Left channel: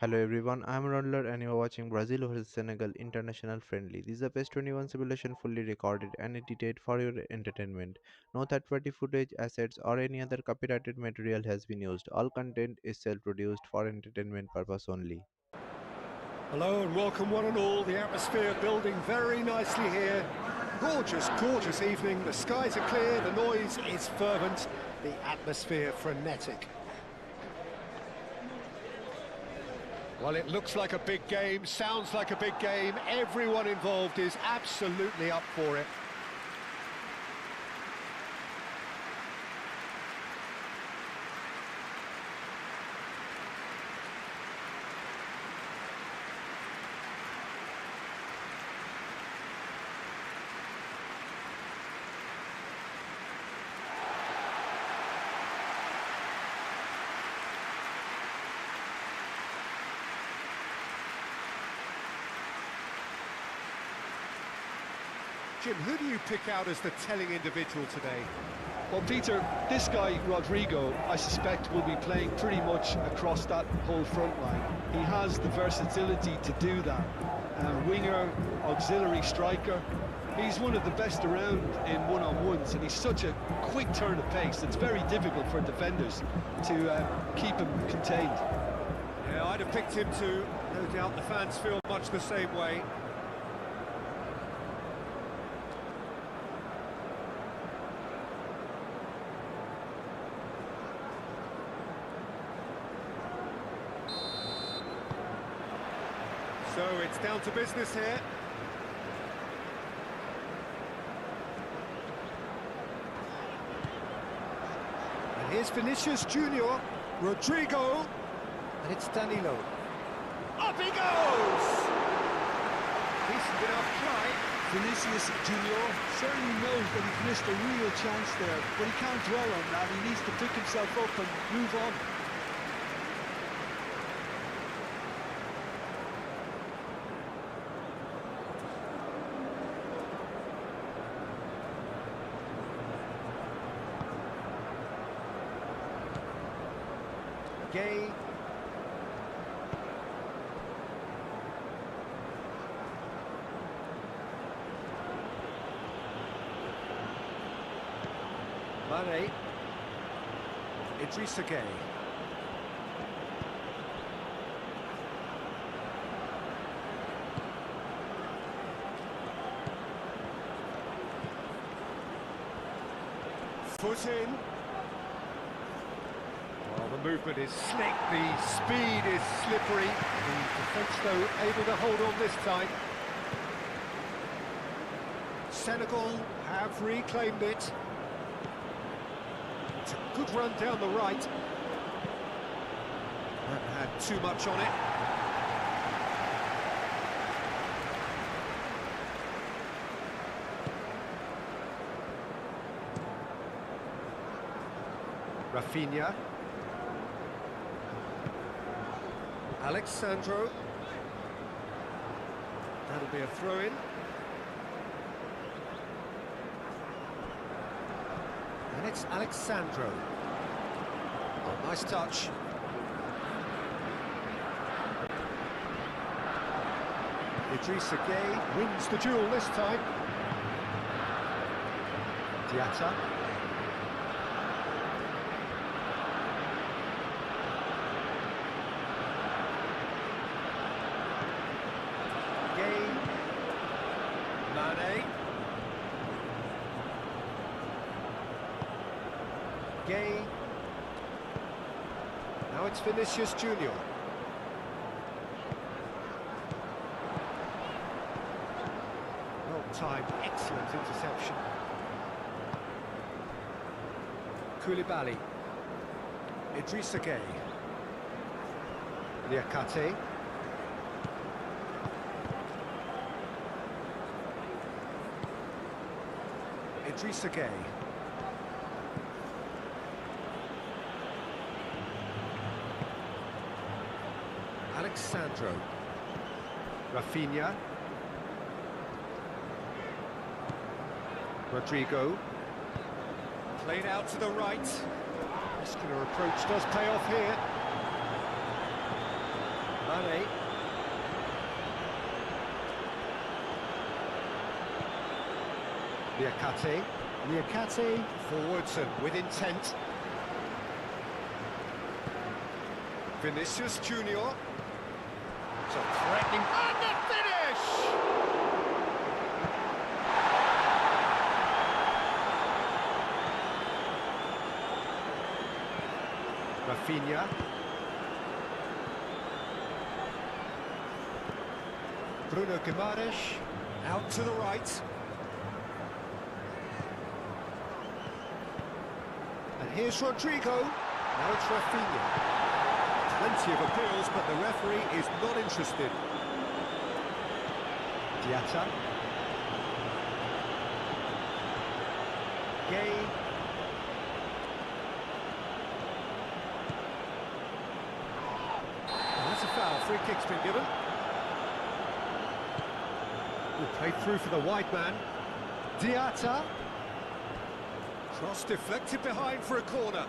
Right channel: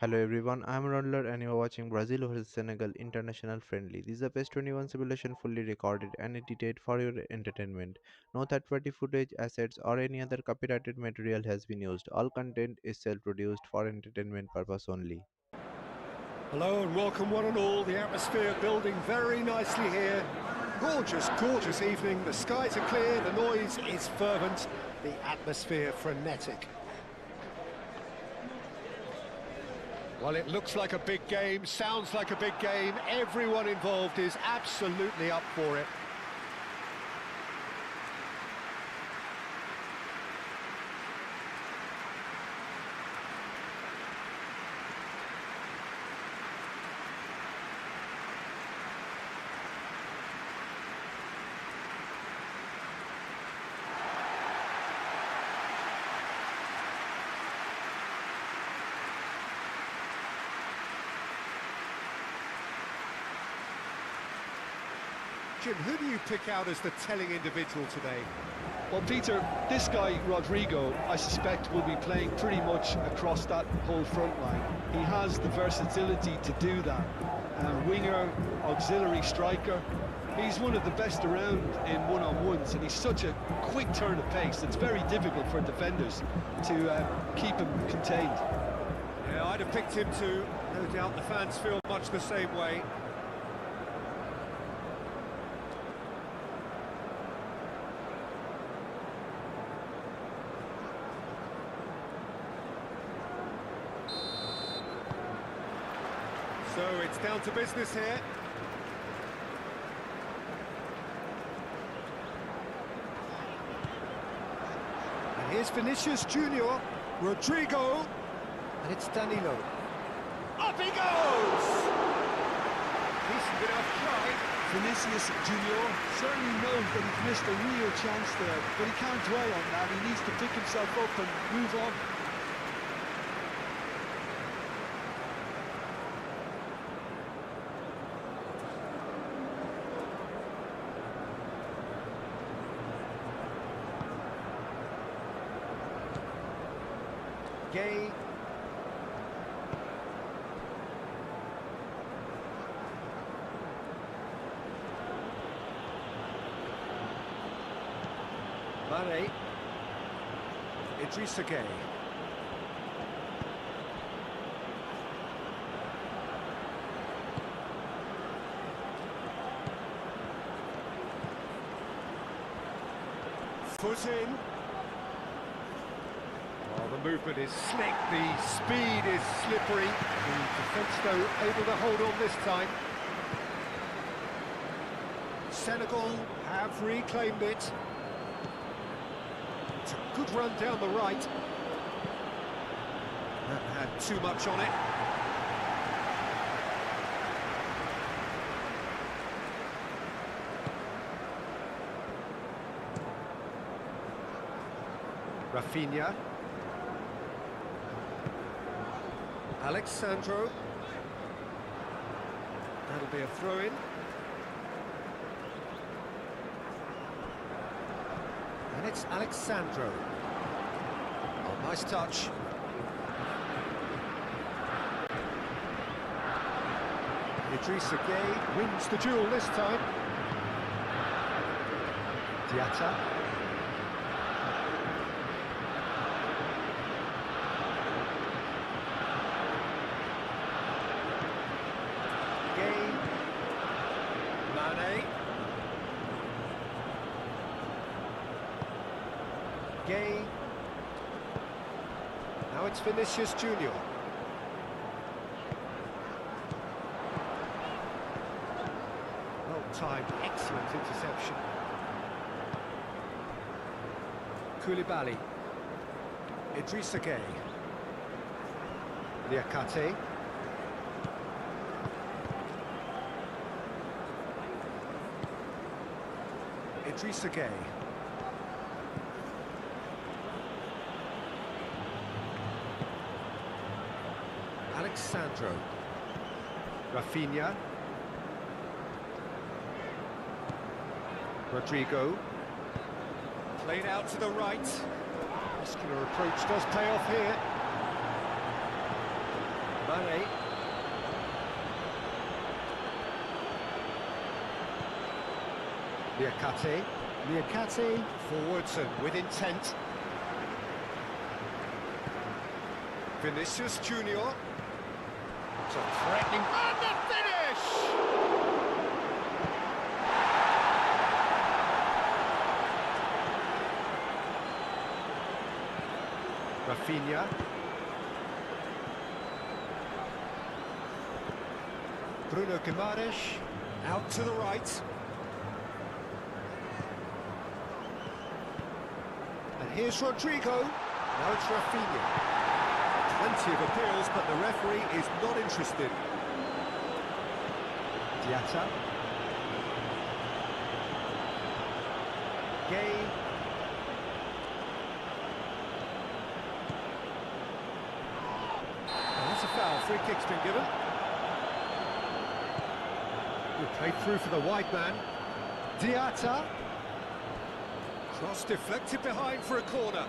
Hello everyone, I am RAUNDLER and you are watching Brazil vs Senegal International Friendly. This is a PES 21 simulation fully recorded and edited for your entertainment. No third-party footage, assets or any other copyrighted material has been used. All content is self-produced for entertainment purpose only. Hello and welcome one and all. The atmosphere building very nicely here. Gorgeous, gorgeous evening. The skies are clear, the noise is fervent, the atmosphere frenetic. Well, it looks like a big game, sounds like a big game. Everyone involved is absolutely up for it. Jim, who do you pick out as the telling individual today? Well, Peter, this guy, Rodrigo, I suspect will be playing pretty much across that whole front line. He has the versatility to do that. Winger, auxiliary striker. He's one of the best around in one-on-ones, and he's such a quick turn of pace. It's very difficult for defenders to keep him contained. Yeah, I'd have picked him too. No doubt the fans feel much the same way. So it's down to business here. And here's Vinicius Junior, Rodrigo, and it's Danilo. Up he goes! Decent enough try. Vinicius Junior certainly knows that he's missed a real chance there, but he can't dwell on that. He needs to pick himself up and move on. Gay. Mane. Idrissa Gay. Foot in. Well, the movement is slick, the speed is slippery. The defence, though, able to hold on this time. Senegal have reclaimed it. It's a good run down the right. That had too much on it. Rafinha. Alexandro. That'll be a throw-in. And it's Alexandro. Oh, nice touch. Idrissa Gay wins the duel this time. Diatta. Gay. Mane. Gay. Now it's Vinicius Junior. Well timed, excellent interception. Koulibaly. Idrissa Gay. Liakate. Idrissa Gay. Alexandro. Rafinha. Rodrigo. Played out to the right. Muscular approach does pay off here. Mane. Niakate. Niakate forwards and with intent. Vinicius Junior. So threatening. And the finish! Rafinha. Bruno Guimaraes out to the right. And here's Rodrigo. Now it's Rafinha. Plenty of appeals, but the referee is not interested. Diatta. Gay. That's a foul. Free kick's been given. Good play through for the wide man. Diatta. Cross deflected behind for a corner.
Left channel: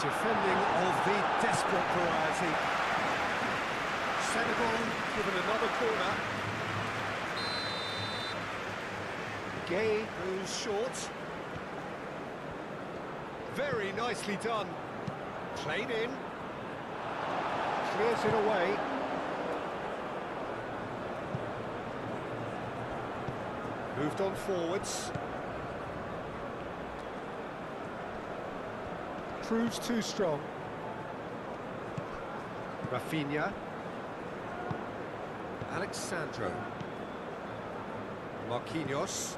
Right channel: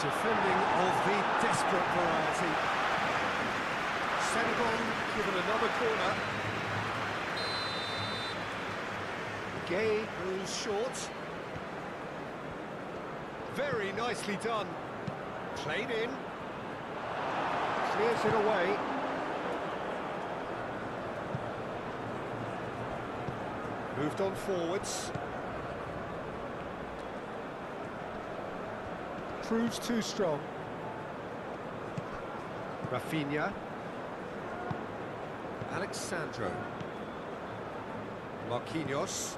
Defending of the desperate variety. Senegal given another corner. Gay goes short. Very nicely done. Played in. Clears it away. Moved on forwards. Proves too strong. Rafinha. Alexandro. Marquinhos.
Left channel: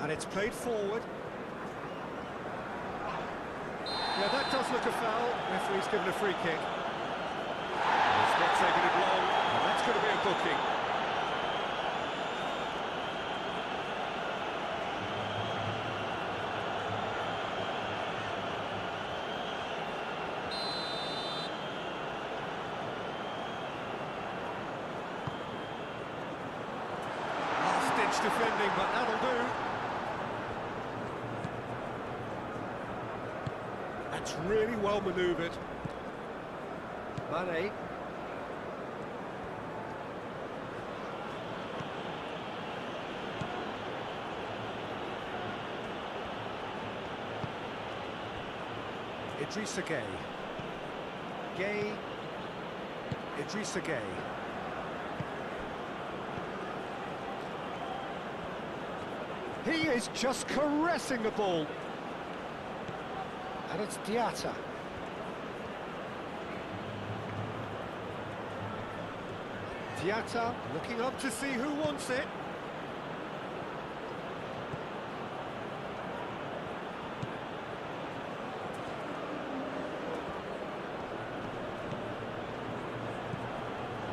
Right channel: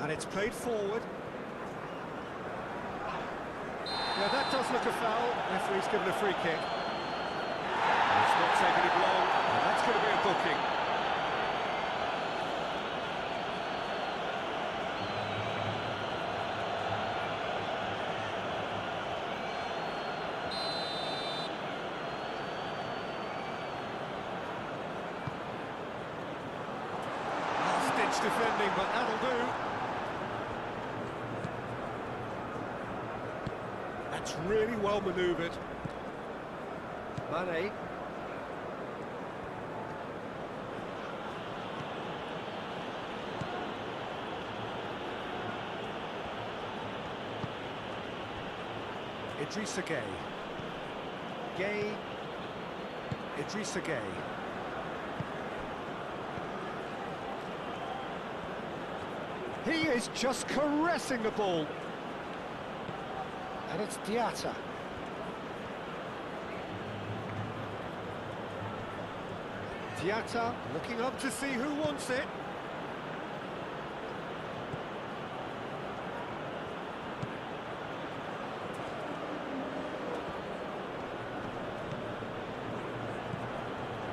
And it's played forward. Yeah, that does look a foul. Referee's given a free kick. It's not taking it long, and that's going to be a booking. Last-ditch defending, but that'll do. That's really well manoeuvred. Mane. Idrissa Gay. Gay. Idrissa Gay. He is just caressing the ball. And it's Diatta. Diatta looking up to see who wants it.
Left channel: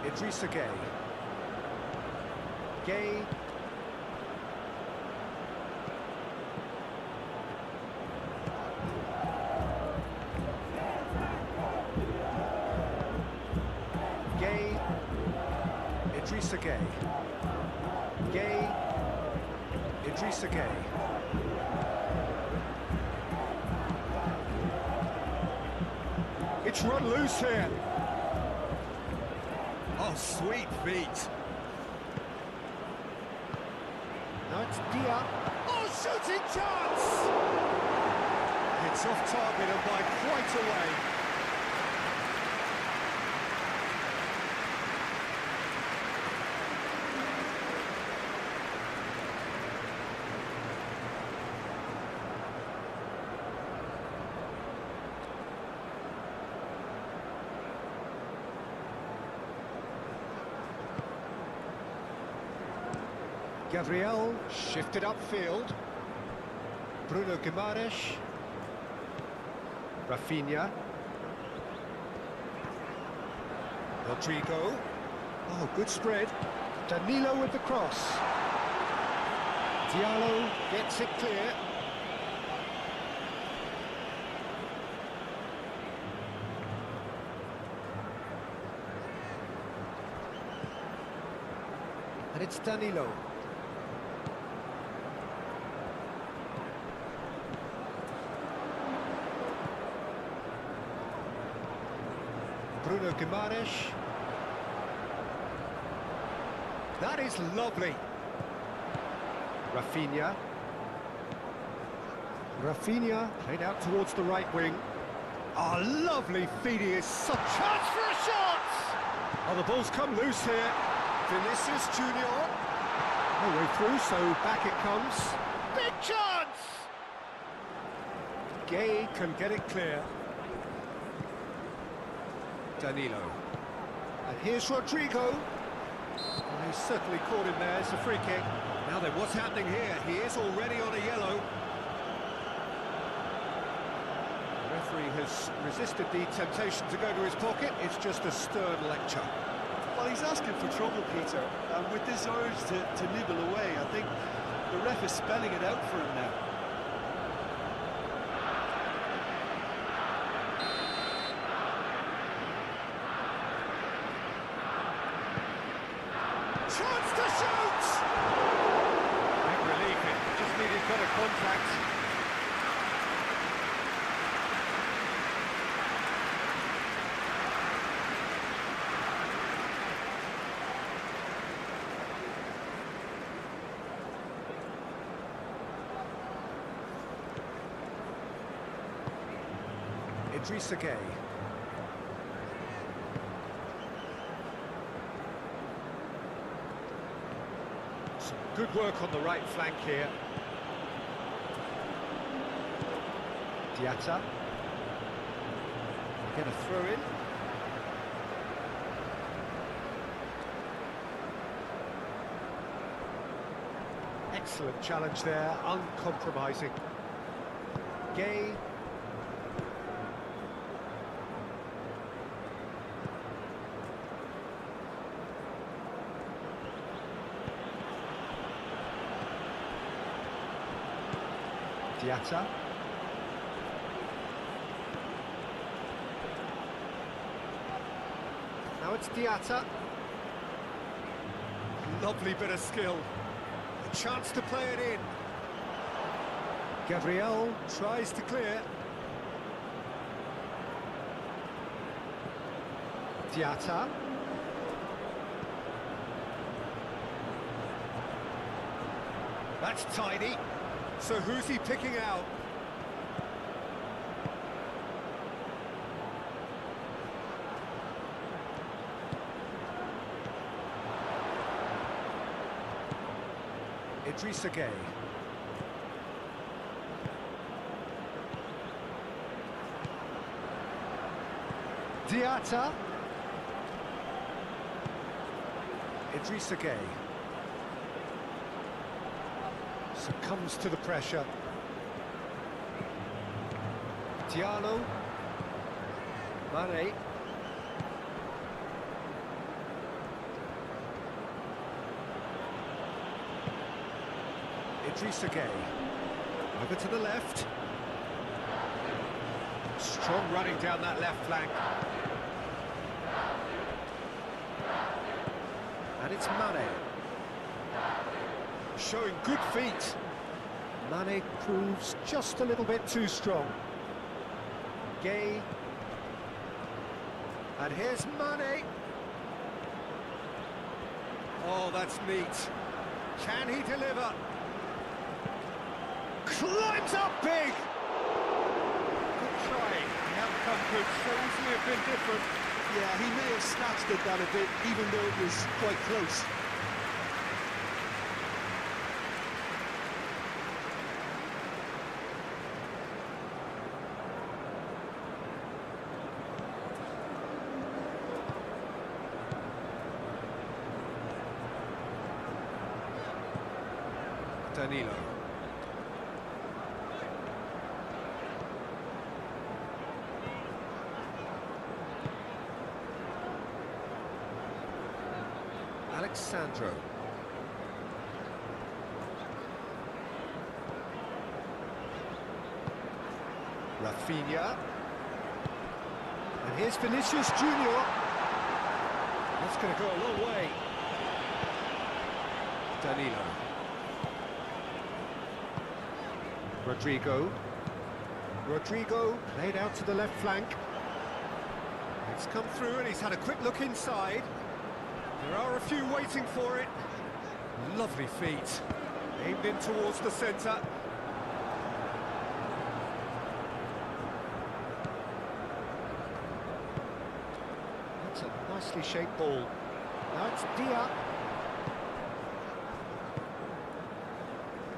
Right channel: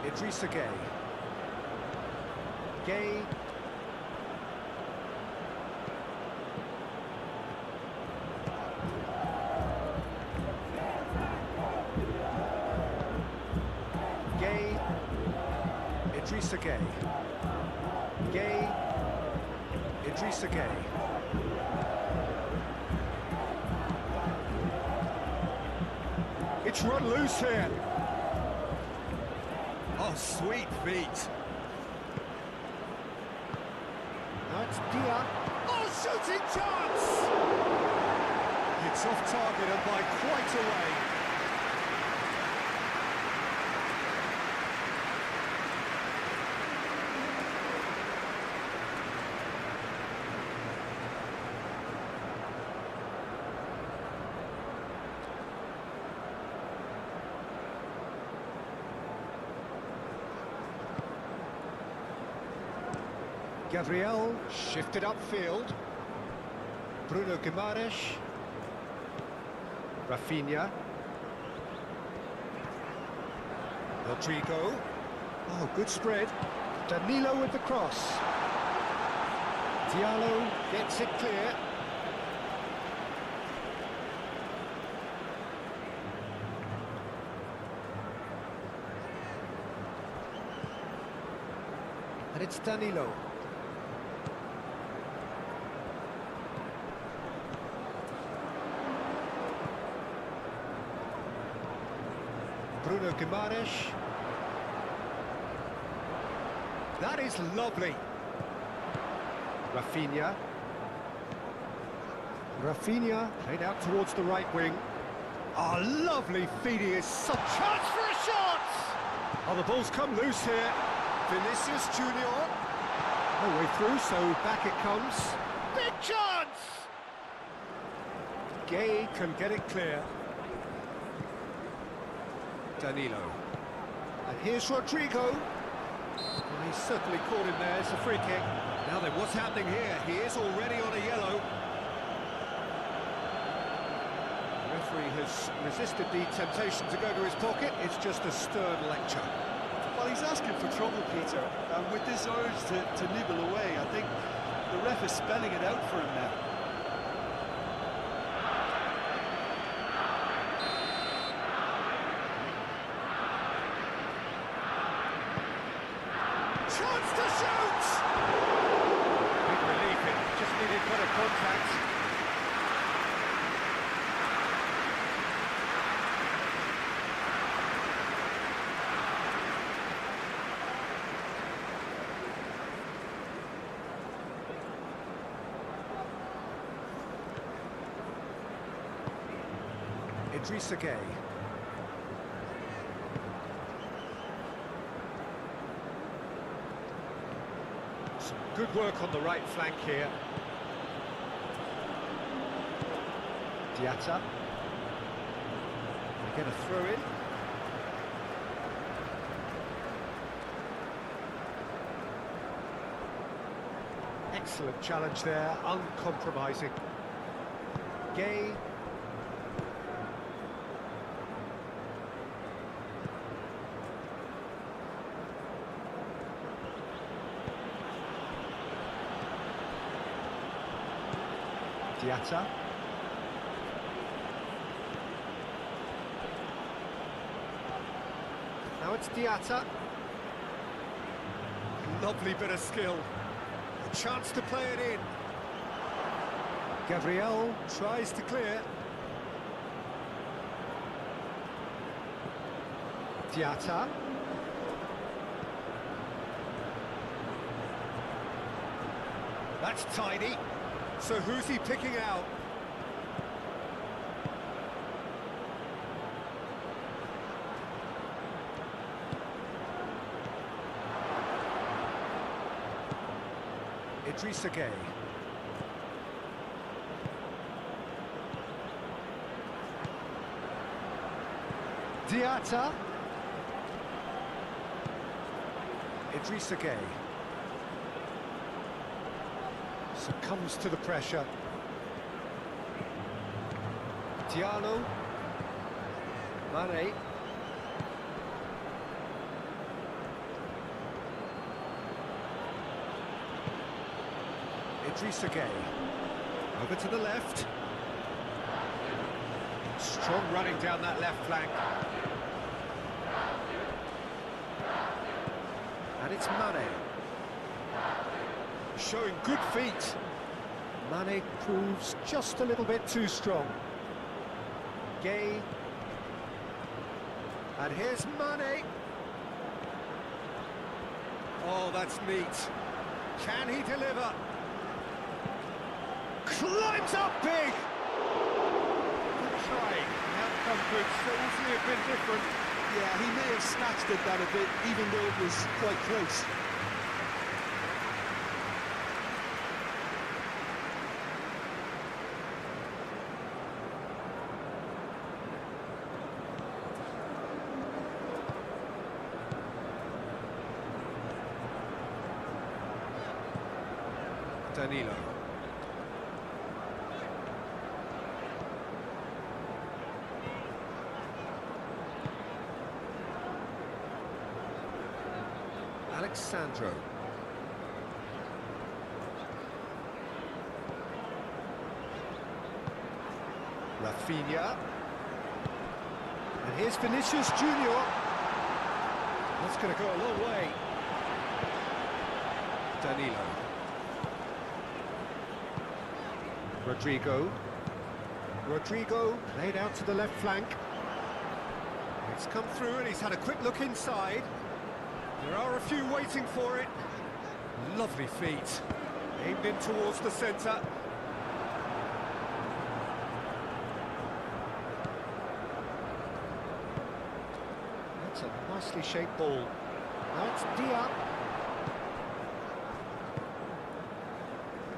Idrissa Gay. Gay. Gay. Idrissa Gay. Gay. Idrissa Gay. It's run loose here. Oh, sweet feet. Now it's Dia. Oh, shooting chance! It's off target and by quite a way. Gabriel shifted upfield. Bruno Guimaraes. Rafinha. Rodrigo. Oh, good spread. Danilo with the cross. Diallo gets it clear. And it's Danilo. Bruno Guimaraes. That is lovely. Rafinha. Rafinha played out towards the right wing. Oh, lovely feed, he is such a chance for a shot! Oh, the ball's come loose here. Vinicius Junior. No way through, so back it comes. Big chance! Gay can get it clear. Danilo. And here's Rodrigo. Well, he's certainly caught him there, it's a free kick. Now then, what's happening here? He is already on a yellow. The referee has resisted the temptation to go to his pocket. It's just a stern lecture. Well, he's asking for trouble, Peter, and with this urge to nibble away, I think the ref is spelling it out for him now. Chance to shoot! Big relief, it just needed better contact. Idrissa Gueye. Some good work on the right flank here. Diatta. They get a throw in. Excellent challenge there, uncompromising. Gueye. Diatta. Now it's Diatta. Lovely bit of skill. A chance to play it in. Gabriel tries to clear. Diatta. That's tidy. So who's he picking out? Idrissa Gueye. Diatta. Idrissa Gueye. Succumbs to the pressure. Diallo. Mane. Idrissa Gueye. Over to the left. Strong running down that left flank. And it's Mane. Showing good feet. Mane proves just a little bit too strong. Gueye. And here's Mane. Oh, that's neat. Can he deliver? Climbs up big! Good try. The outcome could so easily have been different. Yeah, he may have snatched at that a bit, even though it was quite close. Danilo. Alexandro. Rafinha. And here's Vinicius Junior. That's going to go a long way. Danilo. Rodrigo. Rodrigo played out to the left flank. It's come through and he's had a quick look inside. There are a few waiting for it. Lovely feet. Aimed in towards the centre. That's a nicely shaped ball. Now it's Dia.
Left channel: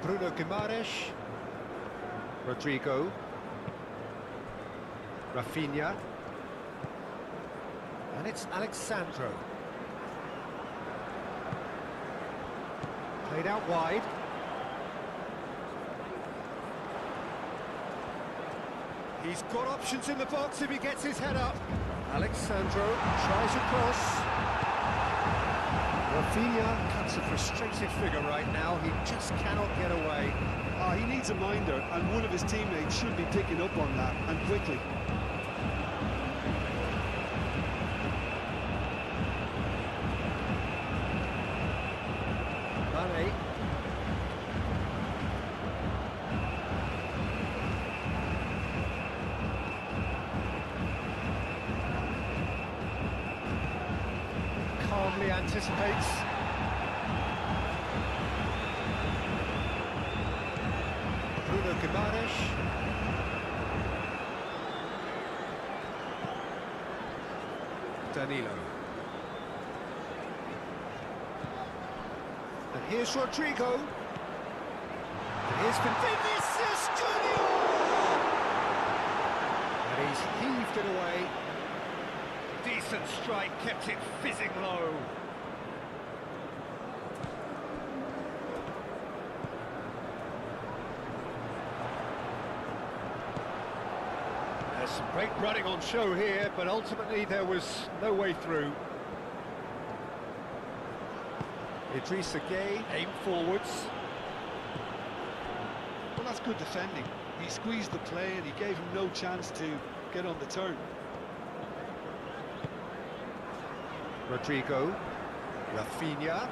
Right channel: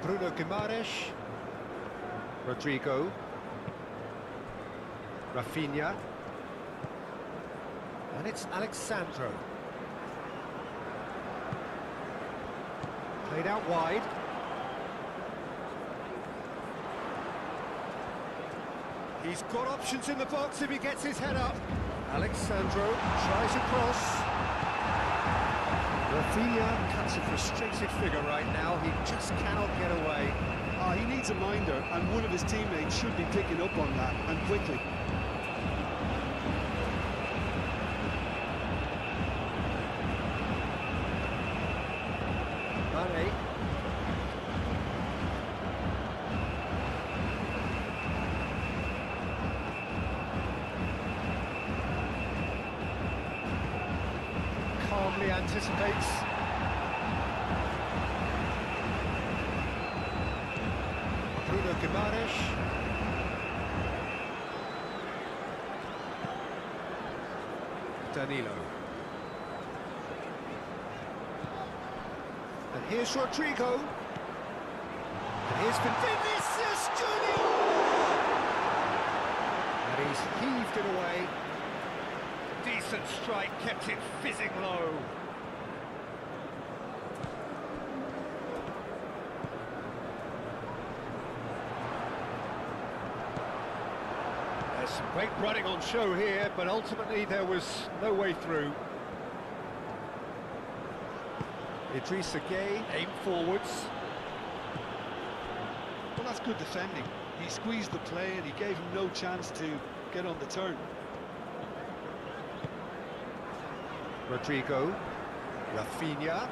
Bruno Guimaraes. Rodrigo. Rafinha. And it's Alexandro. Played out wide. He's got options in the box if he gets his head up. Alexandro tries across. Rafinha cuts a frustrated figure right now. He just cannot get away. He needs a minder, and one of his teammates should be picking up on that, and quickly. Mane. Calmly anticipates. Bruno Guimaraes. Danilo. And here's Rodrigo. And here's Vinicius Junior. And he's heaved it away. Decent strike, kept it fizzing low. There's some great running on show here, but ultimately there was no way through. Idrissa Gueye aimed forwards. Well, that's good defending. He squeezed the play and he gave him no chance to get on the turn. Rodrigo, Rafinha.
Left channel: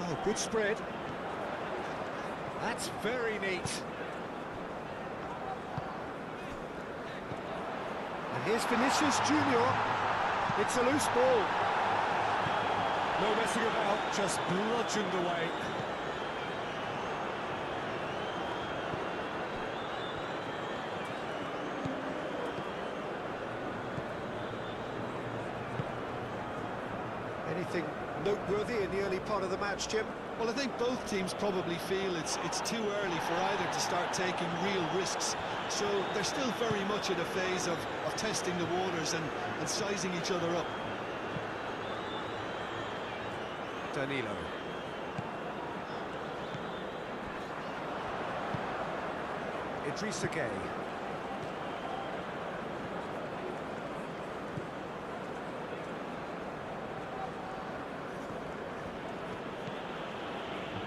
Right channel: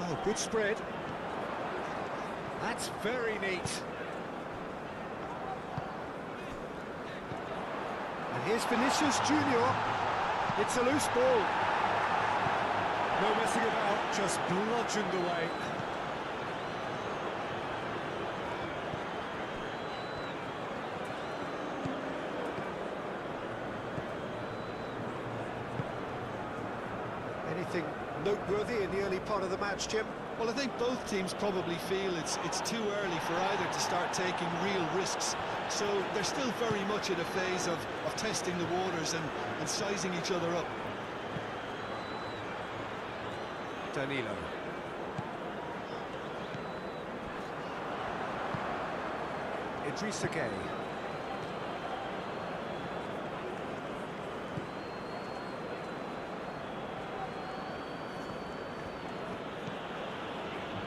Oh, good spread. That's very neat. And here's Vinicius Junior. It's a loose ball. No messing about, just bludgeoned away. Anything noteworthy in the early part of the match, Jim? Well, I think both teams probably feel it's too early for either to start taking real risks. So they're still very much in a phase of testing the waters and sizing each other up. Danilo. Idrissa Gueye.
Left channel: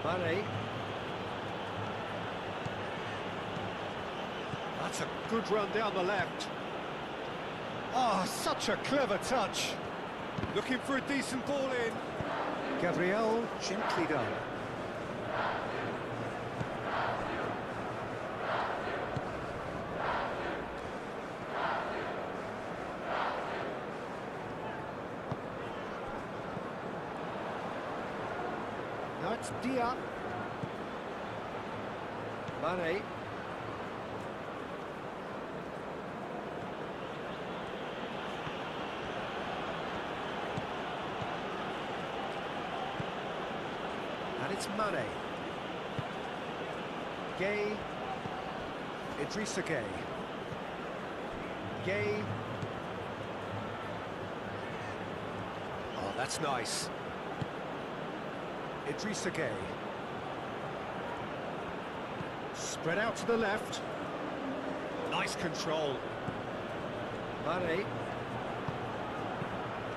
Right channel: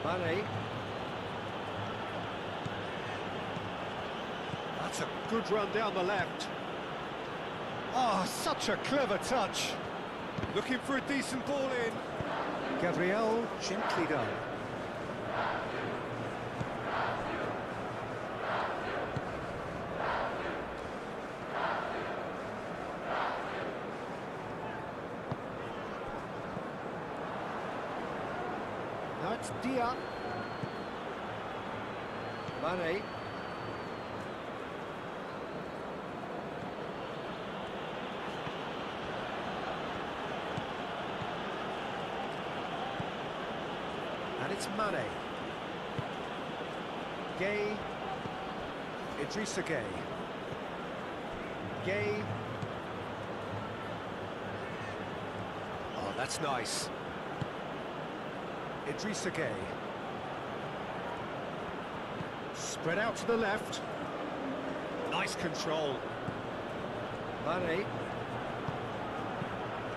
Mane. That's a good run down the left. Oh, such a clever touch. Looking for a decent ball in. Gabriel, gently done. Now it's Dia. Mane. And it's Mane. Gueye. Idrissa Gueye. Gueye. Oh, that's nice. Idrissa Gueye. Spread out to the left. Nice control. Mane.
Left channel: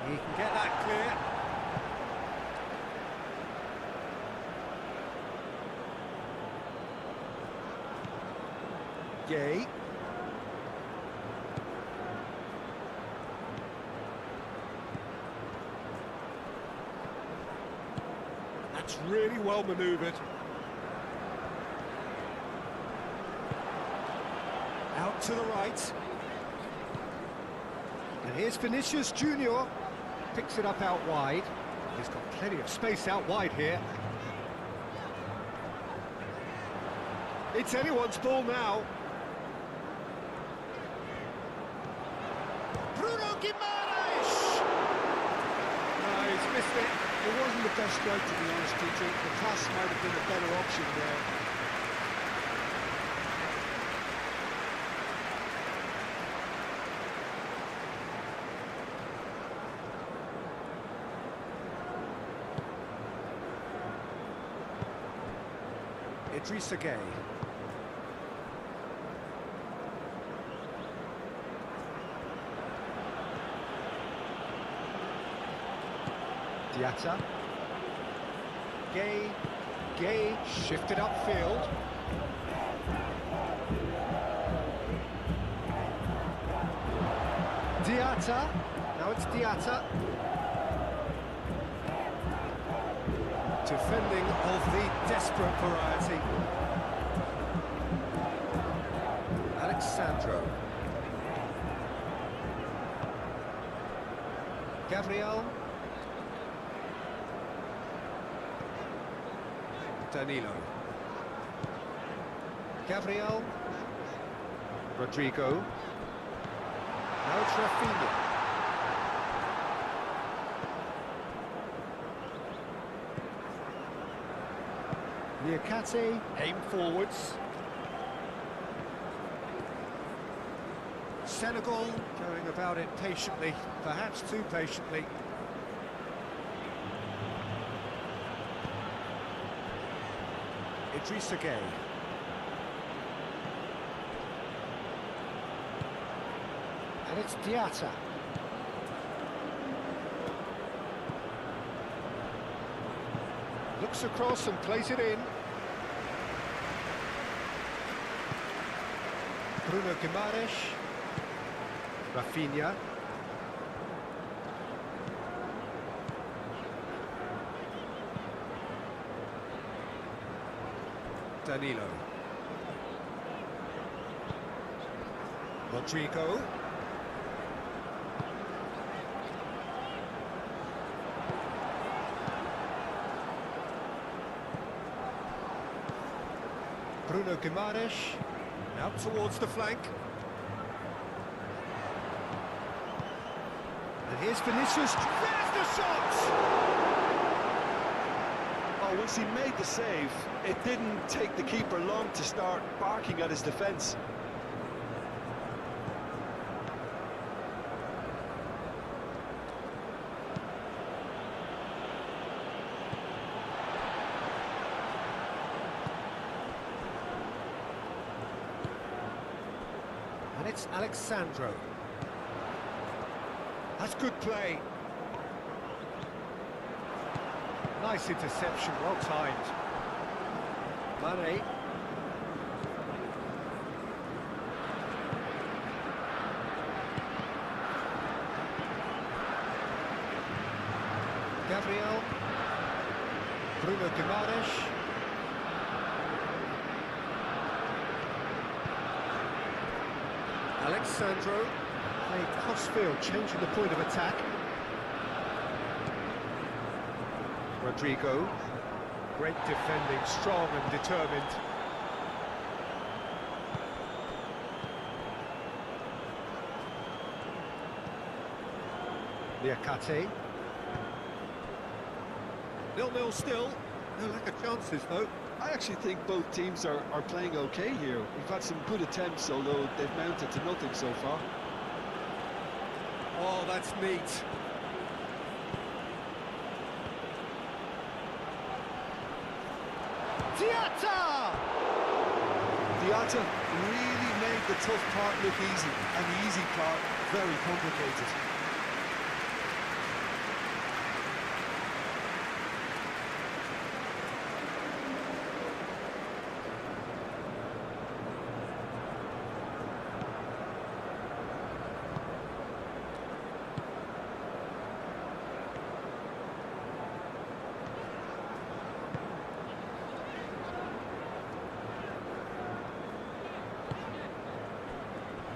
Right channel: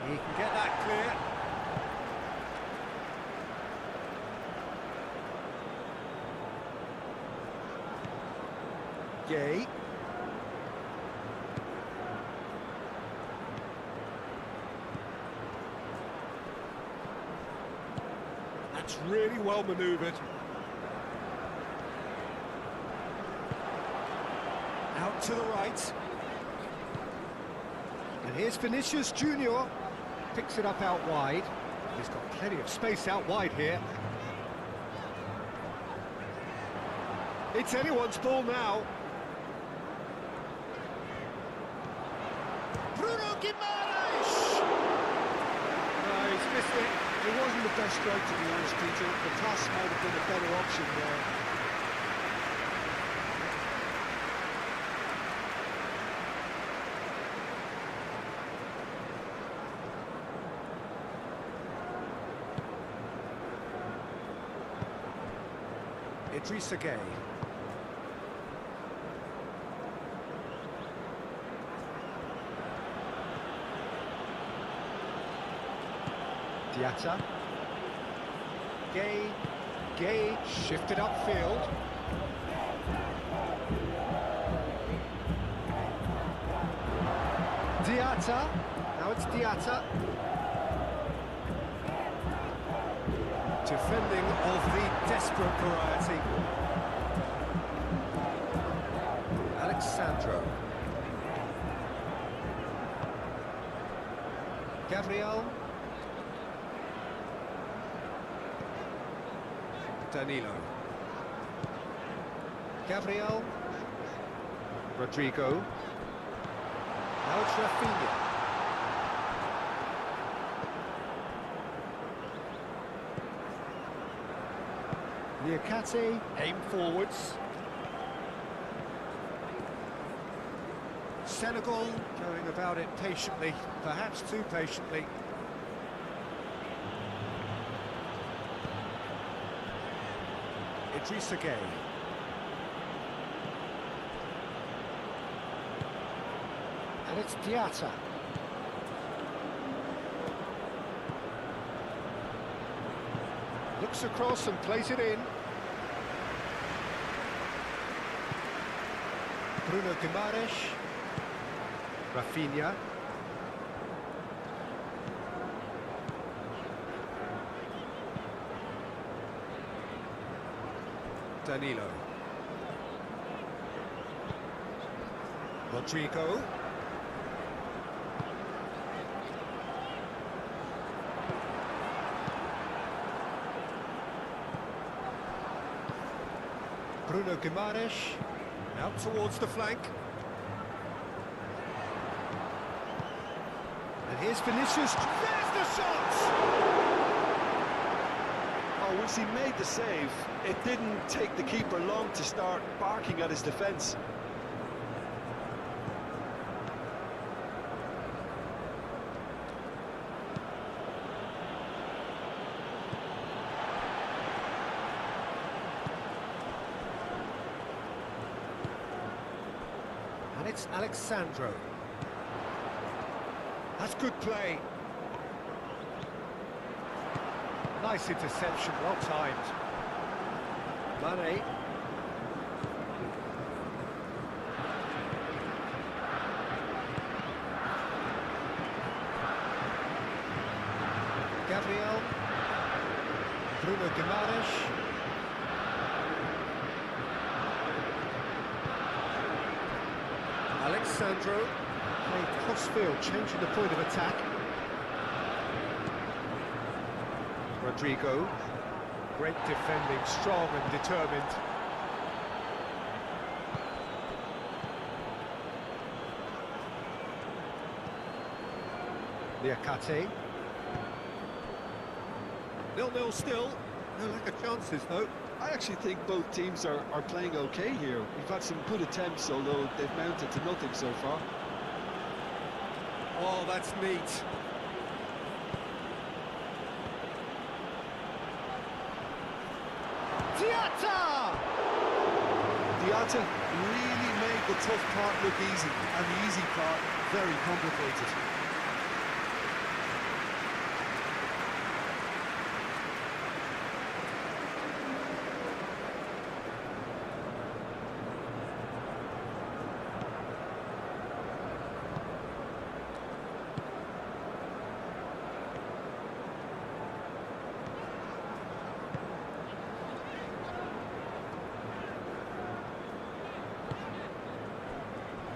He can get that clear. Gueye. That's really well manoeuvred. Out to the right. And here's Vinicius Junior. Picks it up out wide. He's got plenty of space out wide here. It's anyone's ball now. Bruno Guimaraes! No, he's missed it. It wasn't the best strike, to be honest, Peter. The pass might have been a better option there. Idrissa Gueye. Diatta. Gueye shifted upfield. Diatta. Now it's Diatta. Defending of the desperate variety. Alexandro. Gabriel. Danilo. Gabriel. Rodrigo. Now it's Rafinha. Niakate, aim forwards. Senegal going about it patiently, perhaps too patiently. Idrissa Gueye. And it's Diatta. Looks across and plays it in. Bruno Guimaraes. Rafinha. Danilo. Rodrigo. Bruno Guimaraes, out towards the flank. And here's Vinicius, there's the shot! Oh, once he made the save, it didn't take the keeper long to start barking at his defence. And it's Alexandro. That's good play. Nice interception, well timed. Mane. Gabriel. Bruno Guimaraes. Alexandro. Played cross-field, changing the point of attack. Rodrigo. Great defending, strong and determined. Niakate. 0-0 still. No lack of chances, though. I actually think both teams are playing okay here. We've had some good attempts, although they've mounted to nothing so far. Oh, that's neat. Diatta! Diatta really made the tough part look easy, and the easy part very complicated.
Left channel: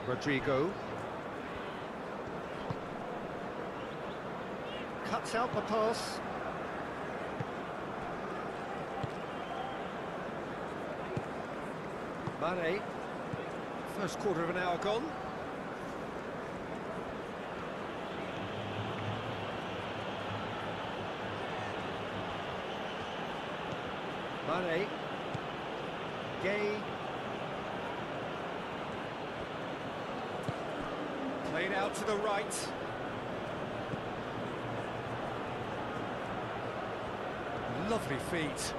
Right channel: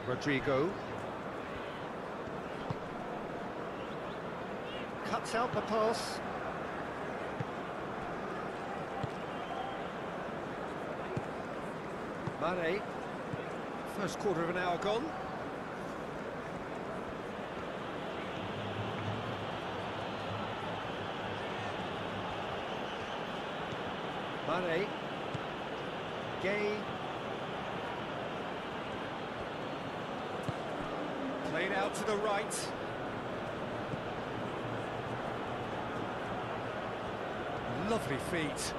Rodrigo. cuts out the pass. Mane. First quarter of an hour gone. Mane. Gay. Played out to the right. Lovely feet.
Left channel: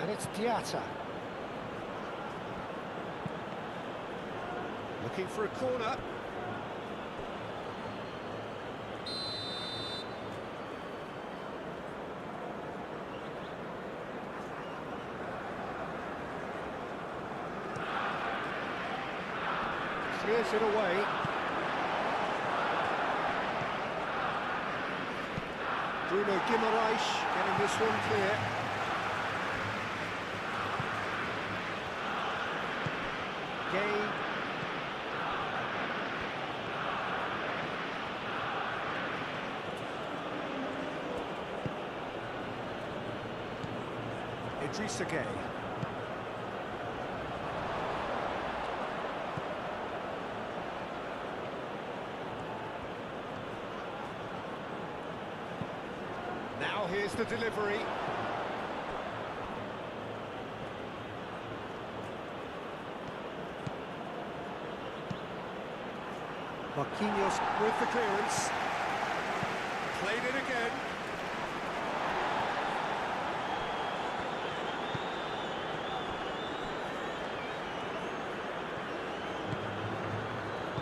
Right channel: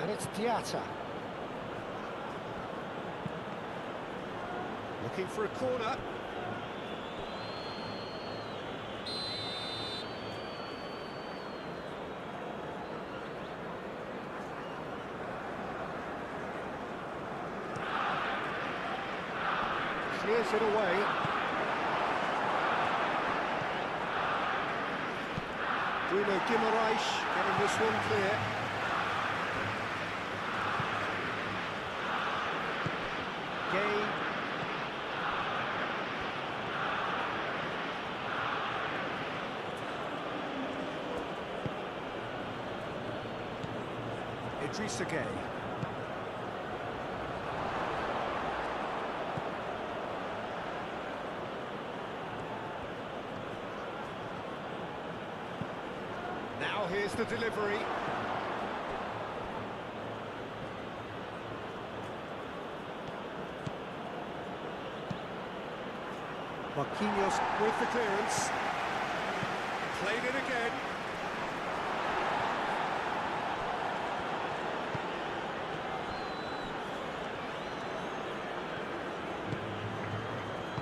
And it's Diatta. Looking for a corner. Clears it away. Bruno Guimaraes getting this one clear. Gay. Idrissa Gay. Now here's the delivery. Marquinhos with the clearance. Played it again.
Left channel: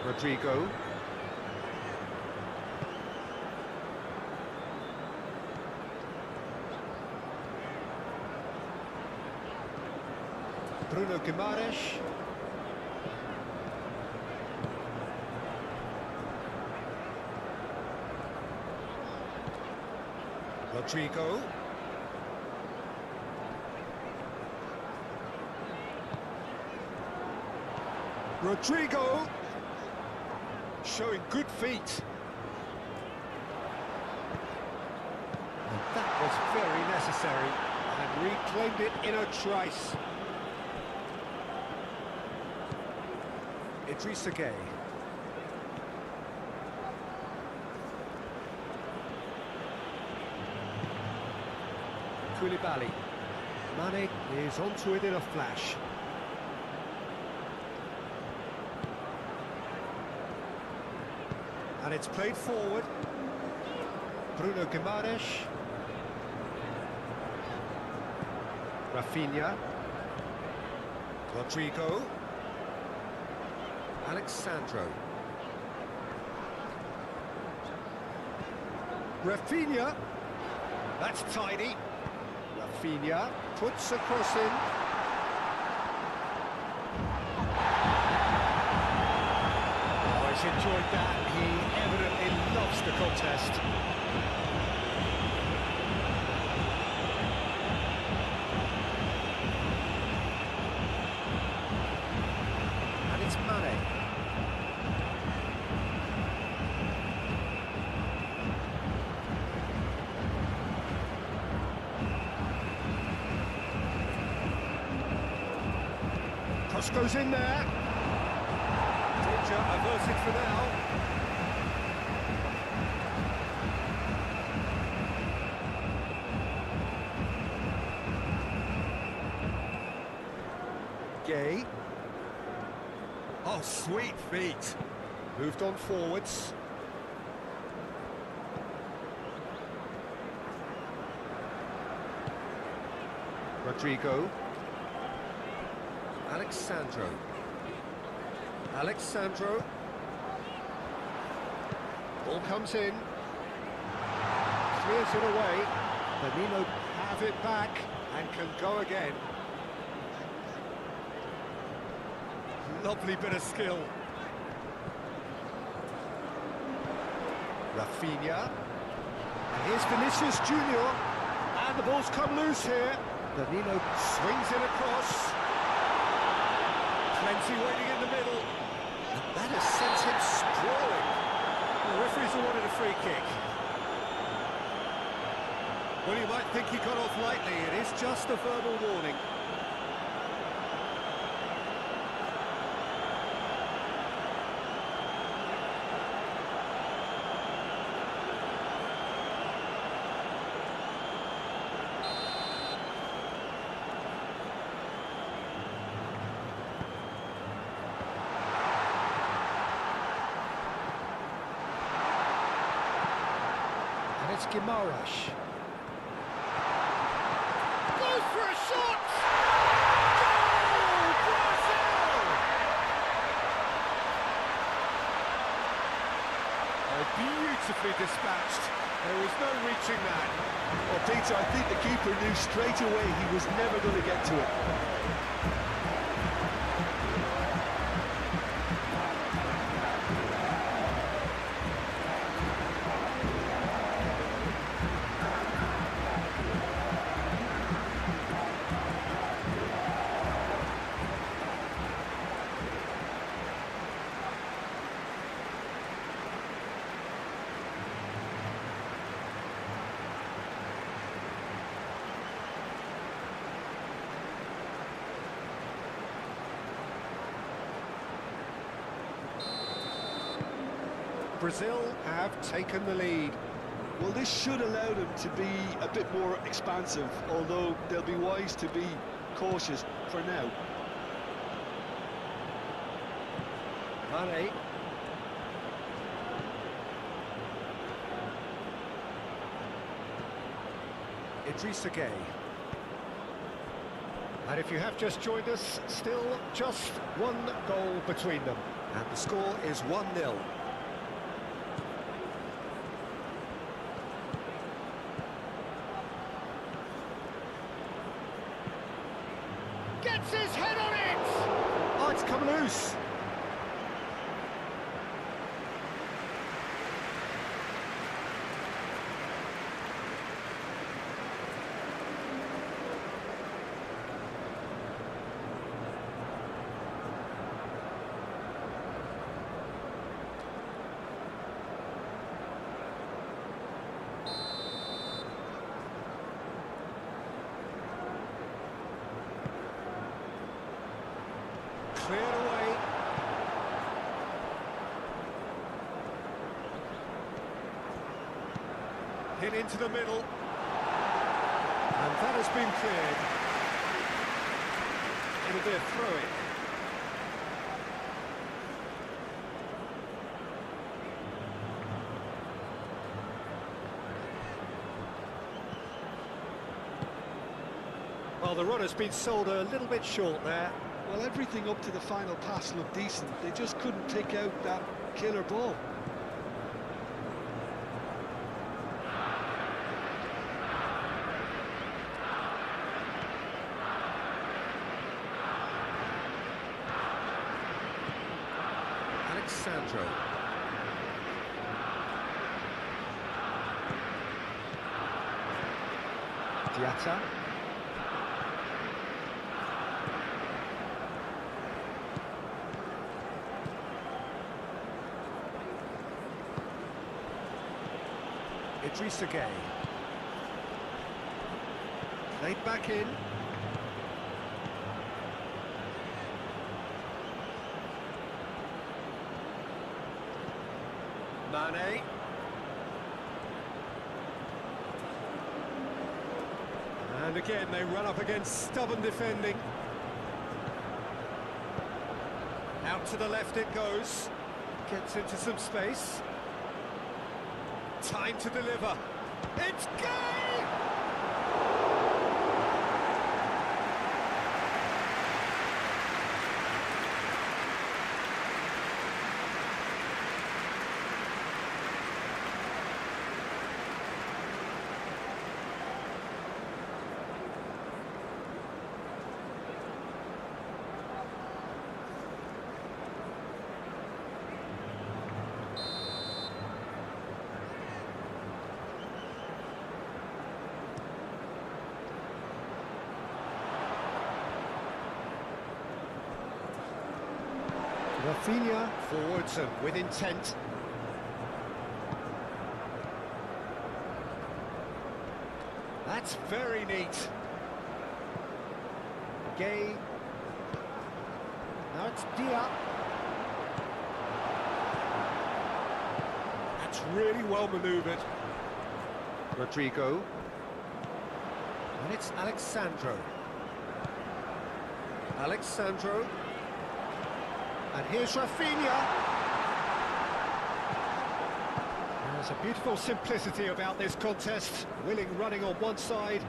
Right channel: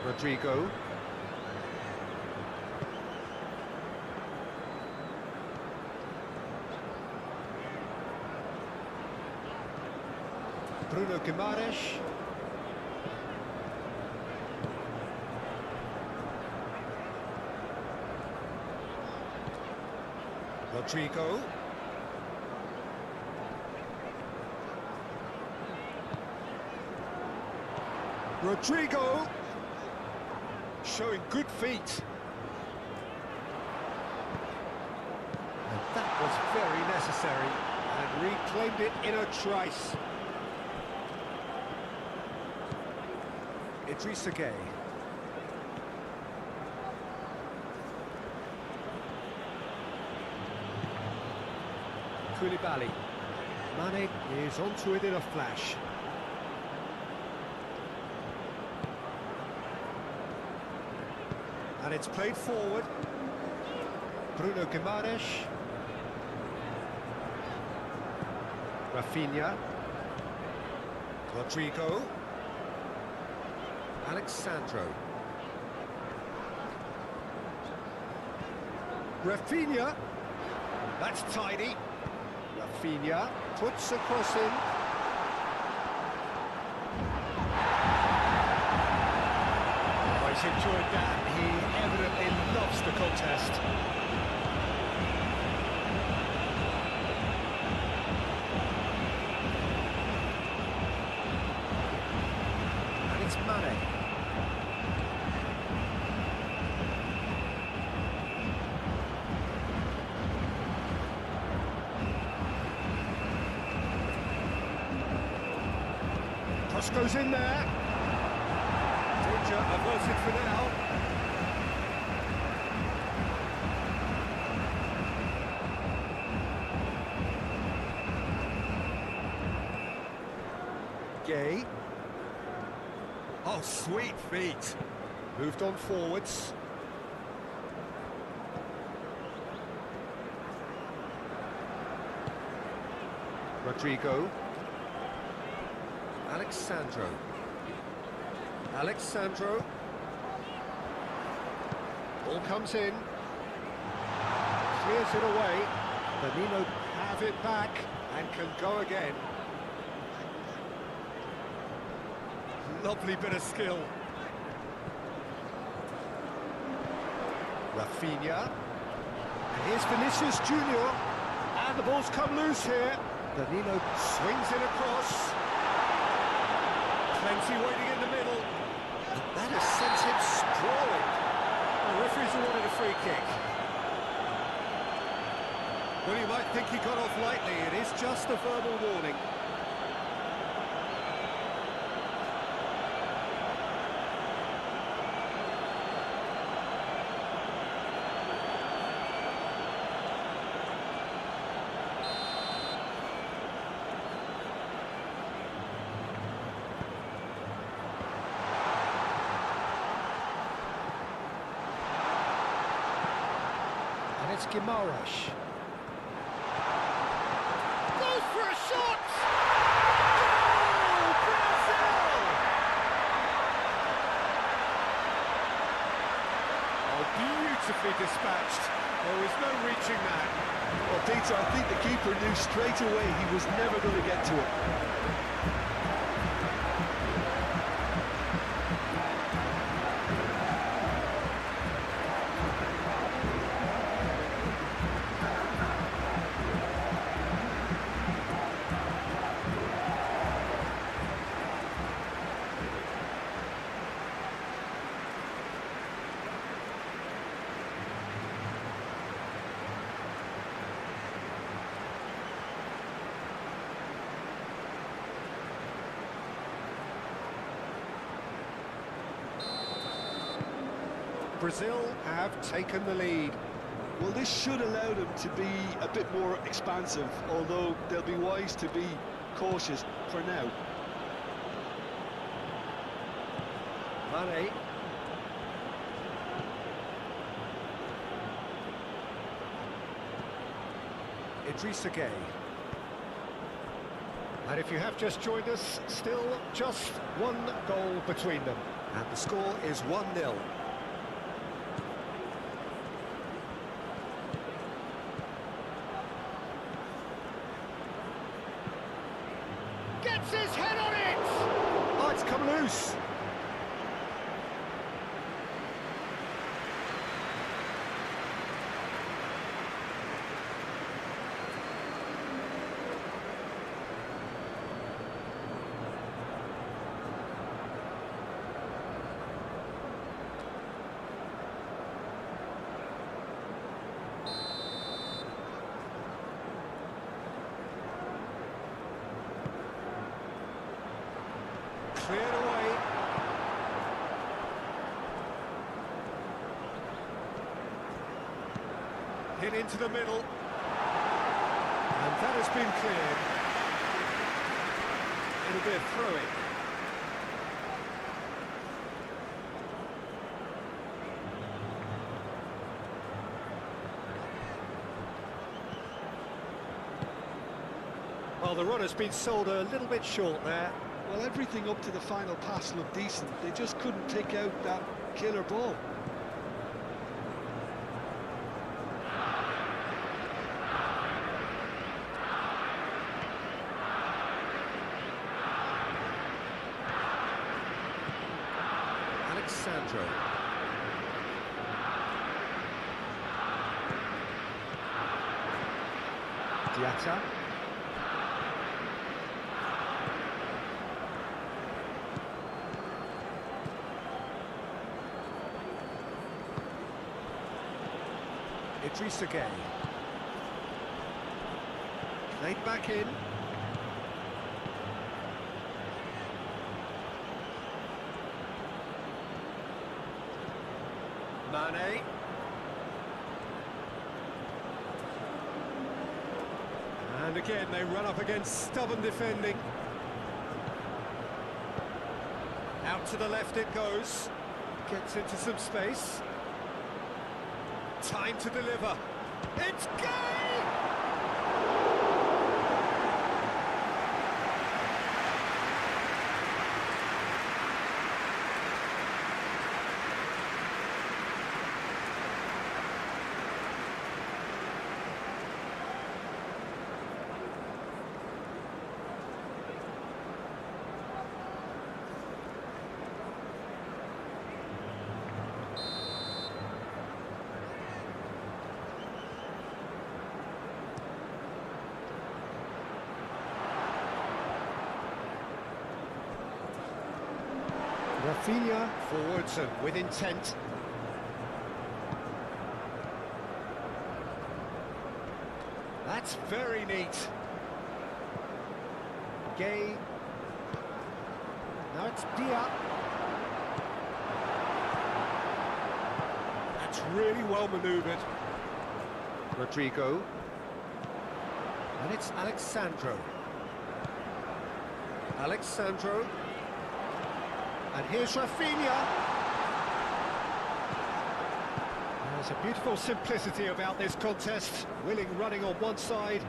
Rodrigo. Bruno Guimaraes. Rodrigo. Rodrigo. Showing good feet. And that was very necessary. And reclaimed it in a trice. Idrissa Gay. Koulibaly. Mane is onto it in a flash. And it's played forward. Bruno Guimaraes. Rafinha. Rodrigo. Alexandro. Rafinha. That's tidy. Rafinha puts a cross in. Oh, he's enjoyed that. He evidently loves the contest. And it's Mane. Cross goes in there. Danger averted for now. Gay. Oh, sweet feet. Moved on forwards. Rodrigo. Alexandro. Ball comes in. Clears it away. Danilo have it back and can go again. Lovely bit of skill. Rafinha. And here's Vinicius Junior. And the ball's come loose here. Danilo swings it across. Plenty waiting in the middle. And that has sent him sprawling. awarded a free kick. Well, you might think he got off lightly. It is just a verbal warning. And it's Guimaraes. Goes for a shot! Goal! Brazil! Oh, beautifully dispatched. There was no reaching that. Well, Peter, I think the keeper knew straight away he was never going to get to it. Brazil have taken the lead. Well, this should allow them to be a bit more expansive, although they'll be wise to be cautious for now. Mane. Idrissa Gueye. And if you have just joined us, still just one goal between them. And the score is 1-0. Gets his head on it! Oh, it's come loose. Cleared away. Hit into the middle. And that has been cleared. It'll be a throw-in. Well, the run has been sold a little bit short there. Well, everything up to the final pass looked decent. They just couldn't pick out that killer ball. Alexandro. Diatta. Idrissa Gueye. Played back in. Mane. And again, they run up against stubborn defending. Out to the left it goes. Gets into some space. Time to deliver. It's Gueye! Rafinha forwards and with intent. That's very neat. Gay. Now it's Dia. That's really well manoeuvred. Rodrigo. And it's Alexandro. Alexandro. And here's Rafinha. There's a beautiful simplicity about this contest. Willing running on one side,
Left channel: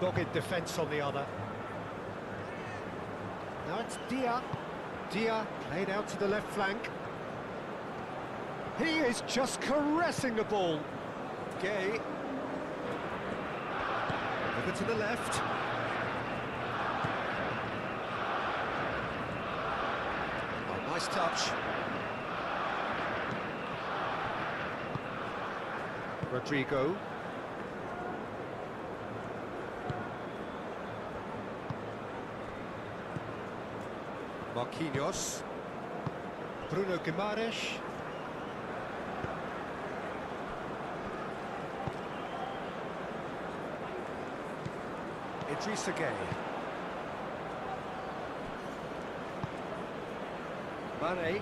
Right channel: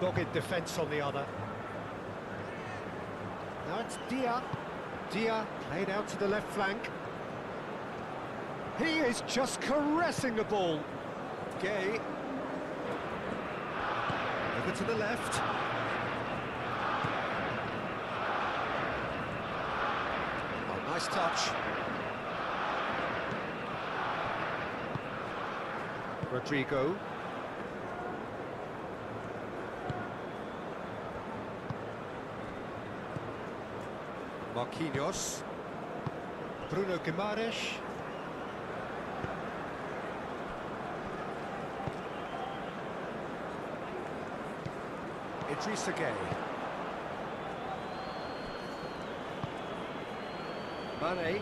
dogged defence on the other. Now it's Dia. Dia played out to the left flank. He is just caressing the ball. Gay. Over to the left. Oh, nice touch. Rodrigo. Marquinhos. Bruno Guimaraes. Idrissa Gueye. Mane.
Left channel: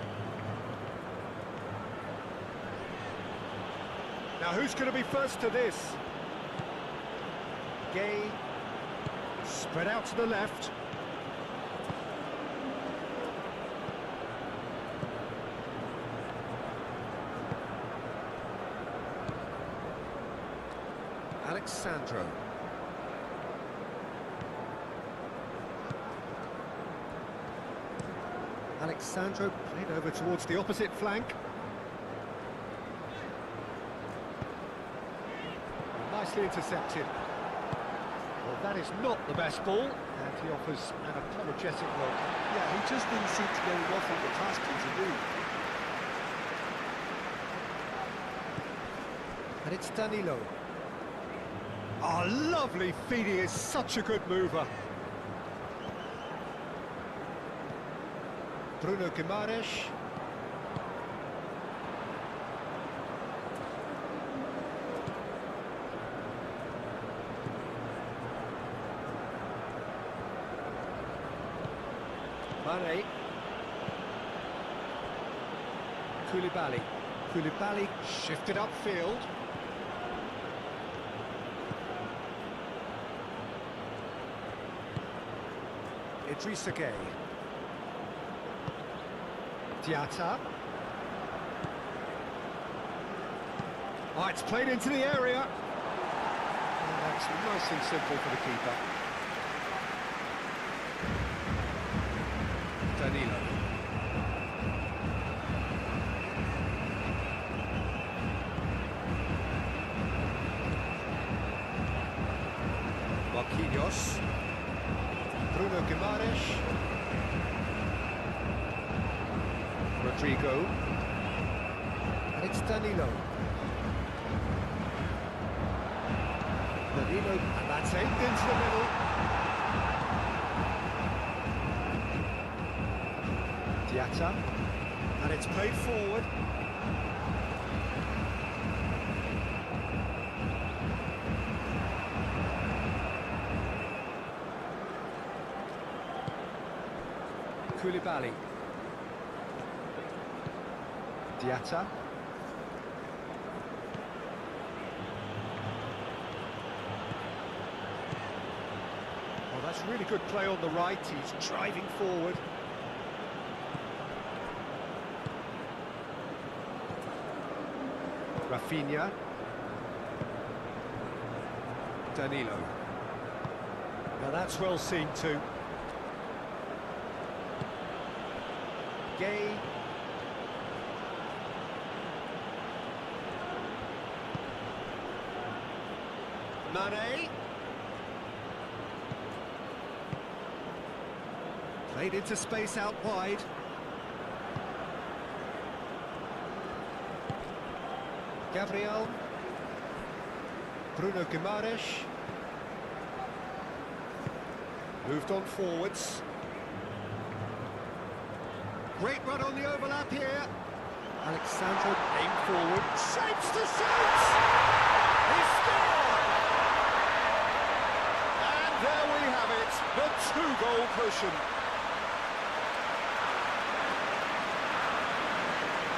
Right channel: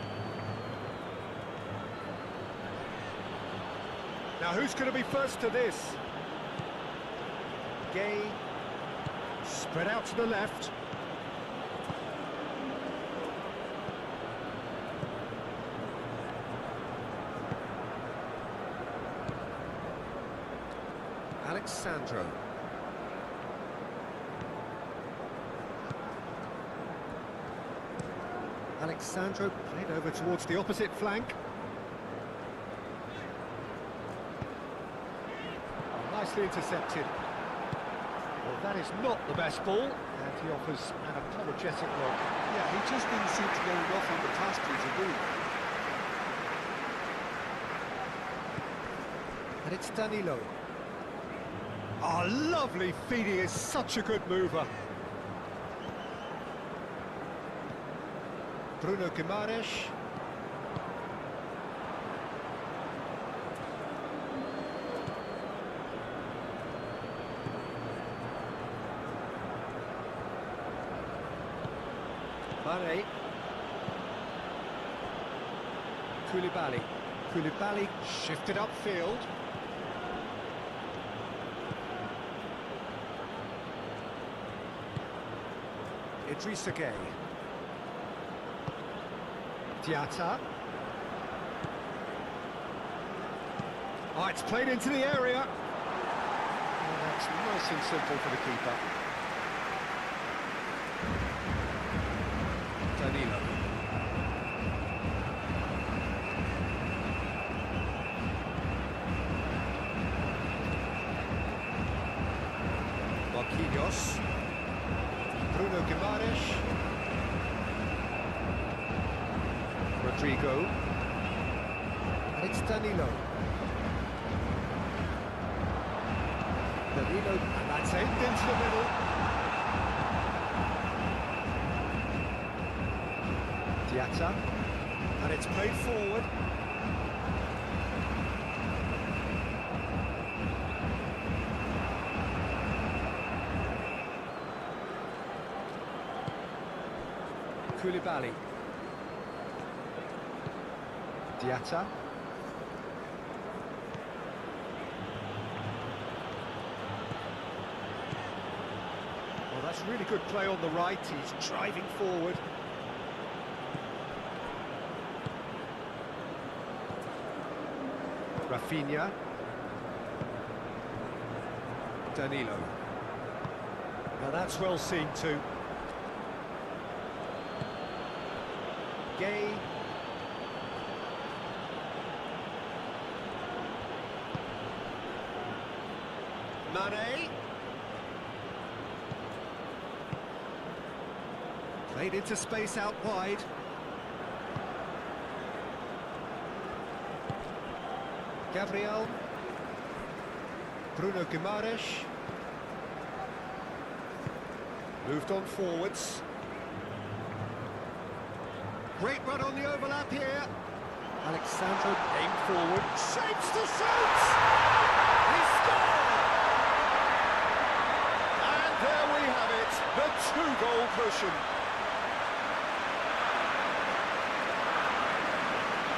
Now who's going to be first to this? Gay. Spread out to the left. Alexandro. Alexandro played over towards the opposite flank. Nicely intercepted. Well, that is not the best ball, and he offers an apologetic look. Yeah, he just didn't seem to get enough on the pass to do. And it's Danilo. Oh, lovely feed, he is such a good mover. Bruno Guimaraes. Mane. Koulibaly. Koulibaly shifted upfield. Idrissa Gueye. Diatta. Oh, it's played into the area. Oh, that's nice and simple for the keeper. Danilo. Marquinhos. Bruno Guimaraes. Rodrigo. And it's Danilo. Danilo, and that's aimed into the middle. Diatta. And it's played forward. Koulibaly. Diatta. Well, that's really good play on the right. He's driving forward. Rafinha. Danilo. Now that's well seen too. Gay. Mane. Played into space out wide. Gabriel. Bruno Guimaraes. Moved on forwards. Great run on the overlap here. Alexandro aimed forward. Shapes to shoot! He scored! There we have it, the two-goal cushion.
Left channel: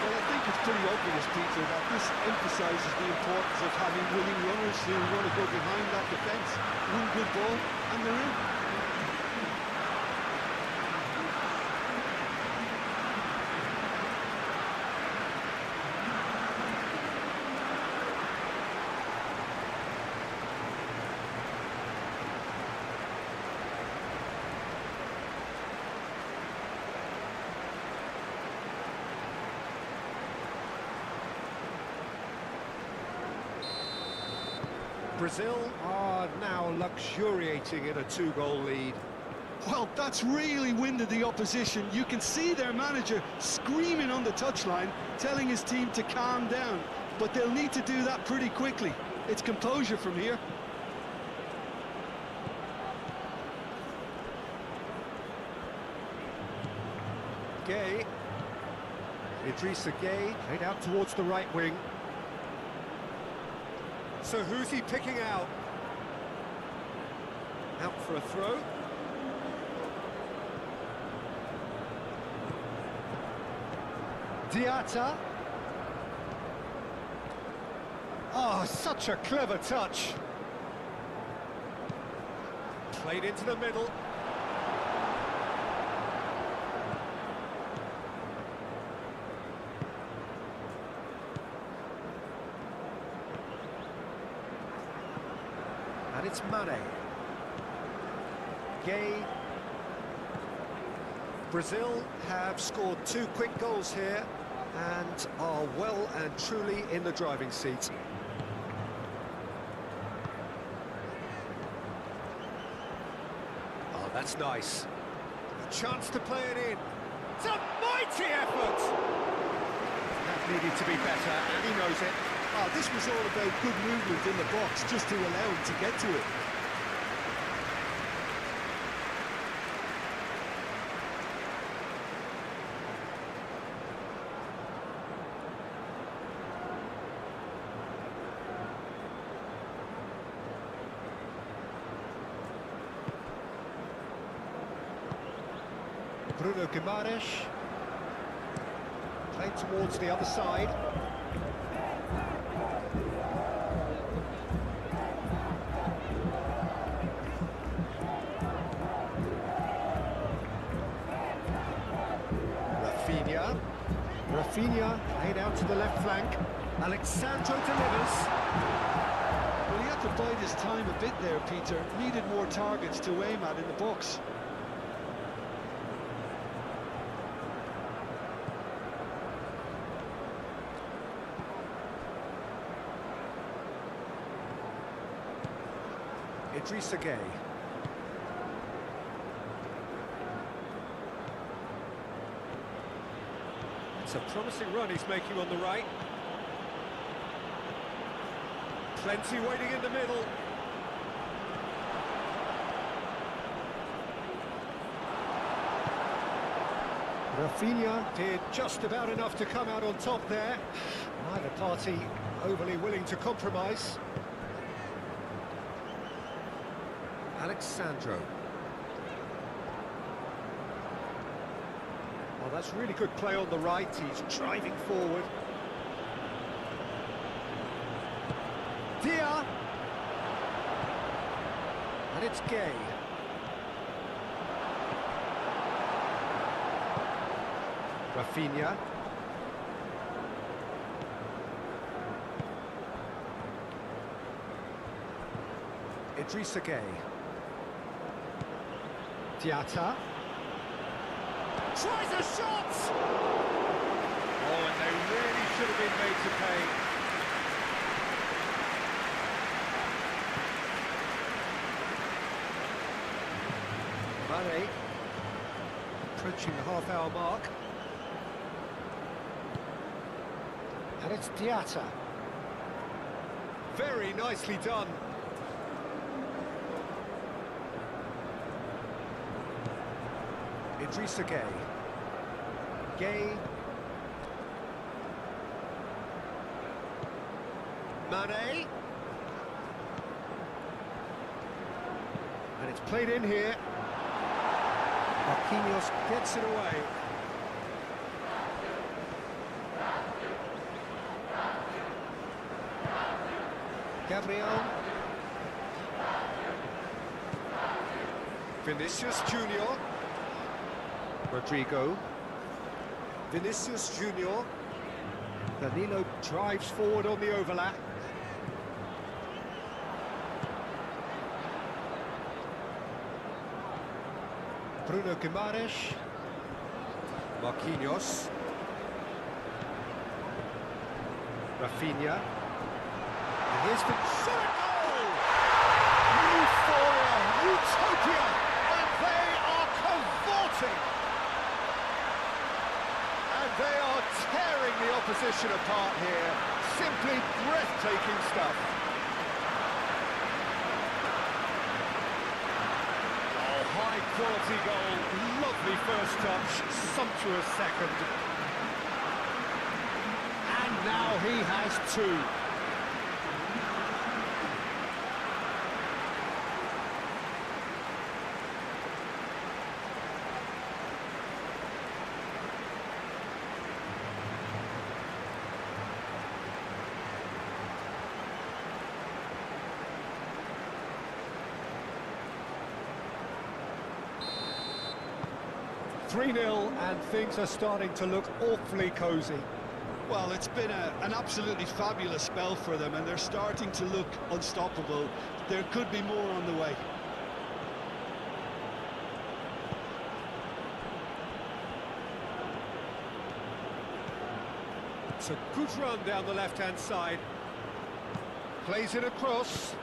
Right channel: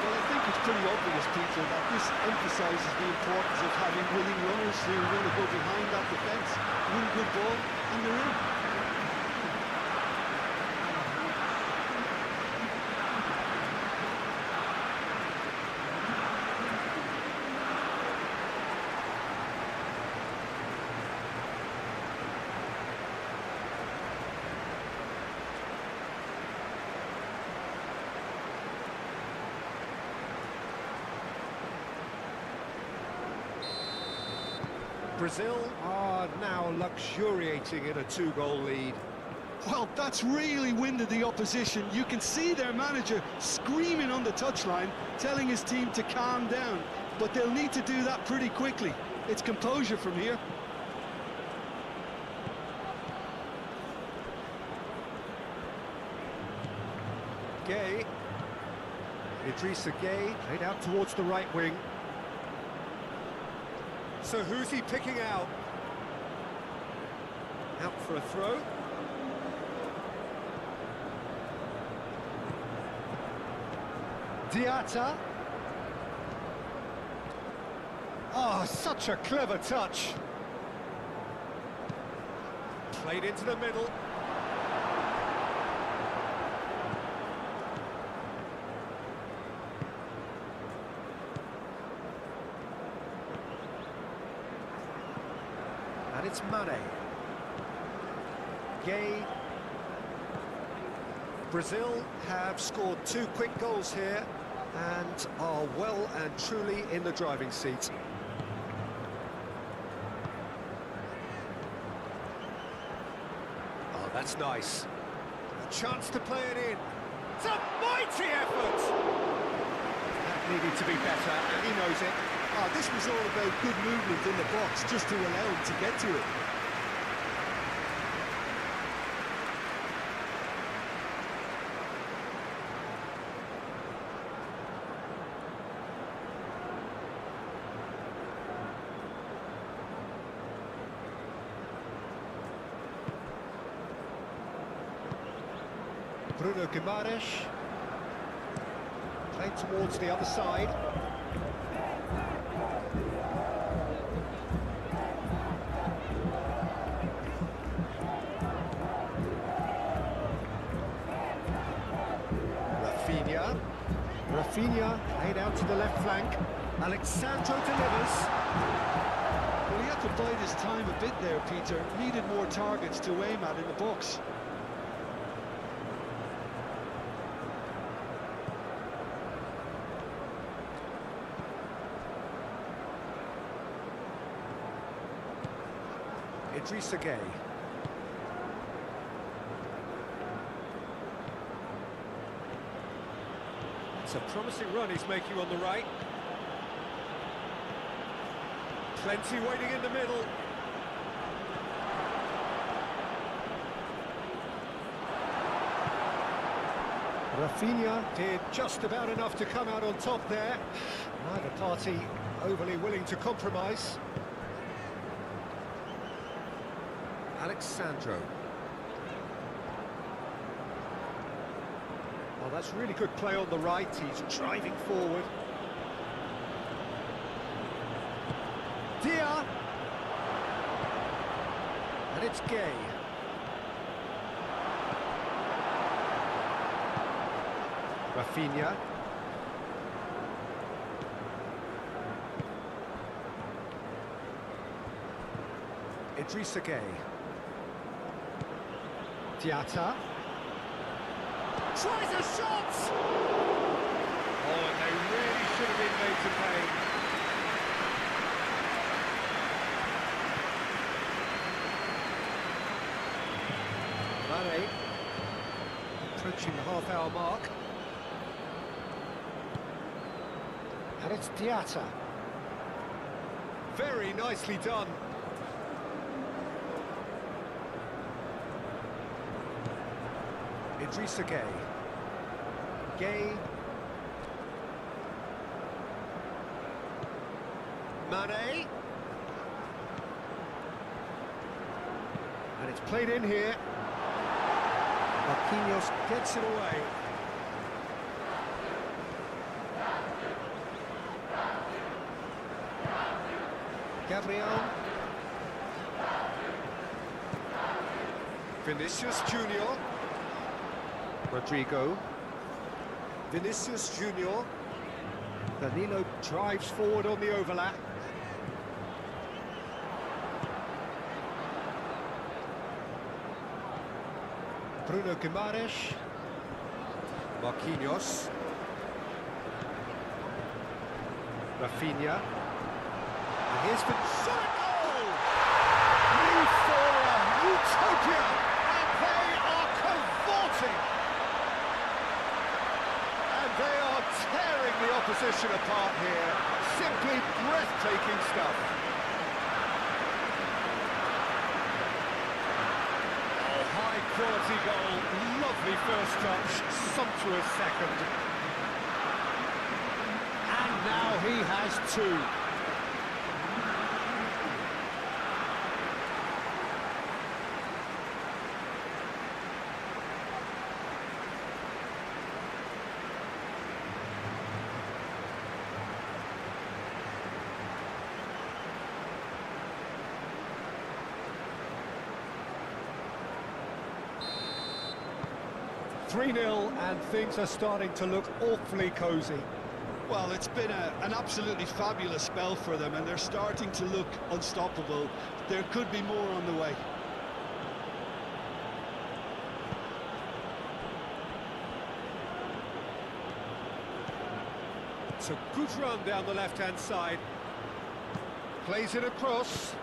Well, I think it's pretty obvious, Peter, that this emphasises the importance of having willing runners who want to go behind that defence, win good ball, and they're in. Brazil are now luxuriating in a two-goal lead. Well, that's really winded the opposition. You can see their manager screaming on the touchline, telling his team to calm down. But they'll need to do that pretty quickly. It's composure from here. Gay. Idrissa Gay played out towards the right wing. So who's he picking out? Out for a throw. Diatta. Oh, such a clever touch. Played into the middle. And it's Mane. Gay. Brazil have scored 2 quick goals here and are well and truly in the driving seat. Oh, that's nice. A chance to play it in. It's a mighty effort! That needed to be better, and he knows it. Oh, this was all about good movement in the box just to allow him to get to it. Bruno Guimaraes. Played towards the other side. Rafinha played out to the left flank. Alexandro delivers. Well, he had to bide his time a bit there, Peter. Needed more targets to aim at in the box. Idrissa Gay. It's a promising run he's making on the right. Plenty waiting in the middle. Rafinha did just about enough to come out on top there. Neither party overly willing to compromise. Alexandro. Oh, that's really good play on the right. He's driving forward. Dia. And it's Gay. Rafinha. Idrissa Gay. Diatta. Tries a shot! Oh, and they really should have been made to pay. Mane. Approaching the half-hour mark. And it's Diatta. Very nicely done. Idrissa Gay. Gay. Mane. And it's played in here. Marquinhos gets it away. Gabriel. Vinicius Junior. Rodrigo. Vinicius Junior. Danilo drives forward on the overlap. Bruno Guimaraes. Marquinhos. Rafinha. And here's Senegal! Euphoria, utopia, and they are cavorting. And they are tearing the opposition apart here. Simply breathtaking stuff. Oh, high quality goal, lovely first touch, sumptuous second. And now he has two. (3-0) and things are starting to look awfully cosy. Well, it's been an absolutely fabulous spell for them, and they're starting to look unstoppable. There could be more on the way. It's a good run down the left-hand side. Plays it across.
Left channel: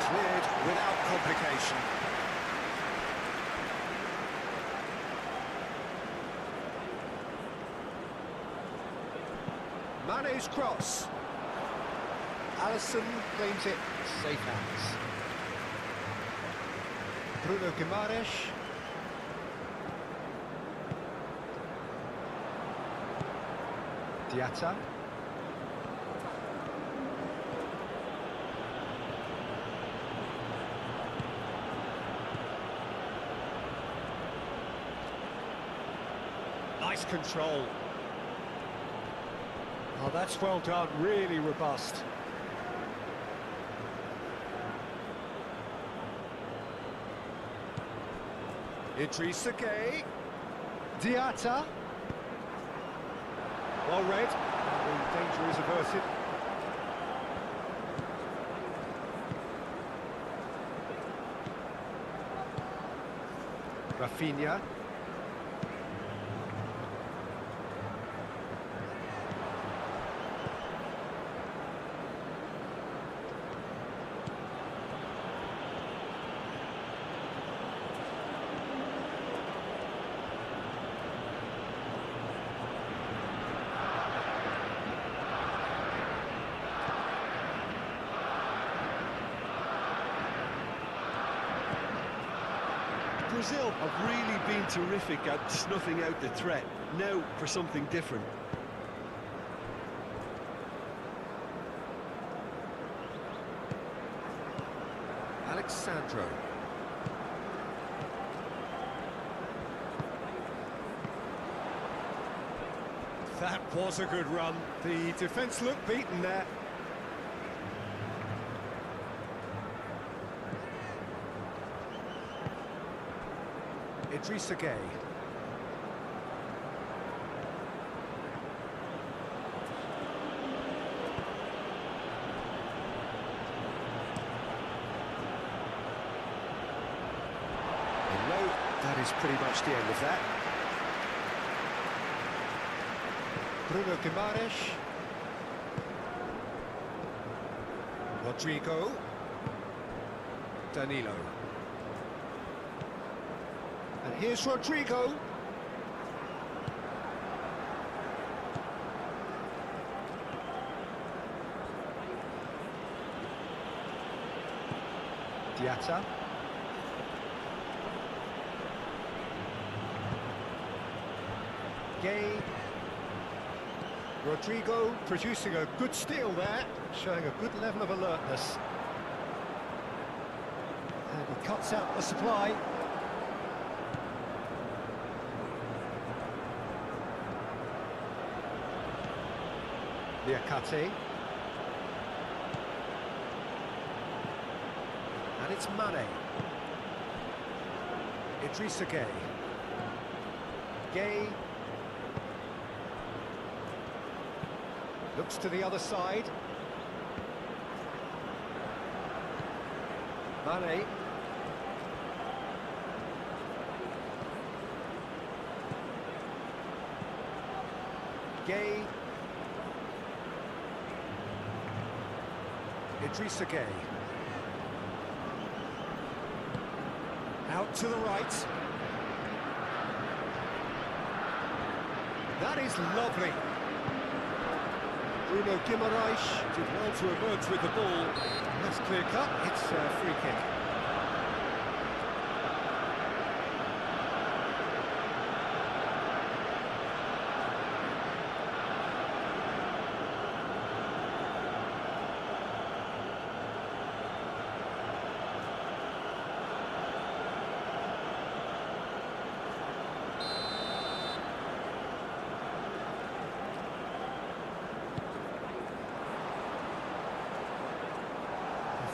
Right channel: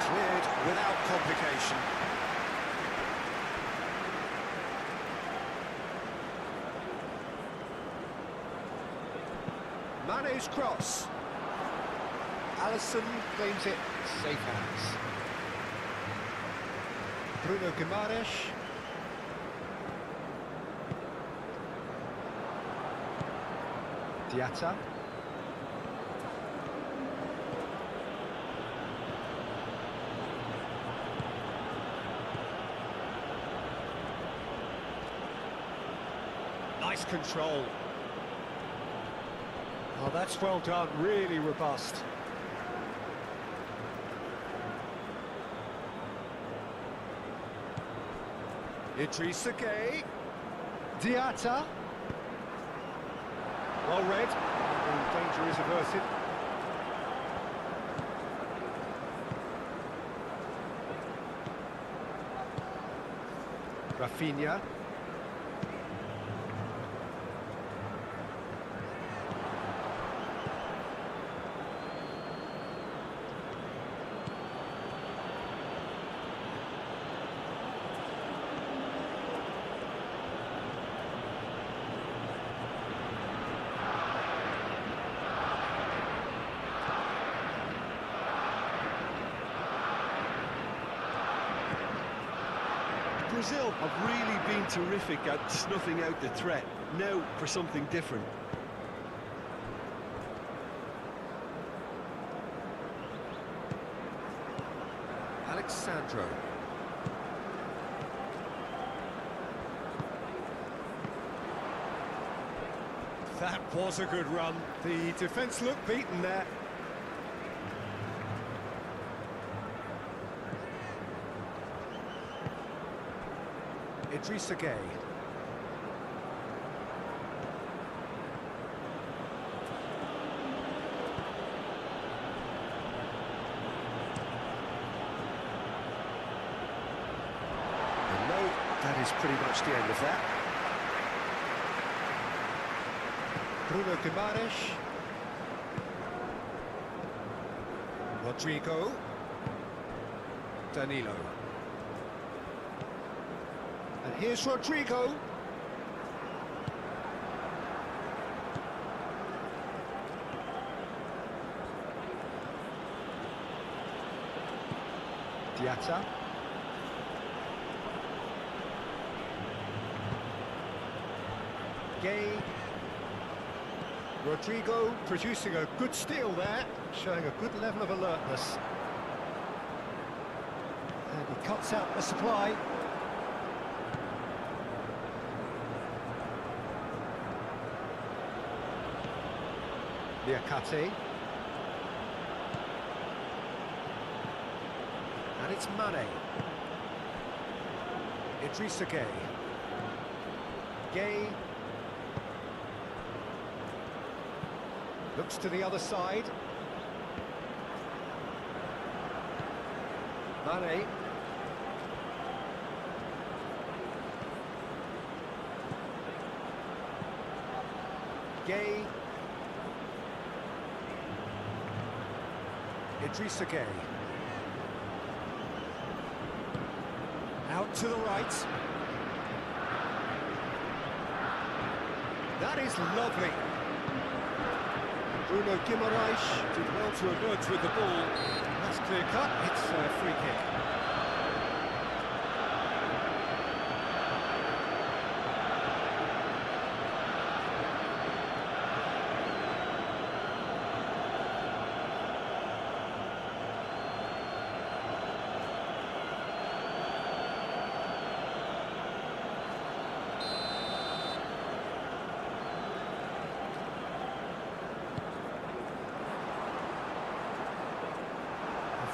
Cleared without complication. Mane's cross. Alisson claims it. Safe hands. Bruno Guimaraes. Diatta. Nice control. Oh, that's well done, really robust. Idrissa Gueye. Diatta. Well read. The danger is averted. Rafinha. Brazil have really been terrific at snuffing out the threat. Now for something different. Alexandro. That was a good run. The defence looked beaten there. Idrissa Gueye. And no, that is pretty much the end of that. Bruno Guimaraes. Rodrigo. Danilo. And here's Rodrigo. Diatta. Gueye. Rodrigo producing a good steal there, showing a good level of alertness. And he cuts out the supply. Liakate. And it's Mane. Idrissa Gueye. Gueye. Looks to the other side. Mane. Gueye. Idrissa Gueye. Out to the right. That is lovely. Bruno Guimaraes did well to emerge with the ball. And that's clear cut. It's a free kick.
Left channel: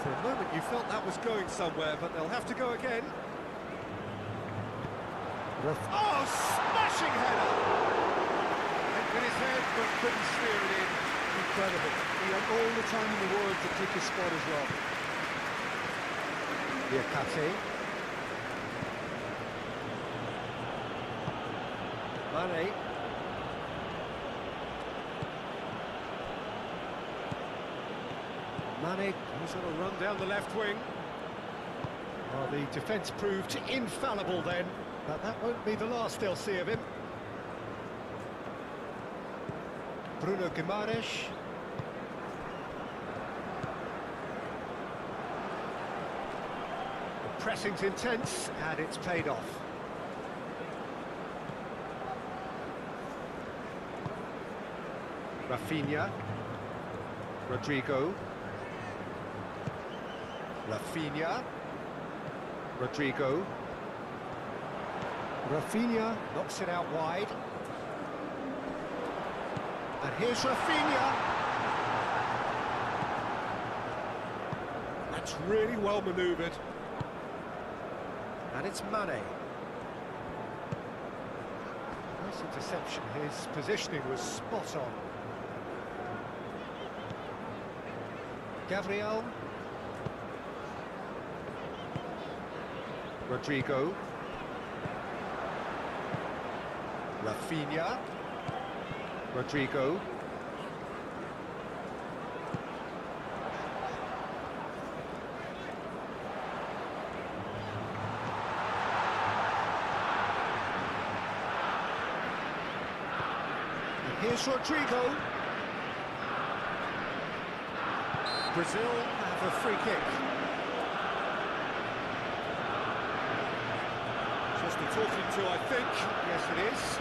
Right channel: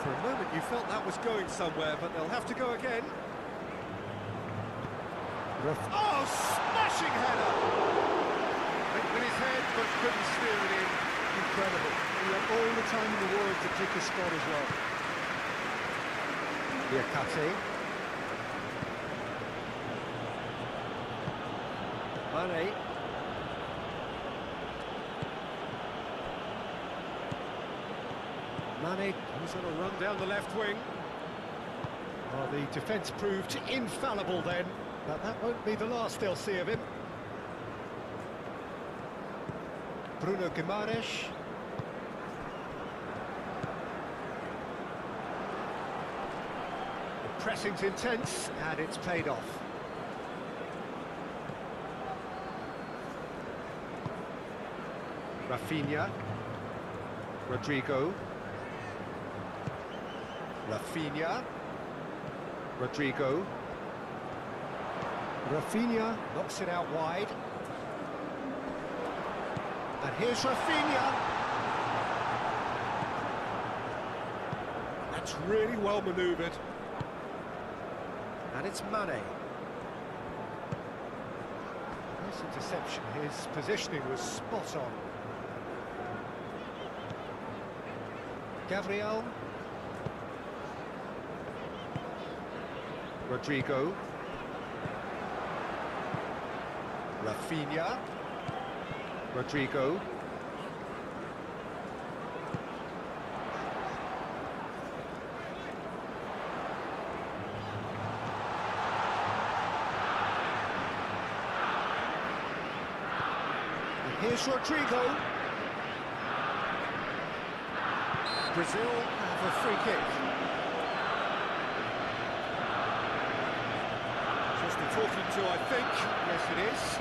For a moment you felt that was going somewhere, but they'll have to go again. Oh, smashing header! Went with his head, but couldn't steer it in. Incredible. He had all the time in the world to pick his spot as well. Liakate. Mane. Mane goes on a run down the left wing. Well, the defence proved infallible then, but that won't be the last they'll see of him. Bruno Guimaraes. The pressing's intense, and it's paid off. Rafinha. Rodrigo. Rafinha. Rodrigo. Rafinha knocks it out wide. And here's Rafinha. That's really well manoeuvred. And it's Mane. Nice interception. His positioning was spot on. Gabriel. Rodrigo. Rafinha. Rodrigo. And here's Rodrigo. Brazil have a free kick. Just the talking to, I think. Yes, it is.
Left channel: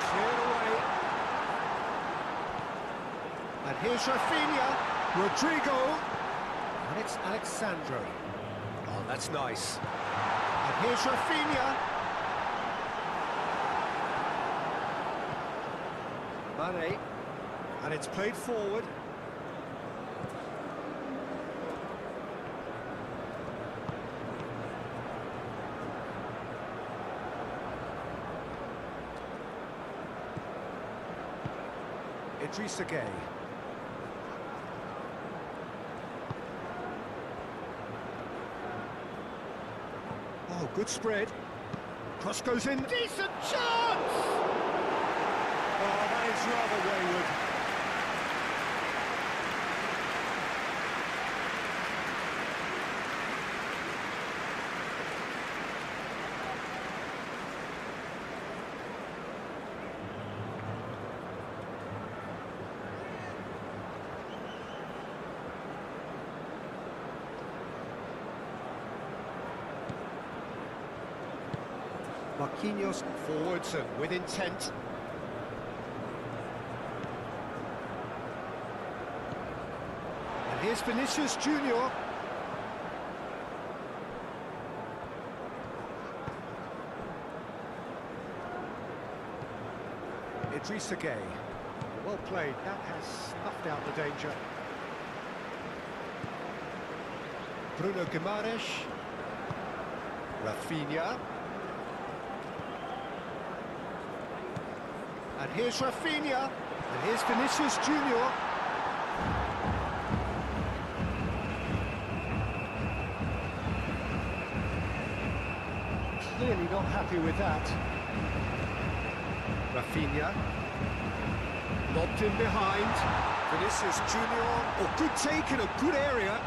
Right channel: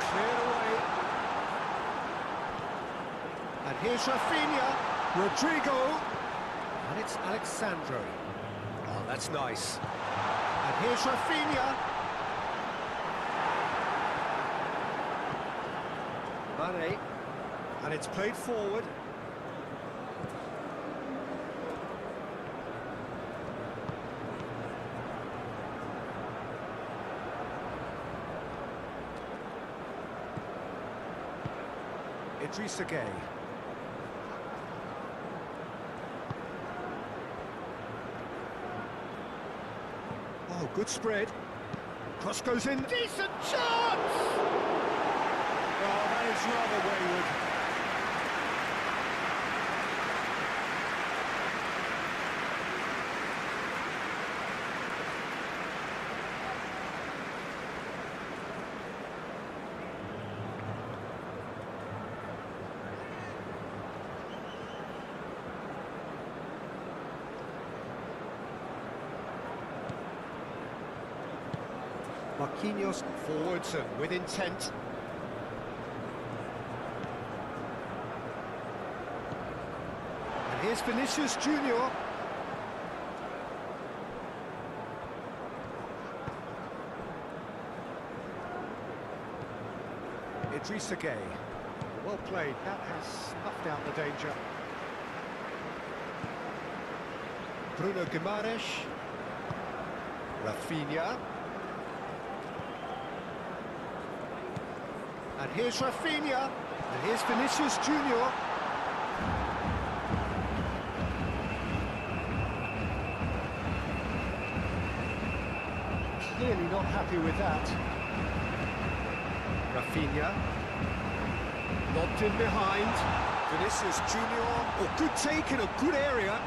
Cleared away. And here's Rafinha. Rodrigo. And it's Alexandro. Oh, that's nice. And here's Rafinha. Mane. And it's played forward. Idrissa Gueye. Oh, good spread. Cross goes in. Decent chance! Oh, that is rather wayward. Marquinhos forwards and with intent. And here's Vinicius Junior. Idrissa Gueye. Well played, that has snuffed out the danger. Bruno Guimaraes. Rafinha. And here's Rafinha. And here's Vinicius Junior. Clearly not happy with that. Rafinha. Lobbed in behind. Vinicius Junior. Oh, good take in a good area.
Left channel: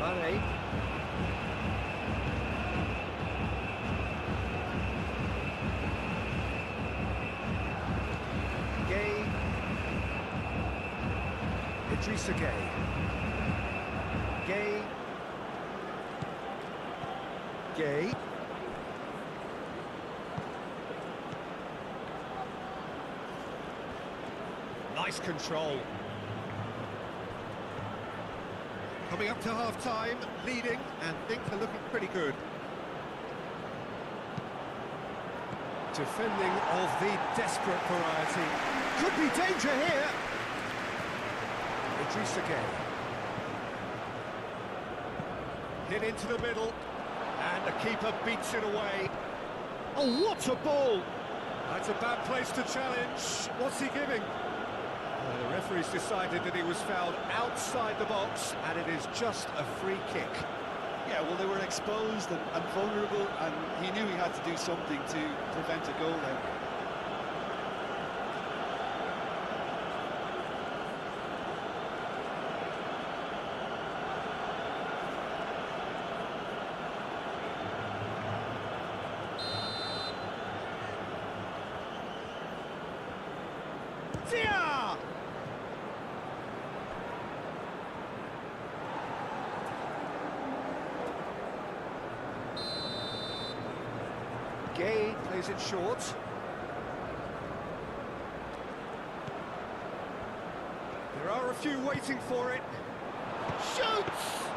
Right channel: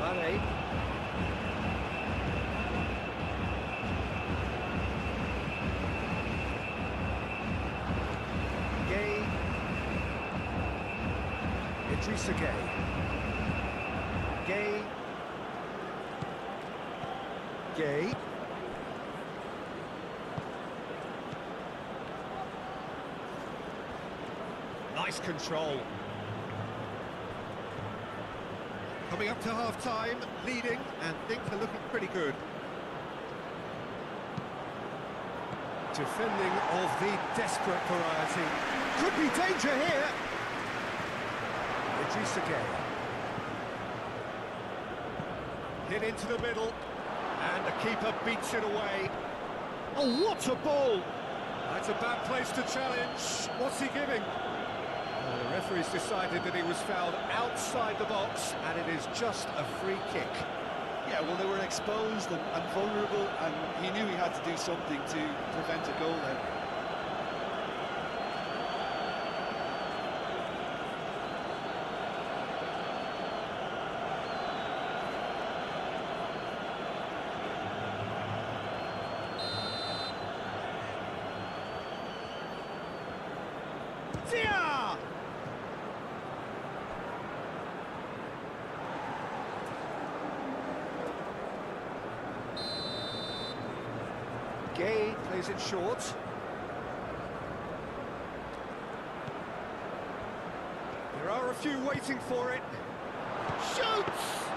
Mane. Gueye. Idrissa Gueye. Gueye. Gueye. Nice control. Coming up to half-time, leading, and things are looking pretty good. Defending of the desperate variety. Could be danger here. Idrissa Gueye. Hit into the middle, and the keeper beats it away. Oh, what a ball! That's a bad place to challenge. What's he giving? The referee's decided that he was fouled outside the box, and it is just a free kick. Yeah, well, they were exposed and vulnerable, and he knew he had to do something to prevent a goal then. Dia! Gueye plays it short. There are a few waiting for it. Shoots!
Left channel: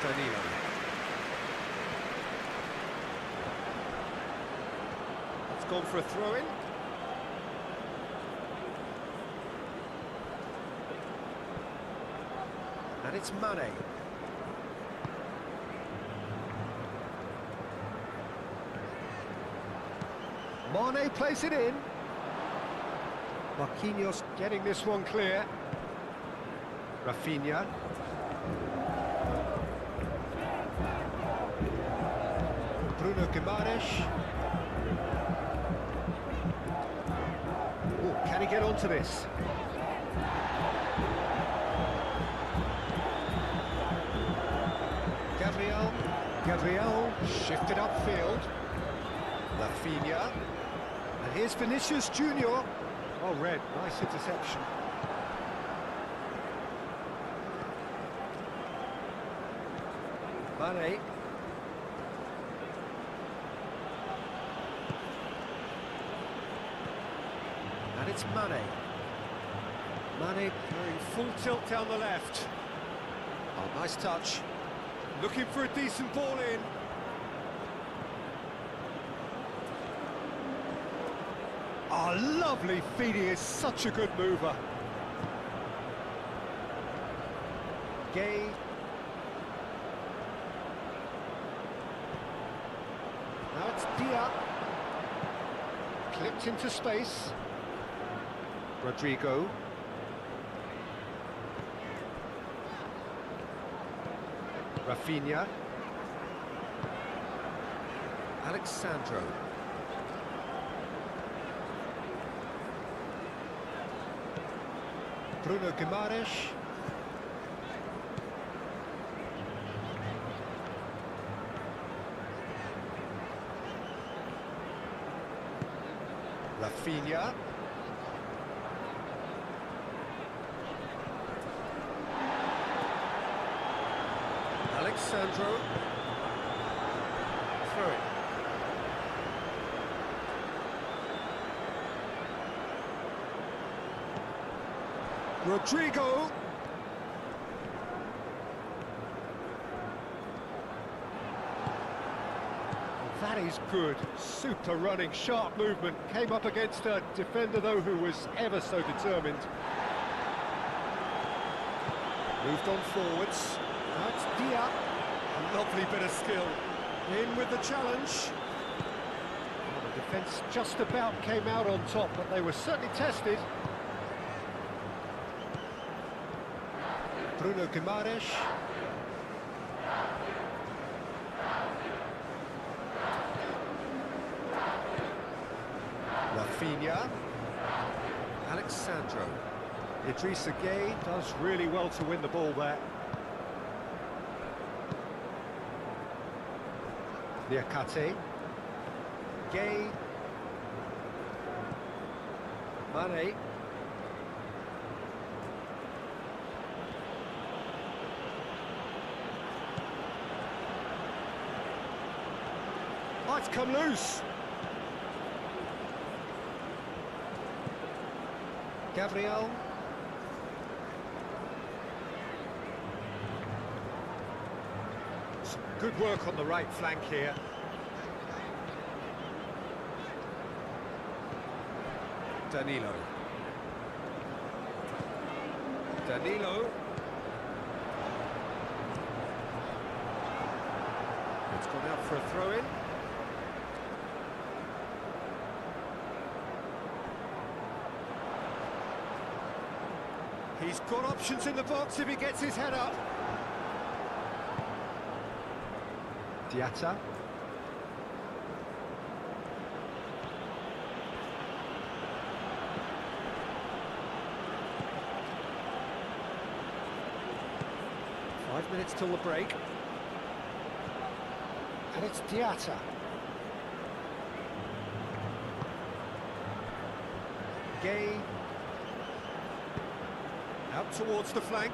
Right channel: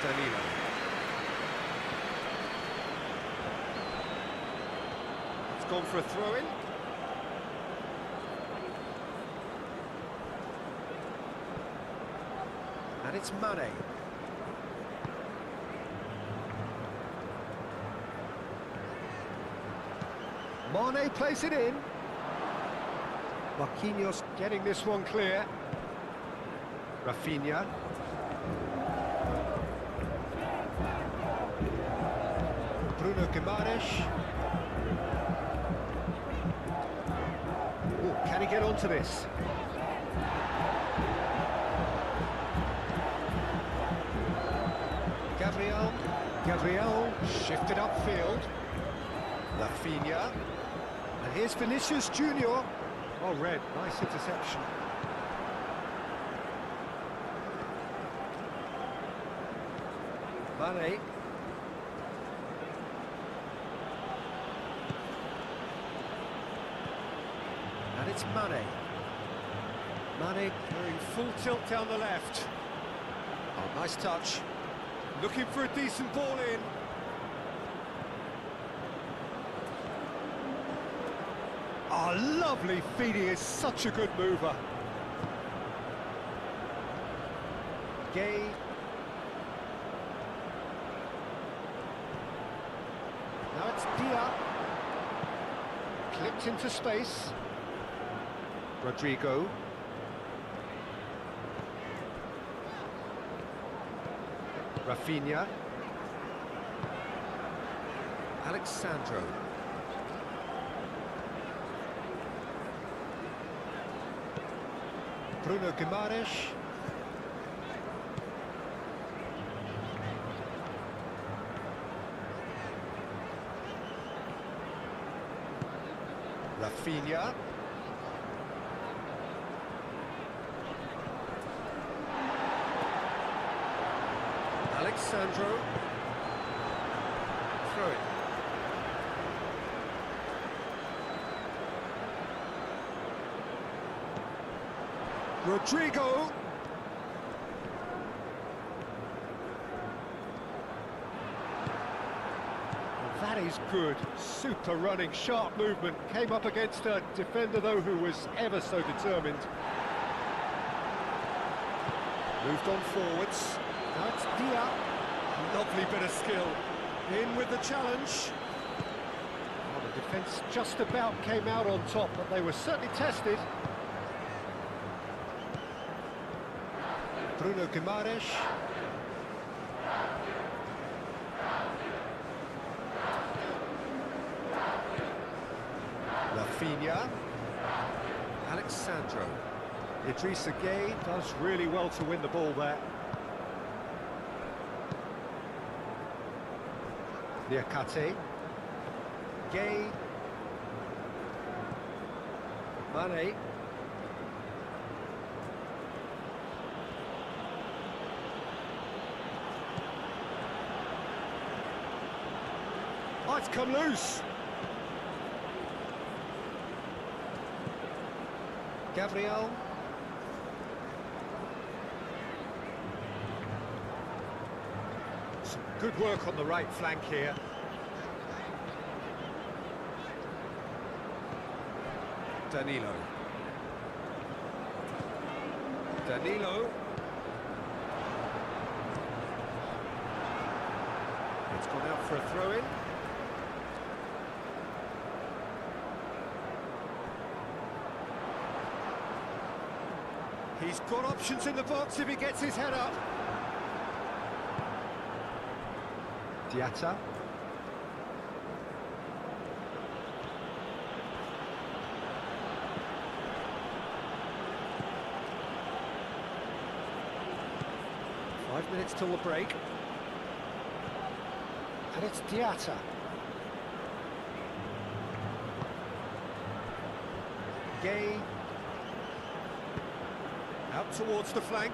Danilo. It's gone for a throw-in. And it's Mane. Mane plays it in. Marquinhos getting this one clear. Rafinha. Bruno Guimaraes. Oh, can he get onto this? Gabriel shifted upfield. Rafinha. And here's Vinicius Junior. Oh, red, nice interception. Mane. And it's Mane. Mane going full tilt down the left. Oh, nice touch. Looking for a decent ball in. Oh, lovely feed. He is such a good mover. Gueye. Now it's Dia. Clipped into space. Rodrigo. Rafinha. Alexandro. Bruno Guimaraes. Rafinha. Alexandro. Throw it. Rodrigo. That is good. Super running, sharp movement. Came up against a defender, though, who was ever so determined. Moved on forwards. Now it's Dia. Lovely bit of skill. In with the challenge. Well, the defence just about came out on top, but they were certainly tested. Bruno Guimaraes. Rafinha. Alexandro. Idrissa Gueye does really well to win the ball there. Niakate. Gueye. Mane. Oh, it's come loose. Gabriel. Some good work on the right flank here. Danilo. Danilo. It's gone out for a throw-in. He's got options in the box if he gets his head up. Diatta. Five minutes till the break. And it's Diatta. Gueye. Out towards the flank.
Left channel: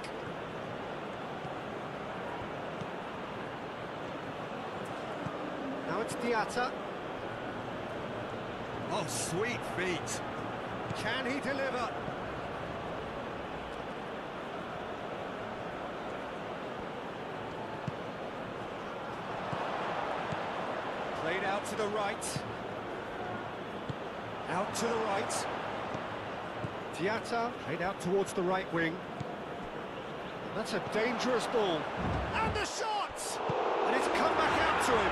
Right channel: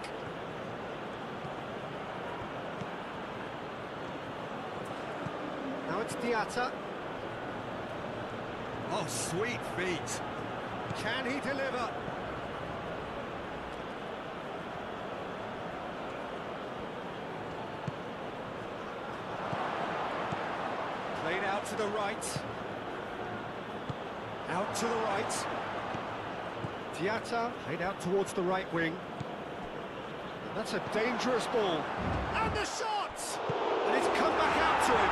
Now it's Diatta. Oh, sweet feet. Can he deliver? Played out to the right. Out to the right. Diatta played out towards the right wing. That's a dangerous ball. And the shot! And it's come back out to him.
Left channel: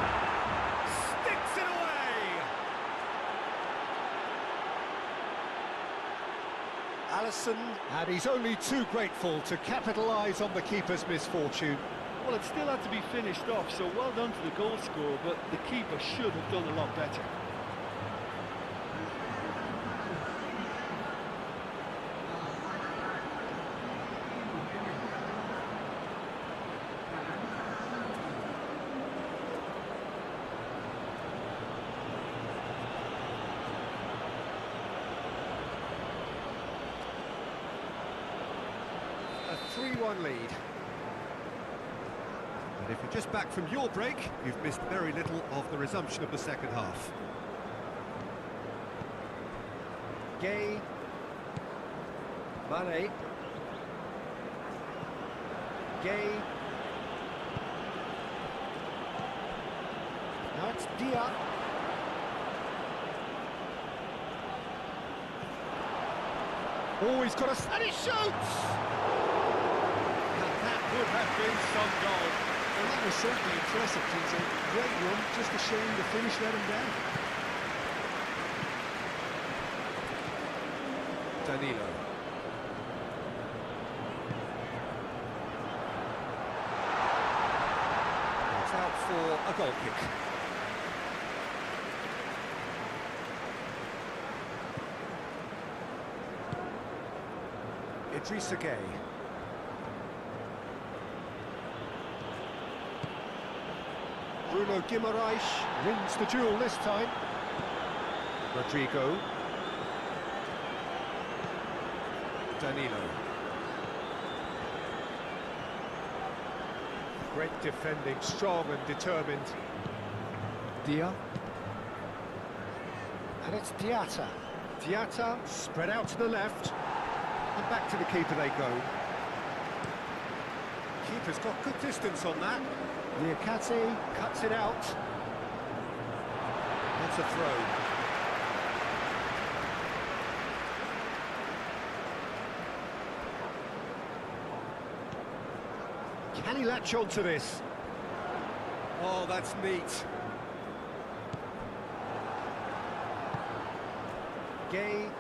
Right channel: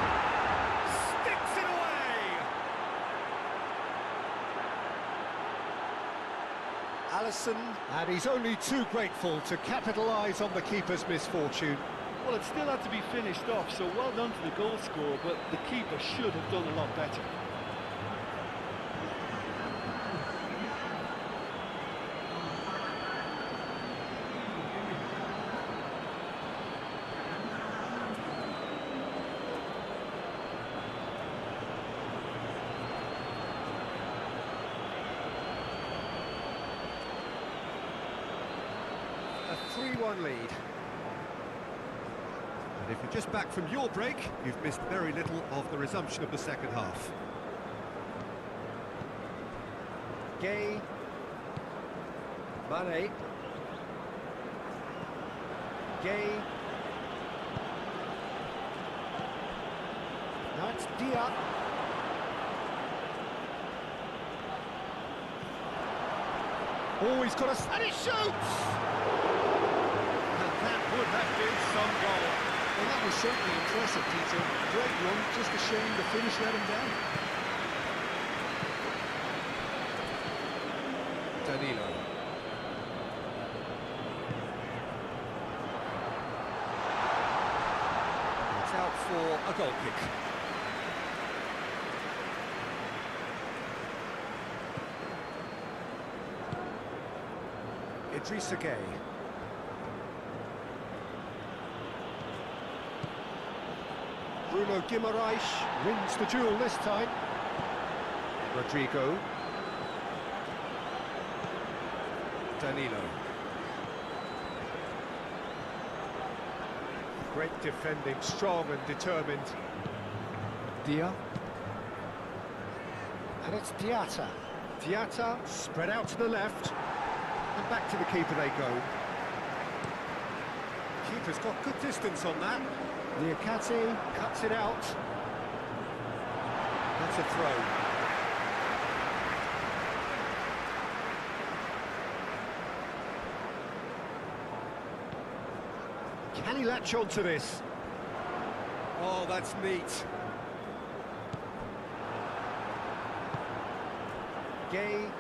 Sticks it away! Alisson, and he's only too grateful to capitalise on the keeper's misfortune. Well, it still had to be finished off, so well done to the goal scorer, but the keeper should have done a lot better. A 3-1 lead. And if you're just back from your break, you've missed very little of the resumption of the second half. Gueye. Mane. Gueye. Now it's Dia. Oh, he's got a... and he shoots! And that would have been some goal. Well, that was certainly impressive, Tito. Great run, just a shame the finish let him down. Danilo. It's out for a goal kick. Idrissa Gueye. Bruno Guimaraes wins the duel this time. Rodrigo. Danilo. Great defending, strong and determined. Dia. And it's Diatta. Diatta spread out to the left. And back to the keeper they go. Keeper's got good distance on that. Diakate cuts it out. That's a throw. Can he latch on to this? Oh, that's neat. Gay.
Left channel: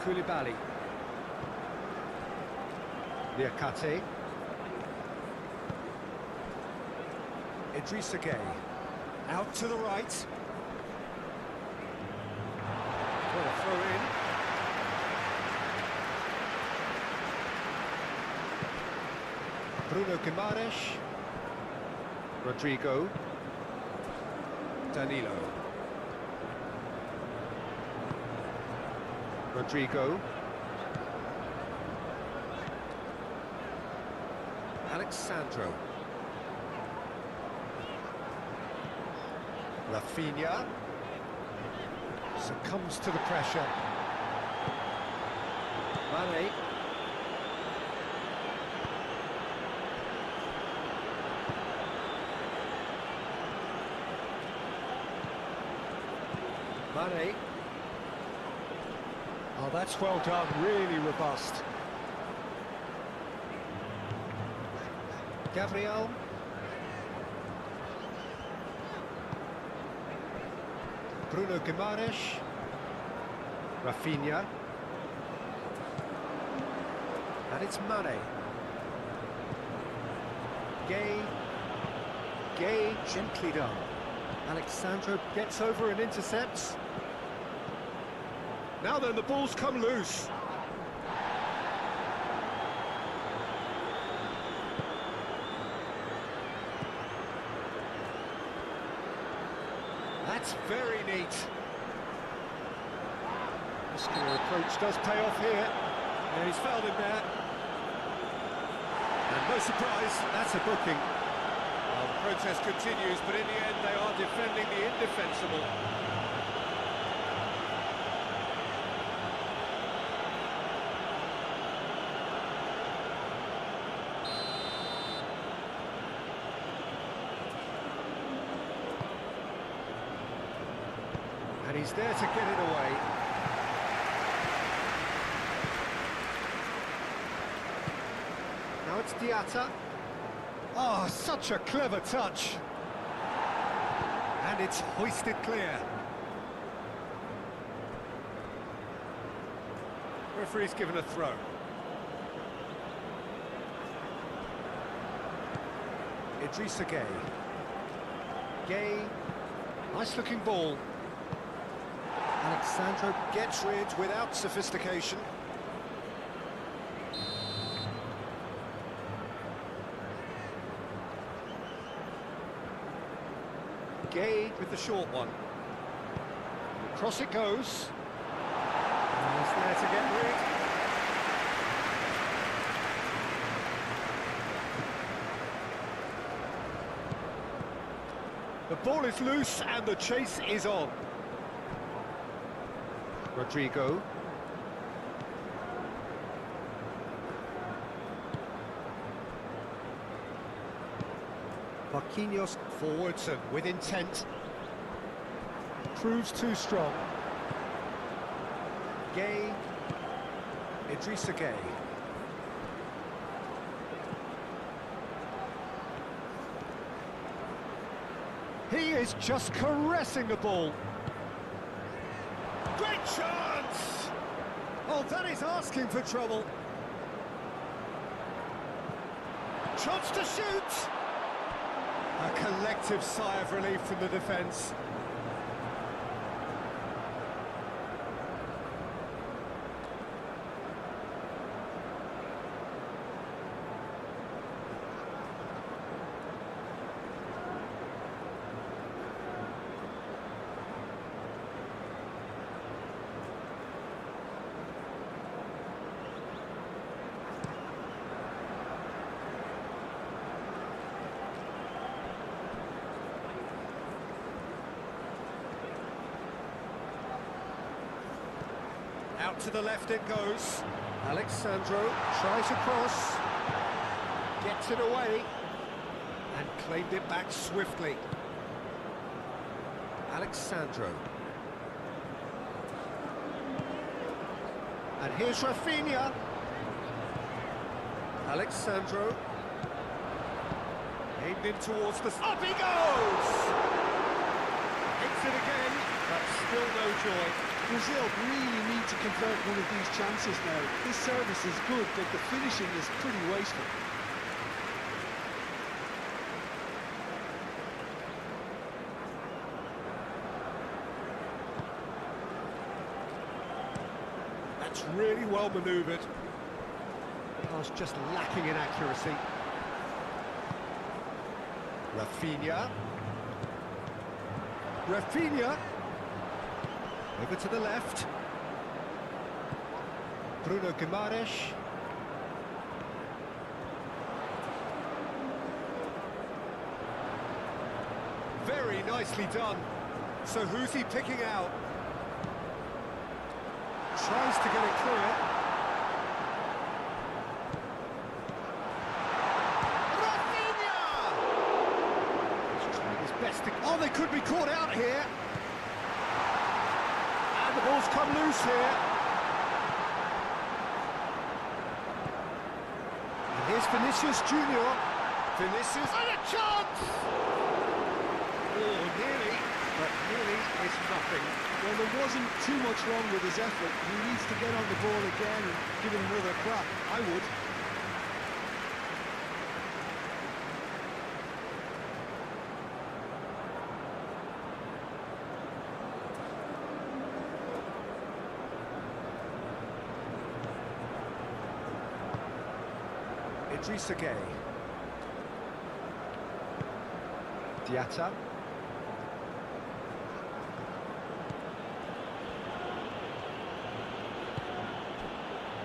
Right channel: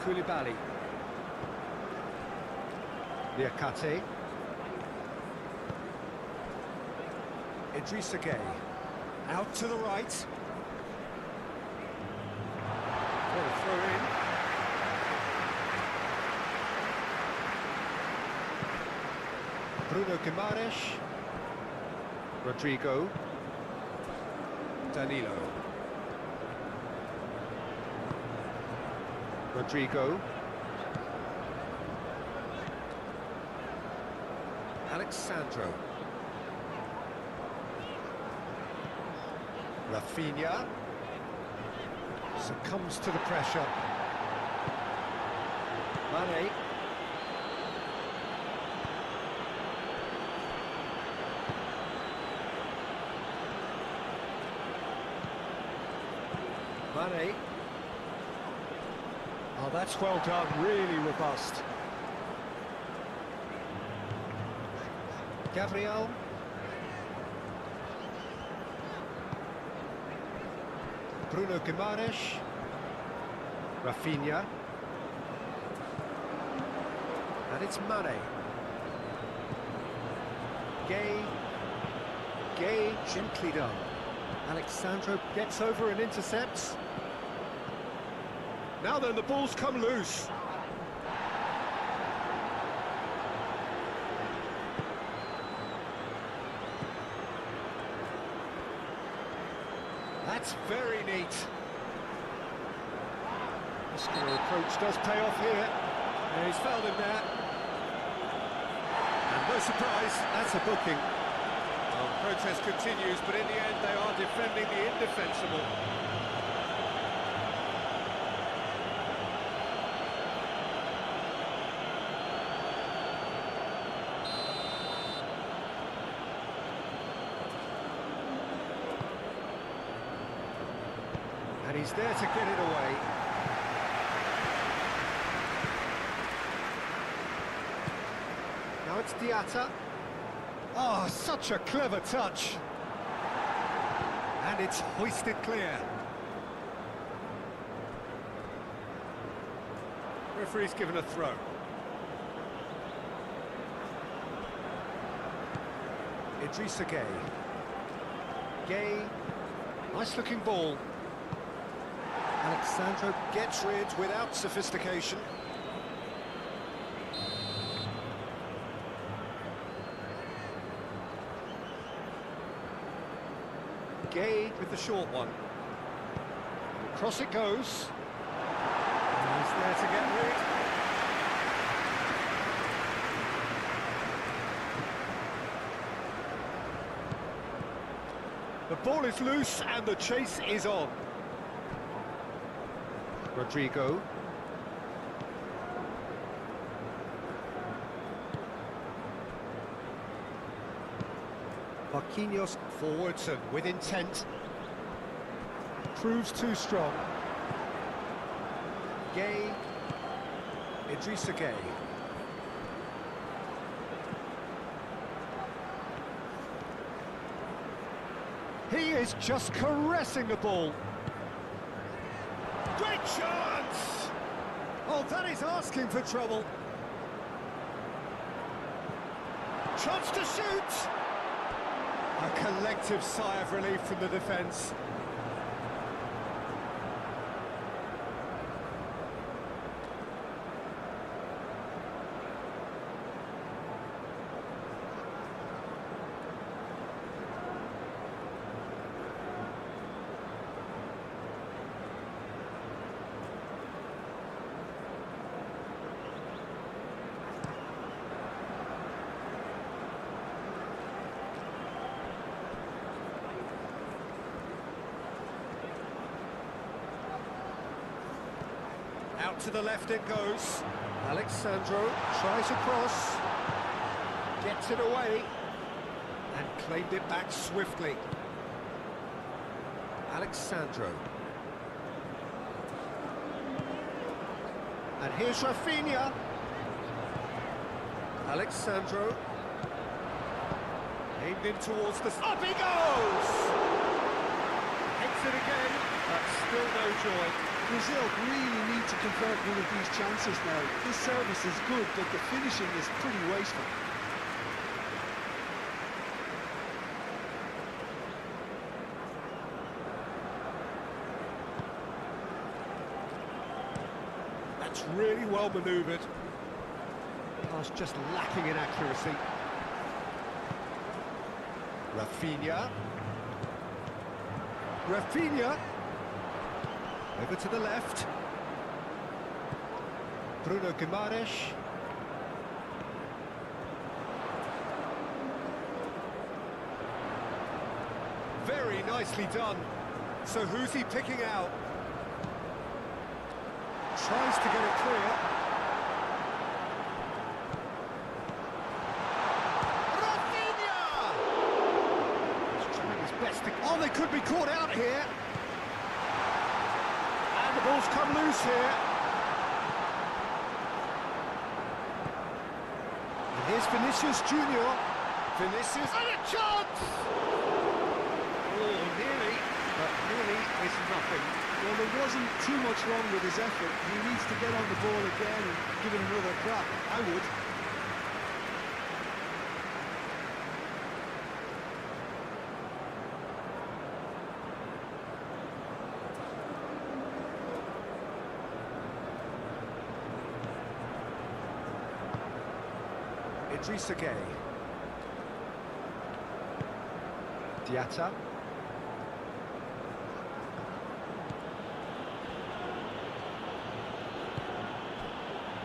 Koulibaly. Diakate. Idrissa Gueye. Out to the right. What a throw in. Bruno Guimaraes. Rodrigo. Danilo. Rodrigo. Alexandro. Rafinha. Succumbs to the pressure. Mane. Mane. Oh, that's well done, really robust. Gabriel. Bruno Guimaraes. Rafinha. And it's Mane. Gay. Gay, gently done. Alexandro gets over and intercepts. Now then, the ball's come loose. That's very neat. Muscular approach does pay off here. Yeah, he's fouled him there. And no surprise, that's a booking. Well, the protest continues, but in the end they are defending the indefensible. And he's there to get it away. Now it's Diatta. Oh, such a clever touch. And it's hoisted clear. Referee's given a throw. Idrissa Gueye. Gueye. Nice looking ball. Alexandro gets rid without sophistication. Gueye with the short one. Across it goes. And he's there to get rid. The ball is loose and the chase is on. Rodrigo. Marquinhos forwards and with intent. Proves too strong. Gueye. Idrissa Gueye. He is just caressing the ball. Great chance! Oh, that is asking for trouble. Chance to shoot! A collective sigh of relief from the defence. To the left it goes. Alexandro tries a cross, gets it away, and claimed it back swiftly. Alexandro. And here's Rafinha. Alexandro. Aimed in towards the... Up he goes! Hits it again, but still no joy. Brazil really need to convert one of these chances now. This service is good, but the finishing is pretty wasteful. That's really well manoeuvred. Pass just lacking in accuracy. Rafinha. Rafinha. Over to the left. Bruno Guimaraes. Very nicely done. So who's he picking out? Tries to get it clear. Rafinha! He's trying his best to... Oh, they could be caught out here. And the ball's come loose here. And here's Vinicius Junior. Vinicius, and a chance! Oh, nearly, but nearly is nothing. Well, there wasn't too much wrong with his effort. He needs to get on the ball again and give it another crack. I would. Idrissa Gueye. Diatta.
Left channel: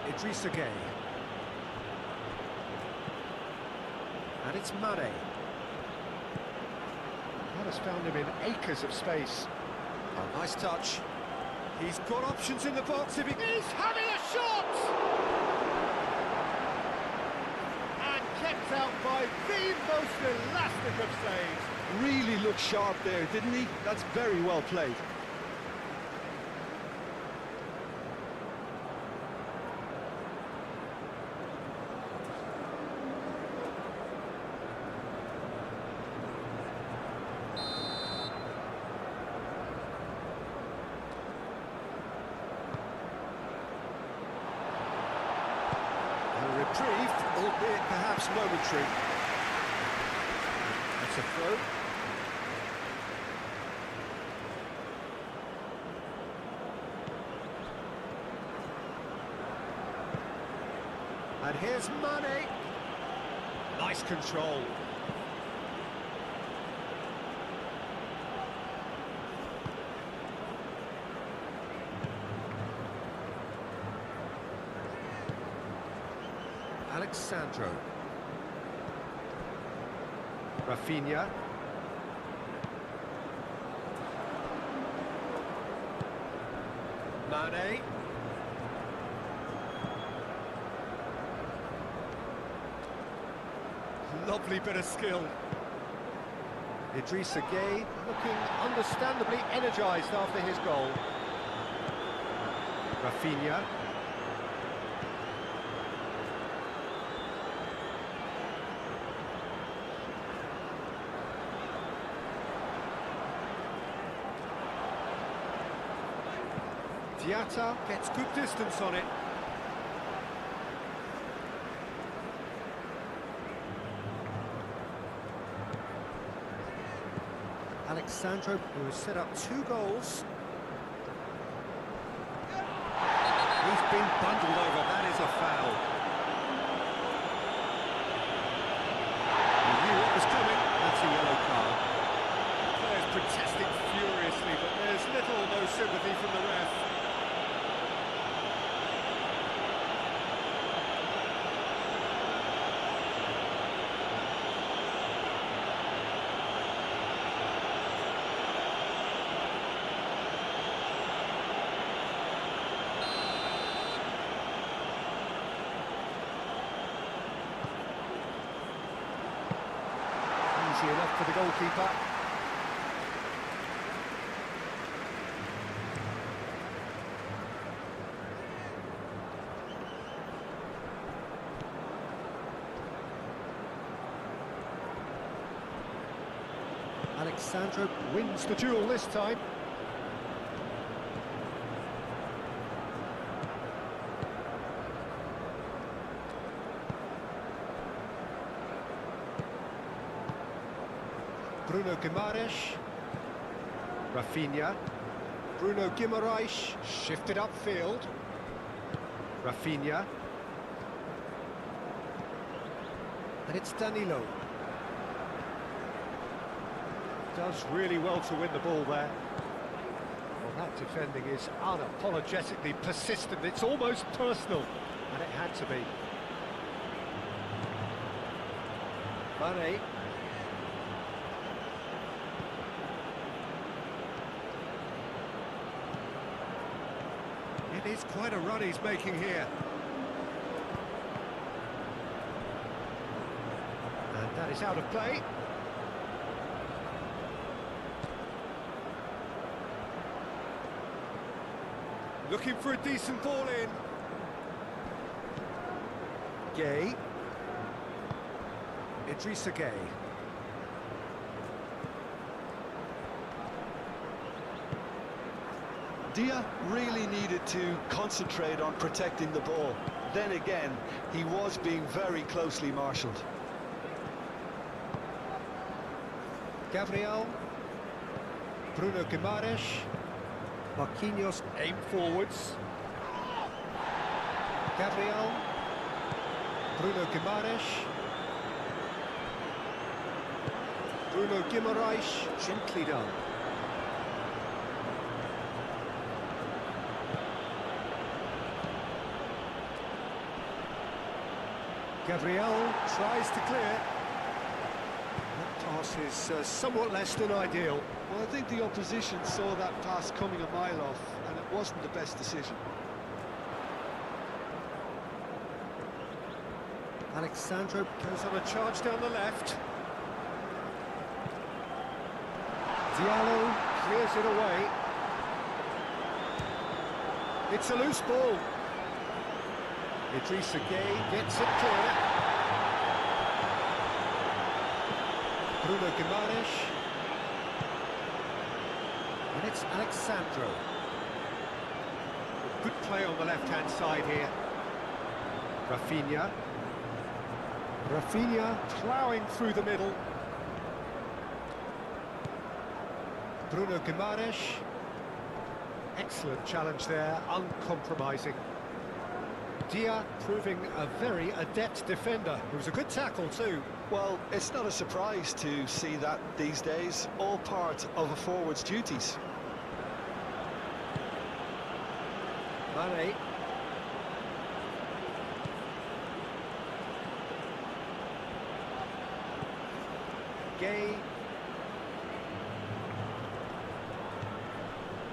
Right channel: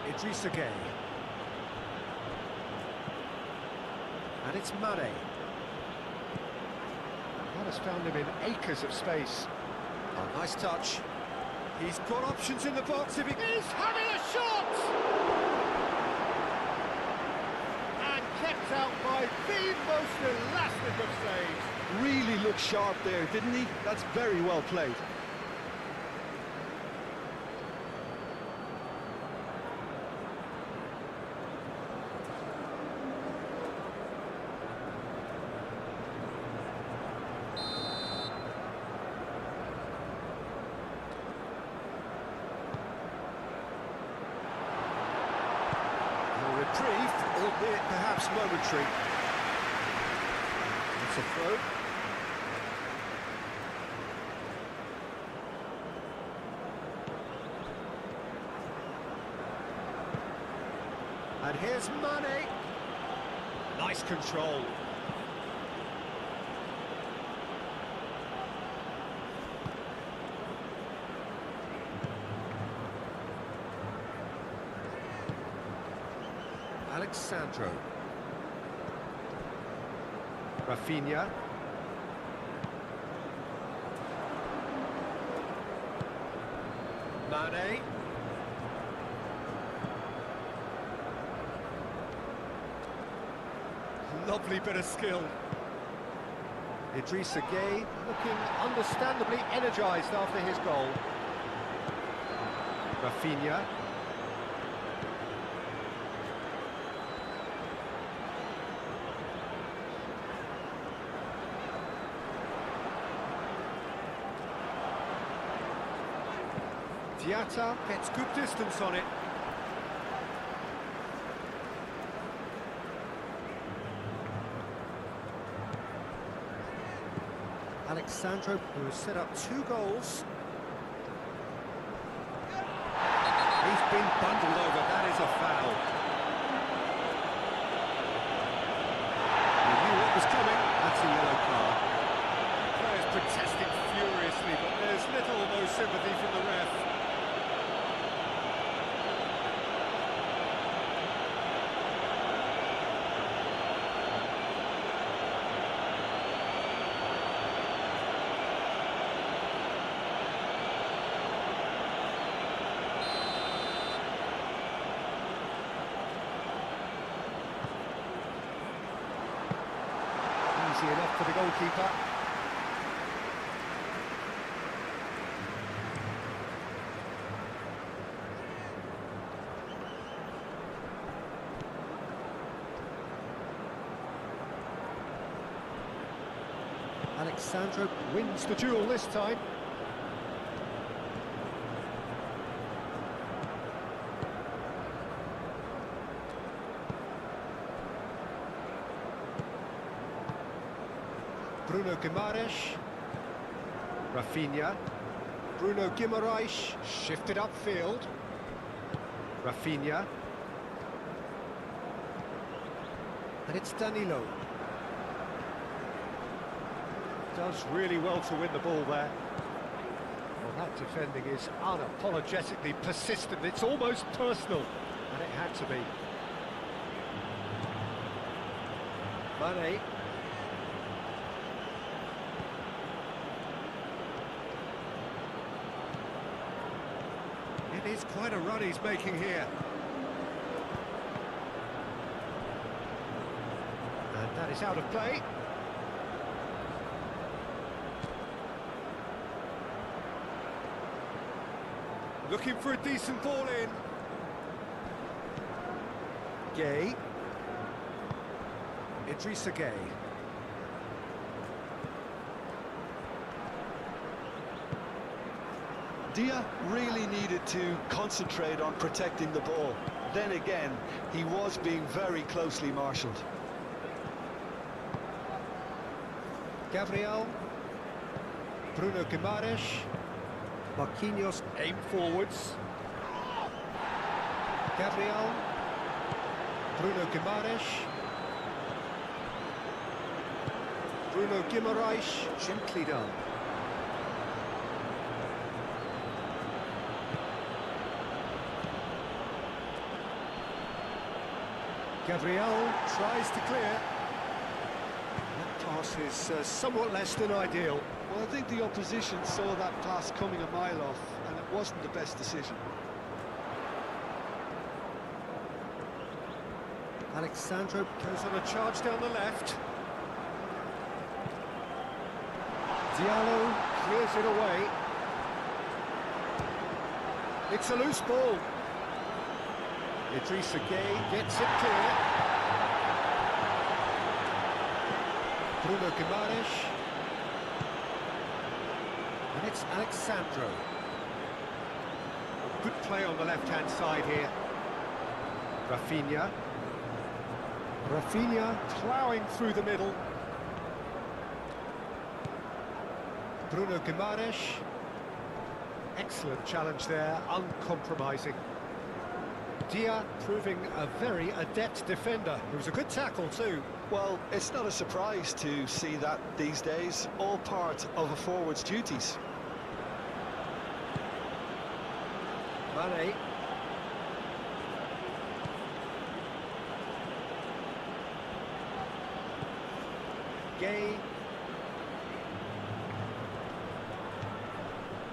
Idrissa Gueye. And it's Mane. That has found him in acres of space. Oh, nice touch. He's got options in the box if he... He's having a shot! And kept out by the most elastic of saves. Really looked sharp there, didn't he? That's very well played. A reprieve, albeit perhaps momentary. That's a throw. And here's Mane. Nice control. Alexandro. Rafinha. Mane. Lovely bit of skill. Idrissa Gueye looking understandably energised after his goal. Rafinha. Diatta gets good distance on it. Alexandro, who has set up 2 goals. He's been bundled over, that is a foul. He knew what was coming, that's a yellow card. Players protesting furiously, but there's little or no sympathy from the ref. Easy enough for the goalkeeper. Alexandro wins the duel this time. Bruno Guimaraes. Rafinha. Bruno Guimaraes shifted upfield. Rafinha. And it's Danilo. Does really well to win the ball there. Well, that defending is unapologetically persistent. It's almost personal, and it had to be. Mane. It is quite a run he's making here. And that is out of play. Looking for a decent ball in. Gay. Idrissa Gay. Dia really needed to concentrate on protecting the ball. Then again, he was being very closely marshalled. Gabriel. Bruno Guimaraes. Marquinhos aim forwards. Gabriel. Bruno Guimaraes. Bruno Guimaraes, gently done. Gabriel tries to clear. That pass is somewhat less than ideal. Well, I think the opposition saw that pass coming a mile off, and it wasn't the best decision. Alexandro goes on a charge down the left. Diallo clears it away. It's a loose ball. Idrissa Gay gets it clear. Bruno Guimaraes. And it's Alexandro. Good play on the left-hand side here. Rafinha. Rafinha ploughing through the middle. Bruno Guimaraes. Excellent challenge there, uncompromising. Dia proving a very adept defender. It was a good tackle too. Well, it's not a surprise to see that these days, all part of a forward's duties. Mane. Gay.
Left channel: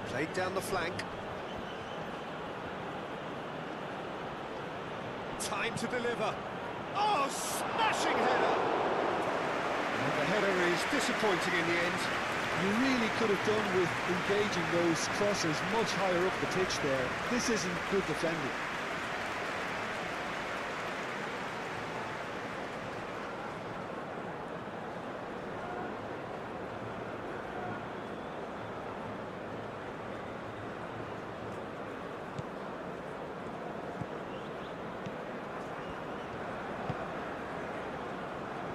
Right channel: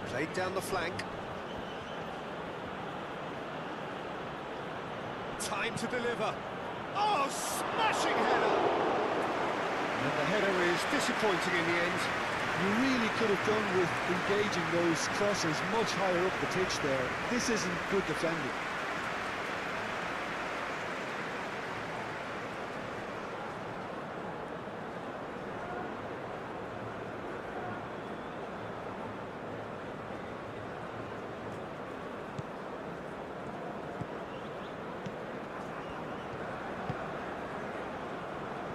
Played down the flank. Time to deliver. Oh, smashing header! And the header is disappointing in the end. You really could have done with engaging those crossers much higher up the pitch there. This isn't good defending.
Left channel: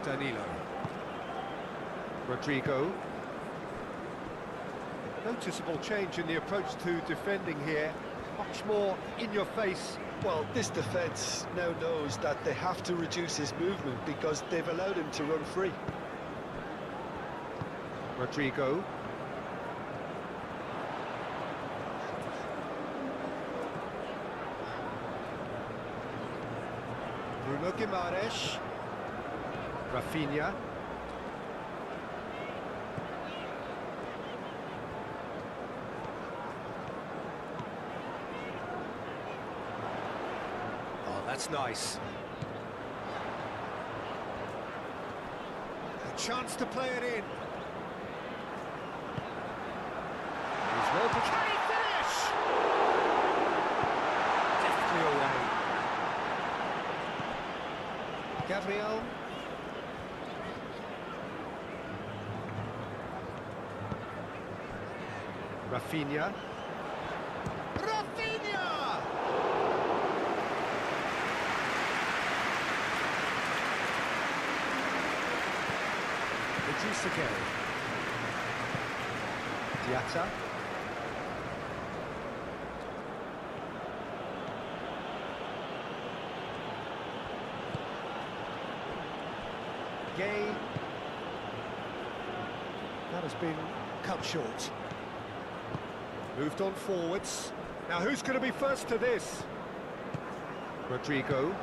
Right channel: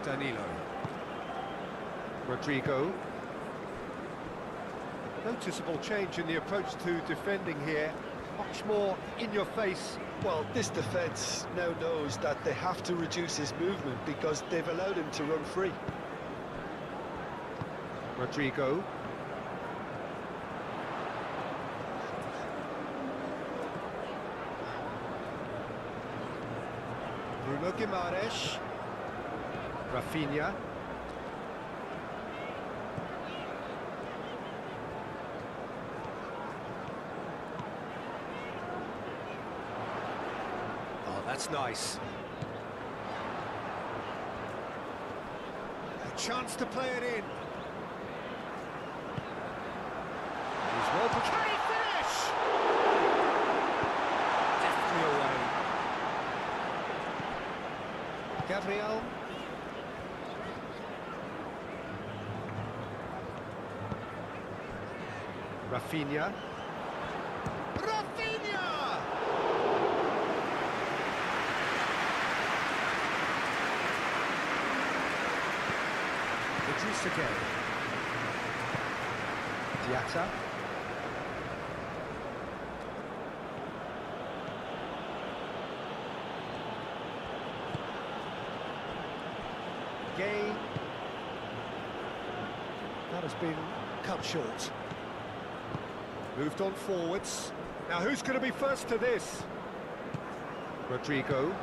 Danilo. Rodrigo. Noticeable change in the approach to defending here. Much more in your face. Well, this defence now knows that they have to reduce his movement because they've allowed him to run free. Rodrigo. Bruno Guimaraes. Rafinha. Oh, that's nice. chance to play it in. He's well prepared. Can he finish? Deftly away. Gabriel. Rafinha. Rafinha! Idrissa Gueye. Diatta. Gueye. That has been cut short. Moved on forwards. Now who's going to be first to this? Rodrigo.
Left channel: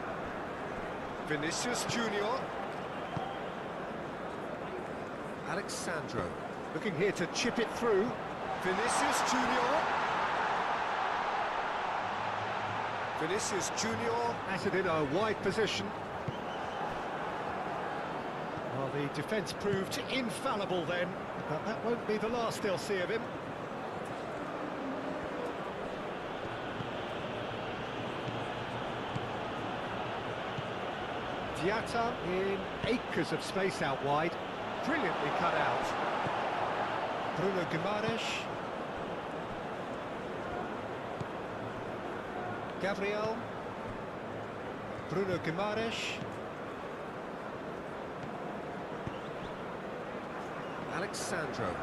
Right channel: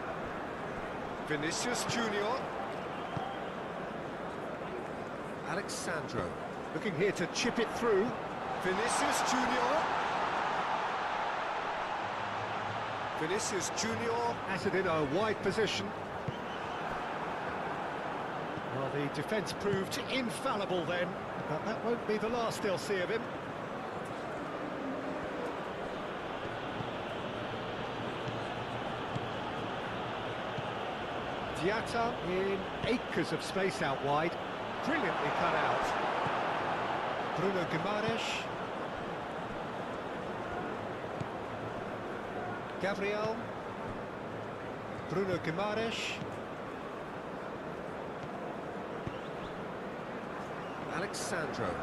Vinicius Junior. Alexandro. Looking here to chip it through. Vinicius Junior. Vinicius Junior at it in a wide position. Well, the defence proved infallible then, but that won't be the last they'll see of him. Diatta in acres of space out wide, brilliantly cut out. Bruno Guimaraes. Gabriel. Bruno Guimaraes. Alexandro.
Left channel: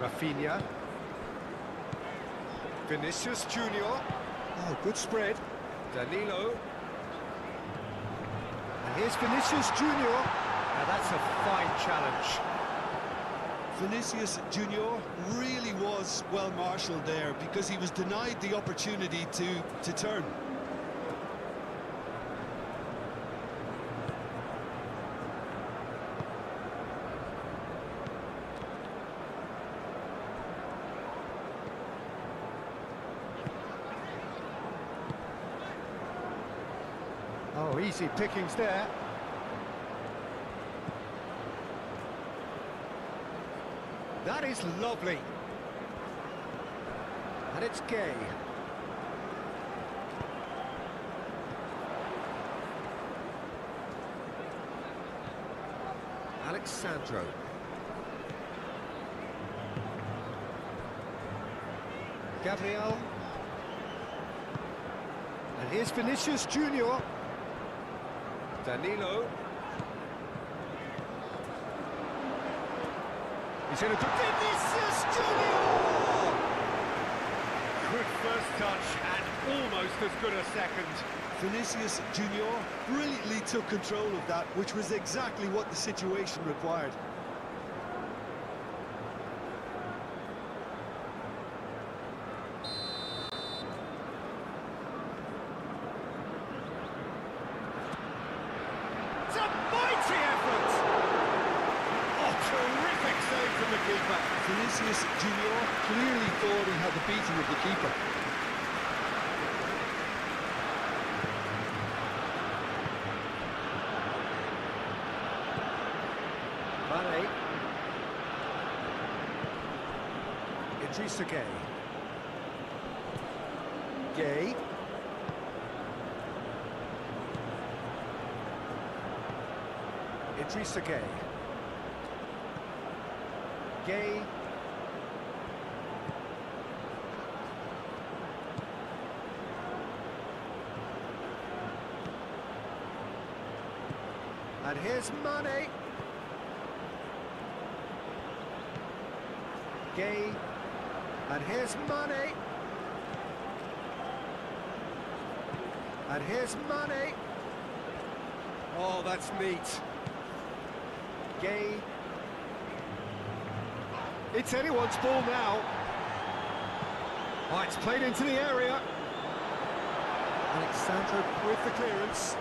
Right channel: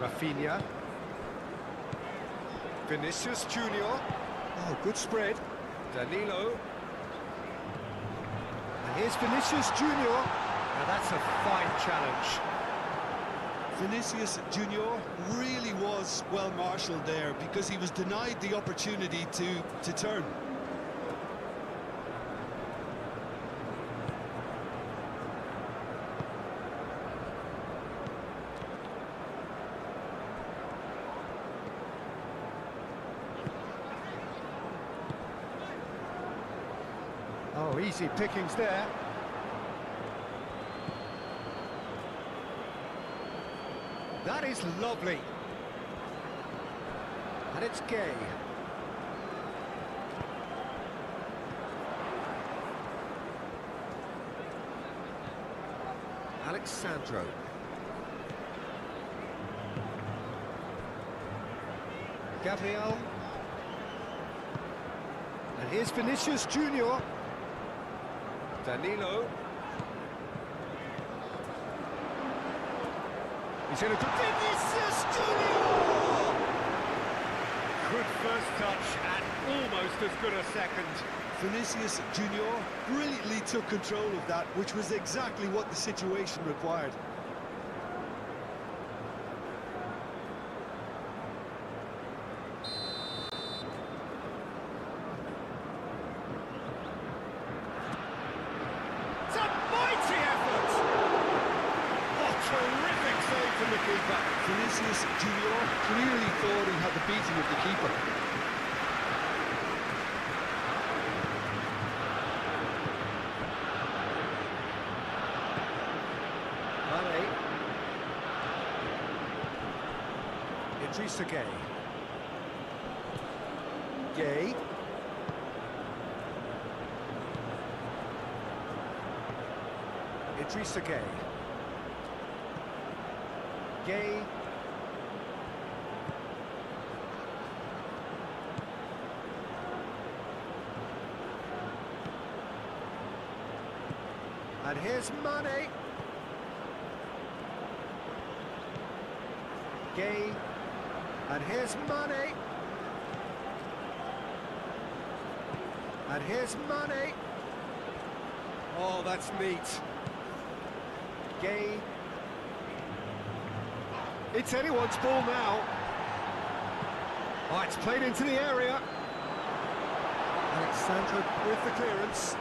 Rafinha. Vinicius Junior. Oh, good spread. Danilo. And here's Vinicius Junior. Now that's a fine challenge. Vinicius Junior really was well marshalled there because he was denied the opportunity to turn. Oh, easy pickings there. That is lovely. And it's Gueye. Alexandro. Gabriel. And here's Vinicius Junior. Danilo. He's in a good... Vinicius Junior! Good first touch and almost as good a second. Vinicius Junior brilliantly took control of that, which was exactly what the situation required. It's a mighty effort! Oh, terrific save from the keeper. Vinicius Junior clearly thought he had the beating of the keeper. Mane. Idrissa Gueye. Gueye. Idrissa Gueye. Gueye. And here's Mane. Gueye. And here's Mane. And here's Mane. Oh, that's neat. Gueye. It's anyone's ball now. Oh, it's played into the area. Alexandro with the clearance.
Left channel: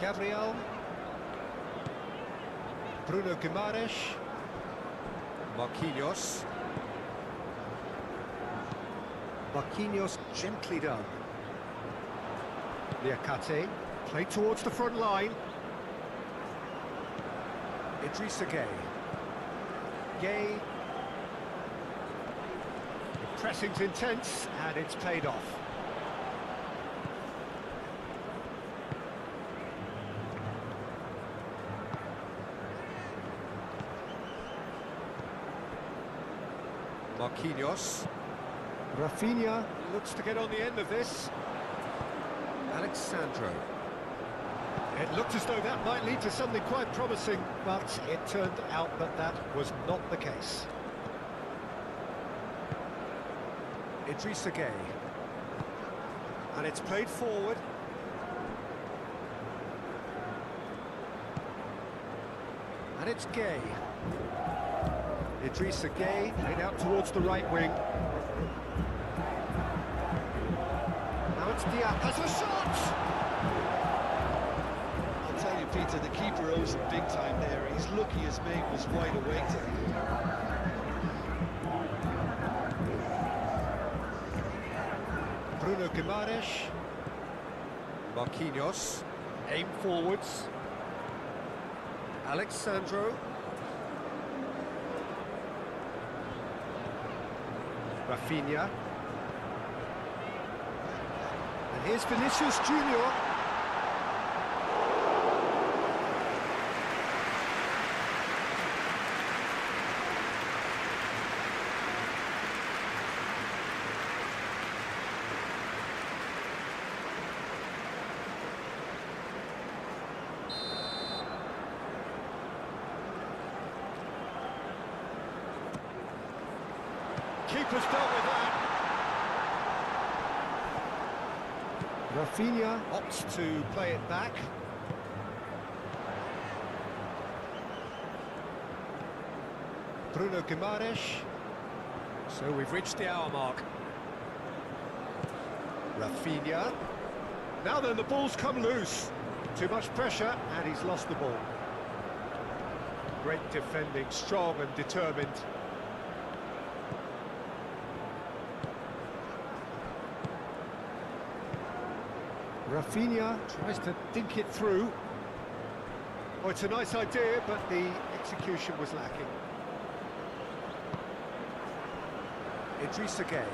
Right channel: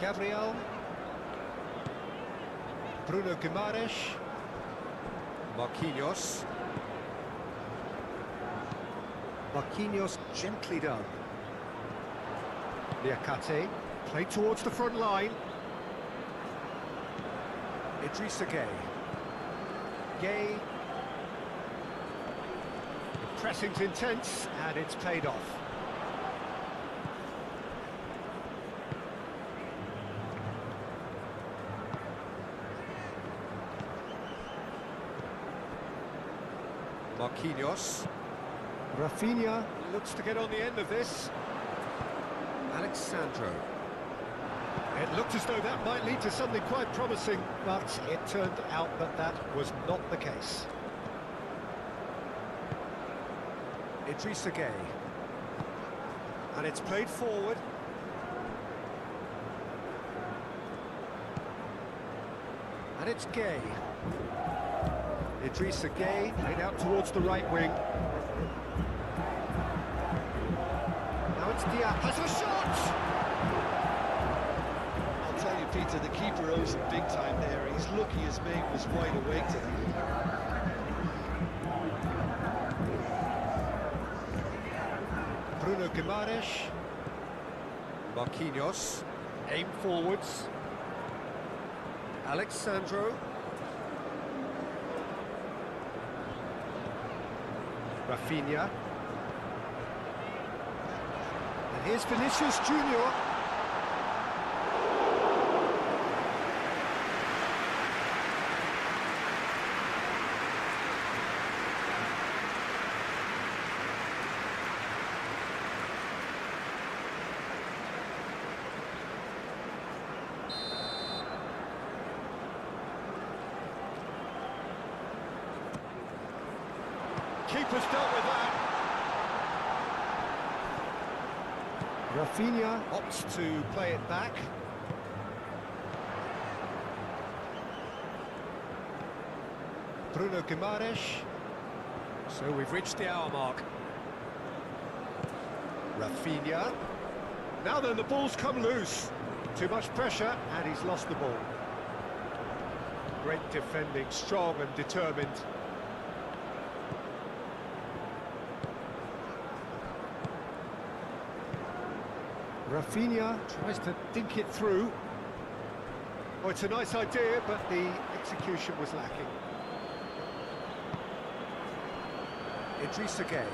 Gabriel. Bruno Guimaraes. Marquinhos. Marquinhos gently done. Niakate, played towards the front line. Idrissa Gueye. Gueye. The pressing's intense, and it's paid off. Marquinhos. Rafinha looks to get on the end of this. Alexandro. It looked as though that might lead to something quite promising, but it turned out that that was not the case. Idrissa Gueye. And it's played forward. And it's Gueye. Idrissa Gueye played out towards the right wing. Now it's Diaz. Has a shot! I'll tell you, Peter, the keeper owes him big time there. He's lucky his mate was wide awake today. Bruno Guimaraes. Marquinhos. Aim forwards. Alexandro. Rafinha. And here's Vinicius Junior. Keeper's dealt with that. Rafinha opts to play it back. Bruno Guimaraes. So we've reached the hour mark. Rafinha. Now then, the ball's come loose. Too much pressure, and he's lost the ball. Great defending, strong and determined. Rafinha tries to dink it through. Oh, it's a nice idea, but the execution was lacking. Idrissa Gueye.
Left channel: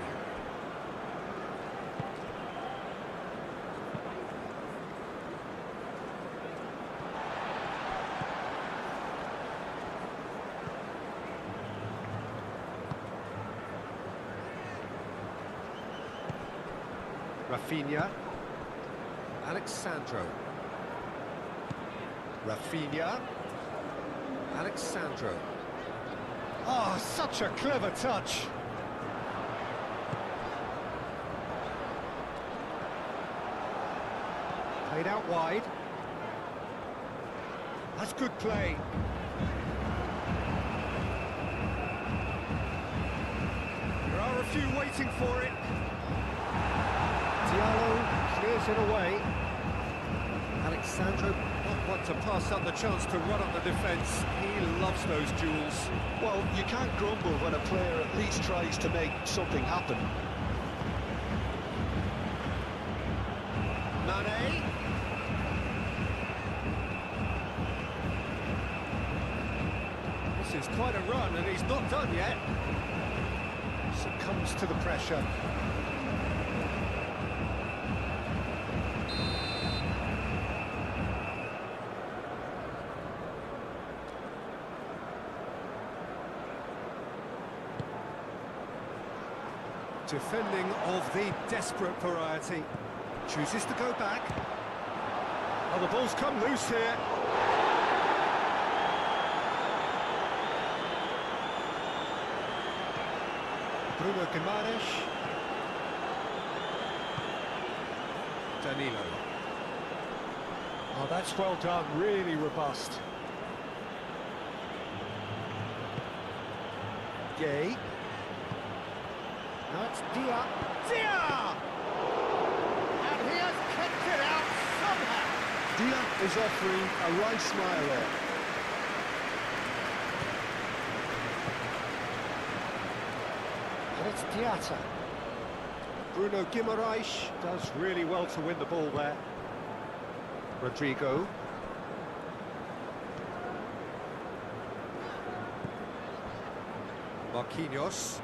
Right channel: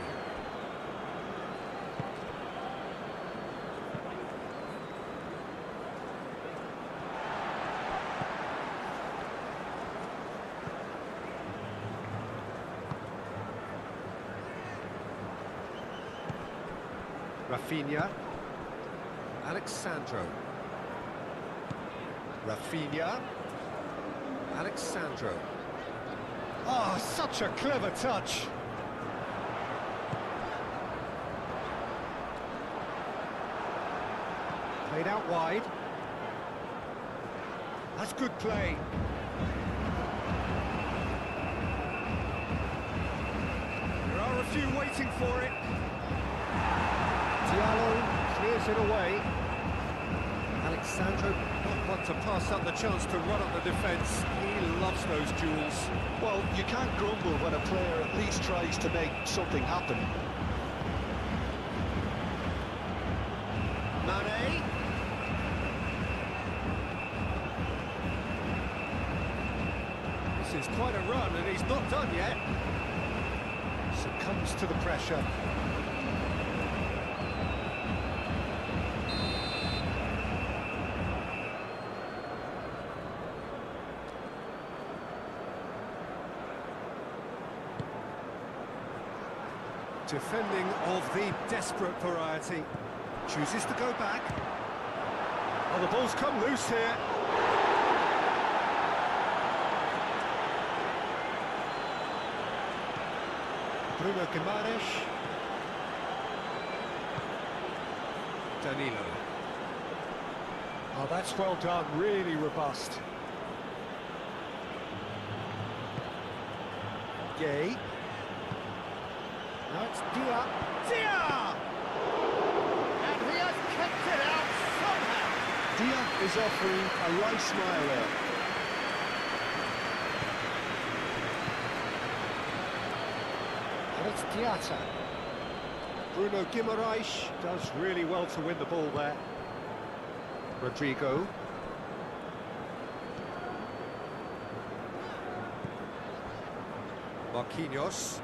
Rafinha. Alexandro. Rafinha. Alexandro. Oh, such a clever touch. Played out wide. That's good play. There are a few waiting for it. Diallo clears it away. Alexandro not one to pass up the chance to run up the defence. He loves those duels. Well, you can't grumble when a player at least tries to make something happen. Mane. This is quite a run, and he's not done yet. Succumbs to the pressure. Defending of the desperate variety. Chooses to go back. Oh, the ball's come loose here. Bruno Guimaraes. Danilo. Oh, that's well done, really robust. Gueye. Now it's Dia. Dia! And he has kept it out somehow. Dia is offering a right smile there. And it's Diatta. Bruno Guimaraes does really well to win the ball there. Rodrigo. Marquinhos.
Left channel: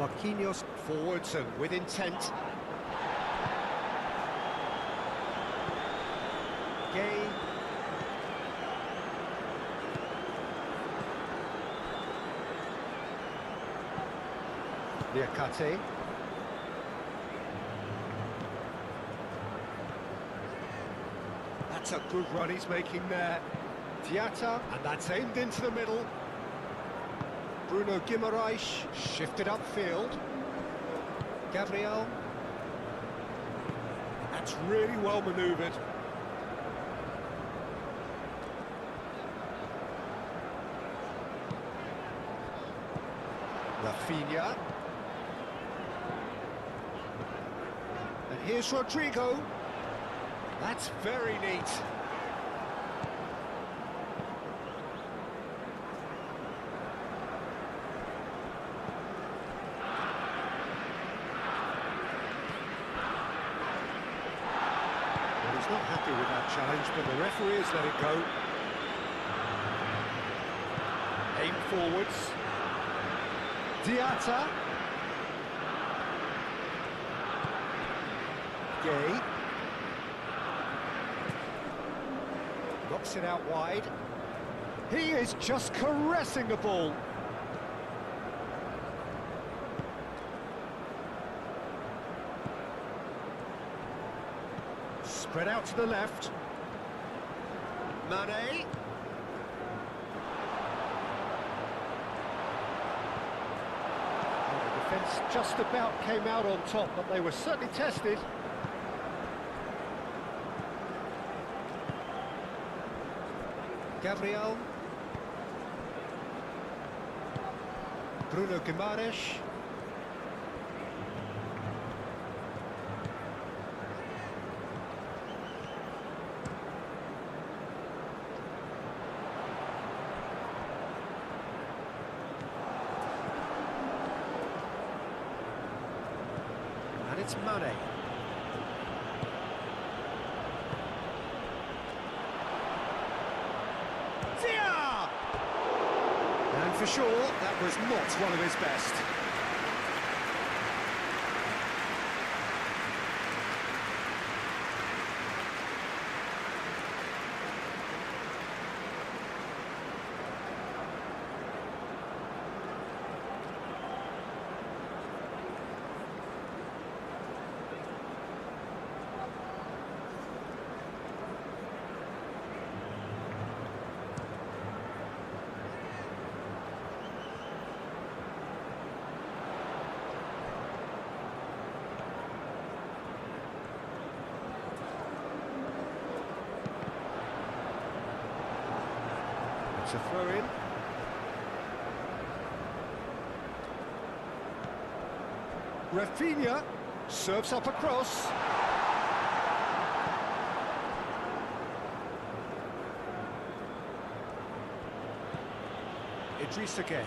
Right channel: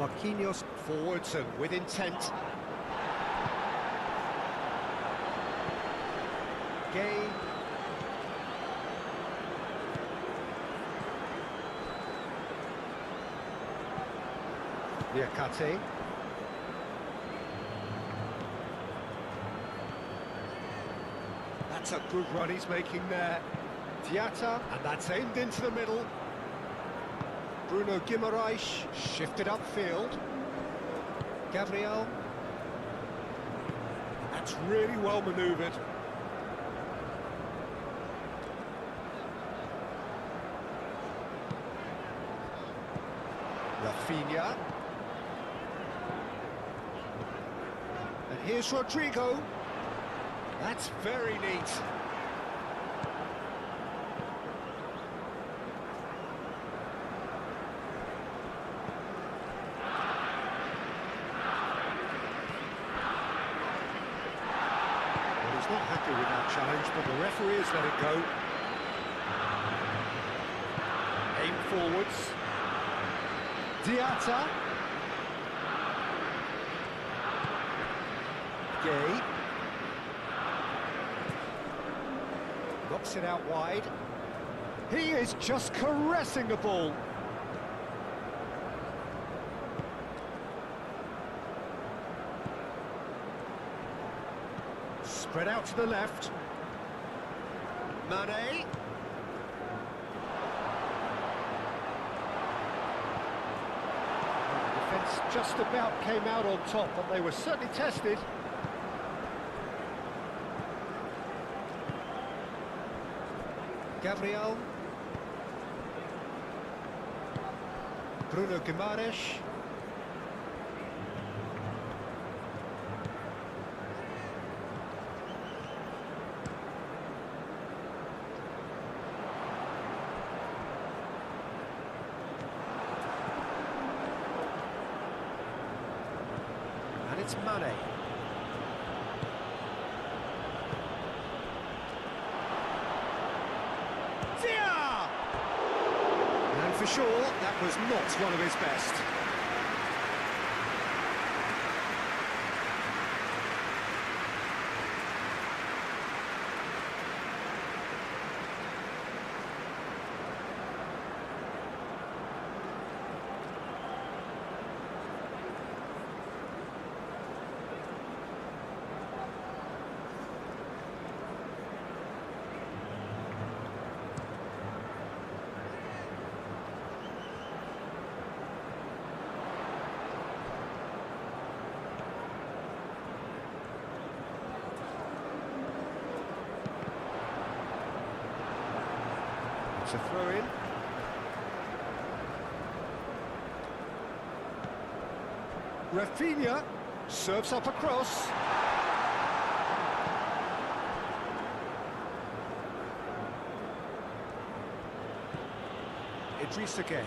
Marquinhos forwards and with intent. Gay. Liakate. That's a good run he's making there. Diatta, and that's aimed into the middle. Bruno Guimaraes shifted upfield. Gabriel. That's really well manoeuvred. Rafinha. And here's Rodrigo. That's very neat. Well, he's not happy with that challenge, but the referee has let it go. Aim forwards. Diatta. Gay. Knocks it out wide. He is just caressing the ball. Spread out to the left. Mane. Well, the defence just about came out on top, but they were certainly tested. Gabriel. Bruno Guimaraes. And it's Mane. And for sure, that was not one of his best. It's a throw-in. Rafinha serves up across. Idrissa Gueye.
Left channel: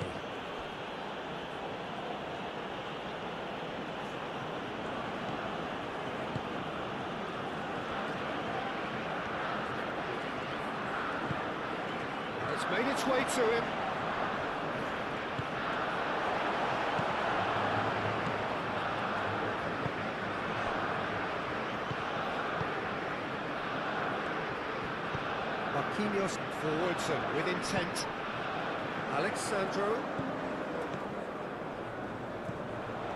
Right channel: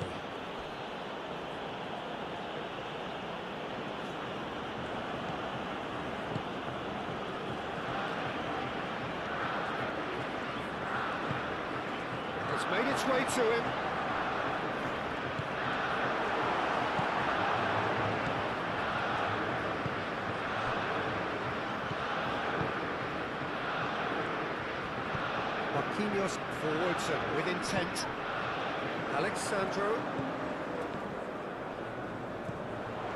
It's made its way to him. Marquinhos forwards and with intent. Alexandro.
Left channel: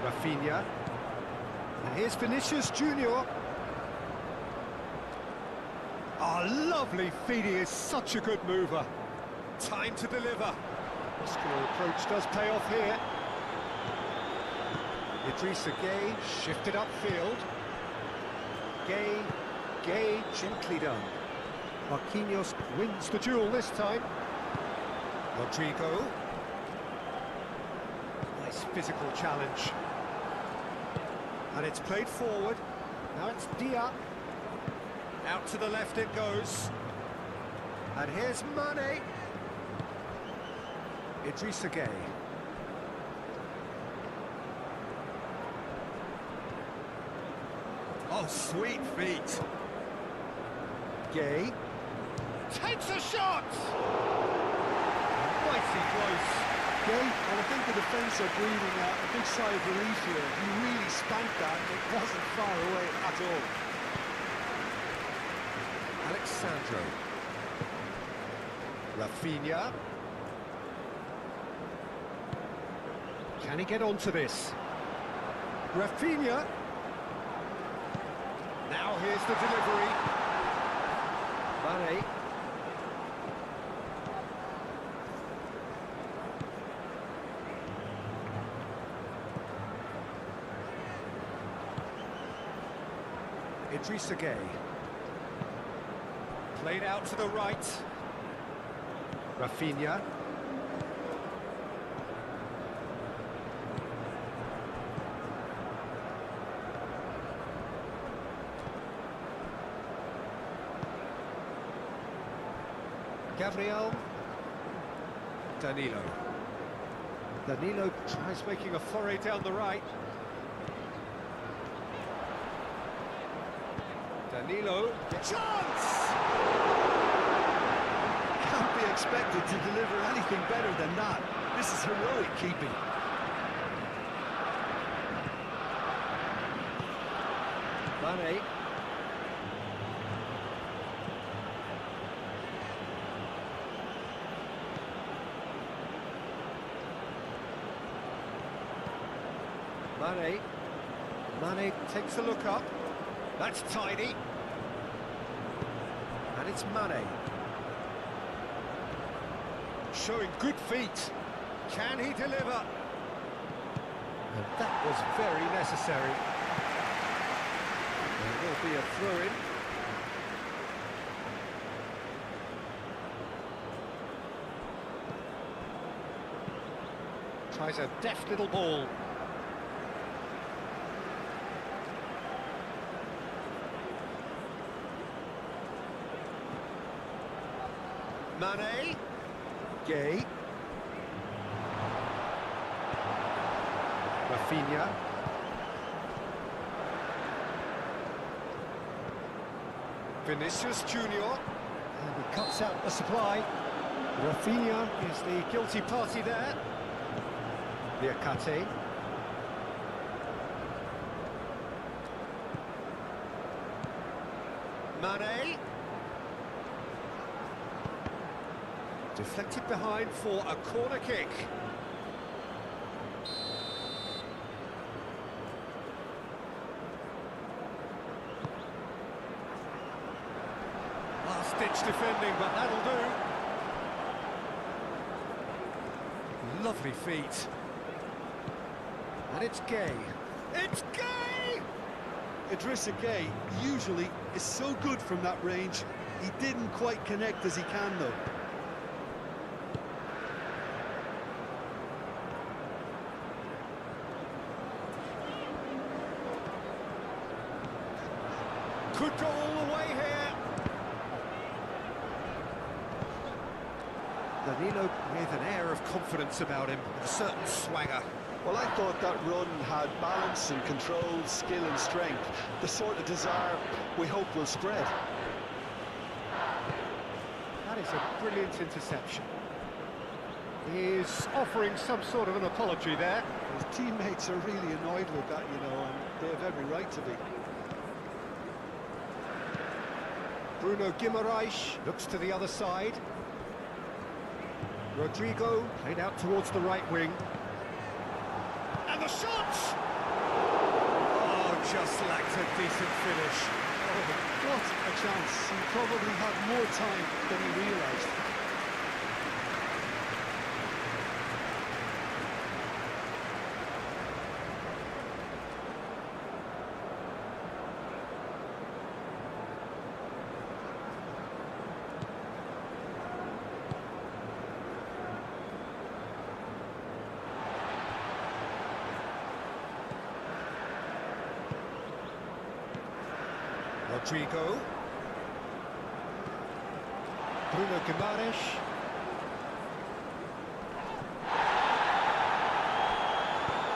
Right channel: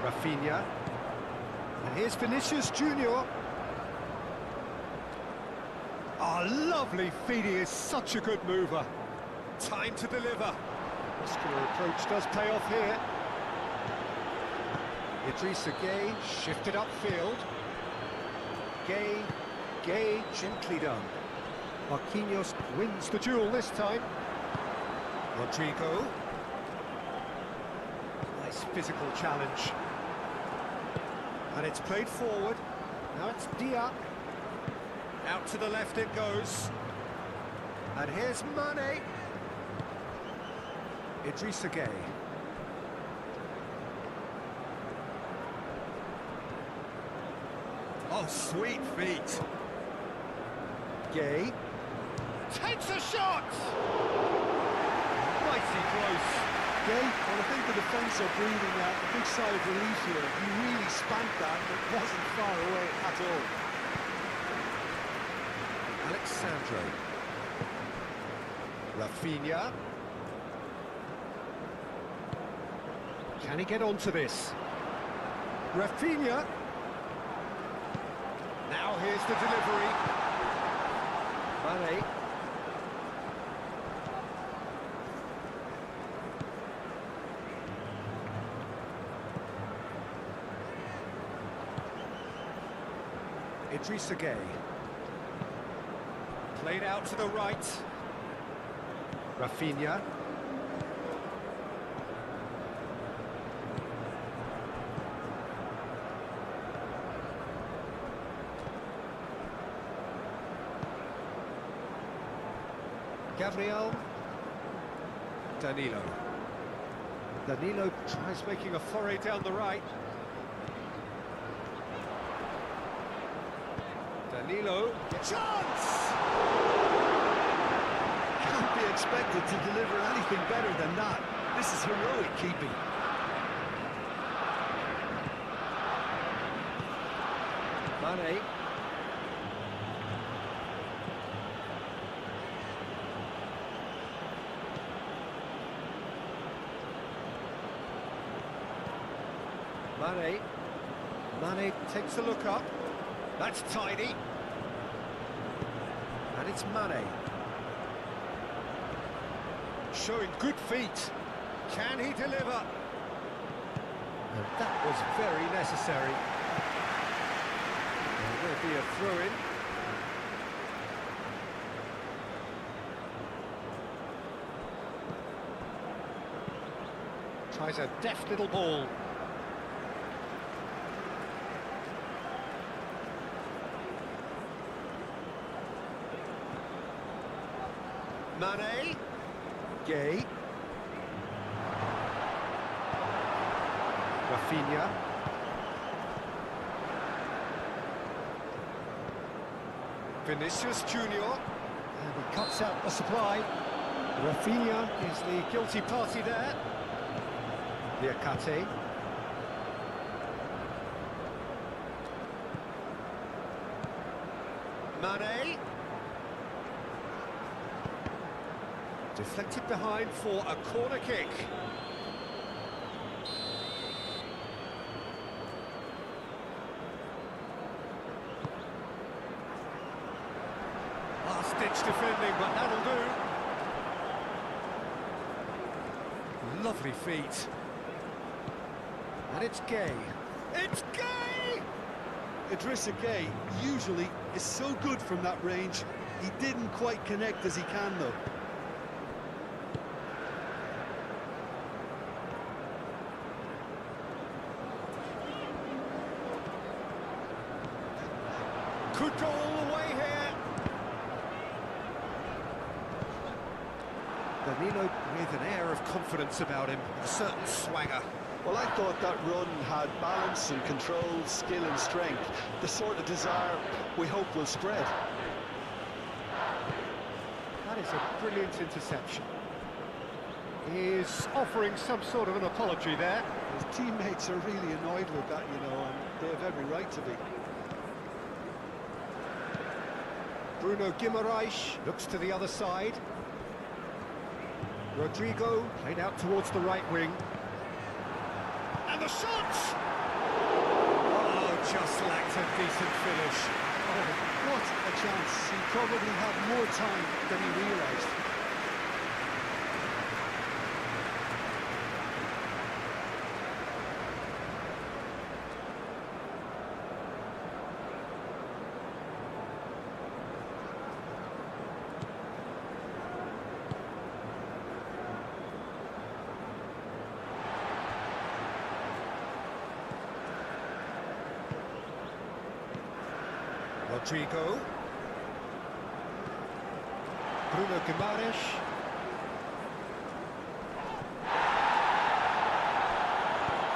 Rafinha. And here's Vinicius Junior. Oh, lovely feed. He is such a good mover. Time to deliver. Muscular approach does pay off here. Idrissa Gueye shifted upfield. Gueye gently done. Marquinhos wins the duel this time. Rodrigo. Nice physical challenge. And it's played forward. Now it's Dia. Out to the left it goes. And here's Mane. Idrissa Gueye. Oh, sweet feet. Gay takes a shot! Mighty close. Gay, well, I think the defence are breathing a big sigh of relief here. He really spanked that, and it wasn't far away at all. Alexandro. Rafinha. Can he get onto this? Rafinha. Now here's the delivery. Mane. Idrissa Gueye. Played out to the right. Rafinha. Gabriel. Danilo. Danilo tries making a foray down the right. Danilo. Chance! Can't be expected to deliver anything better than that. This is heroic keeping. Mane. Mane takes a look up. That's tidy. And it's Mane. Showing good feet. Can he deliver? And that was very necessary. There will be a throw-in. Tries a deft little ball. Mane. Gay. Rafinha. Vinicius Junior. And he cuts out the supply. Rafinha is the guilty party there. Liakate. Mane. Deflected behind for a corner kick. Last-ditch defending, but that'll do. Lovely feet. And it's Gay. It's Gay! Idrissa Gueye usually is so good from that range. He didn't quite connect as he can, though. Could go all the way here. Danilo with an air of confidence about him, a certain swagger. Well, I thought that run had balance and control, skill and strength. The sort of desire we hope will spread. That is a brilliant interception. He's offering some sort of an apology there. His teammates are really annoyed with that, you know, and they have every right to be. Bruno Guimaraes looks to the other side. Rodrigo played out towards the right wing. And the shot! Oh, just lacked a decent finish. Oh, what a chance. He probably had more time than he realised. Rodrigo. Bruno Guimaraes.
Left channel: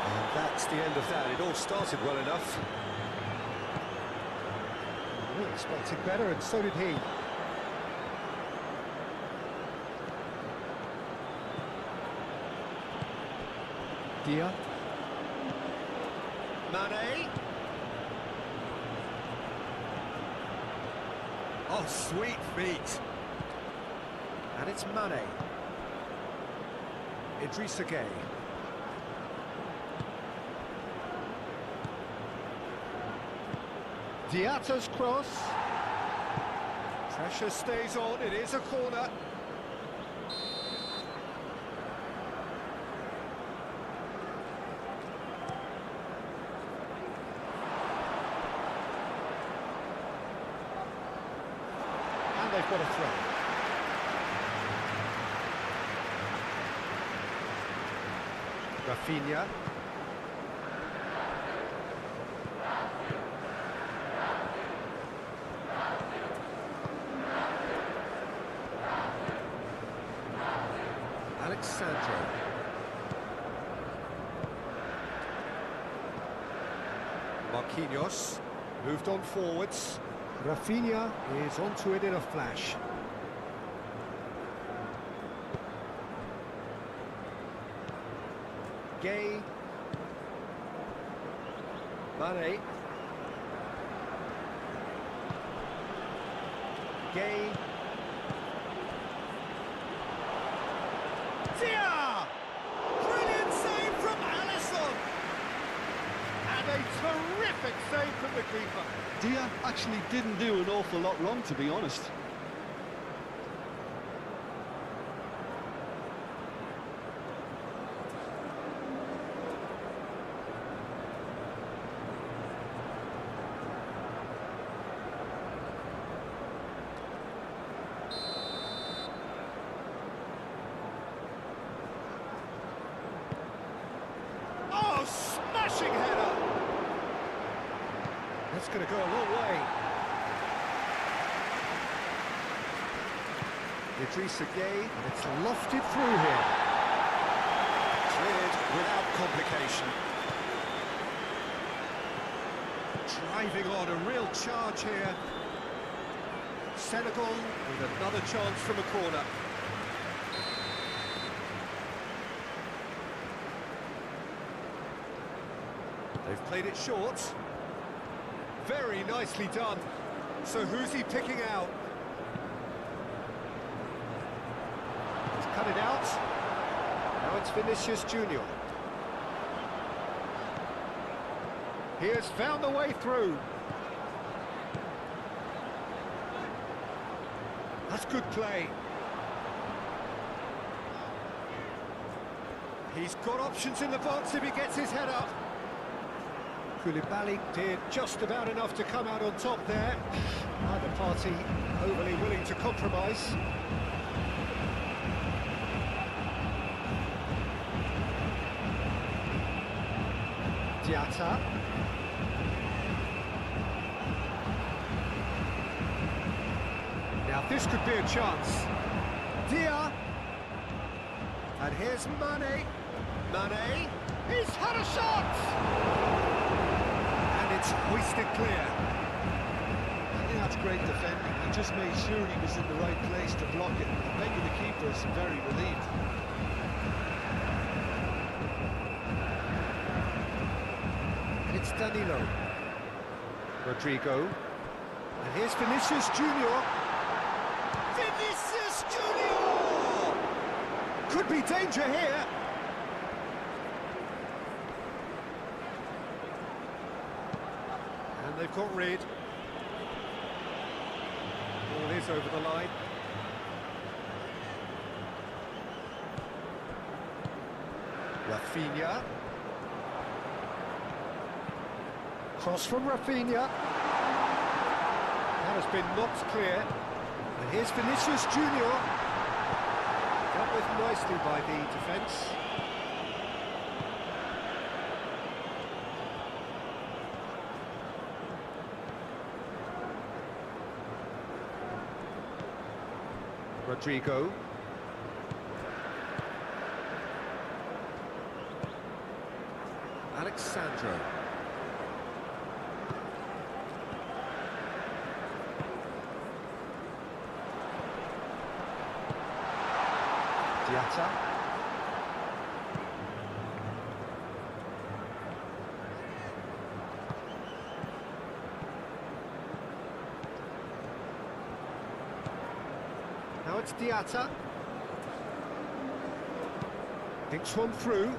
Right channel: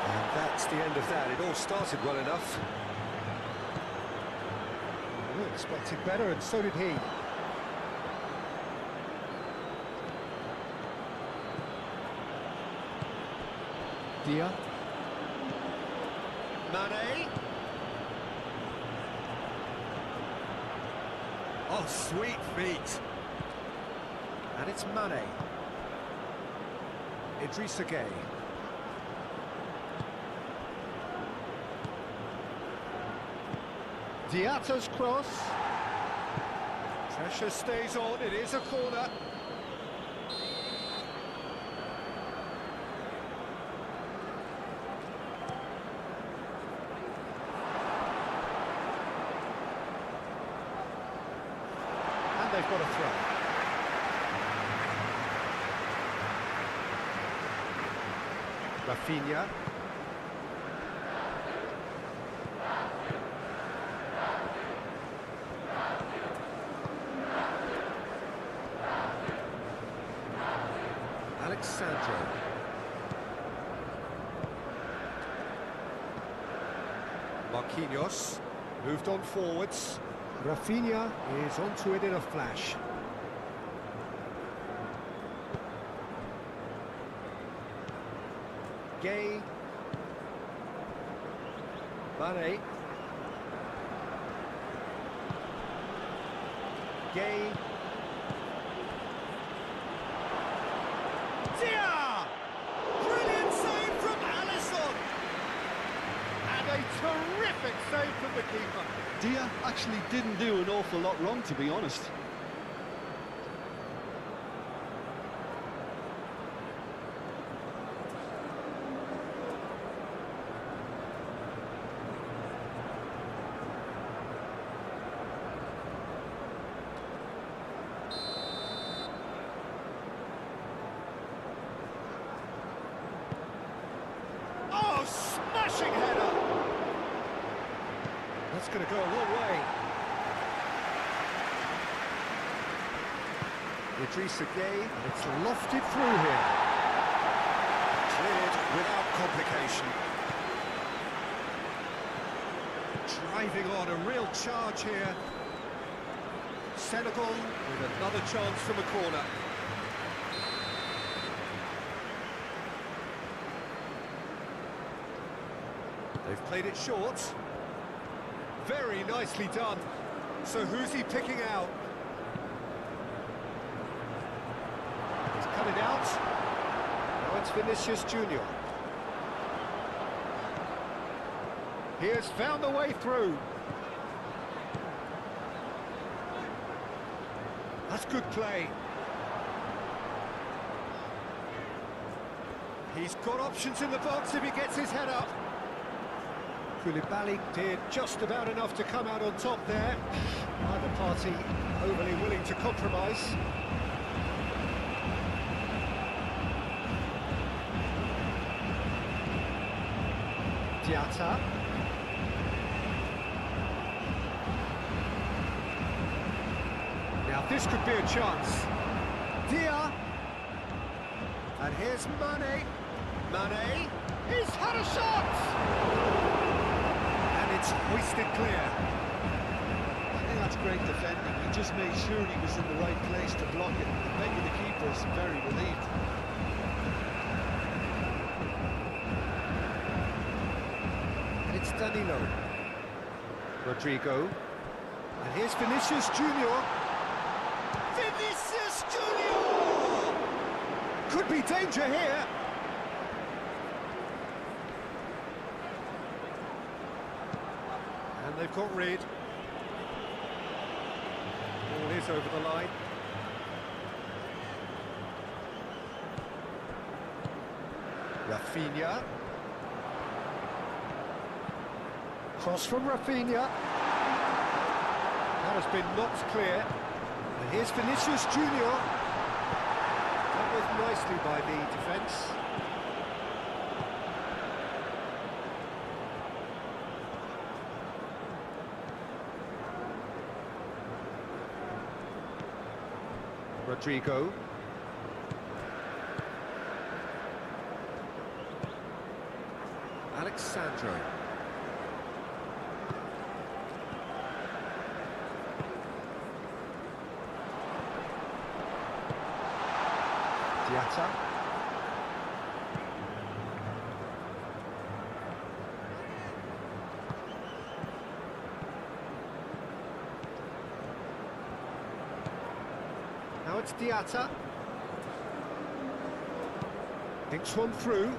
And that's the end of that. It all started well enough. Expected better, and so did he. Dia. Mane. Oh, sweet feet. And it's Mane. Idrissa Gueye. Diatta's cross. Pressure stays on, it is a corner. And they've got a throw. Rafinha. Alexandro. Marquinhos moved on forwards. Rafinha is onto it in a flash. Gueye. Mane. Gueye. Dia! Brilliant save from Alisson! And a terrific save from the keeper. Dia actually didn't do an awful lot wrong, to be honest. Oh, smashing header! That's going to go a long way. Idrissa Gueye, and it's lofted through here. Cleared without complication. Driving on, a real charge here. Senegal with another chance from a corner. They've played it short. Very nicely done. So who's he picking out? He's cut it out. Now it's Vinicius Junior. He has found the way through. That's good play. He's got options in the box if he gets his head up. Koulibaly did just about enough to come out on top there. Neither party overly willing to compromise. Diatta. Now this could be a chance. Dia. And here's Mane. Mane. He's had a shot! It's hoisted clear. I think that's great defending. He just made sure he was in the right place to block it. I bet you the keeper is very relieved. And it's Danilo. Rodrigo. And here's Vinicius Junior. Vinicius Junior! Could be danger here. And they've got rid. Ball is over the line. Rafinha. Cross from Rafinha. That has been knocked clear. And here's Vinicius Junior. Dealt with nicely by the defence. Rodrigo. Alexandro. Diatta. Now it's Diatta. Thinks one through.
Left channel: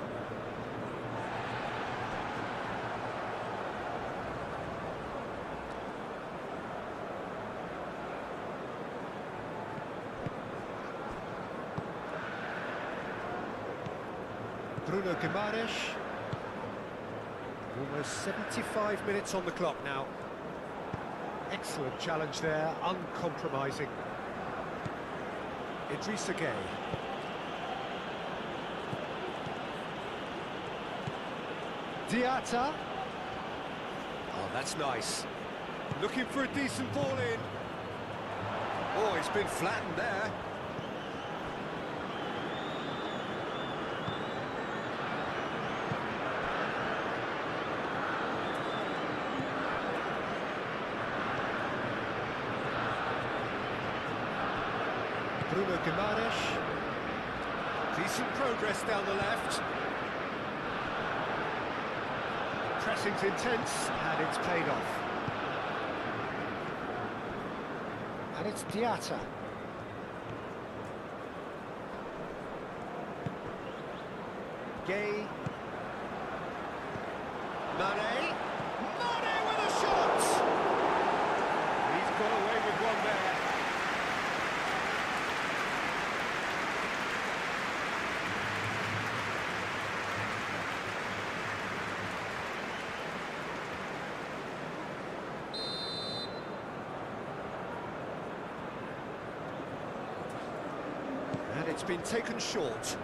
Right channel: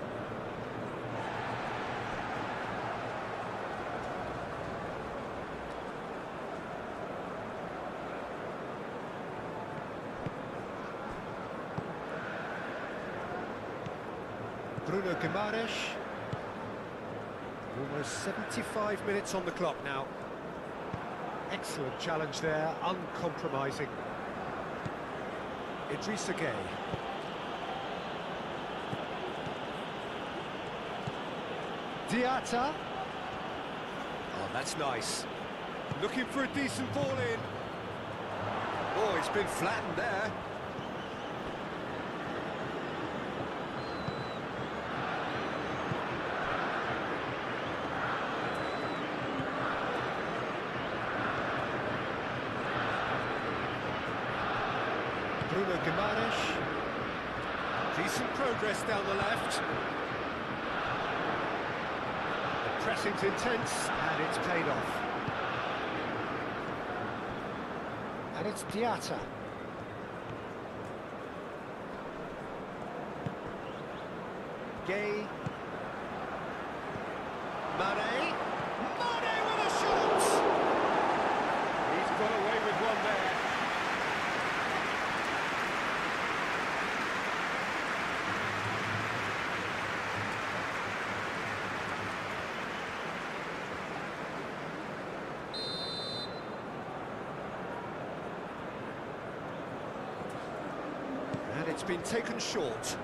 Bruno Guimaraes. Almost 75 minutes on the clock now. Excellent challenge there, uncompromising. Idrissa Gueye. Diatta. Oh, that's nice. Looking for a decent ball in. Oh, he's been flattened there. Bruno Guimaraes. Decent progress down the left. Pressing's intense, and it's paid off. And it's Diatta. Gueye. Mane. Mane with a shot! He's got away with one there. And it's been taken short.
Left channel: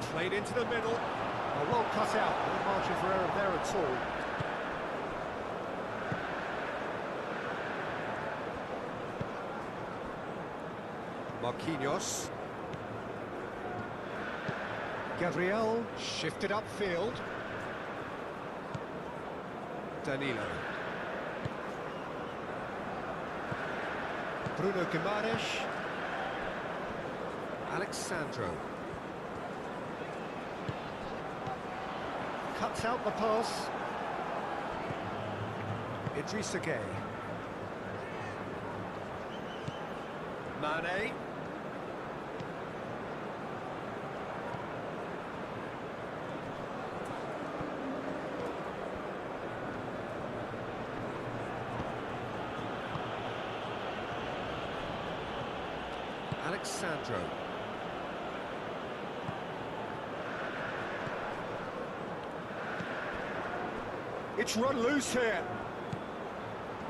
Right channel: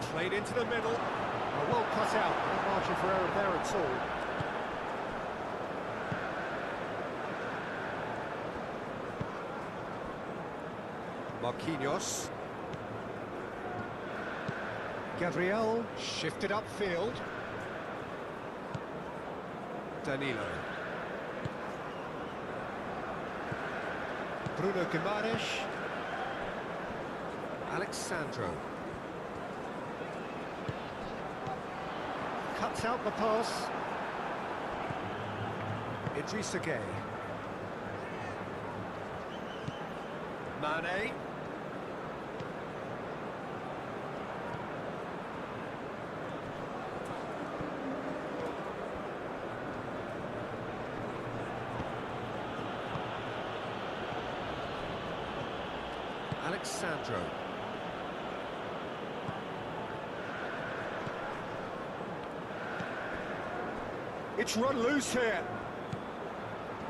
Played into the middle. Oh, well cut out. No margin for error there at all. Marquinhos. Gabriel shifted upfield. Danilo. Bruno Guimaraes. Alexandro. Cuts out the pass. Idrissa Gueye. Mane. Alexandro. It's run loose here.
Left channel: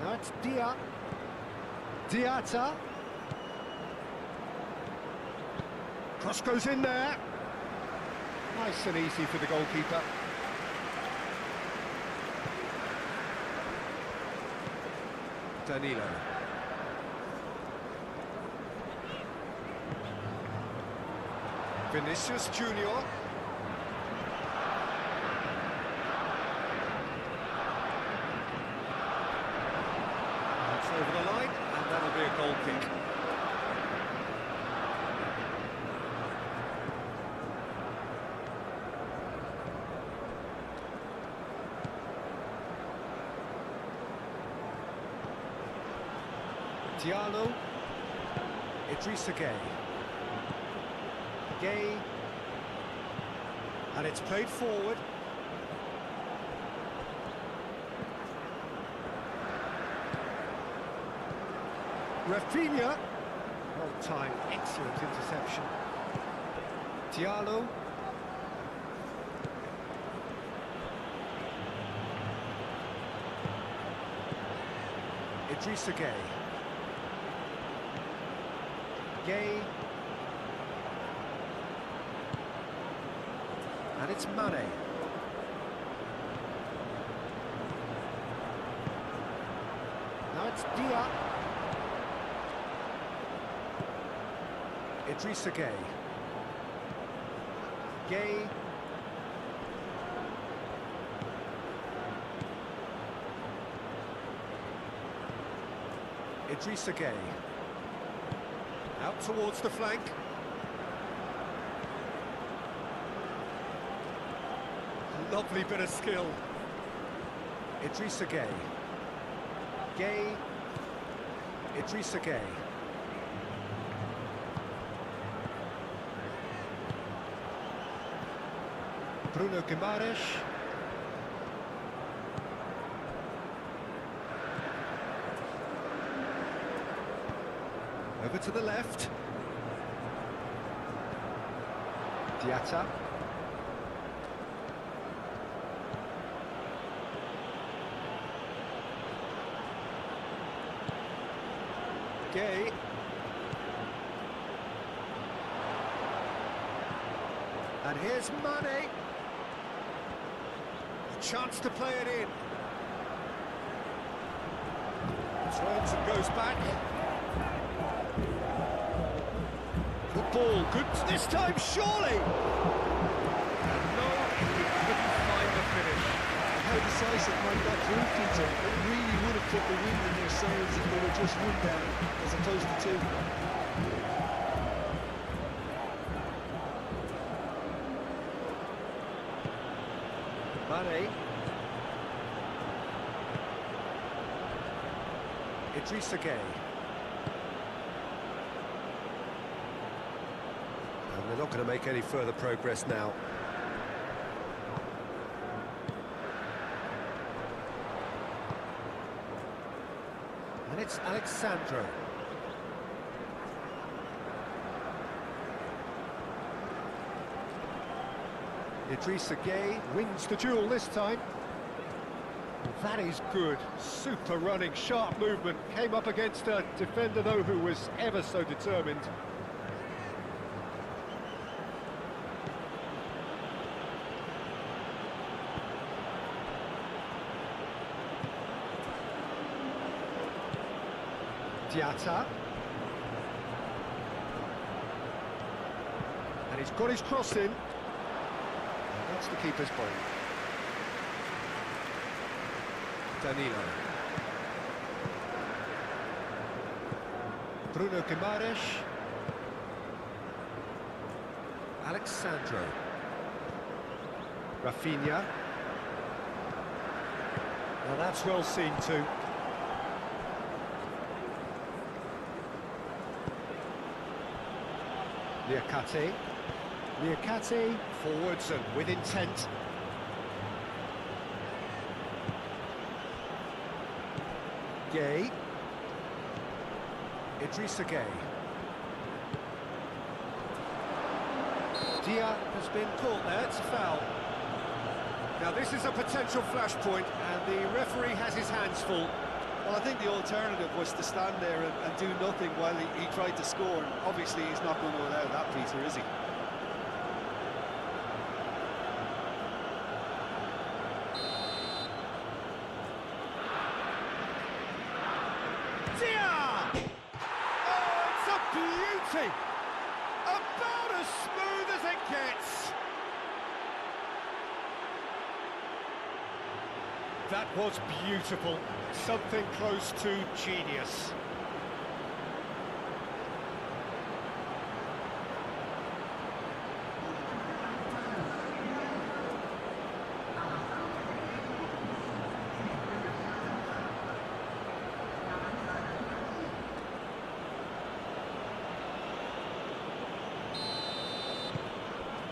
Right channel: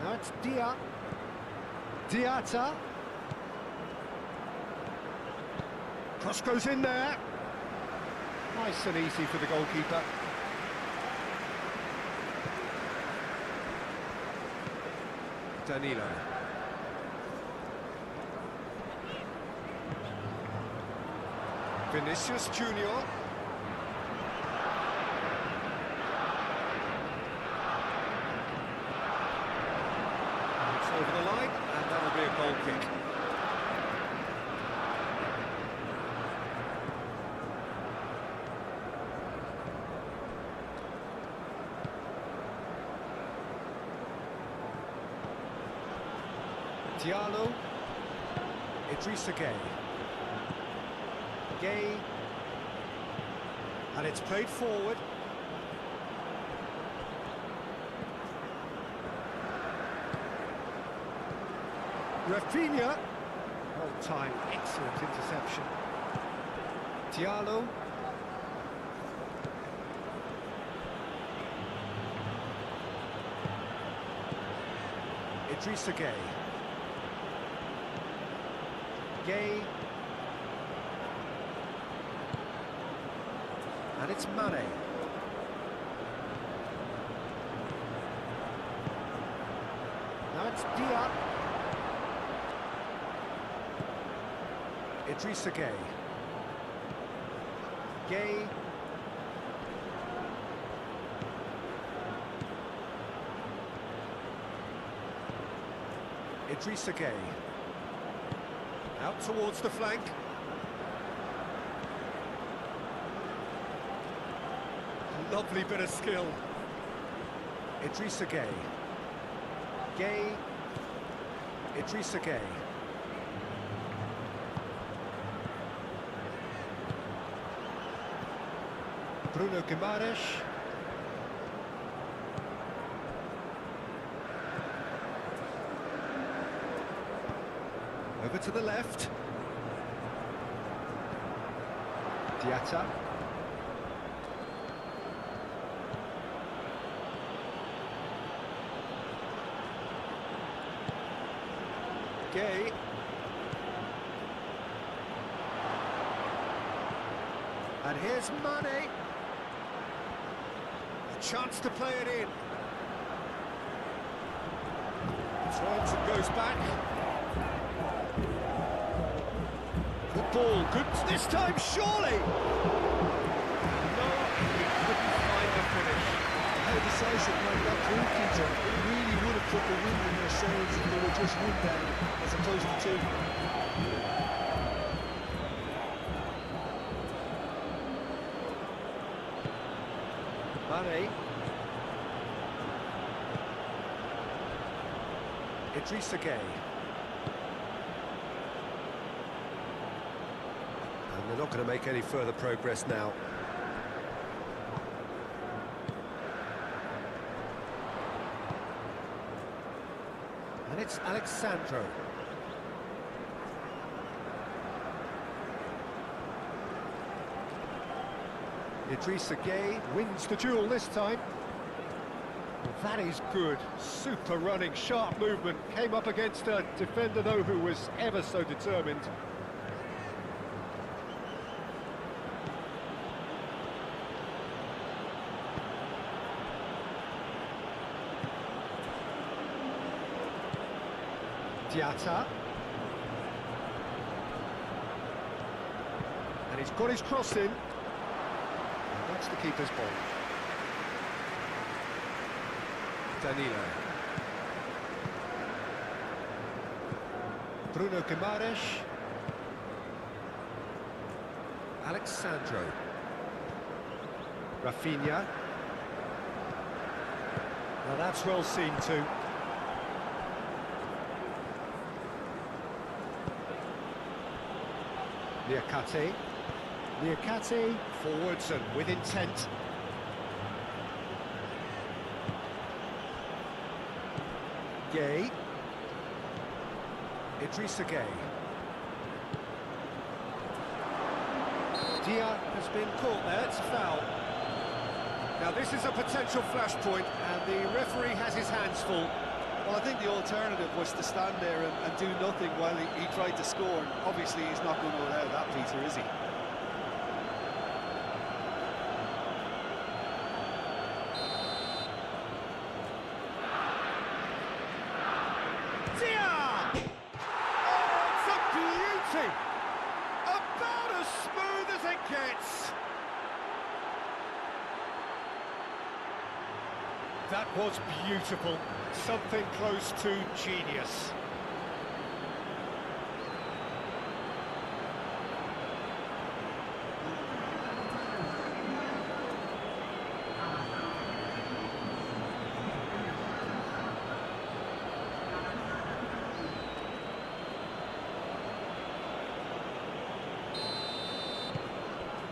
Now it's Diatta. Cross goes in there. Nice and easy for the goalkeeper. Danilo. Vinicius Junior. It's over the line, and that'll be a goal kick. Diallo. Idrissa Gueye. Gueye. And it's played forward. Rafinha. Well timed, excellent interception. Diallo. Idrissa Gueye. Gueye. And it's Mane. Now it's Diatta. Idrissa Gueye. Gueye. Idrissa Gueye. Out towards the flank. Lovely bit of skill. Idrissa Gueye. Gueye. Idrissa Gueye. Bruno Guimaraes. Over to the left. Diatta. Gueye. And here's Mane. A chance to play it in. Turns and goes back. Good ball, good this time, surely! No, he couldn't find the finish. How decisive might that prove, Peter? It really would have put the wind in their sails if they were just one down, as opposed to two. Mane. Idrissa Gueye. And they're not going to make any further progress now. And it's Alexandro. Idrissa Gueye wins the duel this time. That is good. Super running, sharp movement. Came up against a defender, though, who was ever so determined. Diatta. And he's got his cross in. And that's the keeper's ball. Danilo. Bruno Guimaraes. Alexandro. Rafinha. Now that's well seen too. Niakate forwards and with intent. Gueye. Idrissa Gueye. Dia has been caught there, it's a foul. Now this is a potential flashpoint and the referee has his hands full. Well, I think the alternative was to stand there and do nothing while he tried to score. And obviously, he's not going to allow that, Peter, is he? Dia! Oh, it's a beauty! About as smooth as it gets. That was beautiful. Something close to genius.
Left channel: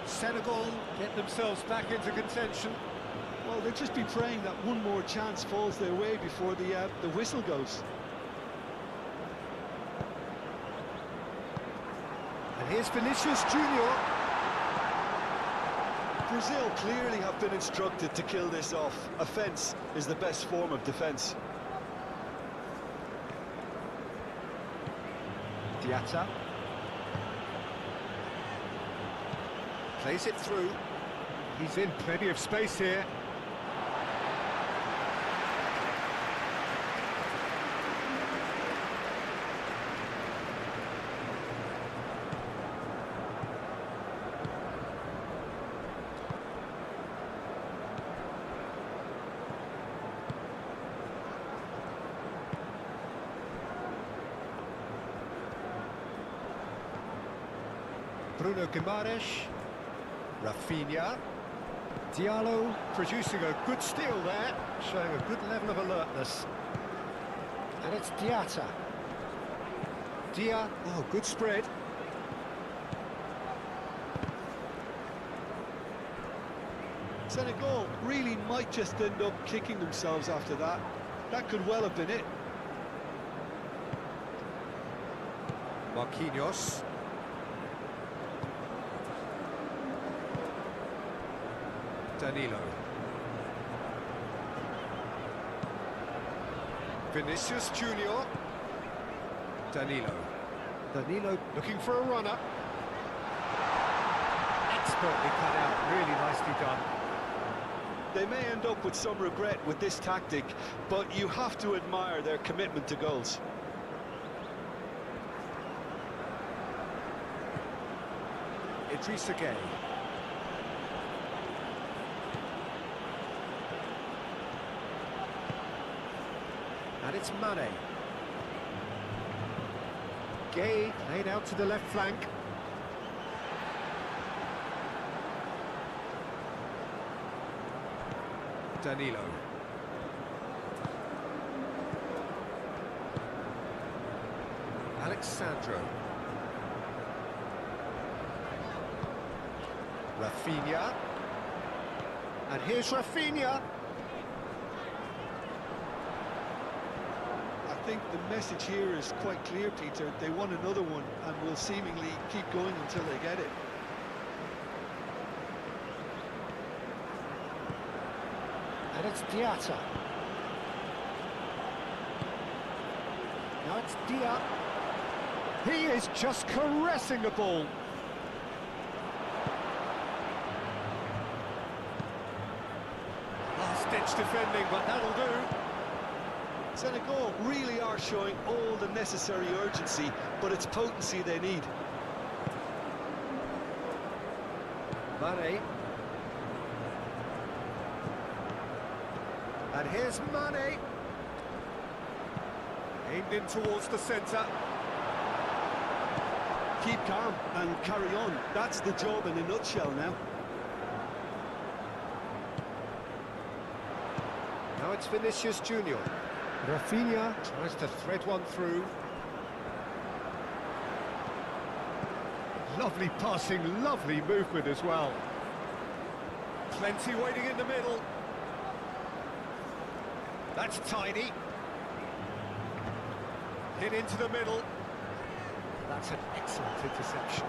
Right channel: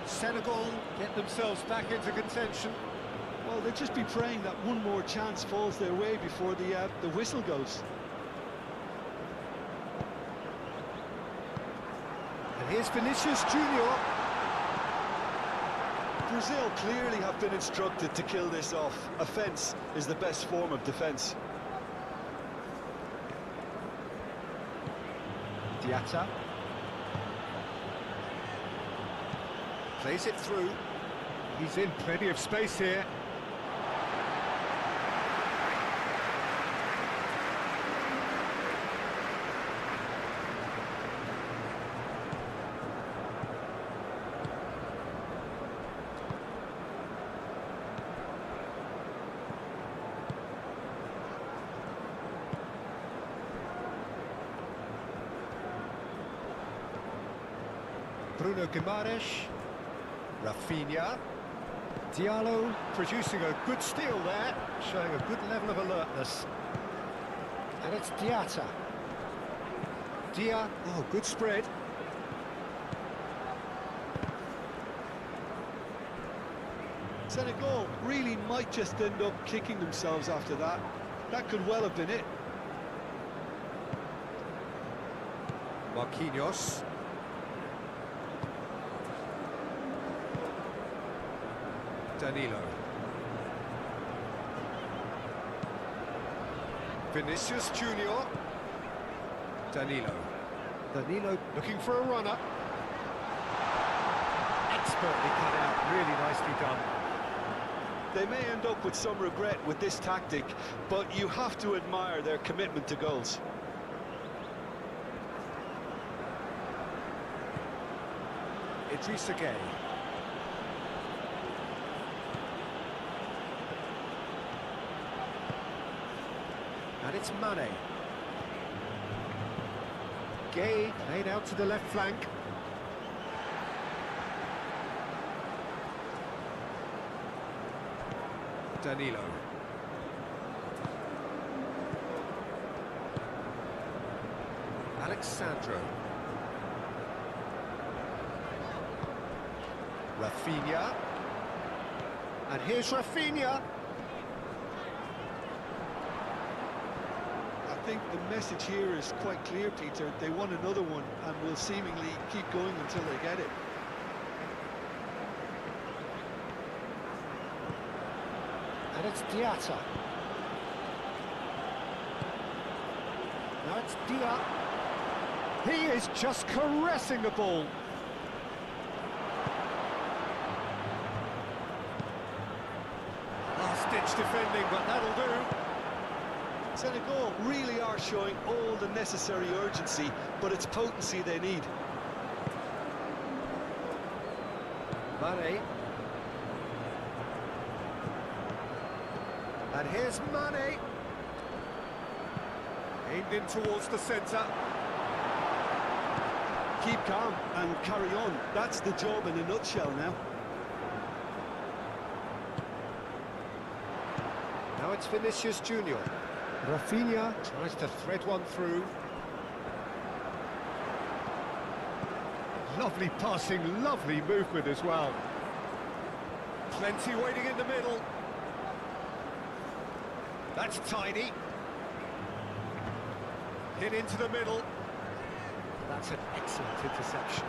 Senegal get themselves back into contention. Well, they'll just be praying that one more chance falls their way before the whistle goes. And here's Vinicius Junior. Brazil clearly have been instructed to kill this off. Offence is the best form of defence. Diatta. Plays it through. He's in plenty of space here. Bruno Guimaraes. Rafinha. Diallo producing a good steal there, showing a good level of alertness. And it's Diatta. Dia, oh, good spread. Senegal really might just end up kicking themselves after that. That could well have been it. Marquinhos. Danilo. Vinicius Junior. Danilo. Danilo looking for a runner. Expertly cut out, really nicely done. They may end up with some regret with this tactic, but you have to admire their commitment to goals. Idrissa Gueye. And it's Mane. Gueye laid out to the left flank. Danilo. Alexandro. Rafinha. And here's Rafinha. I think the message here is quite clear, Peter. They want another one and will seemingly keep going until they get it. And it's Diatta. Now it's Dia. He is just caressing the ball. Last-ditch defending, but that'll do. Senegal really are showing all the necessary urgency, but it's potency they need. Mane. And here's Mane. Aimed in towards the centre. Keep calm and carry on. That's the job in a nutshell now. Now it's Vinicius Junior. Rafinha tries to thread one through. Lovely passing, lovely movement as well. Plenty waiting in the middle. That's tidy. Hit into the middle. That's an excellent interception.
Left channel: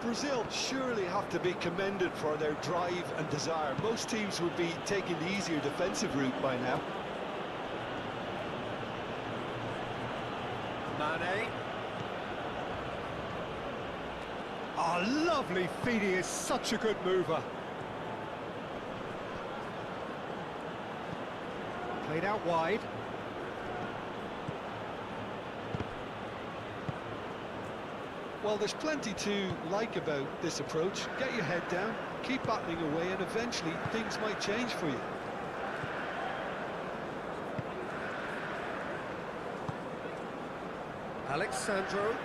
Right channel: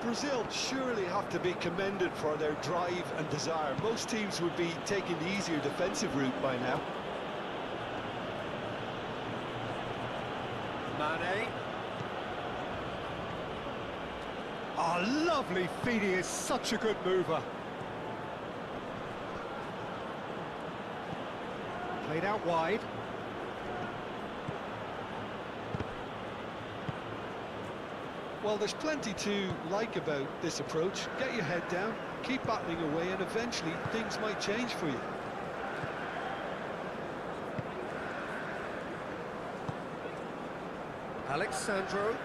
Brazil surely have to be commended for their drive and desire. Most teams would be taking the easier defensive route by now. Mane. Oh, lovely feet. He is such a good mover. Played out wide. Well, there's plenty to like about this approach. Get your head down, keep battling away, and eventually things might change for you. Alexandro.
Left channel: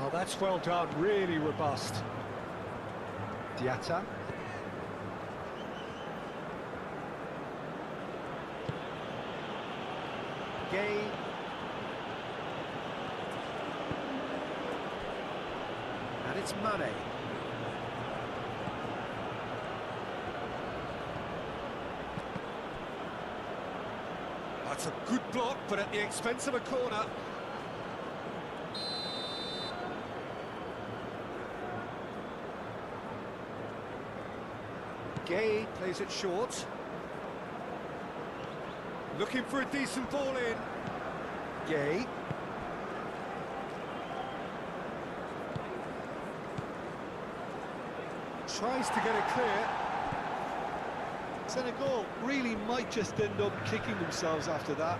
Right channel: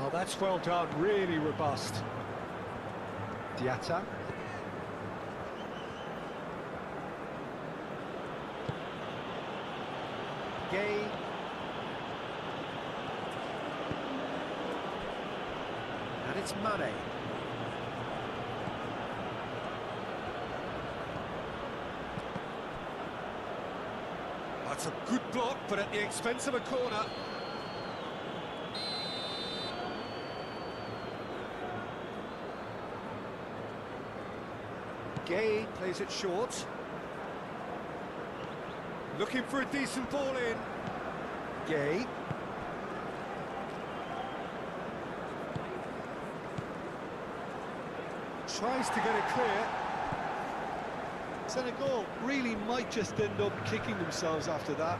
Oh, that's well done, really robust. Diatta. Gueye. And it's Mane. That's a good block, but at the expense of a corner. Gueye plays it short. Looking for a decent ball in. Gueye. Tries to get it clear. Senegal really might just end up kicking themselves after that.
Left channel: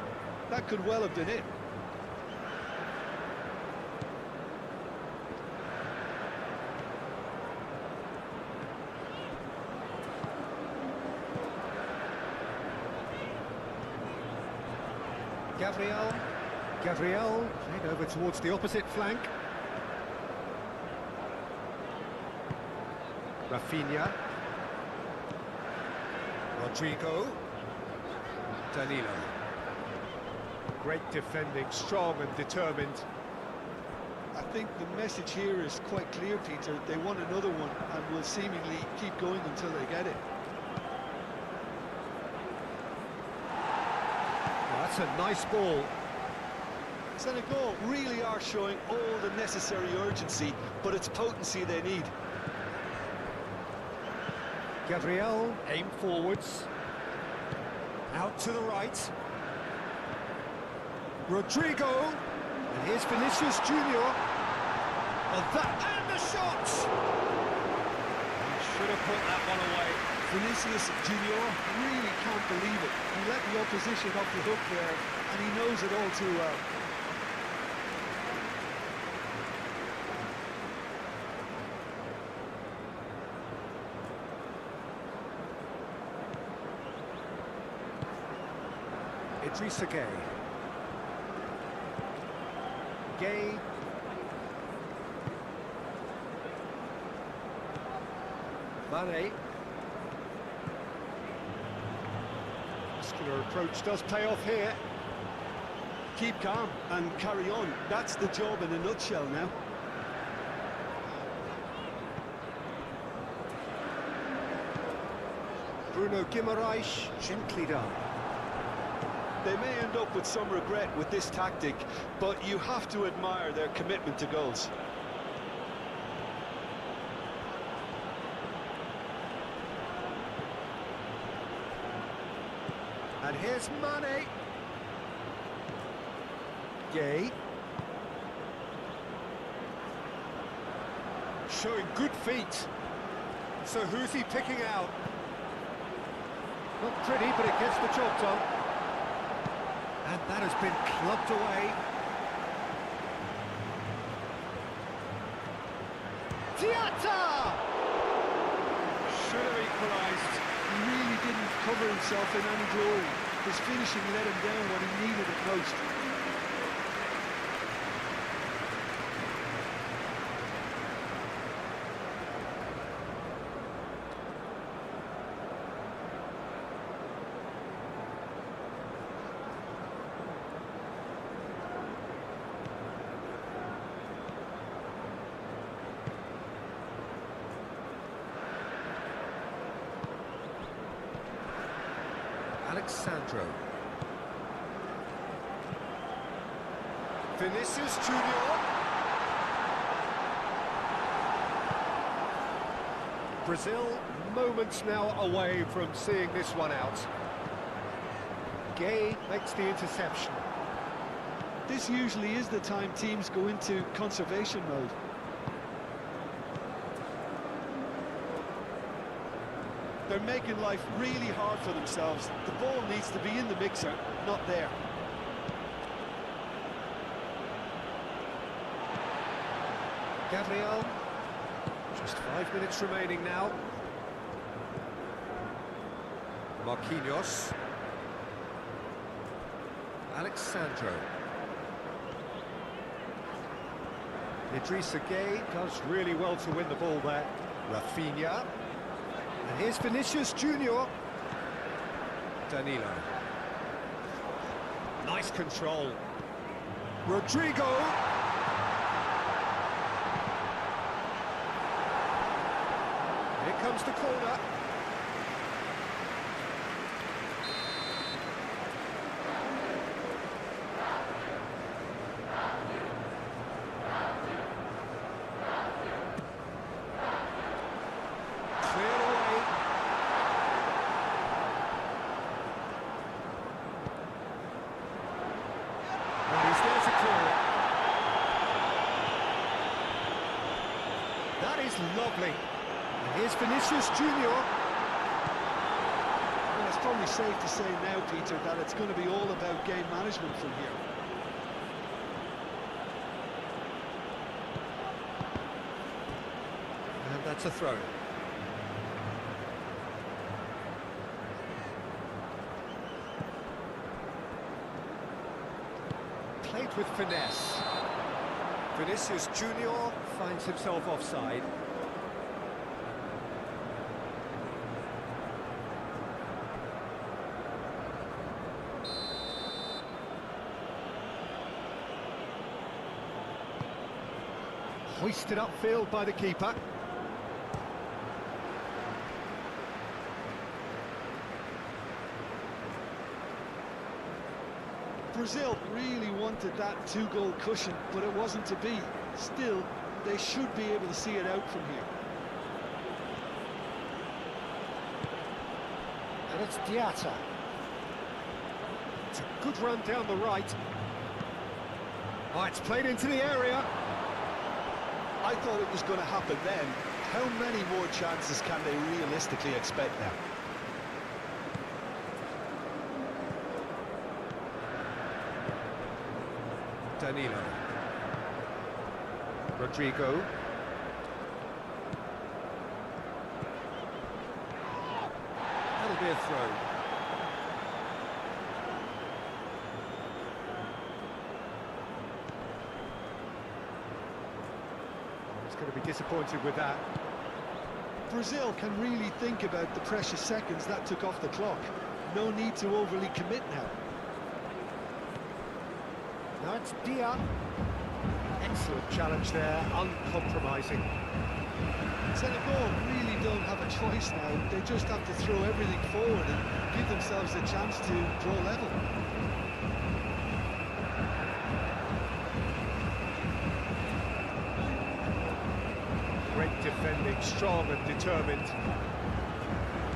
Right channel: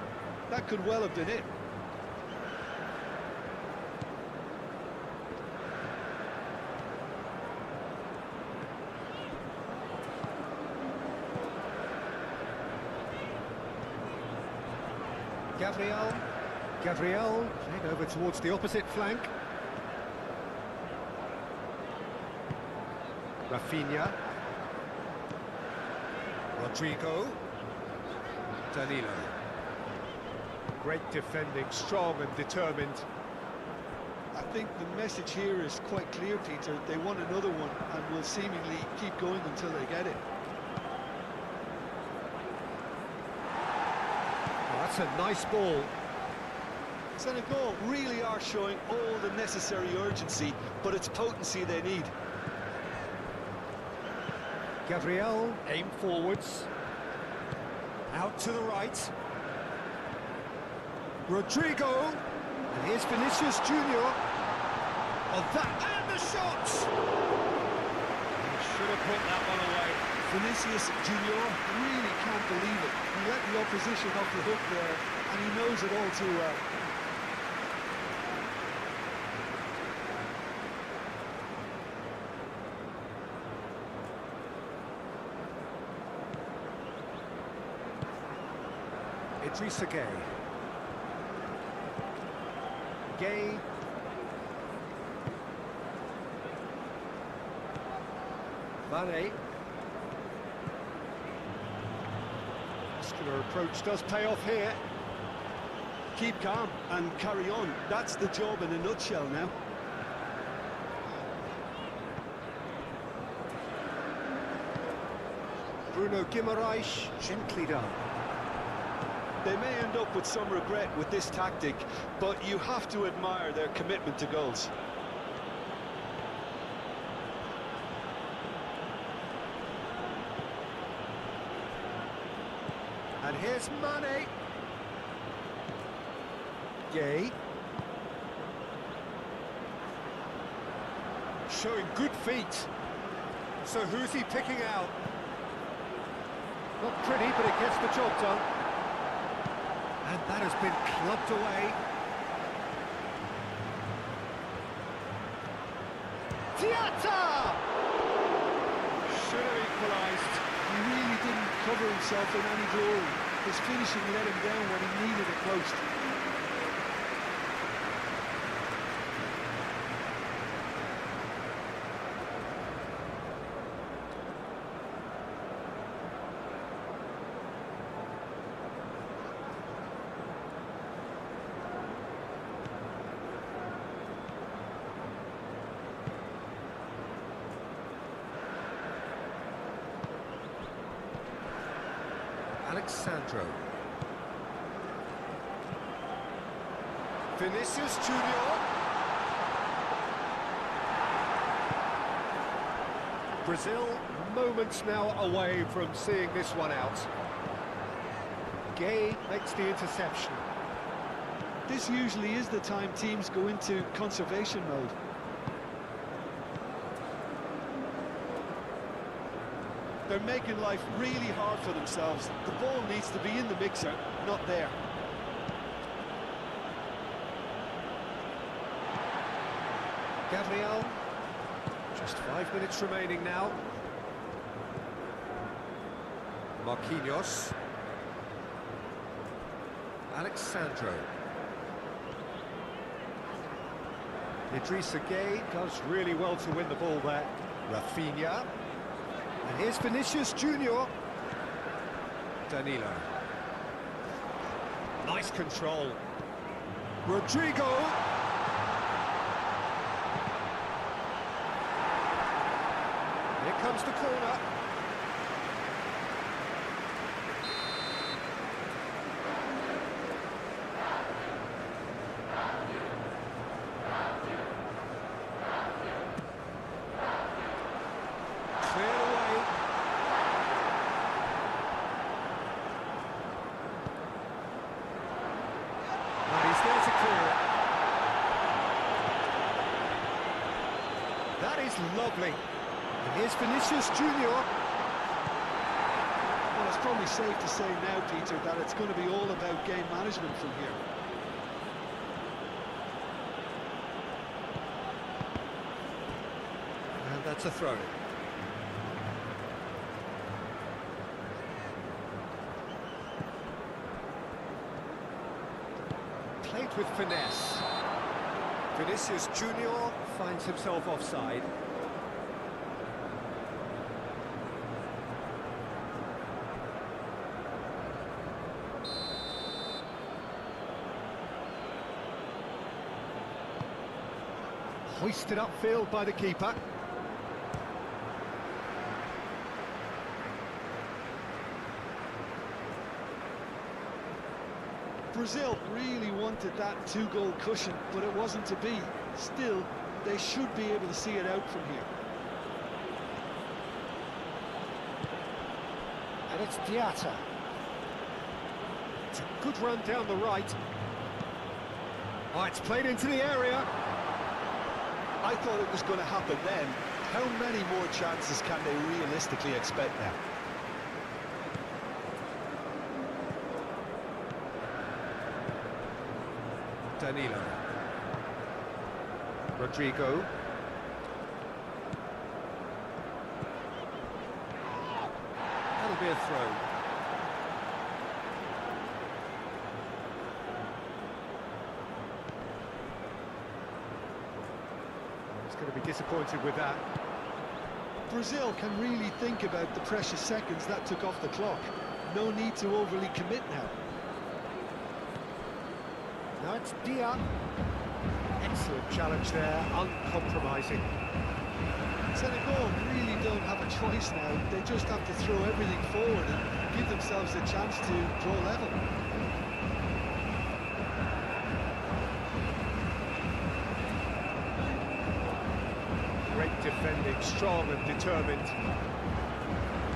That could well have been it. Gabriel played over towards the opposite flank. Rafinha. Rodrigo. Danilo. Great defending, strong and determined. I think the message here is quite clear, Peter. They want another one and will seemingly keep going until they get it. Oh, that's a nice ball. Senegal really are showing all the necessary urgency, but it's potency they need. Gabriel, aim forwards. Out to the right. Rodrigo. And here's Vinicius Junior. Oh, that, and the shot! He should have put that one away. Vinicius Junior really can't believe it. He let the opposition off the hook there, and he knows it all too well. Idrissa Gay. Gay. Mane. Muscular approach does pay off here. Keep calm and carry on. That's the job in a nutshell now. Bruno Guimaraes, gently done. They may end up with some regret with this tactic, but you have to admire their commitment to goals. And here's Mane. Gay. Showing good feet. So who's he picking out? Not pretty, but it gets the job done. And that has been clubbed away. Tiata! Should have equalised. He really didn't cover himself in any glory. His finishing let him down when he needed it most. Alexandro. Vinicius Junior. Brazil moments now away from seeing this one out. Gay makes the interception. This usually is the time teams go into conservation mode. They're making life really hard for themselves. The ball needs to be in the mixer, not there. Gabriel, just 5 minutes remaining now. Marquinhos. Alexandro. Idrissa Gay does really well to win the ball there. Rafinha. And here's Vinicius Junior. Danilo. Nice control. Rodrigo. Here comes the corner. Cleared away. And he's there to clear it. That is lovely. And here's Vinicius Junior. Well, it's probably safe to say now, Peter, that it's going to be all about game management from here. And that's a throw. Played with finesse. Vinicius Junior finds himself offside. Hoisted upfield by the keeper. Brazil really wanted that two-goal cushion, but it wasn't to be. Still, they should be able to see it out from here. And it's Diatta. It's a good run down the right. Oh, it's played into the area. I thought it was going to happen then. How many more chances can they realistically expect now? Danilo. Rodrigo. That'll be a throw. He's going to be disappointed with that. Brazil can really think about the precious seconds that took off the clock. No need to overly commit now. Now it's Dia. Excellent challenge there, uncompromising. Senegal really don't have a choice now. They just have to throw everything forward and give themselves a chance to draw level. Great defending, strong and determined.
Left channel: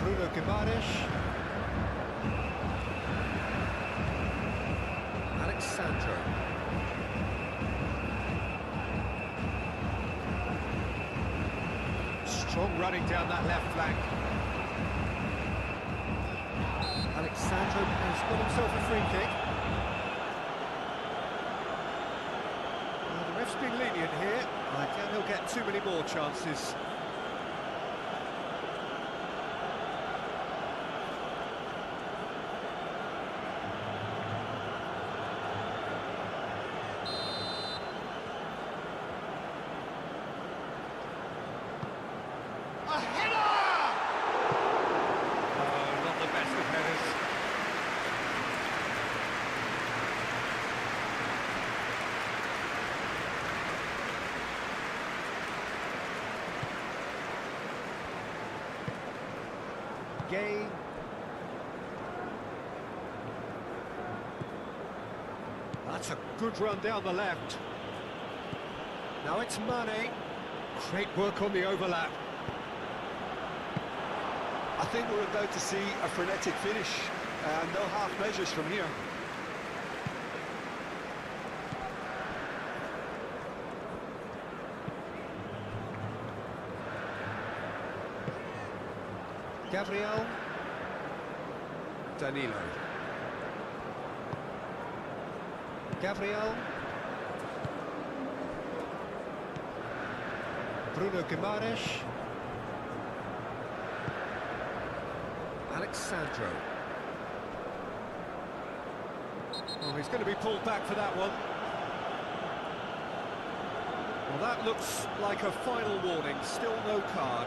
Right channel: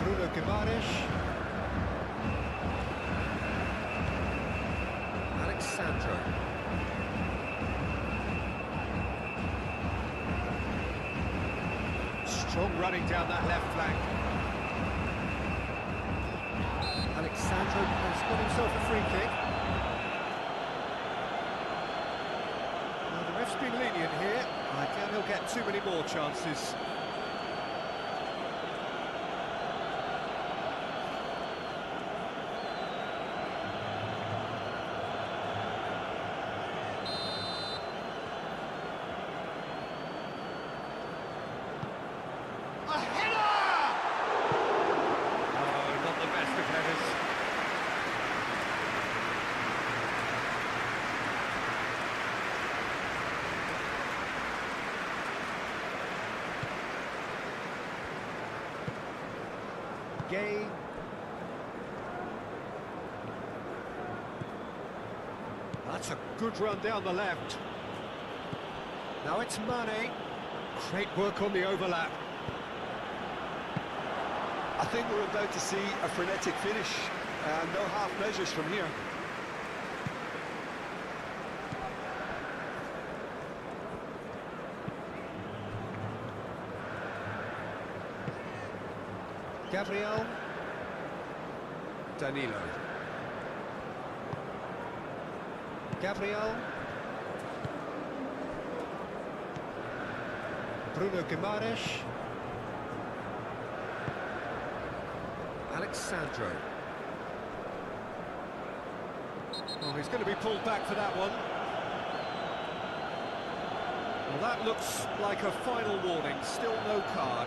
Bruno Guimaraes. Alexandro. Strong running down that left flank. Alexandro has got himself a free kick. Well, the ref's been lenient here. I doubt he'll get too many more chances. A header! Oh, not the best of headers. Gay. That's a good run down the left. Now it's Mane. Great work on the overlap. I think we're about to see a frenetic finish, and no half measures from here. Gabriel. Danilo. Gabriel. Bruno Guimaraes. Alexandro. Oh, he's going to be pulled back for that one. Well, that looks like a final warning. Still no card.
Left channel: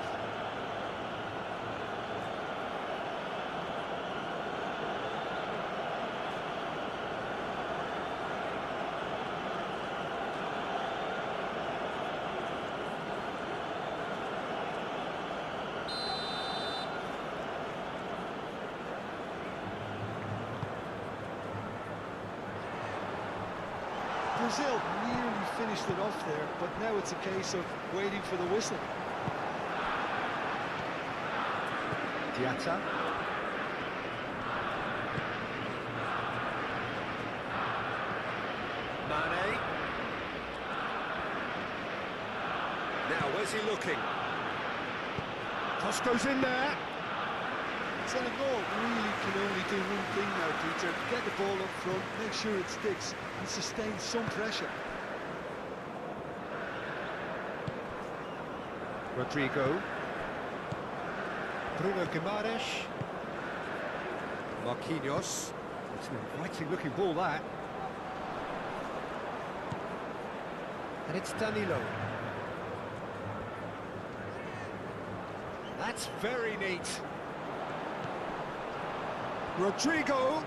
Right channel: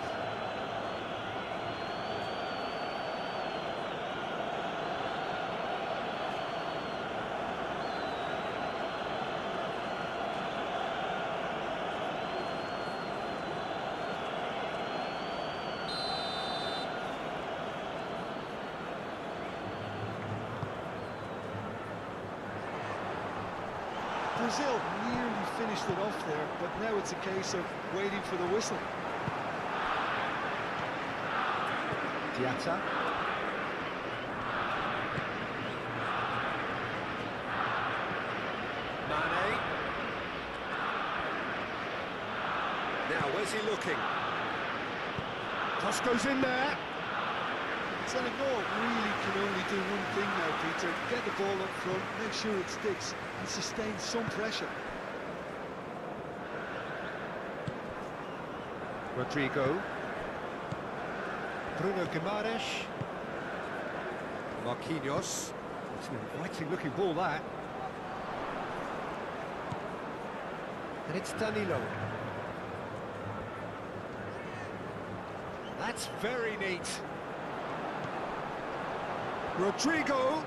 Brazil nearly finished it off there, but now it's a case of waiting for the whistle. Diatta. Mane. Now, where's he looking? Cross goes in there. Senegal really can only do one thing now, Peter. Get the ball up front, make sure it sticks, and sustain some pressure. Rodrigo. Bruno Guimaraes. Marquinhos. It's an inviting looking ball, that. And it's Danilo. That's very neat. Rodrigo.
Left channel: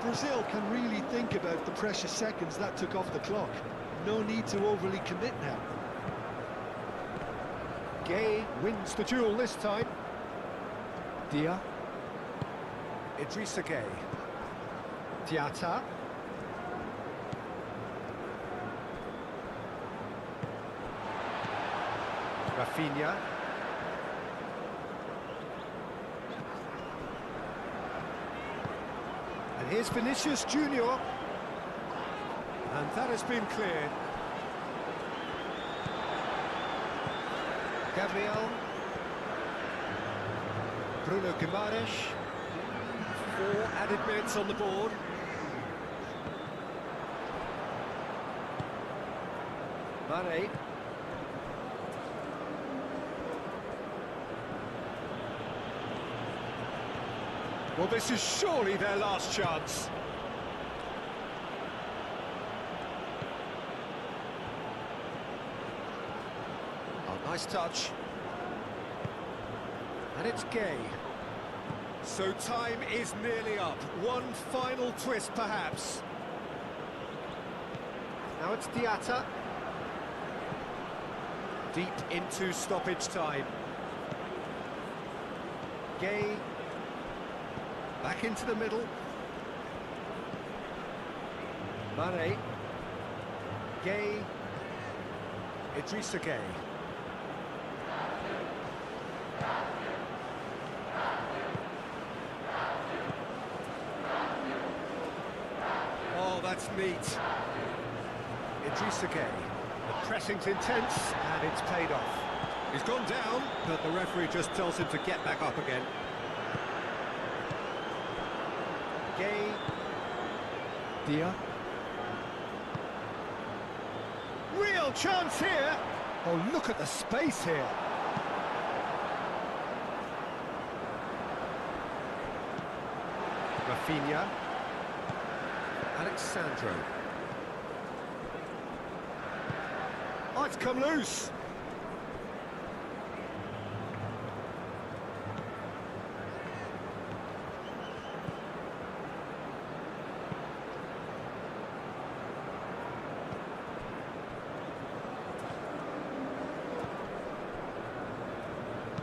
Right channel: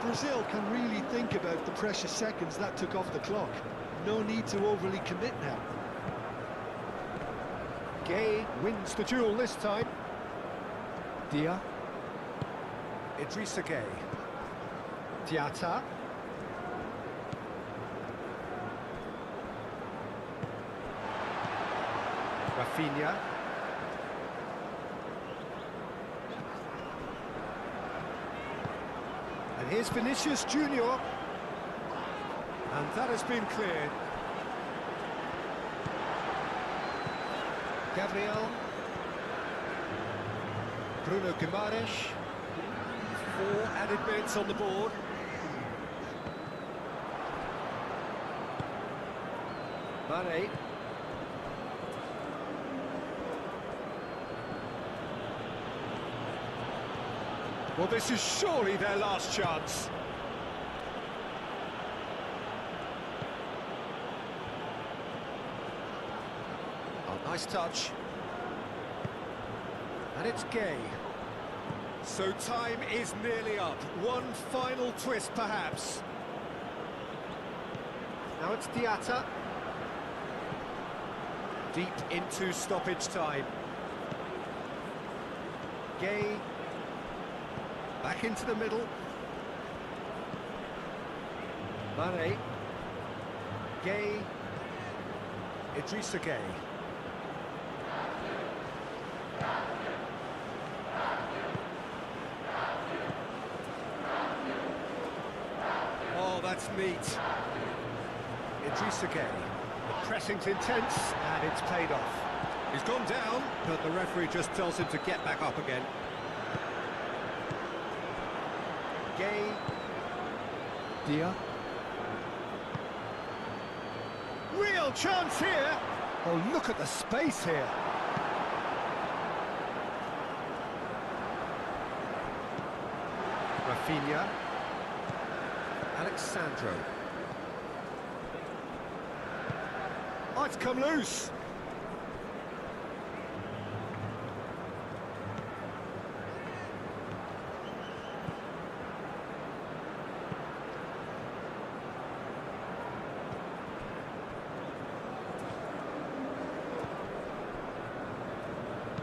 Brazil can really think about the precious seconds that took off the clock. No need to overly commit now. Gay wins the duel this time. Dia. Idrissa Gay. Diatta. Rafinha. And here's Vinicius Junior. And that has been cleared. Gabriel. Bruno Guimaraes. 4 added minutes on the board. Mane. Well, this is surely their last chance. Oh, nice touch. And it's Gay. So time is nearly up. One final twist, perhaps. Now it's Diatta. Deep into stoppage time. Gay. Back into the middle. Mane. Gay. Idrissa Gay. Oh, that's neat. Idrissa Gay. The pressing's intense, and it's paid off. He's gone down, but the referee just tells him to get back up again. Gay. Dia. Real chance here. Oh, look at the space here. Rafinha. Alexandro. Oh, it's come loose.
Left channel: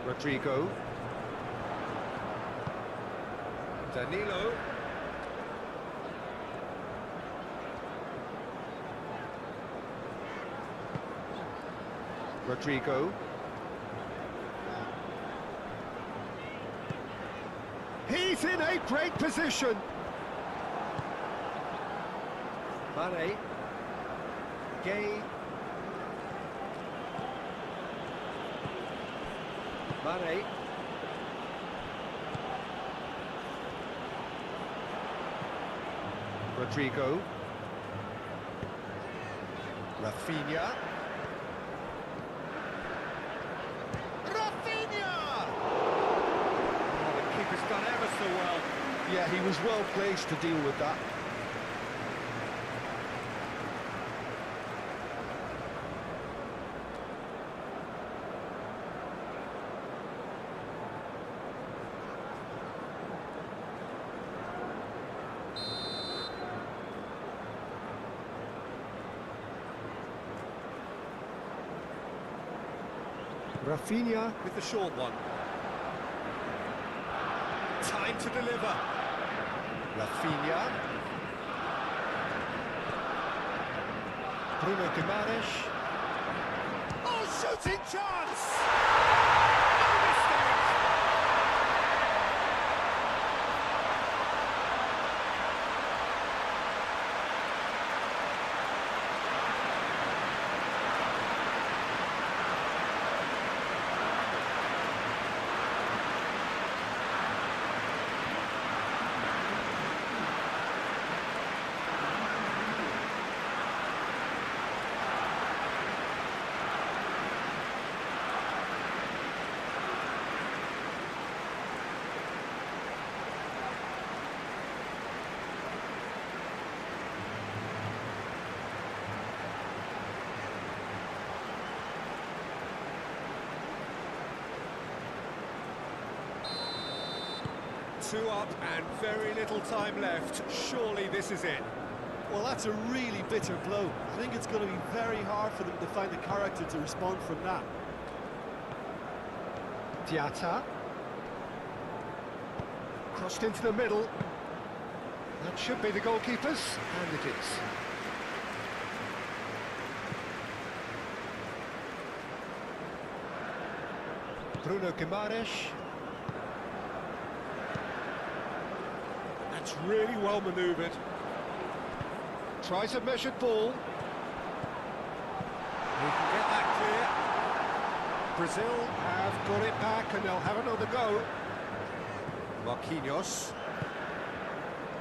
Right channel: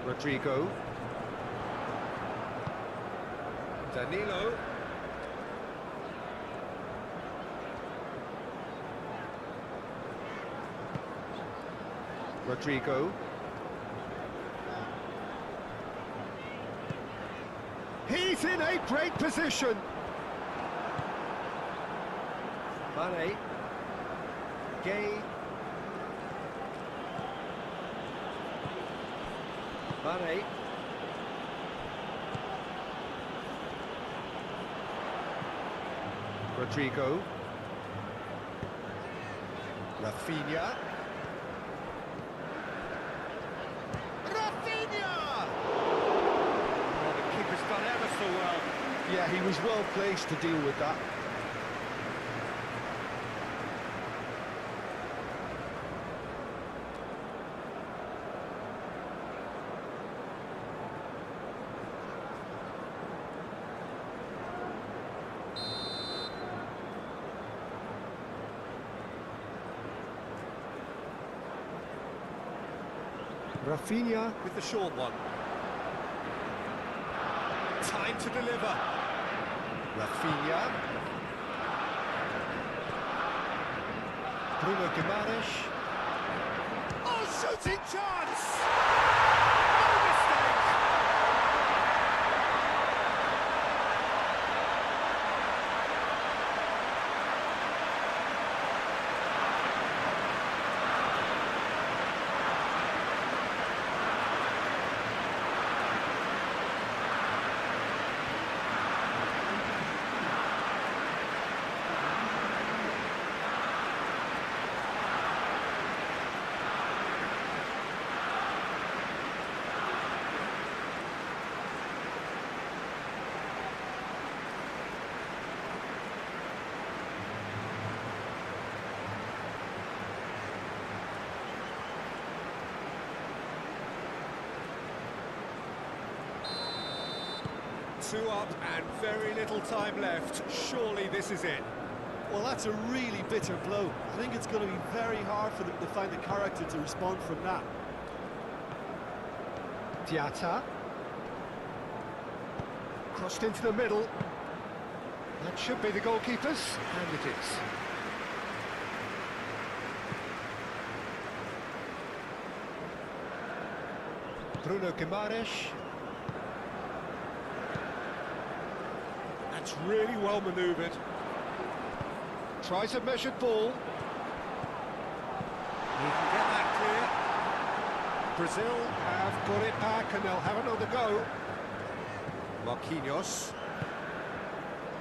Rodrigo. Danilo. Rodrigo. He's in a great position. Mane. Gay. Mane. Rodrigo. Rafinha. Rafinha! Oh, the keeper's done ever so well. Yeah, he was well placed to deal with that. Rafinha with the short one. Time to deliver. Rafinha. Bruno Guimaraes. Oh, shooting chance! No mistake! Two up and very little time left. Surely this is it. Well, that's a really bitter blow. I think it's going to be very hard for them to find the character to respond from that. Diatta. Crossed into the middle. That should be the goalkeeper's, and it is. Bruno Guimaraes. That's really well manoeuvred. Tries a measured ball. He can get that clear. Brazil have got it back and they'll have another go. Marquinhos.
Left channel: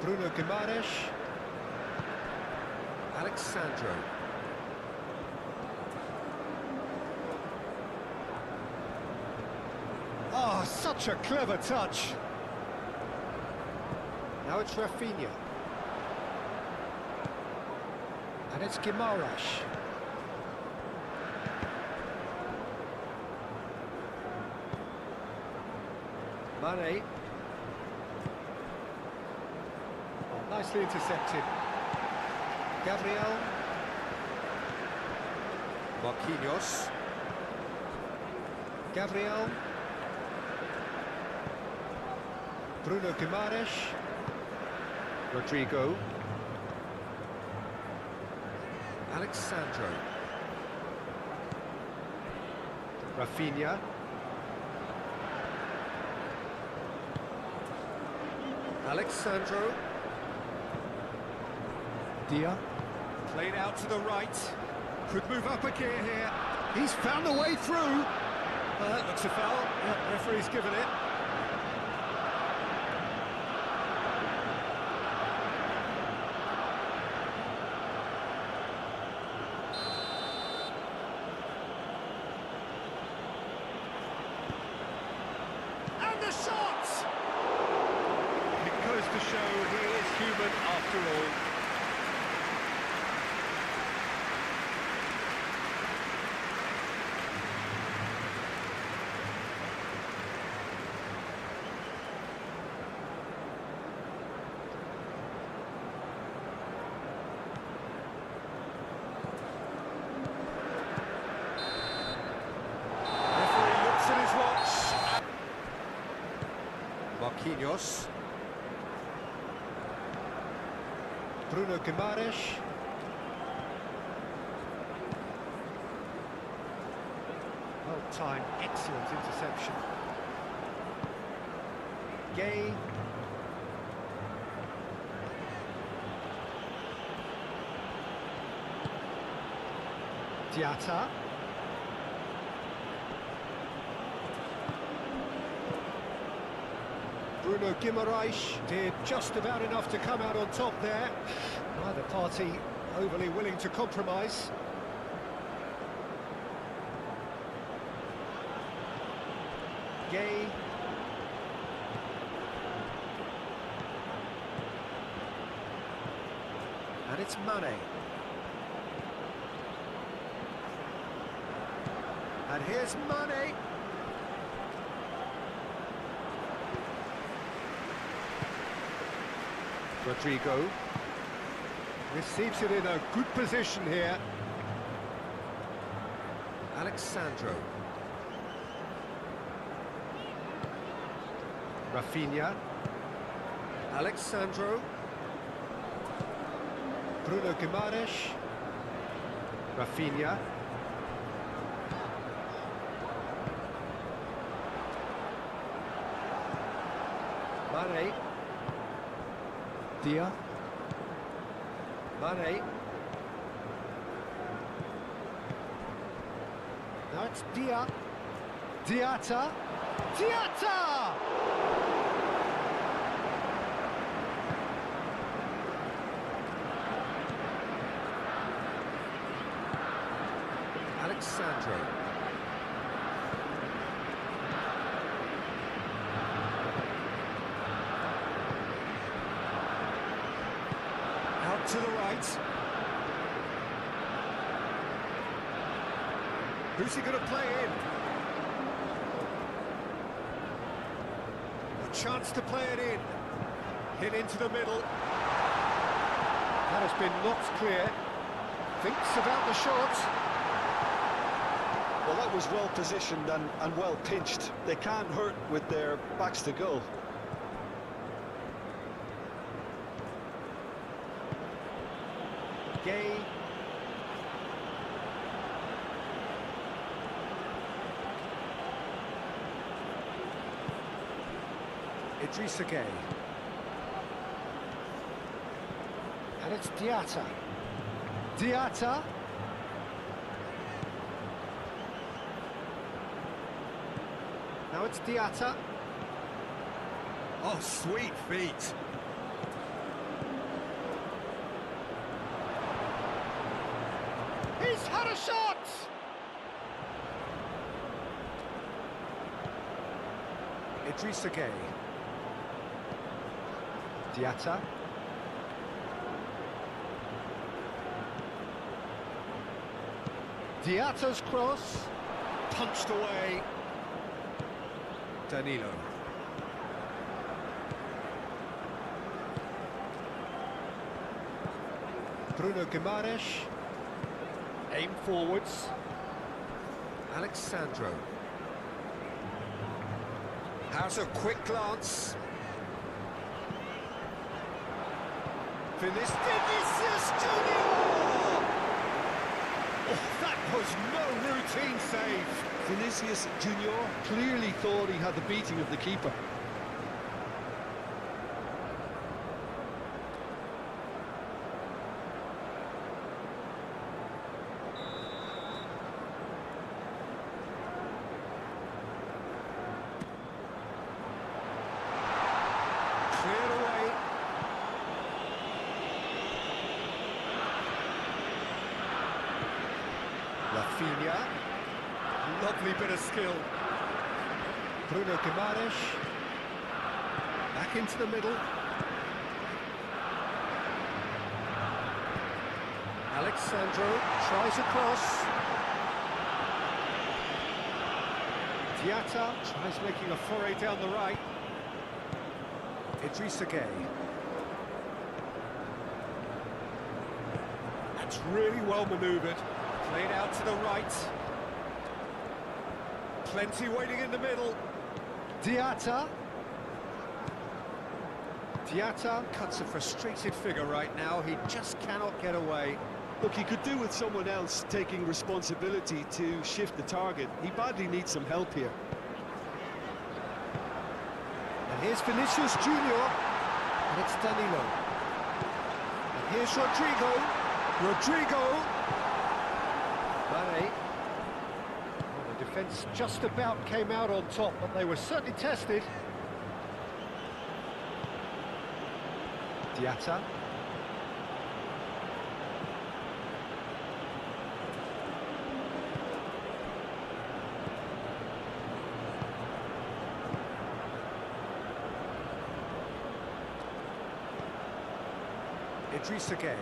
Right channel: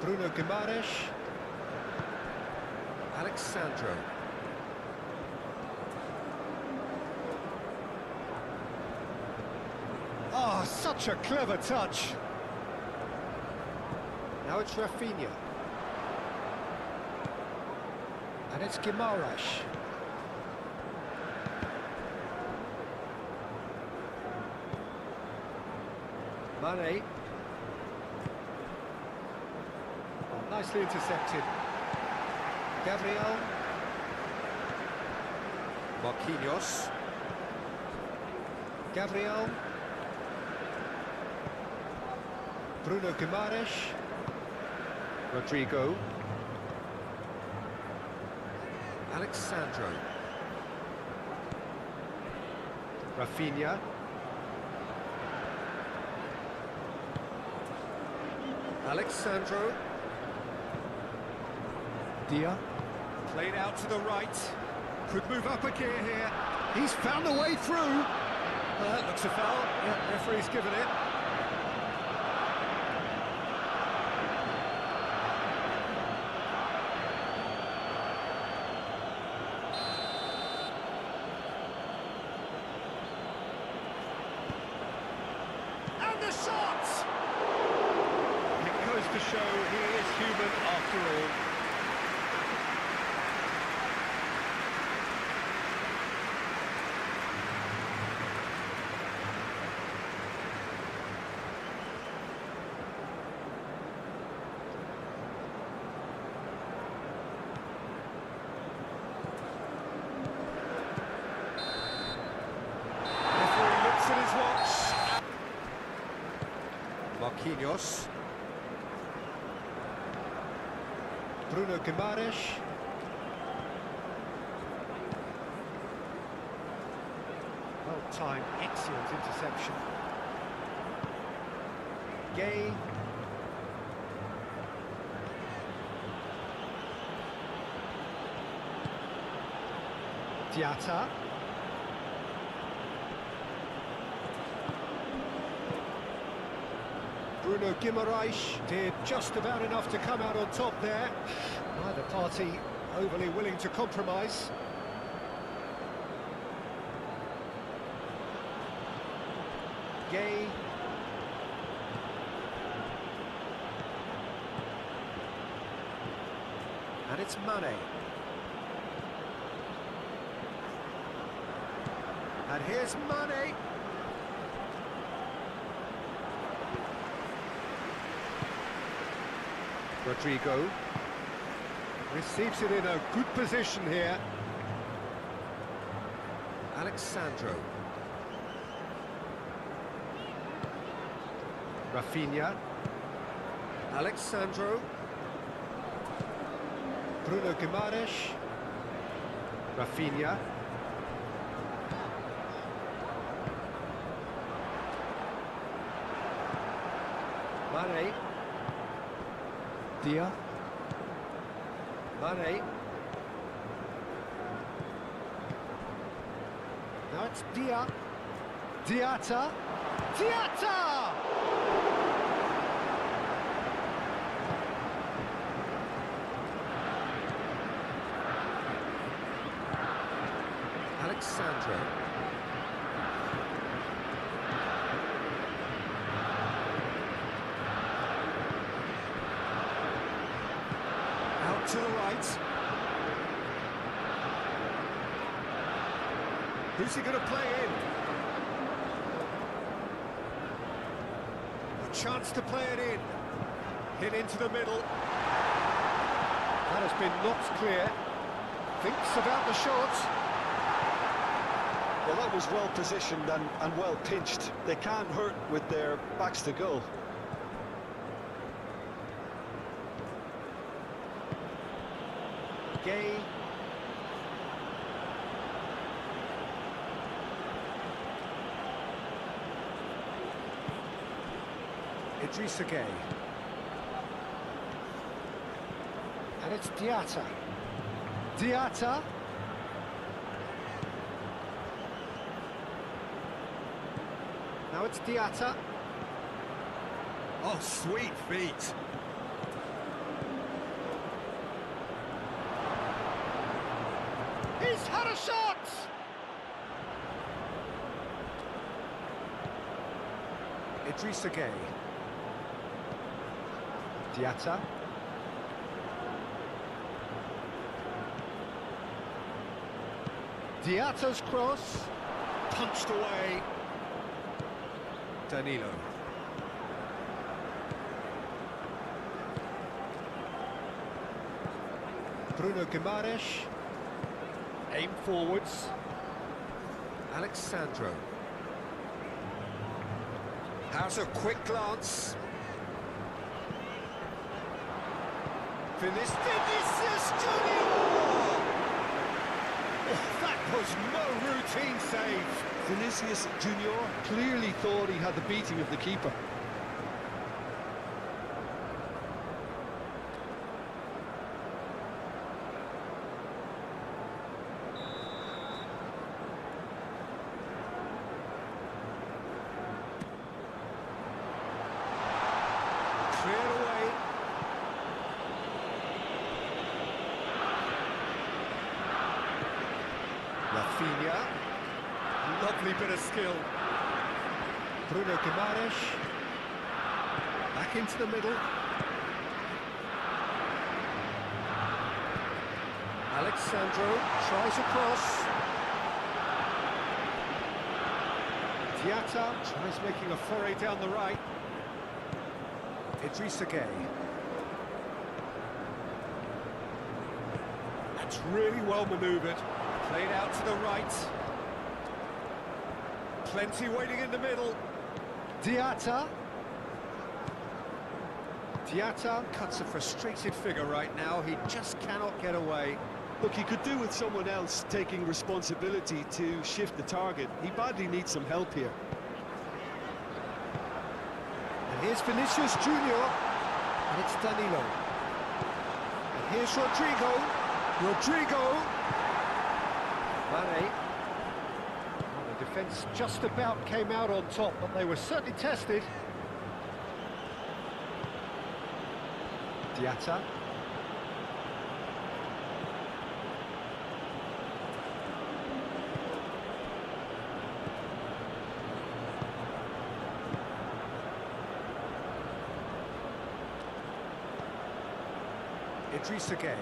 Bruno Guimaraes. Alexandro. Oh, such a clever touch. Now it's Rafinha. And it's Guimaraes. Mane. Oh, nicely intercepted. Gabriel. Marquinhos. Gabriel. Bruno Guimaraes. Rodrigo. Alexandro. Rafinha. Alexandro. Dia. Played out to the right. Could move up a gear here. He's found a way through. That looks a foul. Yeah, referee's given it. The shot! It goes to show he is human after all. Referee looks at his watch. Marquinhos. Bruno Guimaraes. Well timed, excellent interception. Gay. Diatta. Bruno Guimaraes did just about enough to come out on top there. Neither party overly willing to compromise. Gay. And it's Mane. And here's Mane. Rodrigo receives it in a good position here. Alexandro. Rafinha. Alexandro. Bruno Guimaraes. Rafinha. Mane. Dia. Mane. Now it's Dia. Diatta. Diatta! Alexandro. Out to the right. Who's he going to play in? A chance to play it in. Hit into the middle. That has been knocked clear. Thinks about the shot. Well, that was well positioned and well pinched. They can't hurt with their backs to goal. Gay. Idrissa Gay. And it's Diatta. Diatta. Now it's Diatta. Oh, sweet feet. He's had a shot! Idrissa Gay. Diatta. Diatta's cross. Punched away. Danilo. Bruno Guimaraes. Aim forwards. Alexandro. Has a quick glance. Vinicius Junior! Oh, that was no routine save. Vinicius Junior clearly thought he had the beating of the keeper. Cleared away. Rafinha. Lovely bit of skill. Bruno Guimaraes. Back into the middle. Alexandro tries a cross. Diatta tries making a foray down the right. Idrissa Gay. That's really well manoeuvred. Played out to the right. Plenty waiting in the middle. Diatta. Diatta cuts a frustrated figure right now. He just cannot get away. Look, he could do with someone else taking responsibility to shift the target. He badly needs some help here. And here's Vinicius Junior. And it's Danilo. And here's Rodrigo. Rodrigo. Mane. Well, the defence just about came out on top, but they were certainly tested. Diatta. Idrissa Gay.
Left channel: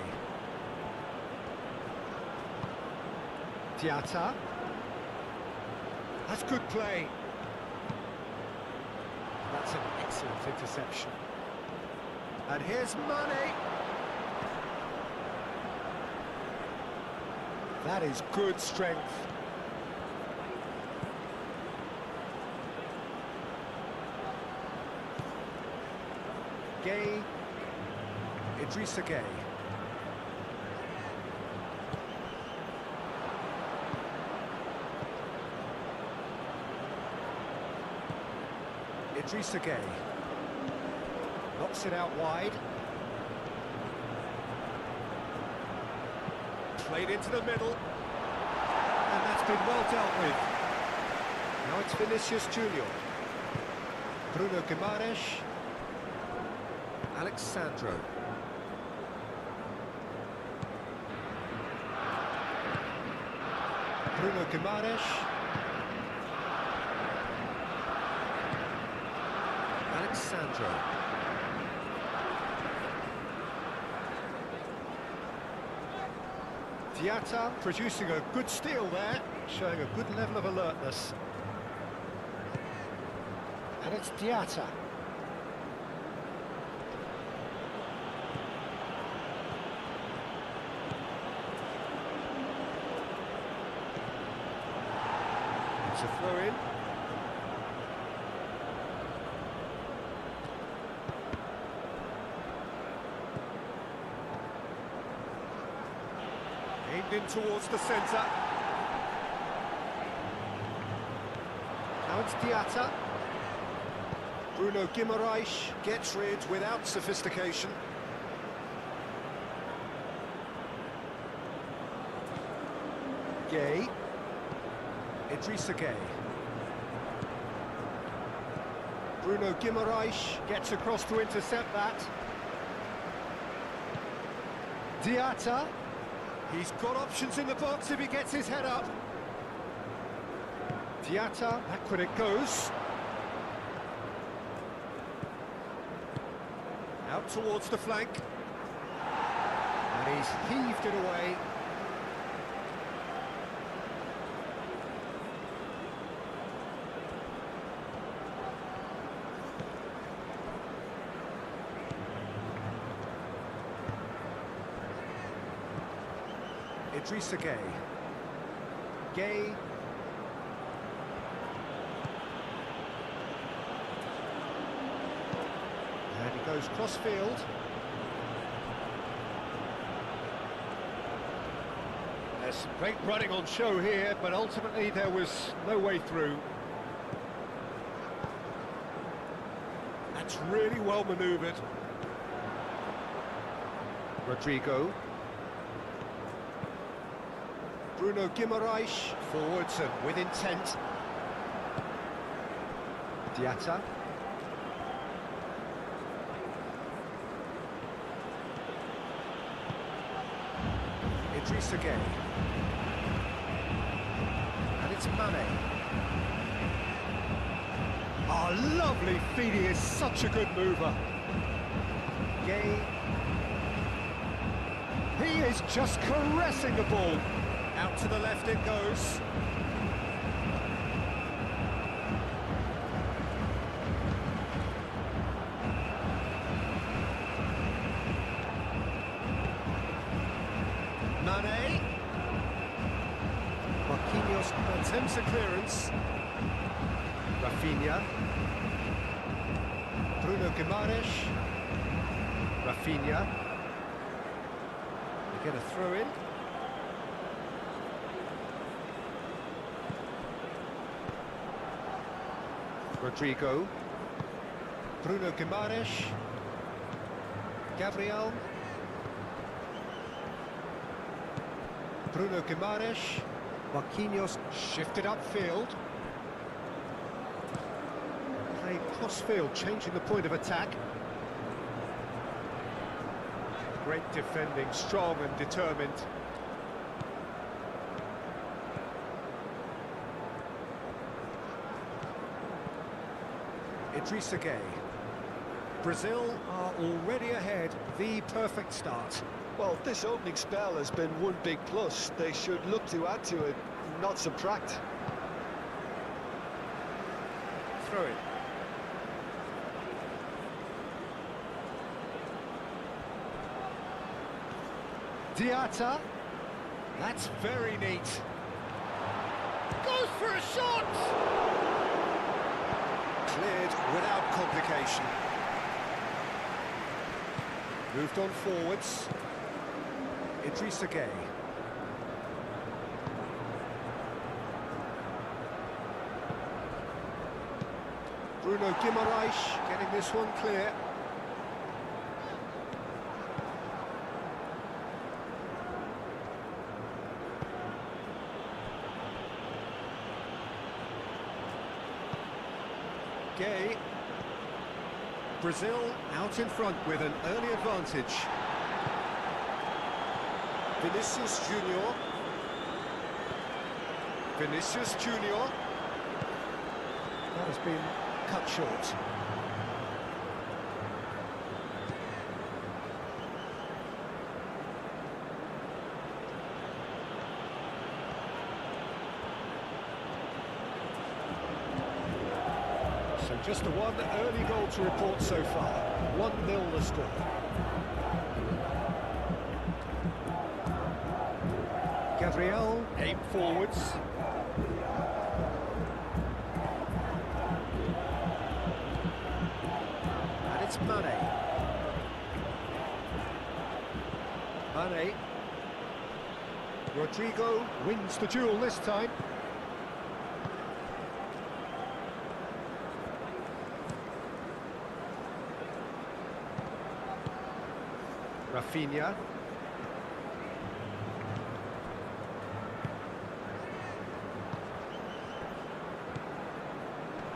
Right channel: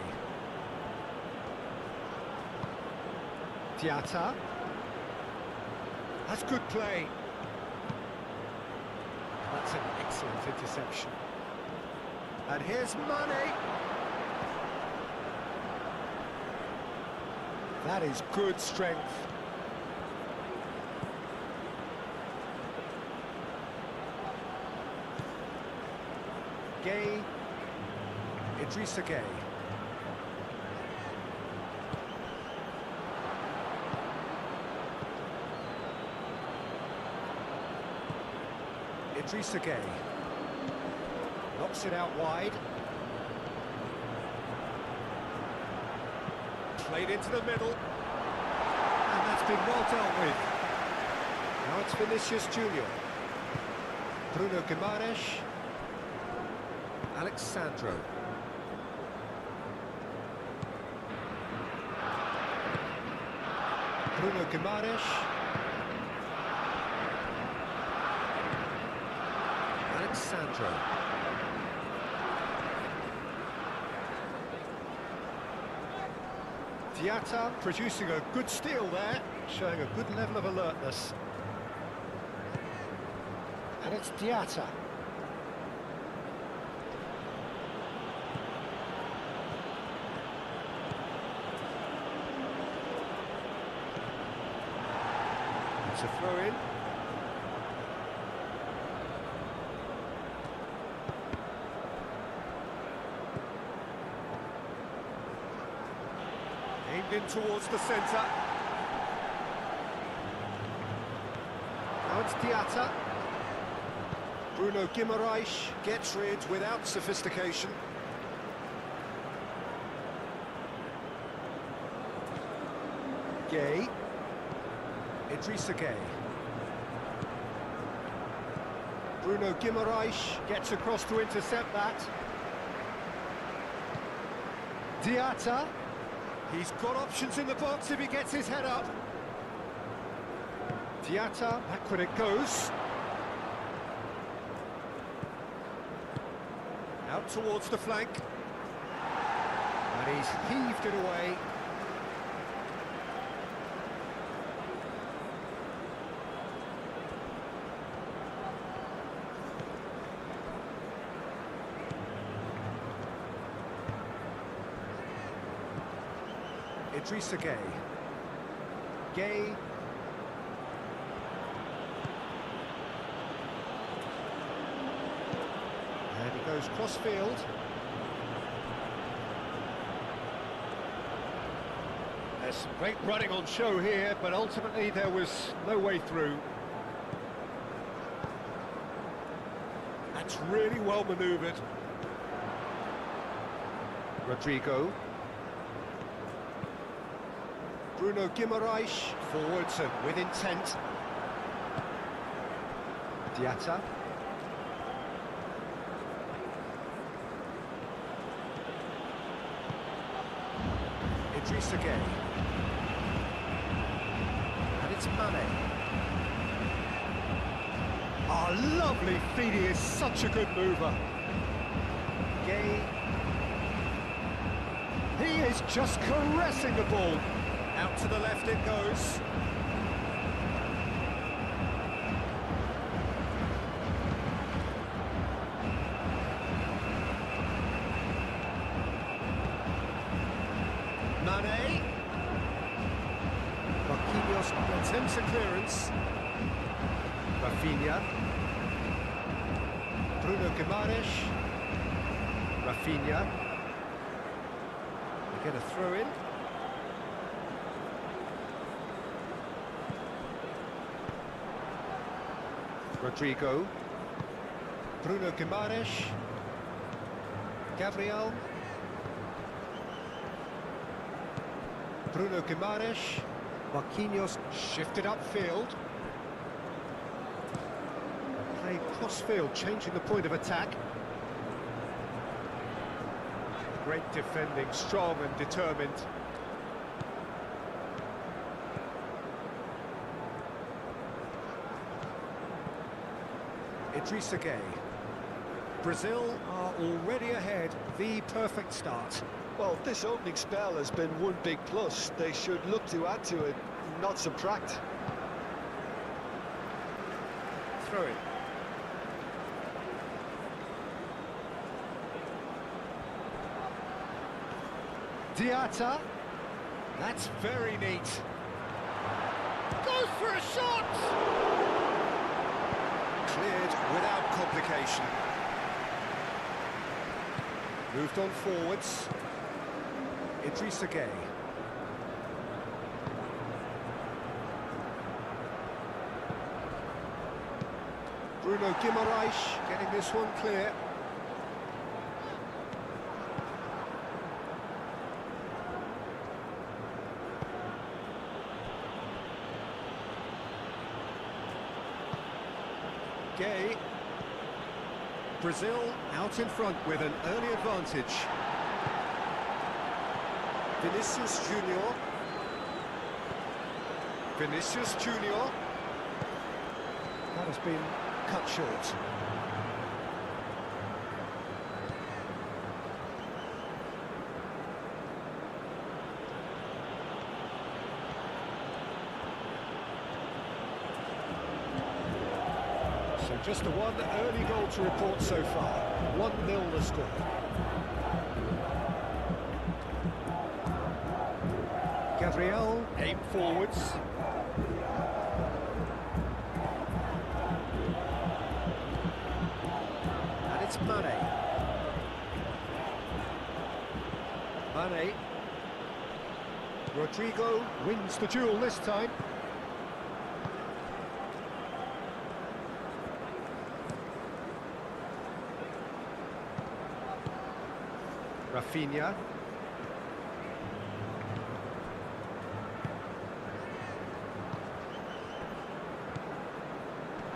Diatta. That's good play. That's an excellent interception. And here's Mane. That is good strength. Gay. Idrissa Gay. Idrissa Gay. Knocks it out wide. Played into the middle. And that's been well dealt with. Now it's Vinicius Junior. Bruno Guimaraes. Alexandro. Bruno Guimaraes. Alexandro. Diatta producing a good steal there, showing a good level of alertness. And it's It's a throw-in. Aimed in towards the centre. Now it's Diatta. Bruno Guimaraes gets rid without sophistication. Gay. Idrissa Gay. Bruno Guimaraes gets across to intercept that. Diatta. He's got options in the box if he gets his head up. Diatta, back when it goes. Out towards the flank. And he's heaved it away. Idrissa Gay. Gay. And he goes cross-field. There's some great running on show here, but ultimately there was no way through. That's really well manoeuvred. Rodrigo. Bruno Guimaraes, forwards and with intent. Diatta. Idrissa Gay. And it's Mane. Oh, lovely feet, he is such a good mover. Gay. He is just caressing the ball. Out to the left it goes. Mane. Marquinhos attempts a clearance. Rafinha. Bruno Guimaraes. Rafinha. They get a throw in. Rodrigo. Bruno Guimaraes. Gabriel. Bruno Guimaraes. Marquinhos shifted upfield. Played cross-field, changing the point of attack. Great defending, strong and determined. Idrissa Gay. Brazil are already ahead, the perfect start. Well, this opening spell has been one big plus. They should look to add to it, not subtract. Throw it. Diatta. That's very neat. Goes for a shot! Cleared without complication. Moved on forwards. Idrissa Gay. Bruno Guimaraes getting this one clear. Gay. Brazil out in front with an early advantage. Vinicius Junior. Vinicius Junior. That has been cut short. So just the one early goal to report so far. 1-0 the score. Gabriel, aim forwards. It's Mane. Mane. Rodrigo wins the duel this time. Rafinha.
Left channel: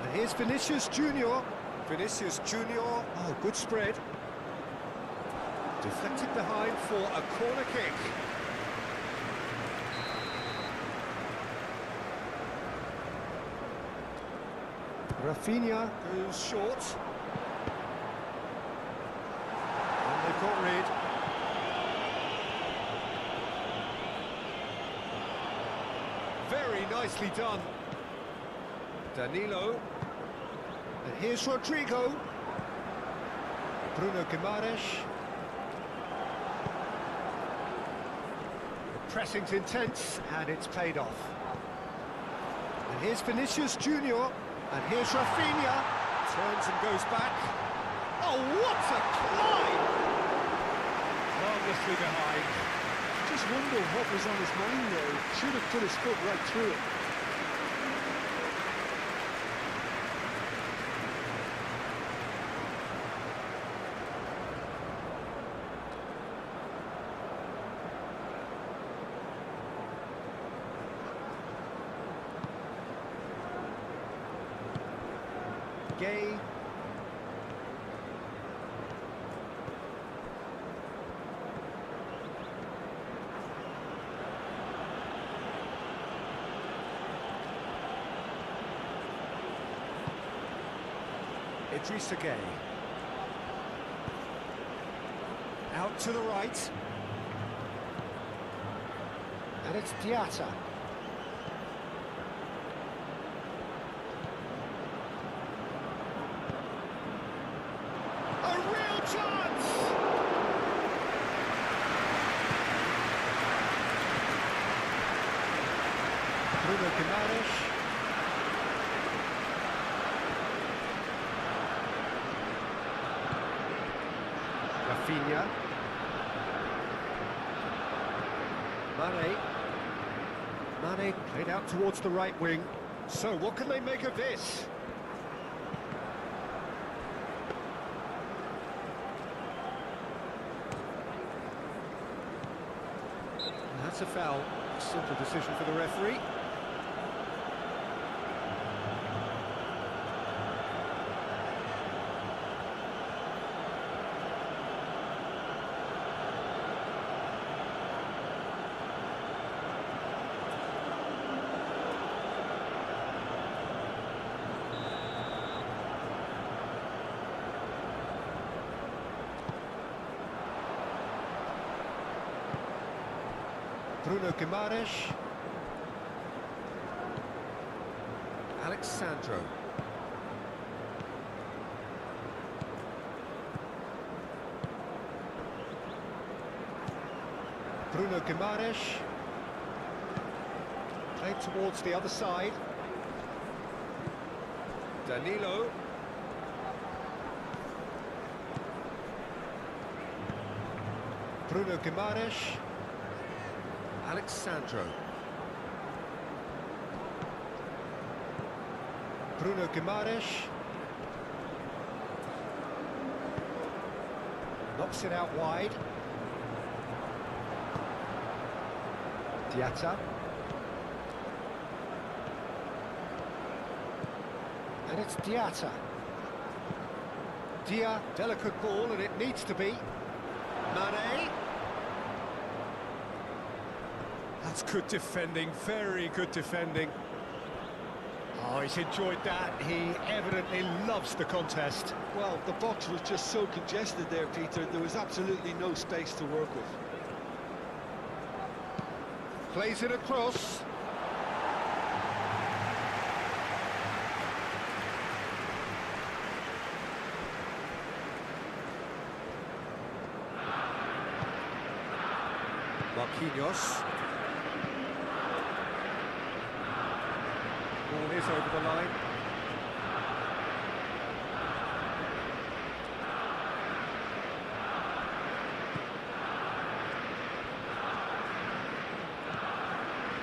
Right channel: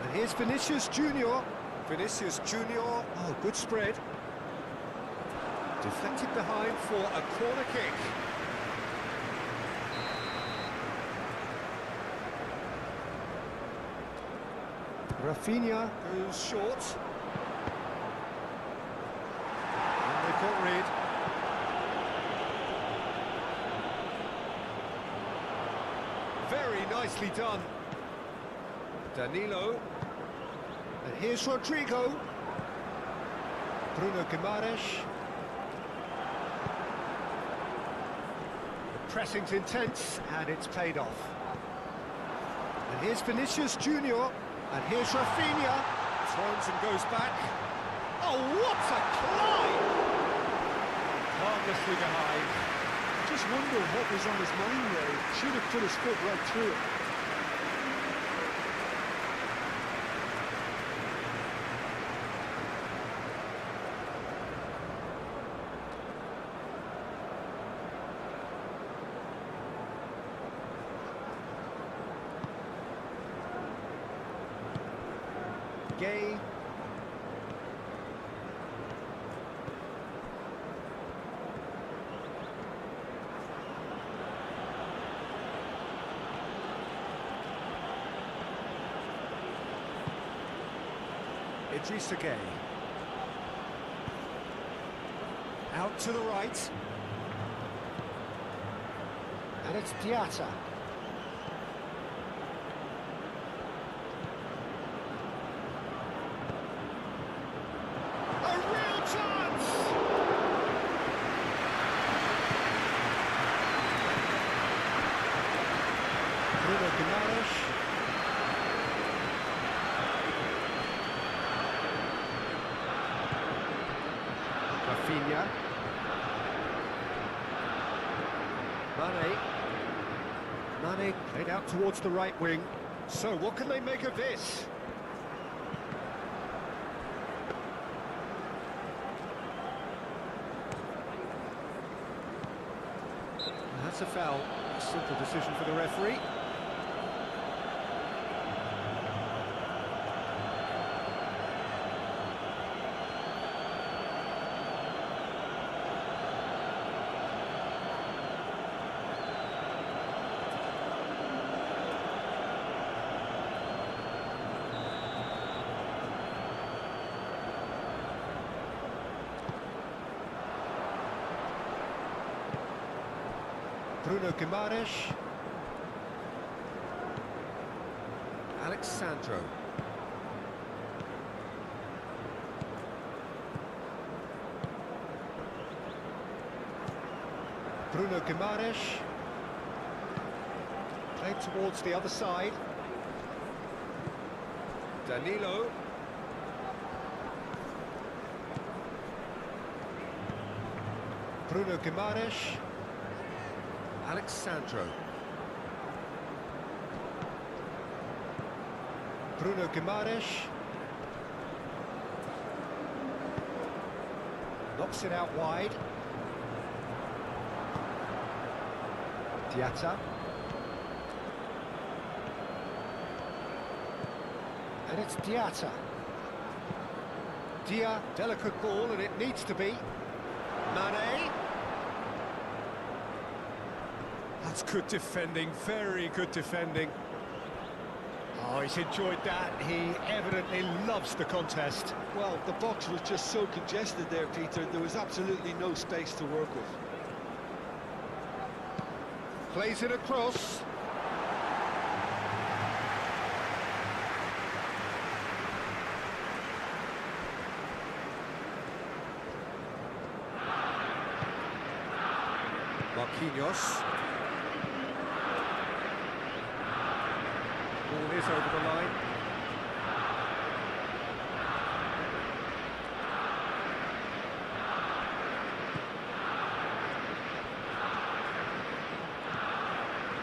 And here's Vinicius Junior. Vinicius Junior, oh, good spread. Deflected behind for a corner kick. Rafinha goes short. And they've got rid. Very nicely done. Danilo. And here's Rodrigo. Bruno Guimaraes. The pressing's intense and it's paid off. And here's Vinicius Junior. And here's Rafinha. Turns and goes back. Oh, what a climb! Harmlessly behind. Just wonder what was on his mind there. He should have put his foot right through it. Gay. Idrissa Gay. Out to the right. And it's Diatta. A real chance! Bruno Guimaraes. Rafinha. Mane. Mane played out towards the right wing. So what can they make of this? That's a foul. A simple decision for the referee. Bruno Guimaraes. Alexandro. Bruno Guimaraes. Played towards the other side. Danilo. Bruno Guimaraes. Alexandro. Bruno Guimaraes. Knocks it out wide. Diatta. And it's Diatta. Dia, delicate ball, and it needs to be. Mane. That's good defending, very good defending. Oh, he's enjoyed that. He evidently loves the contest. Well, the box was just so congested there, Peter. There was absolutely no space to work with. Plays it across. Marquinhos. Ball is over the line.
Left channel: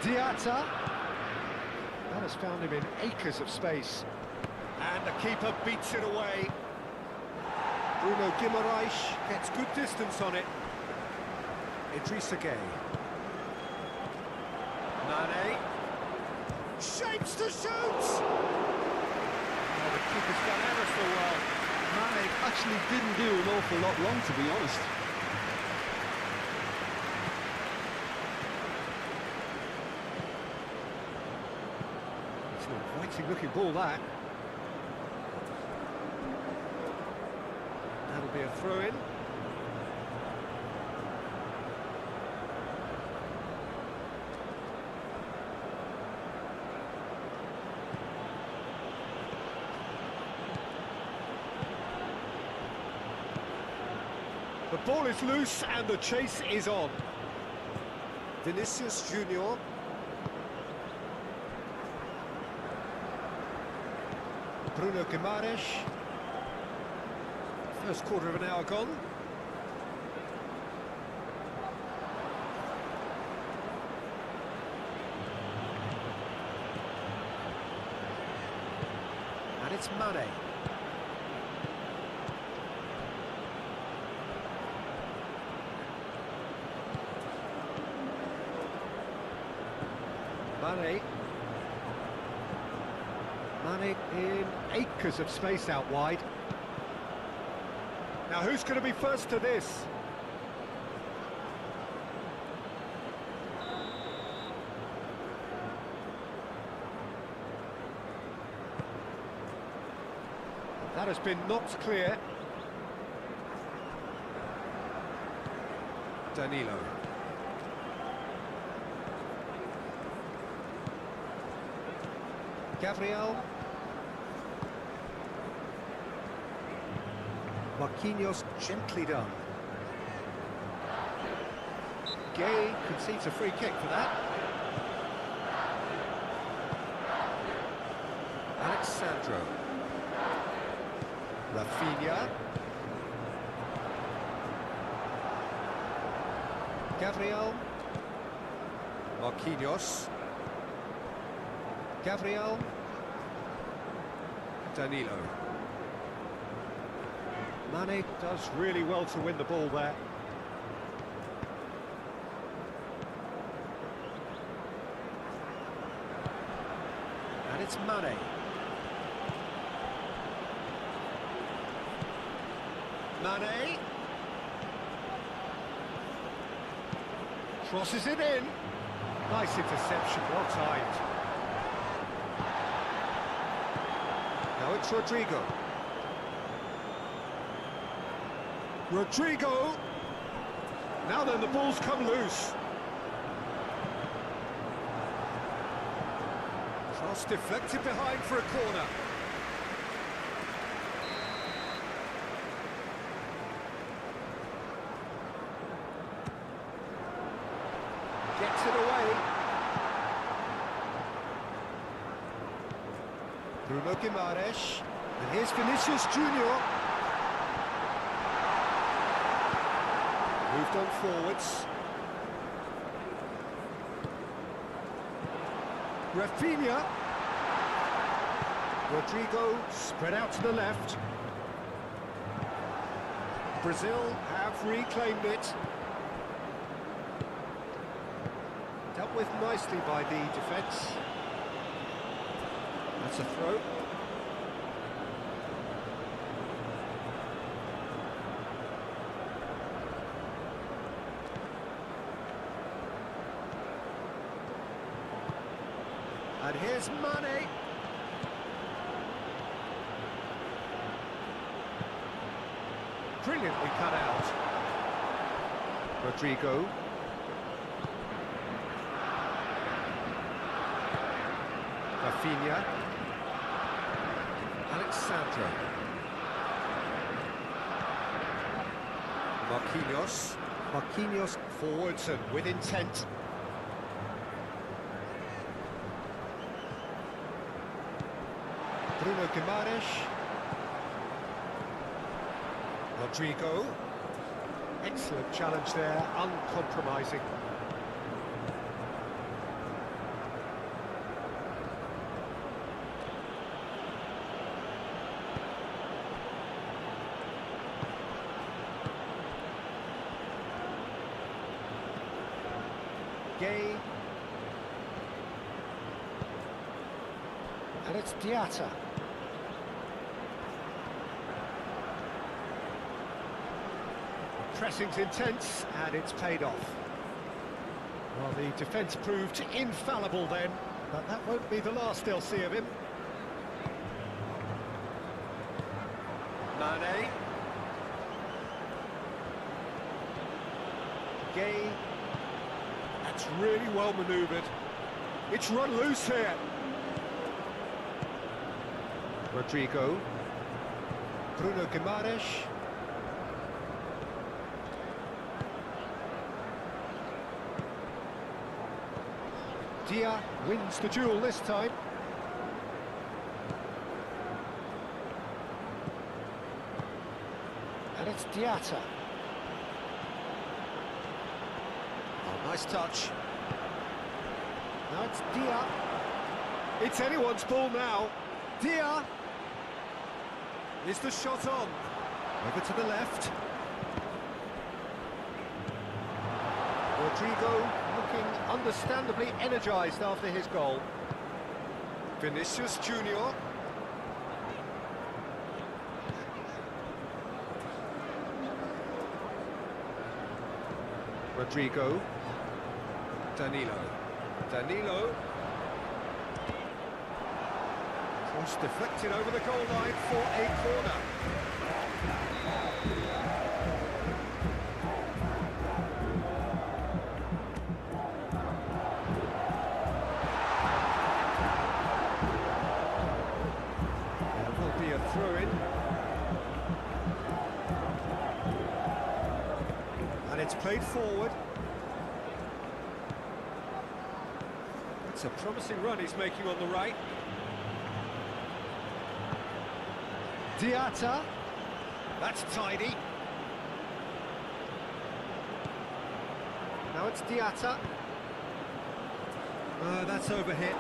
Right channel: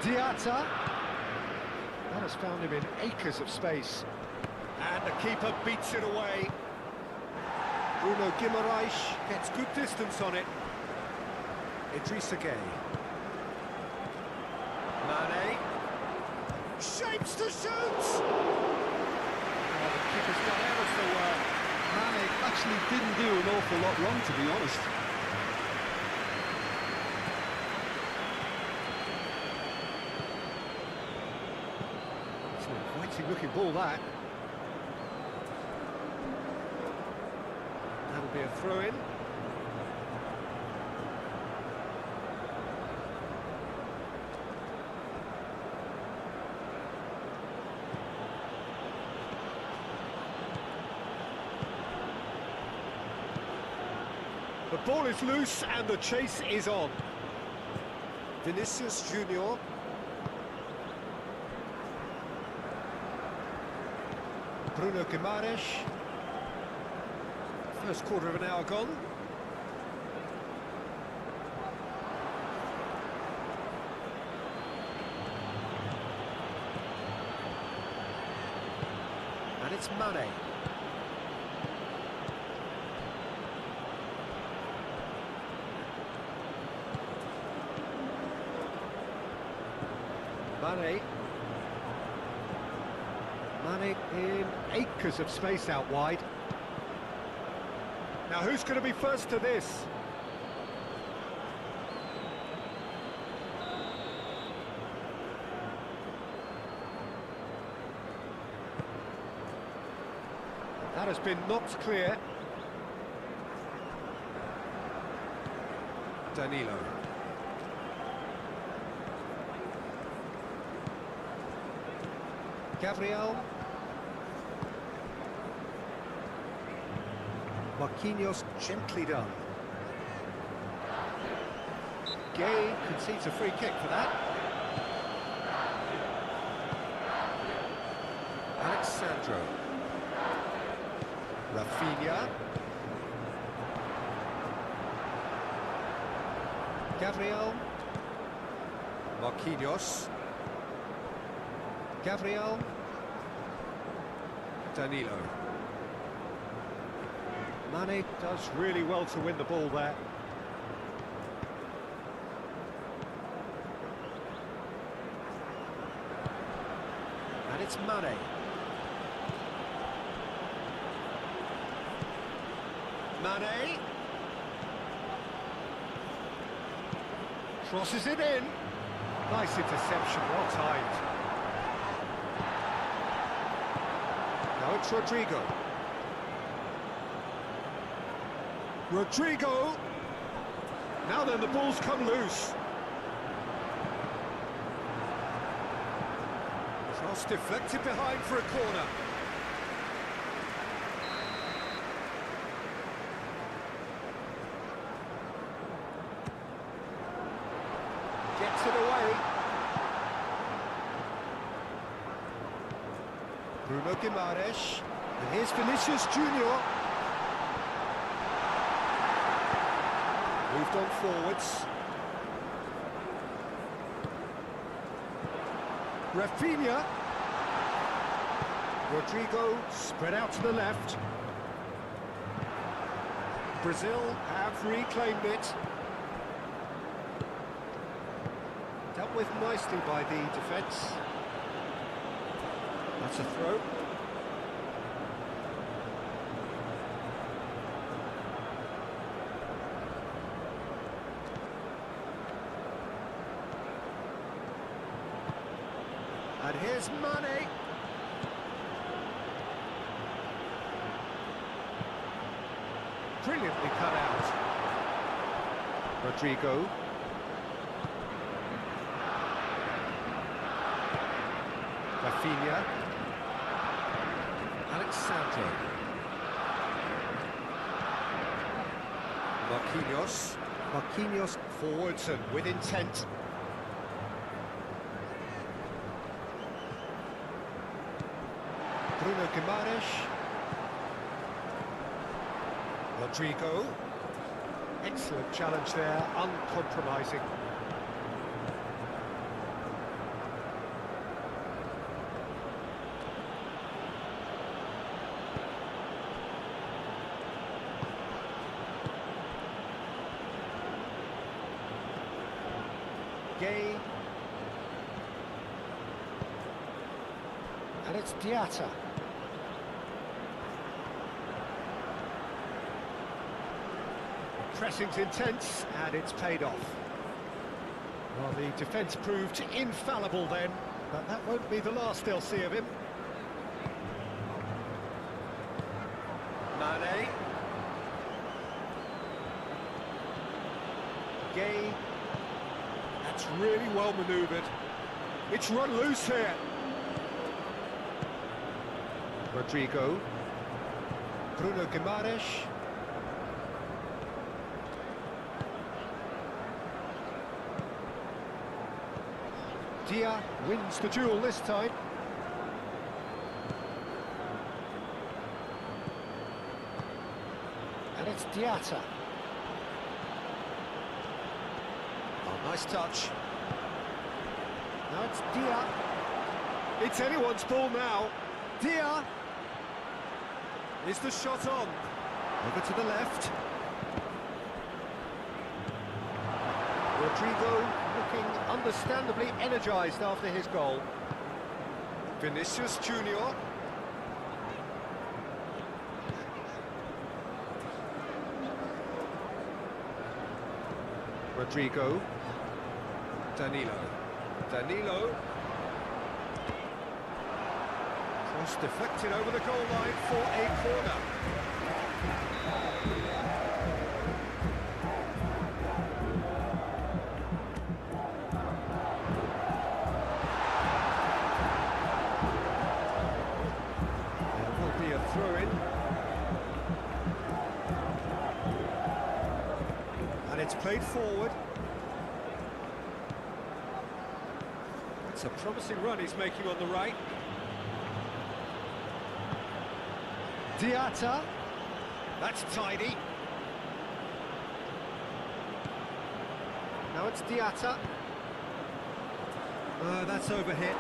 Diatta. That has found him in acres of space. And the keeper beats it away. Bruno Guimaraes gets good distance on it. Idrissa Gueye. Mane. Shapes to shoot! Oh, the keeper's done ever so well. Mane actually didn't do an awful lot wrong, to be honest. It's an inviting looking ball, that. That'll be a throw-in. The ball is loose and the chase is on. Vinicius Junior. Bruno Guimaraes. First quarter of an hour gone. And it's Mane. Mane in acres of space out wide. Now who's going to be first to this? That has been knocked clear. Danilo. Gabriel. Marquinhos gently done. Gueye concedes a free kick for that. Alexandro. Rafinha. Gabriel. Marquinhos. Gabriel. Danilo. Mane does really well to win the ball there. And it's Mane. Mane. Crosses it in. Nice interception, well timed. Now it's Rodrigo. Rodrigo! Now then, the ball's come loose. Cross deflected behind for a corner. Gets it away. Bruno Guimaraes. And here's Vinicius Junior. Moved on forwards. Rafinha. Rodrigo spread out to the left. Brazil have reclaimed it. Dealt with nicely by the defence. That's a throw. And here's Mane. Brilliantly cut out. Rodrigo. Rafinha. Alexandro. Marquinhos. Marquinhos forwards and with intent. Bruno Guimaraes. Rodrigo. Excellent challenge there, uncompromising. Gay. And it's Diatta. Pressing's intense, and it's paid off. Well, the defence proved infallible then, but that won't be the last they'll see of him. Mane. Gay. That's really well manoeuvred. It's run loose here. Rodrigo. Bruno Guimaraes. Dia wins the duel this time. And it's Diatta. Oh, nice touch. Now it's Dia. It's anyone's ball now. Dia. Is the shot on? Over to the left. Rodrigo looking understandably energised after his goal. Vinicius Junior. Rodrigo. Danilo. Cross deflected over the goal line for a corner. There will be a throw-in. And it's played forward. It's a promising run he's making on the right. Diatta. That's tidy. Now it's Diatta. That's overhit.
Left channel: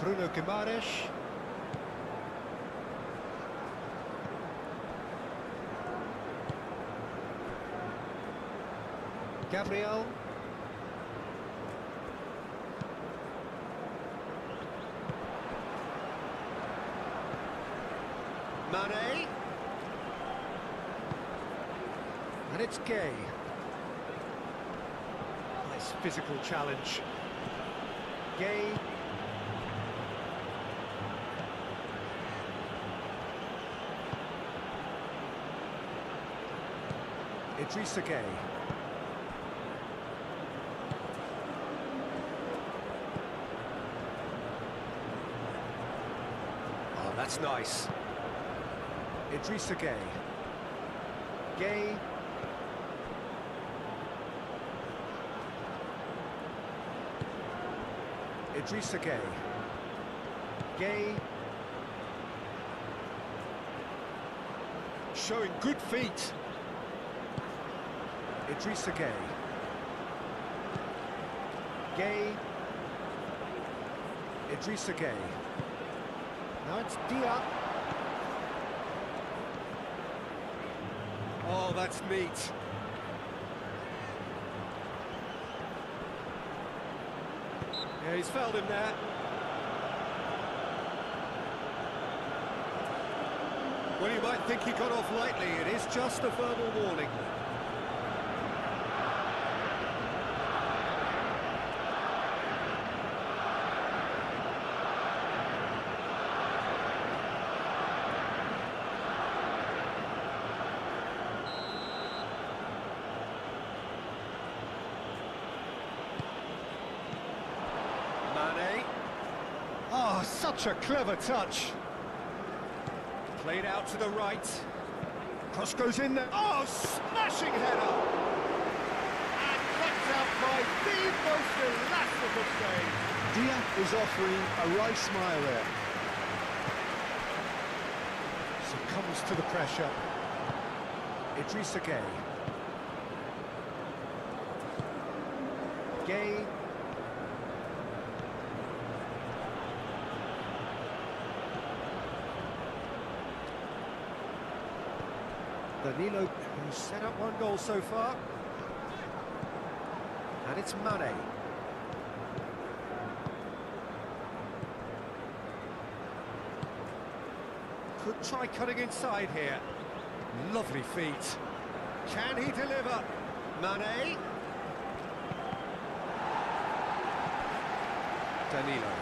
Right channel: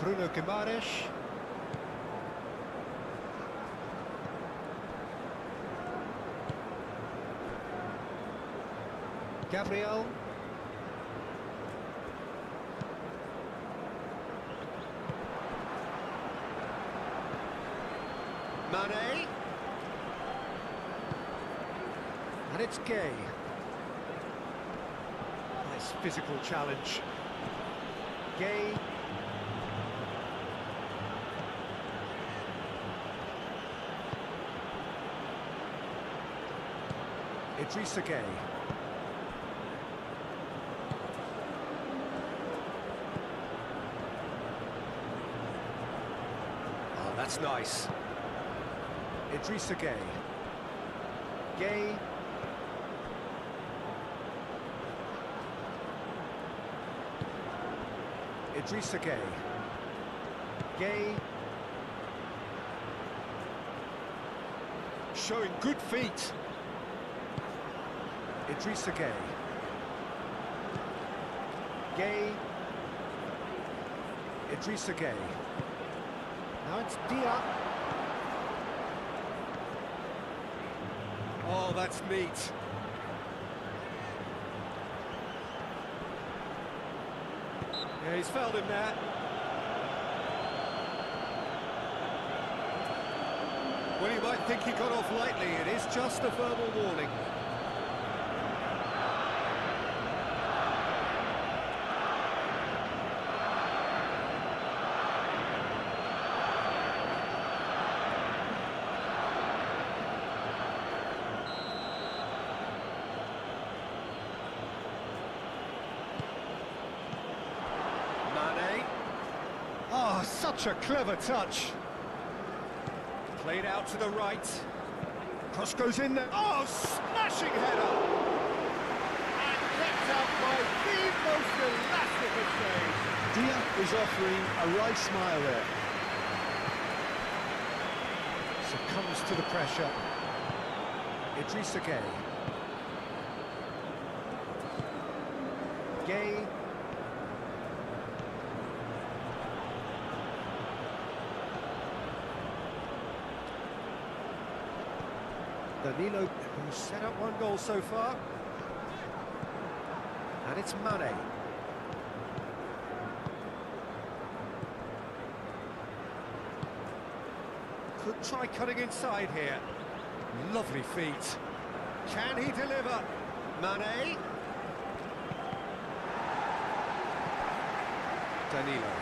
Bruno Guimaraes. Gabriel. Mane. And it's Gay. Nice physical challenge. Gay. Idrissa Gay. Oh, that's nice. Idrissa Gay. Gay. Idrissa Gay. Gay. Showing good feet. Idrissa Gay. Gay. Idrissa Gay. Now it's Dia. Oh, that's neat. Yeah, he's fouled him there. Well, you might think he got off lightly. It is just a verbal warning. Mane. Oh, such a clever touch. Played out to the right. Cross goes in there. Oh, smashing header. And kept out by the most elastic of saves. Dia is offering a right smile there. Succumbs to the pressure. Idrissa Gay. Gay. Danilo, who's set up one goal so far. And it's Mane. Could try cutting inside here. Lovely feet. Can he deliver? Mane. Danilo.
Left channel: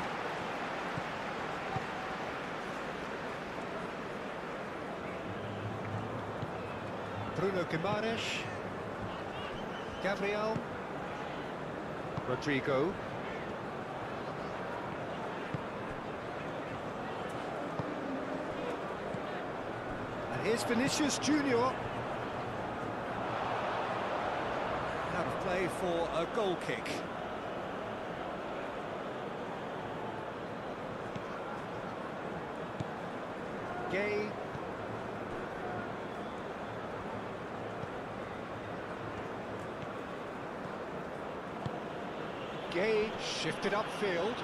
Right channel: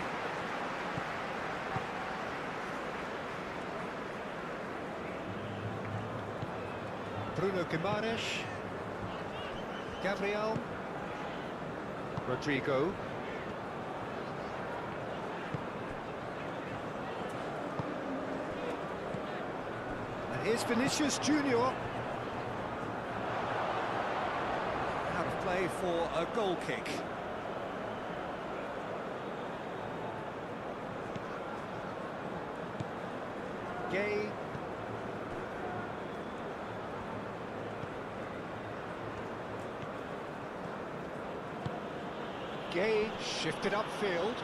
Bruno Guimaraes. Gabriel. Rodrigo. And here's Vinicius Junior. Out of play for a goal kick. Gay. Gay shifted upfield.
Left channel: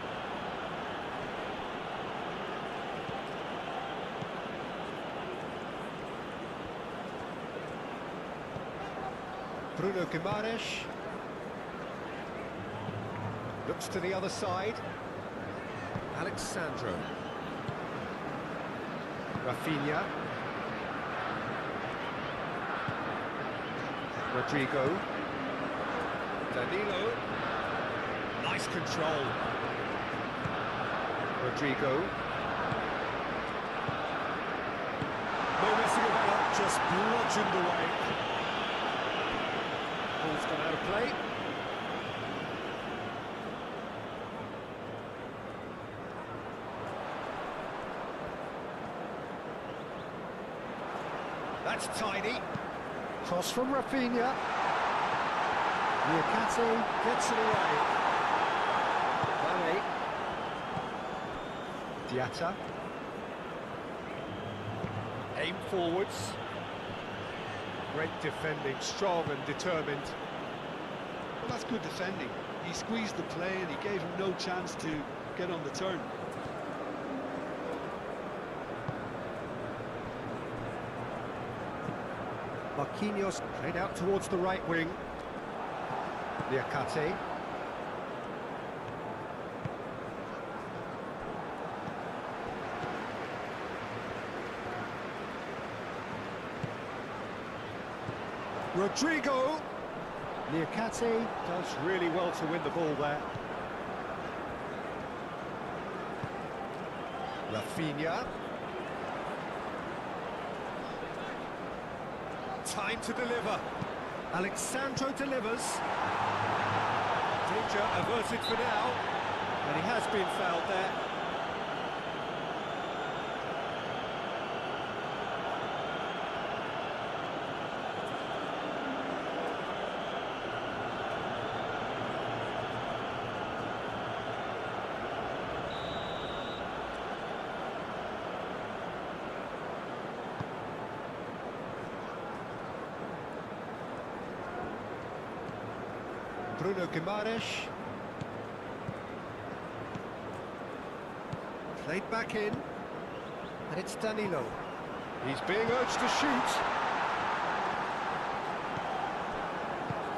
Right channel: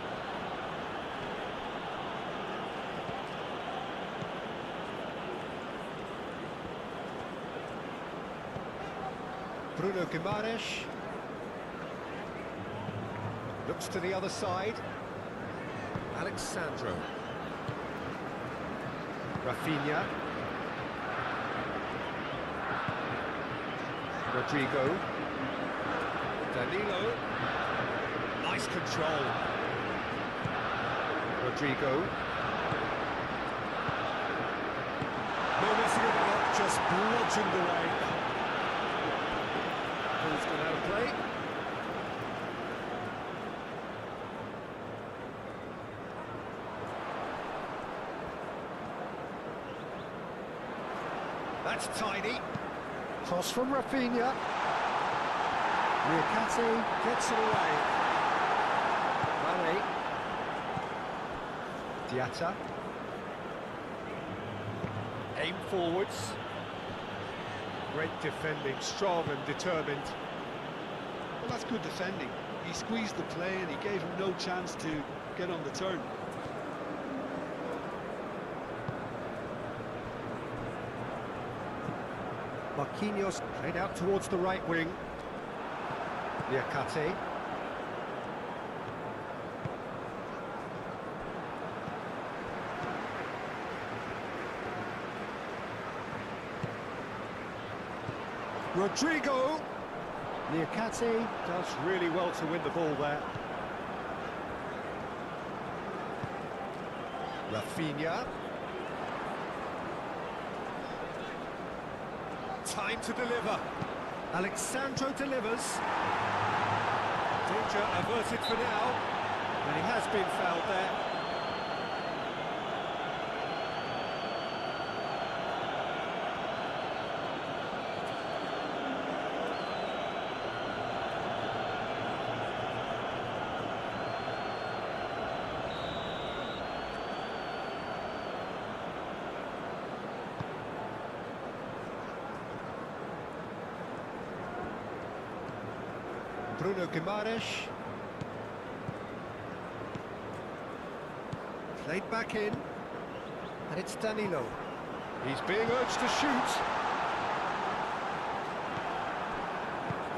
Bruno Guimaraes. Looks to the other side. Alexandro. Rafinha. Rodrigo. Danilo. Nice control. Rodrigo. No messing about, just bludgeoned away. Ball's gone out of play. That's tidy. Cross from Rafinha. Niakate gets it away. Mane. Diatta. Aim forwards. Great defending, strong and determined. Well, that's good defending. He squeezed the play and he gave him no chance to get on the turn. Marquinhos played out towards the right wing. Niakate. Rodrigo. Niakate does really well to win the ball there. Rafinha. Time to deliver. Alexandro delivers. Danger averted for now. And he has been fouled there. Bruno Guimaraes. Played back in. And it's Danilo. He's being urged to shoot.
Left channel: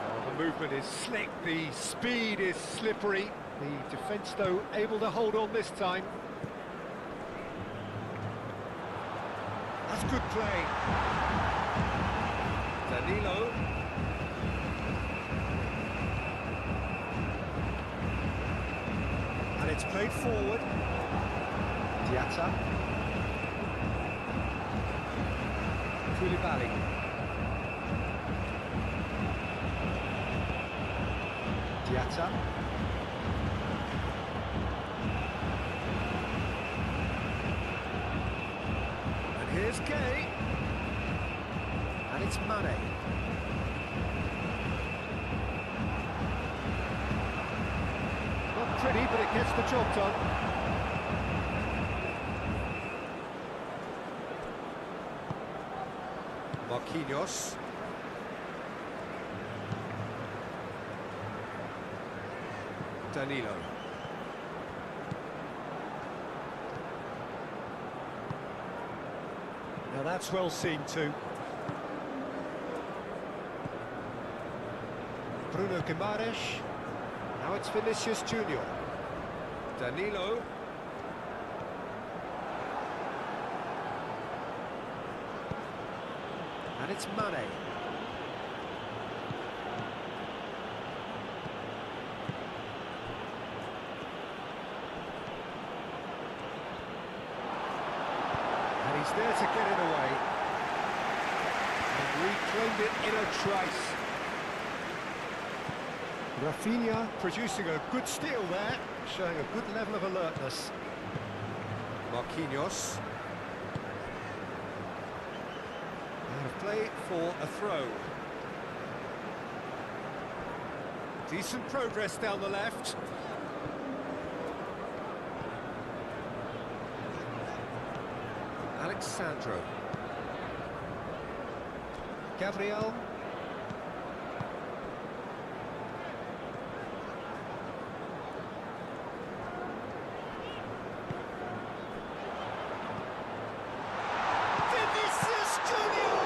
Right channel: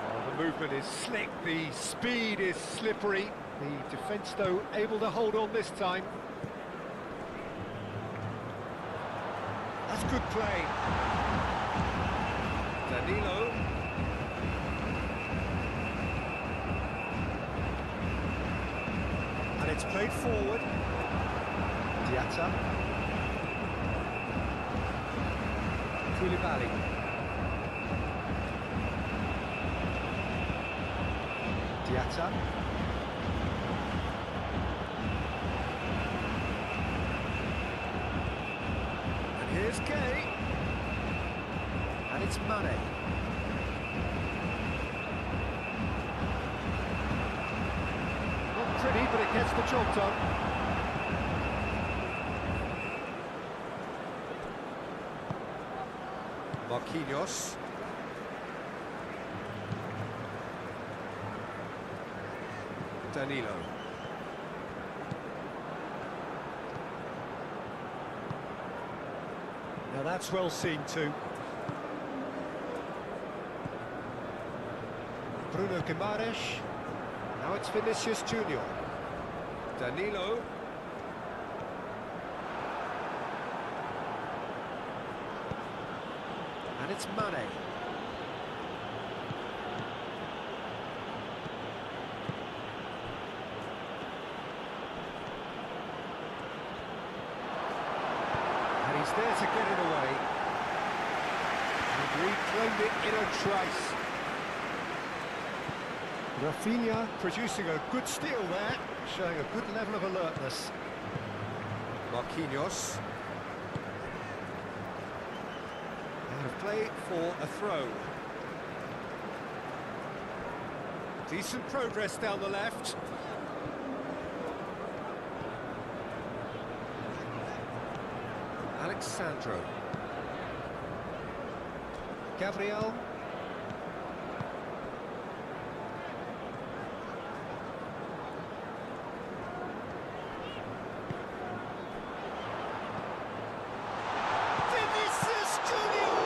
Oh, the movement is slick, the speed is slippery. The defence, though, able to hold on this time. That's good play. Danilo. And it's played forward. Diatta. Koulibaly. Diatta. And here's Gay. And it's Mane. Not pretty, but it gets the job done. Marquinhos. Danilo. Now that's well seen too. Bruno Guimaraes. Now it's Vinicius Junior. Danilo. And it's Mane. And he's there to get it away. And reclaimed it in a trice. Rafinha producing a good steal there, showing a good level of alertness. Marquinhos. Out of play for a throw. Decent progress down the left. Alexandro. Gabriel. Vinicius Junior!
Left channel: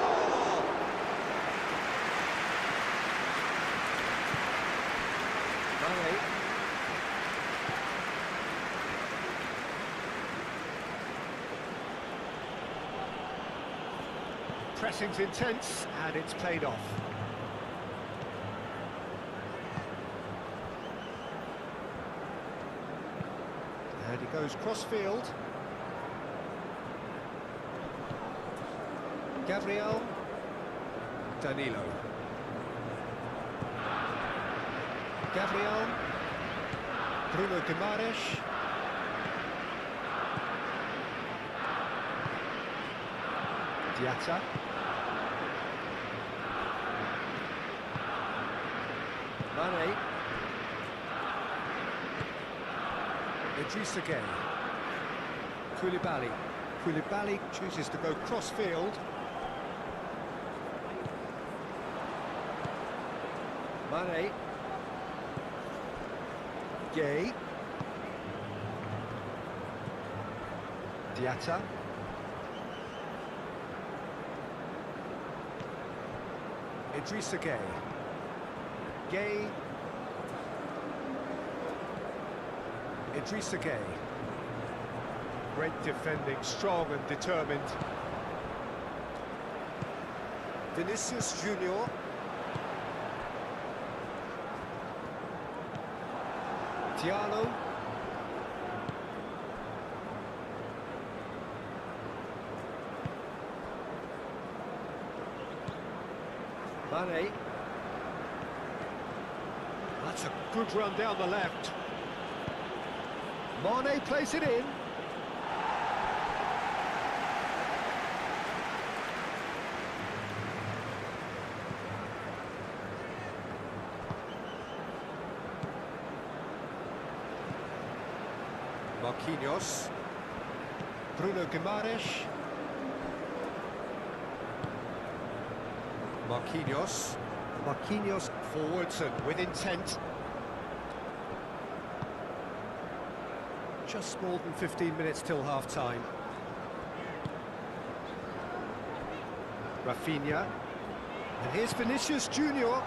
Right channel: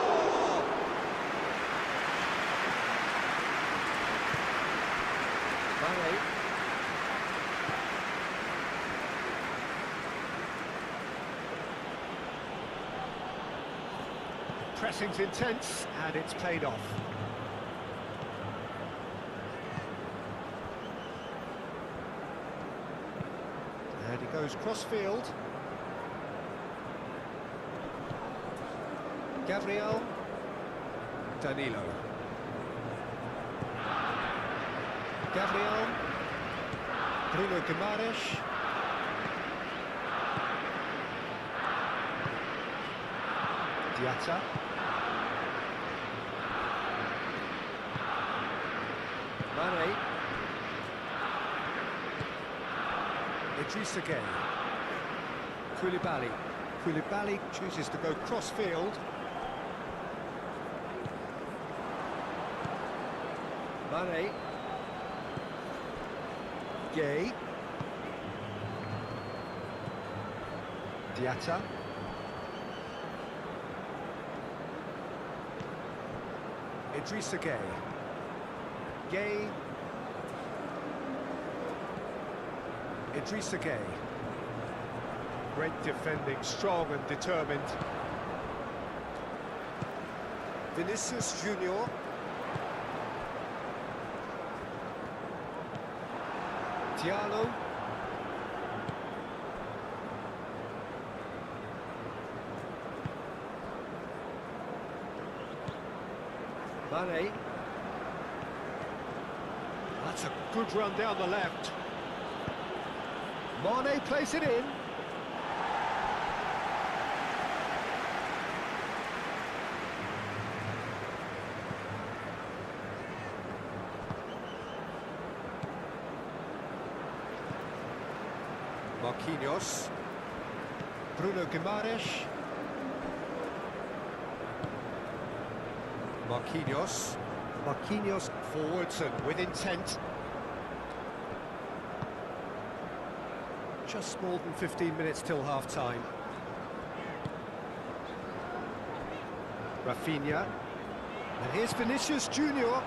Mane. Pressing's intense, and it's paid off. And he goes cross-field. Gabriel. Danilo. Gabriel. Bruno Guimaraes. Diatta. Mane. Idrissa Gueye. Koulibaly. Koulibaly chooses to go cross-field. Mane. Gueye. Diatta. Idrissa Gueye. Gueye. Idrissa Gueye. Great defending, strong and determined. Vinicius Junior. Diallo. Mane. That's a good run down the left. Mane plays it in. Marquinhos. Bruno Guimaraes. Marquinhos. Marquinhos forwards and with intent. Just more than 15 minutes till half-time. Rafinha. And here's Vinicius Junior.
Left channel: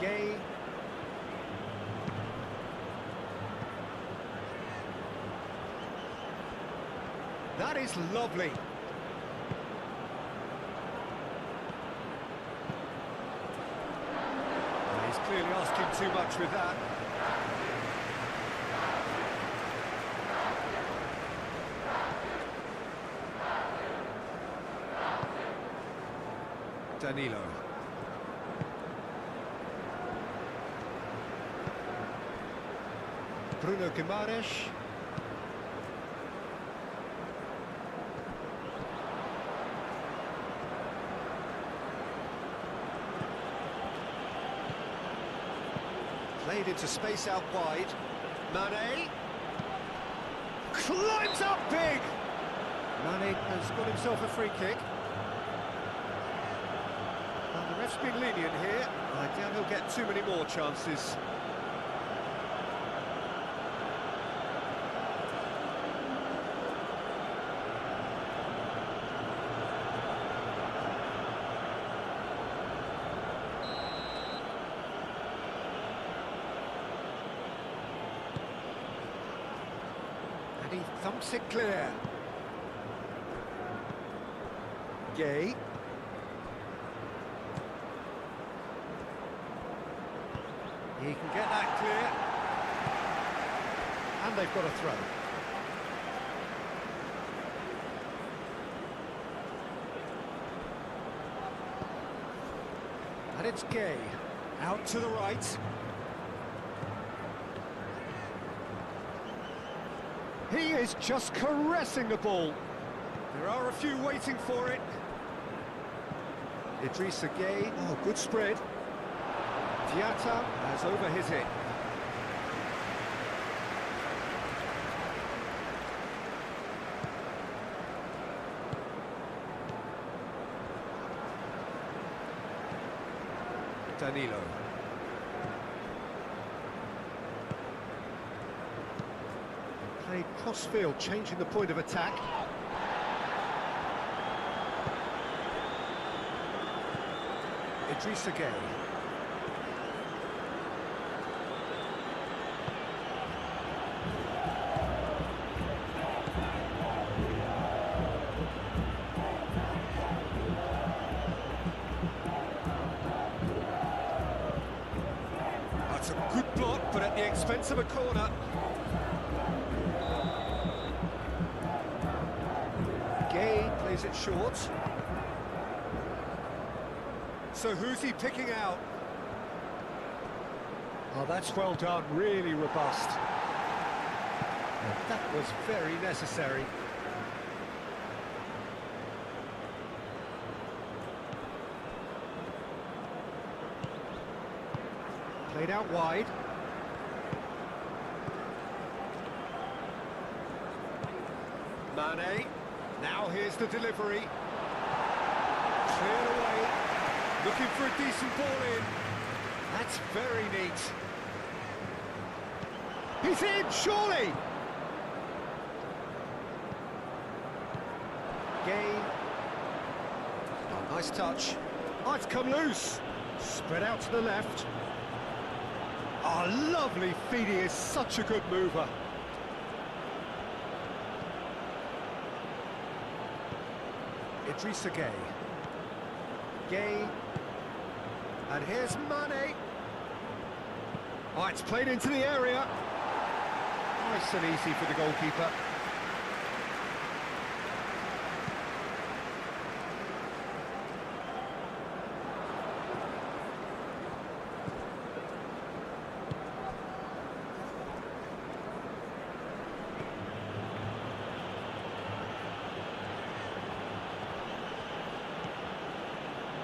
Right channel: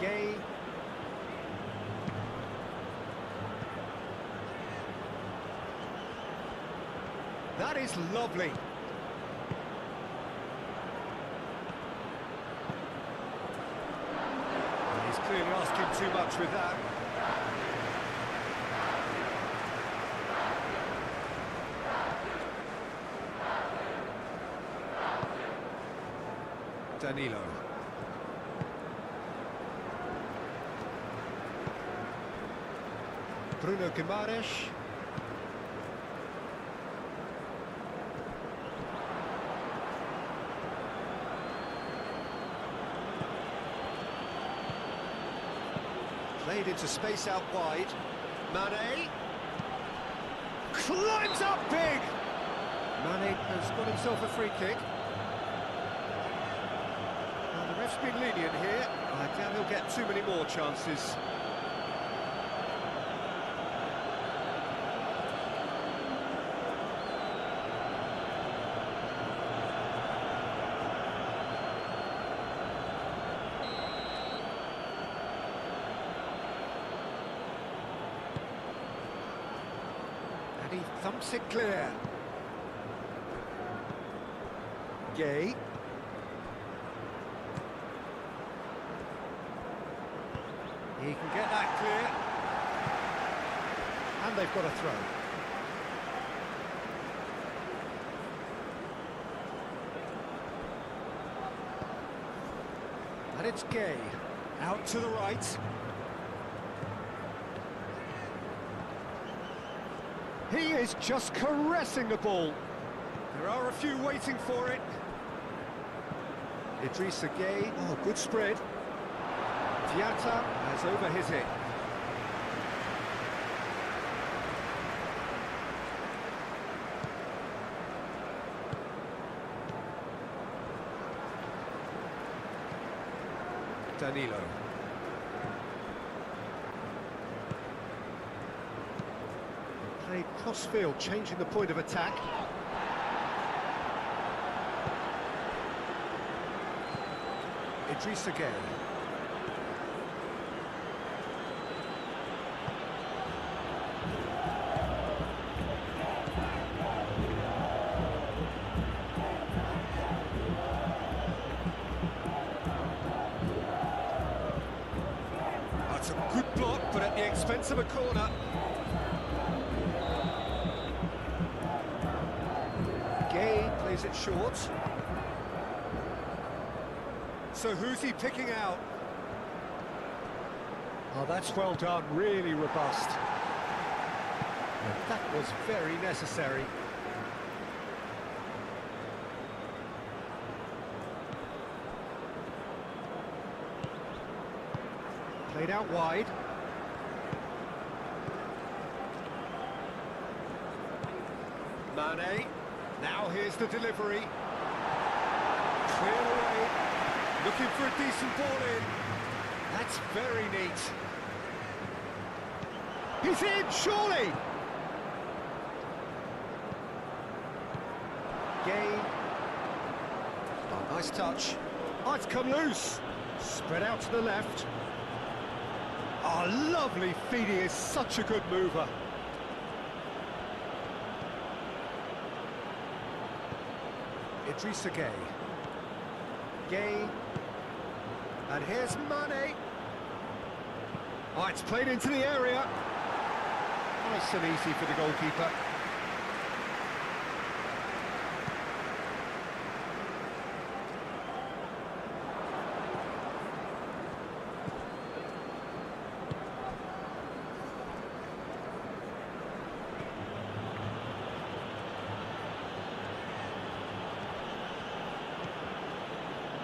Gueye. That is lovely. And he's clearly asking too much with that. Danilo. Bruno Guimaraes. Played into space out wide. Mane. Climbs up big! Mane has got himself a free kick. And the Ref's been lenient here. I doubt he'll get too many more chances. And he thumps it clear. Gay. He can get that clear. And they've got a throw. And it's Gay. Out to the right. He is just caressing the ball. There are a few waiting for it. Idrissa Gay, oh, good spread. Diatta has overhit it. Danilo. Played cross-field, changing the point of attack. Idrissa Gay. That's a good block, but at the expense of a corner. Gay plays it short. So who's he picking out? Oh, that's well done, really robust. And that was very necessary. Played out wide. Mane. Now here's the delivery. Cleared away. Looking for a decent ball in. That's very neat. He's in, surely! Gay. Oh, nice touch. Oh, it's come loose. Spread out to the left. Oh, lovely feed. He is such a good mover. Idrissa Gay. Gay. And here's Mane. Oh, it's played into the area. Nice and easy for the goalkeeper.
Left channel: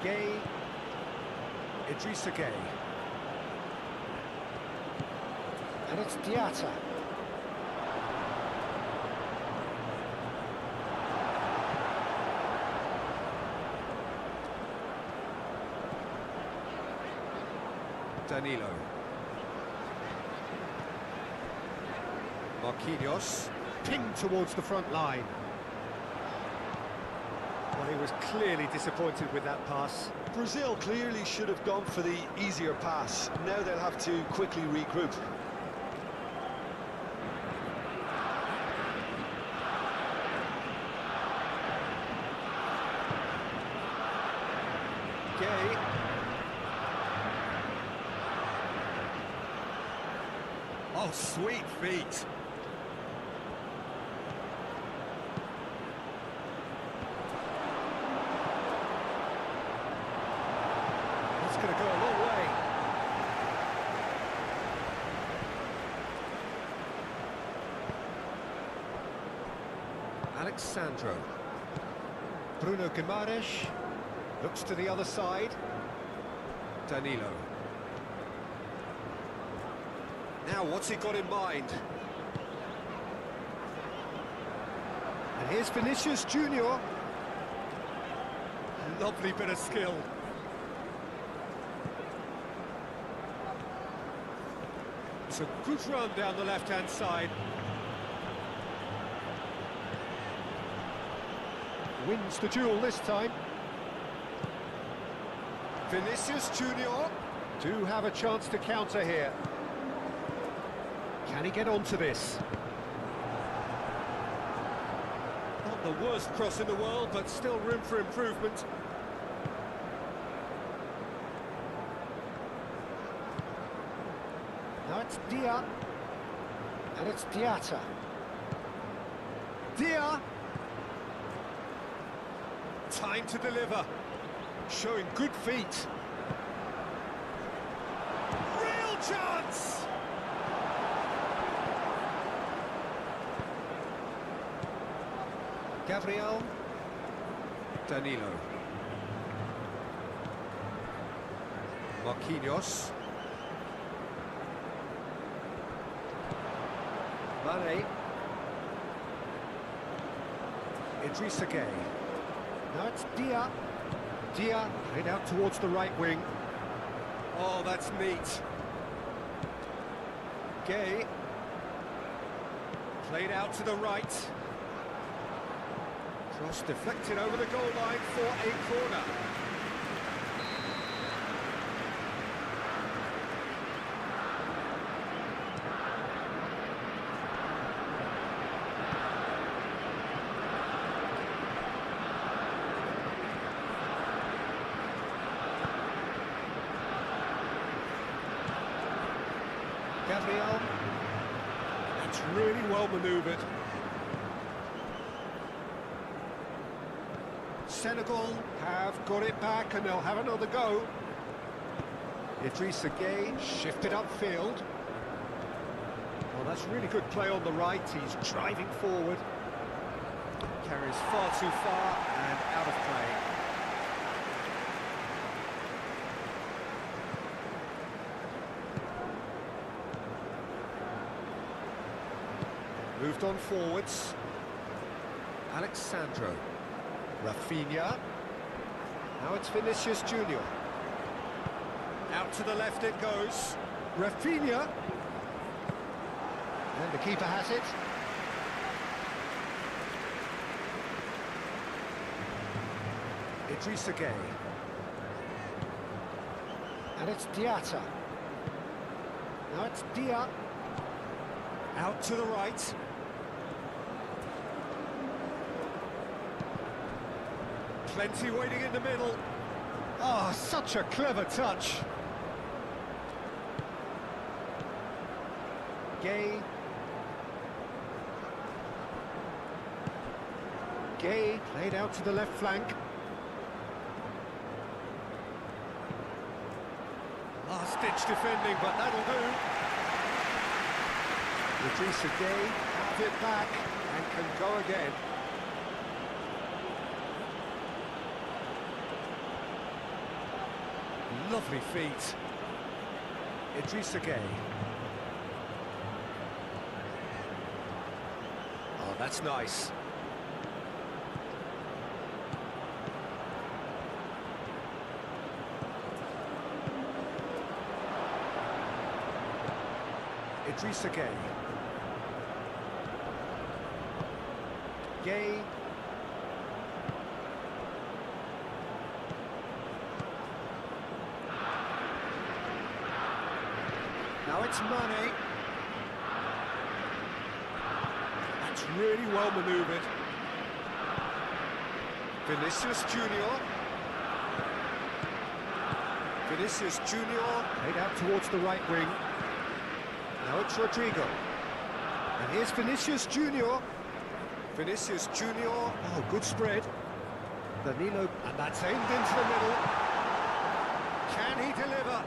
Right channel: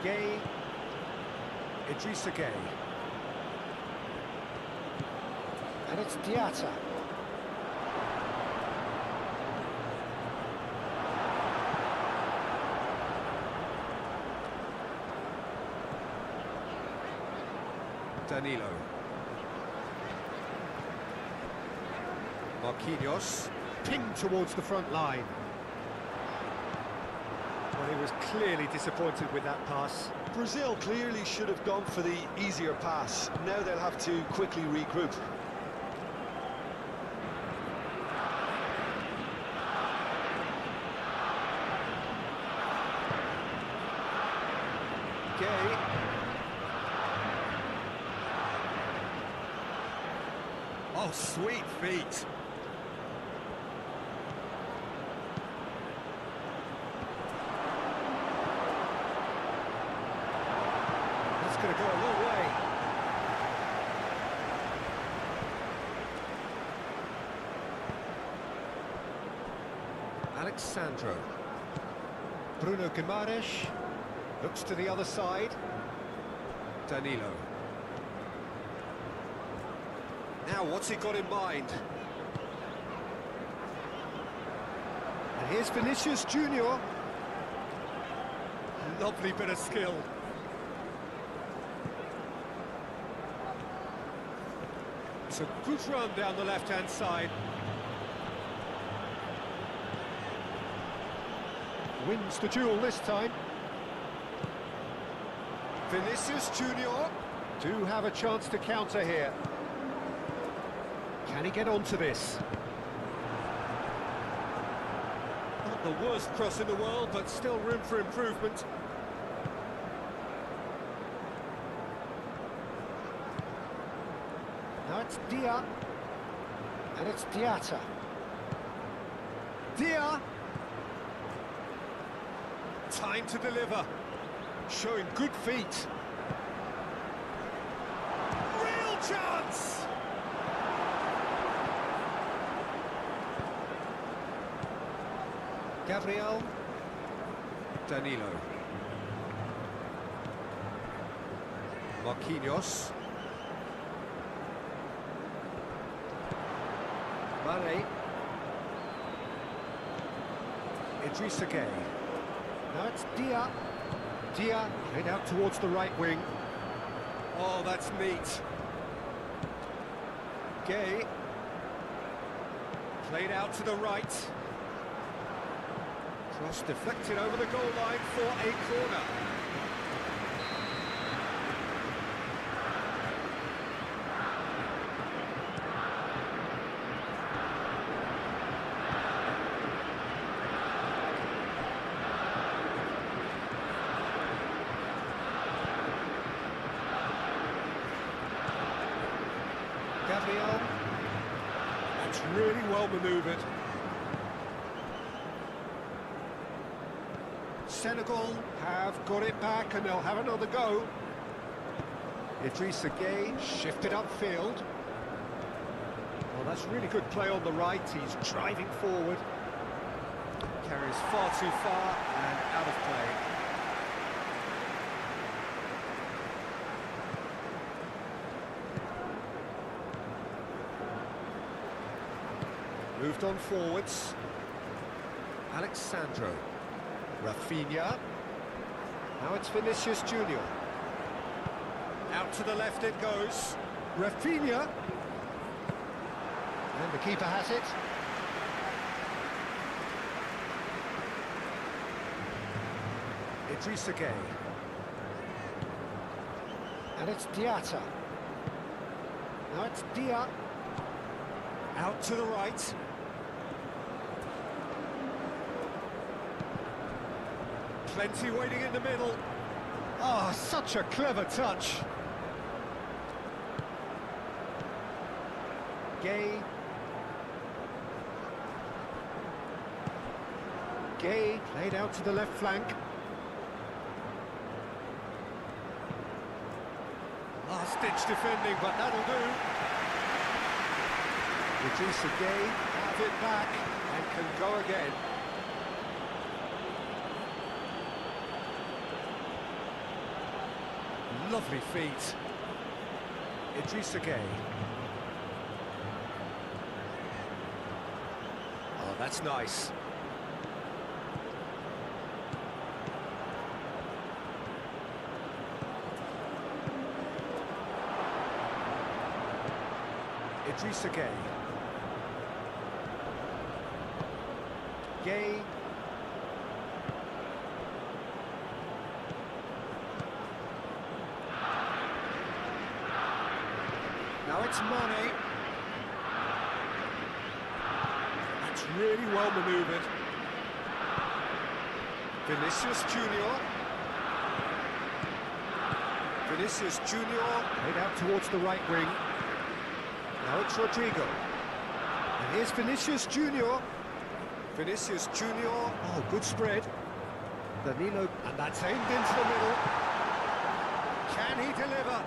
Gay. Idrissa Gay. And it's Diatta. Danilo. Marquinhos. Pinged towards the front line. Well, he was clearly disappointed with that pass. Brazil clearly should have gone for the easier pass. Now they'll have to quickly regroup. Gay. Oh, sweet feet. That's going to go a long way. Alexandro. Bruno Guimaraes looks to the other side. Danilo. Now, what's he got in mind? And here's Vinicius Junior. Lovely bit of skill. It's a good run down the left-hand side. Wins the duel this time. Vinicius Junior do have a chance to counter here. Can he get onto this? Not the worst cross in the world, but still room for improvement. Now it's Dia, and it's Diatta. Dia! Time to deliver. Showing good feet. Real chance! Gabriel. Danilo. Marquinhos. Mane. Idrissa Gueye. Now it's Dia. Dia played out towards the right wing. Oh, that's neat. Gueye. Played out to the right. Cross deflected over the goal line for a corner. Gabriel. That's really well manoeuvred. Senegal have got it back and they'll have another go. Idrissa Gueye shifted upfield. Well, that's really good play on the right. He's driving forward. Carries far too far and out of play. Moved on forwards. Alexandro. Rafinha. Now it's Vinicius Junior. Out to the left it goes. Rafinha. And the keeper has it. Idrissa Gueye. And it's Diatta. Now it's Dia. Out to the right. Plenty waiting in the middle. Oh, such a clever touch. Gueye. Gueye played out to the left flank. Last-ditch defending, but that'll do. Idrissa Gueye have it back and can go again. Lovely feet. Idrissa Gueye. Oh, that's nice. Idrissa Gueye. Gueye. Now it's Mane. That's really well manoeuvred. Vinicius Junior. Vinicius Junior played out towards the right wing. Now it's Rodrigo. And here's Vinicius Junior. Vinicius Junior. Oh, good spread. Danilo. And that's aimed into the middle. Can he deliver?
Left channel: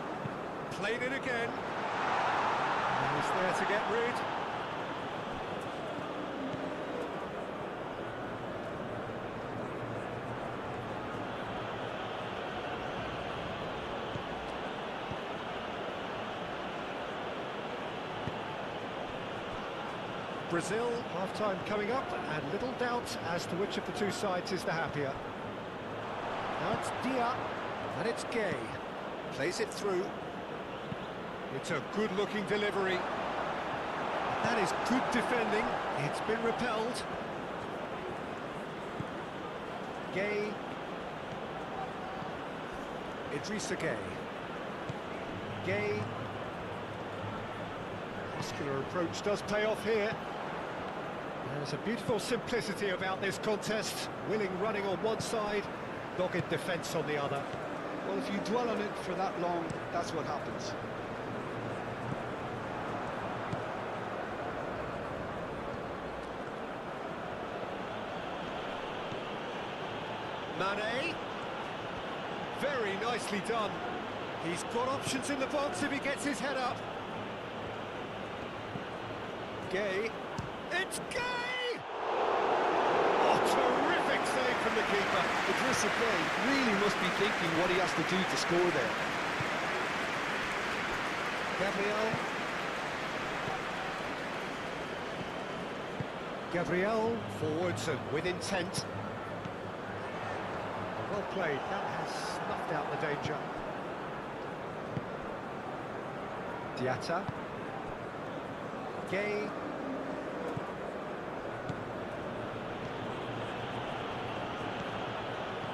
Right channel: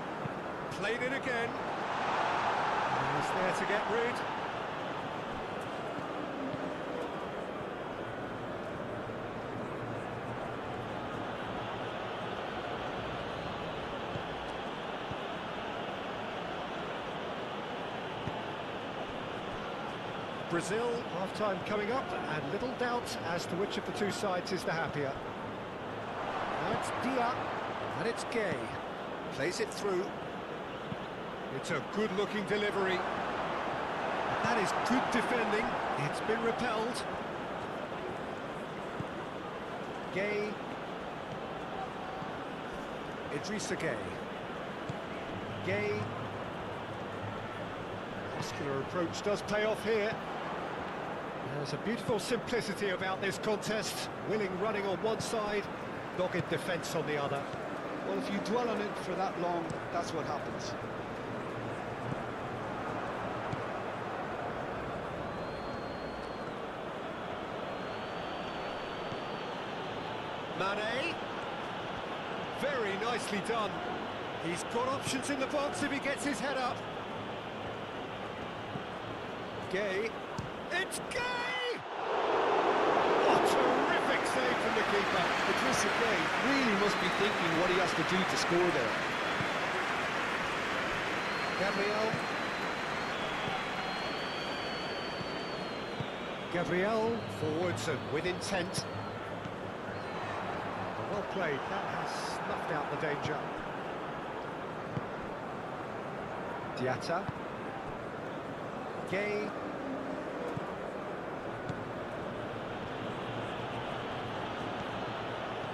Played it again. He's there to get rid. Brazil, half-time coming up, and little doubt as to which of the two sides is the happier. Now it's Dia, and it's Gueye. Plays it through. It's a good-looking delivery. That is good defending. It's been repelled. Gay. Idrissa Gay. Gay. Muscular approach does pay off here. There's a beautiful simplicity about this contest. Willing running on one side, dogged defence on the other. Well, if you dwell on it for that long, that's what happens. Mane. Very nicely done. He's got options in the box if he gets his head up. Gay. It's Gay! Oh, terrific save from the keeper. Idrissa Gay really must be thinking what he has to do to score there. Gabriel forwards and with intent. Well played, that has snuffed out the danger. Diatta. Gay.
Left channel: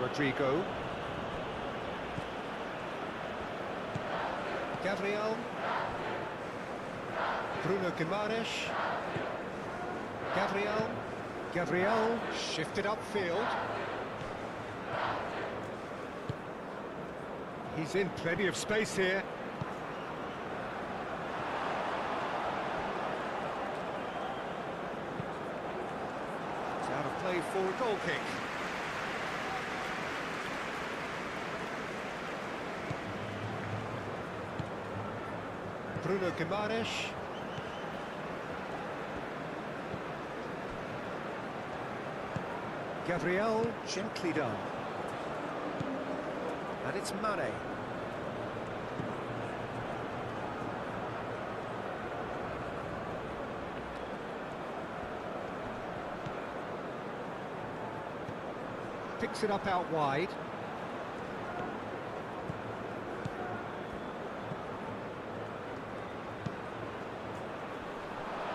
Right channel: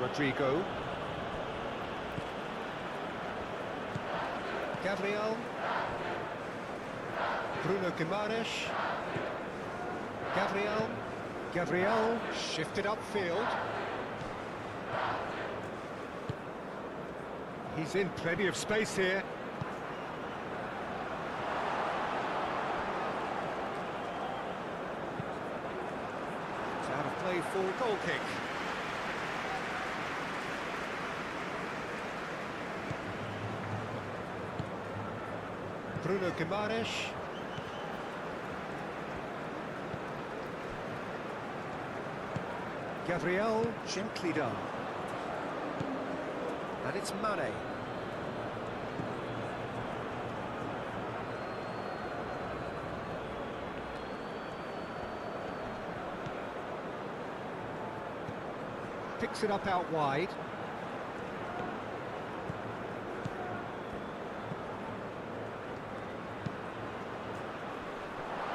Rodrigo. Gabriel. Bruno Guimaraes. Gabriel shifted upfield. He's in plenty of space here. It's out of play for a goal kick. Bruno Guimaraes. Gabriel, gently done. And it's Mane. Picks it up out wide.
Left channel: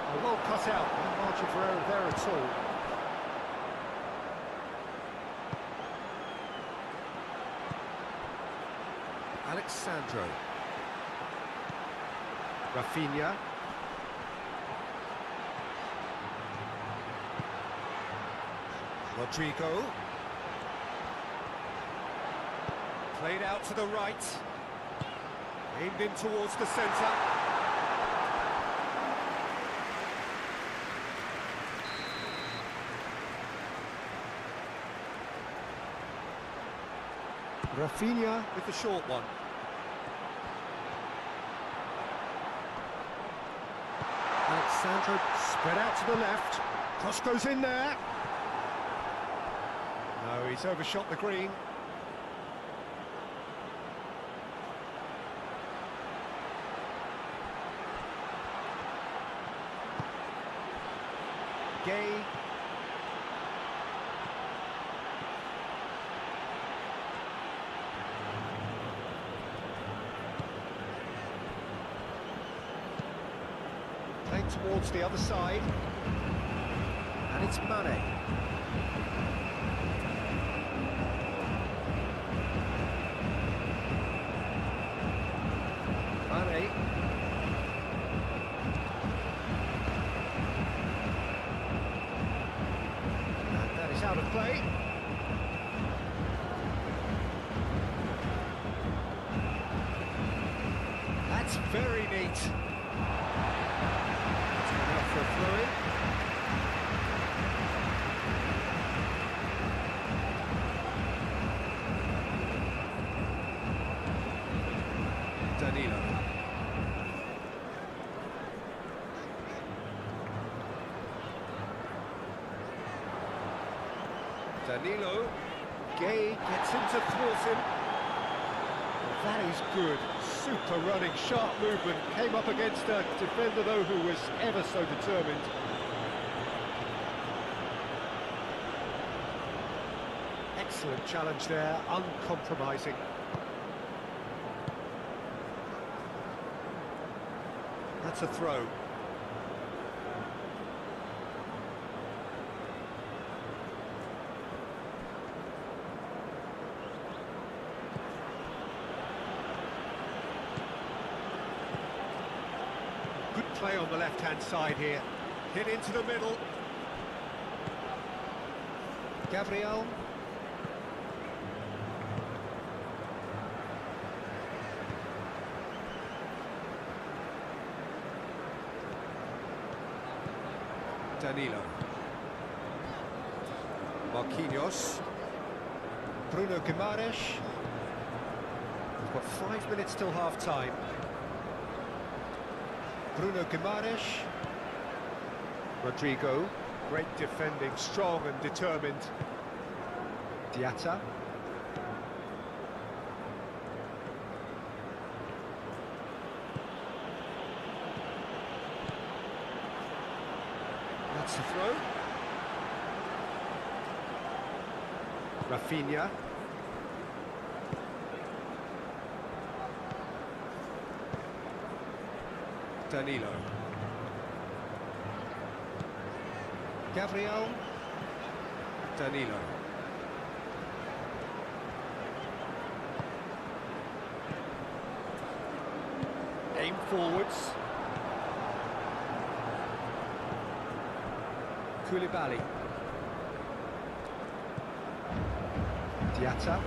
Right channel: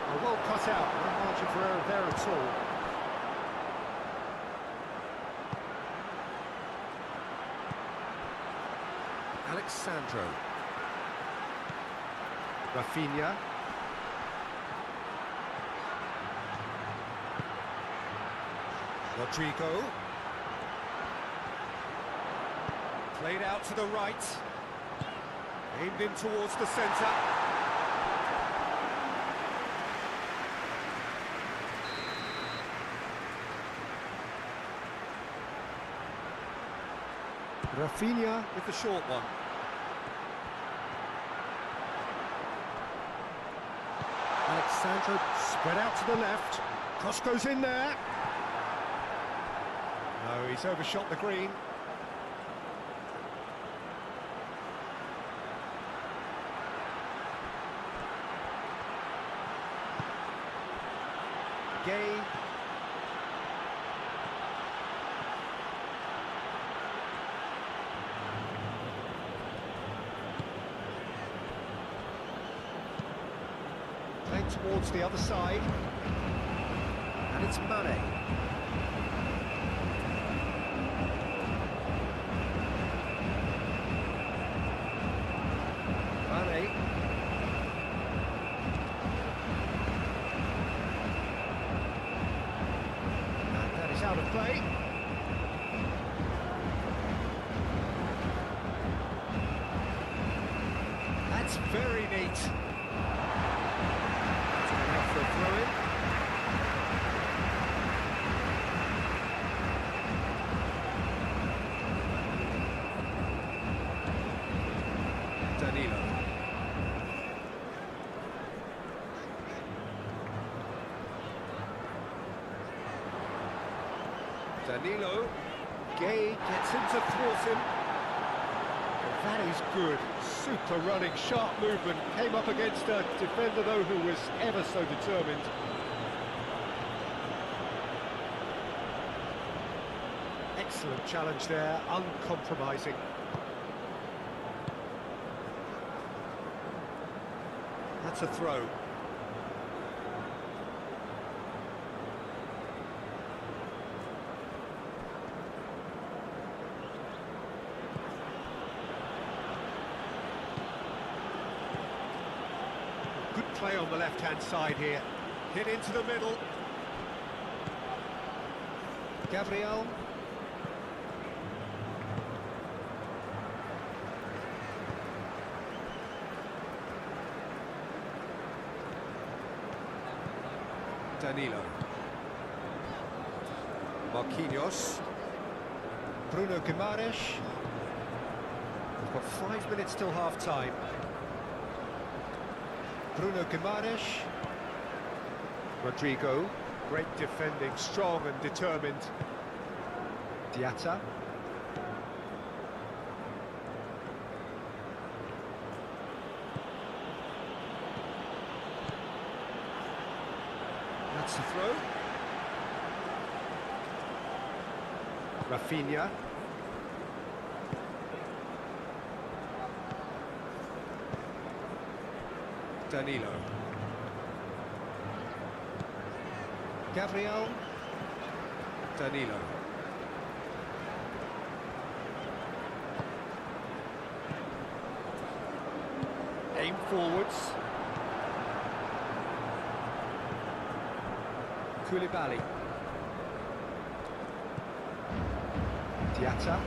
Oh, well cut out, no margin for error there at all. Alexandro. Rafinha. Rodrigo. Played out to the right. Aimed in towards the centre. Rafinha with the short one. Alexandro spread out to the left. Cross goes in there. No, he's overshot the green. Gay. Playing towards the other side. And it's Mane. Mane. And that is out of play. That's very neat. It's gone out for a throw-in. Danilo. Danilo. Gay gets him to thwart him. Well, that is good. Super running, sharp movement. Came up against a defender, though, who was ever so determined. Excellent challenge there, uncompromising. That's a throw. Good play on the left-hand side here. Hit into the middle. Gabriel. Danilo. Marquinhos. Bruno Guimaraes. We've got 5 minutes till half-time. Bruno Guimaraes. Rodrigo. Great defending, strong and determined. Diatta. That's the throw. Rafinha. Danilo. Gabriel. Danilo. Aim forwards. Koulibaly. Diatta.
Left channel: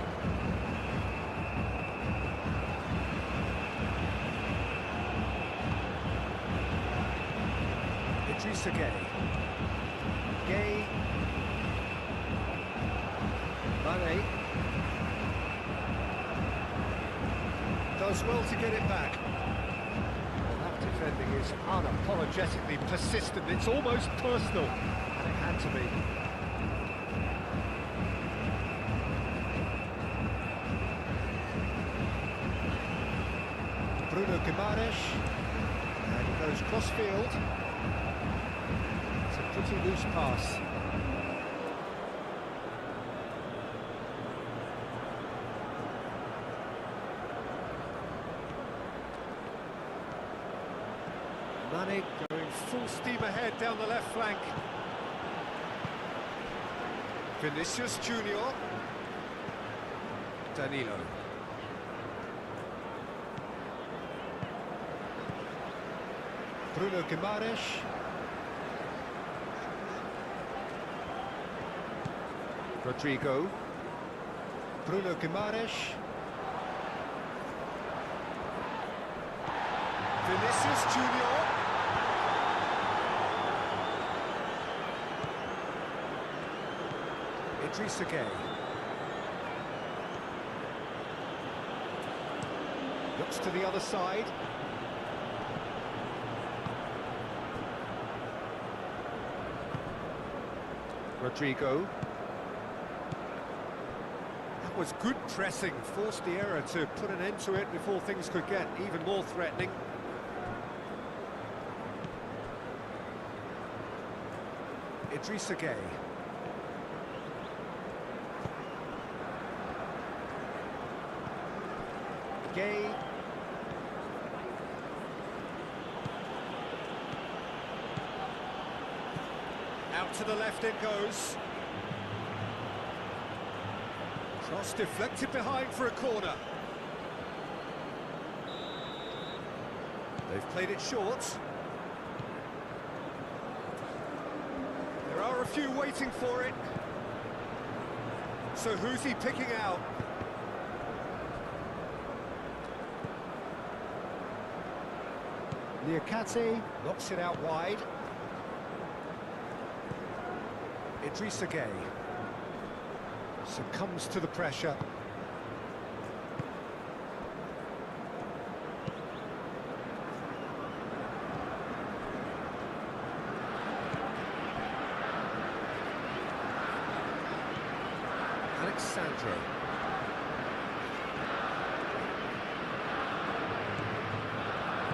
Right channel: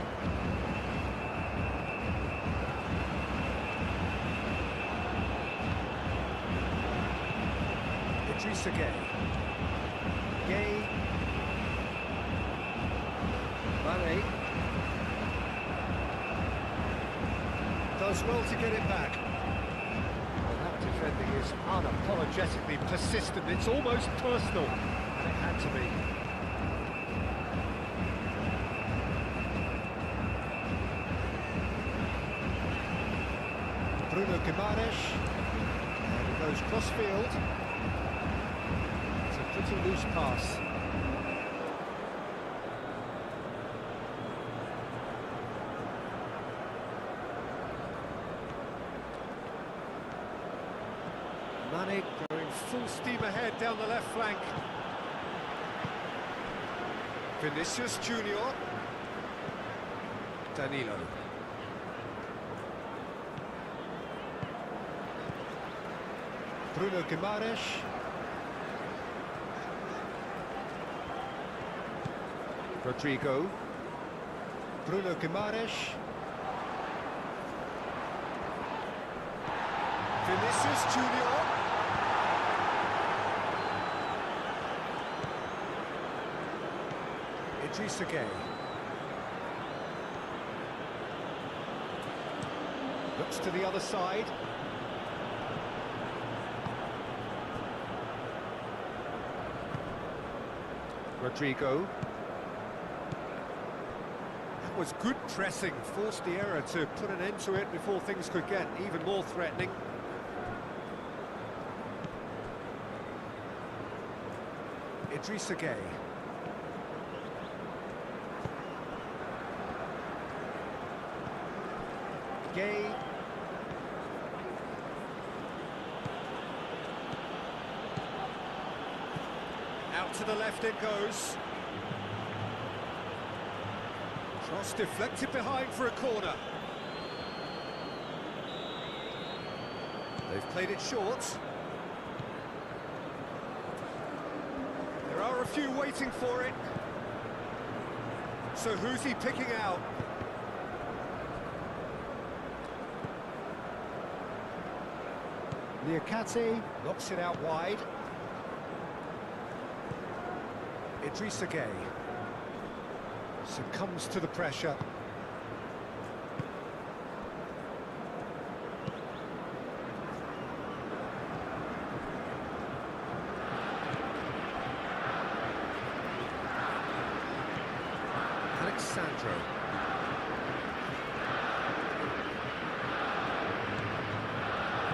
Idrissa Gueye. Gay. Mane. Does well to get it back. Well, that defending is unapologetically persistent. It's almost personal. And it had to be. Bruno Guimaraes. And it goes cross-field. It's a pretty loose pass. Mane going full steam ahead down the left flank. Vinicius Junior. Danilo. Bruno Guimaraes. Rodrigo. Bruno Guimaraes. Vinicius Junior. Idrissa Gueye. Looks to the other side. Rodrigo. That was good pressing, forced the error to put an end to it before things could get even more threatening. Idrissa Gueye. Gueye. Out to the left it goes. Cross deflected behind for a corner. They've played it short. There are a few waiting for it. So who's he picking out? Niakate knocks it out wide. Idrissa Gueye succumbs to the pressure. Alexandro.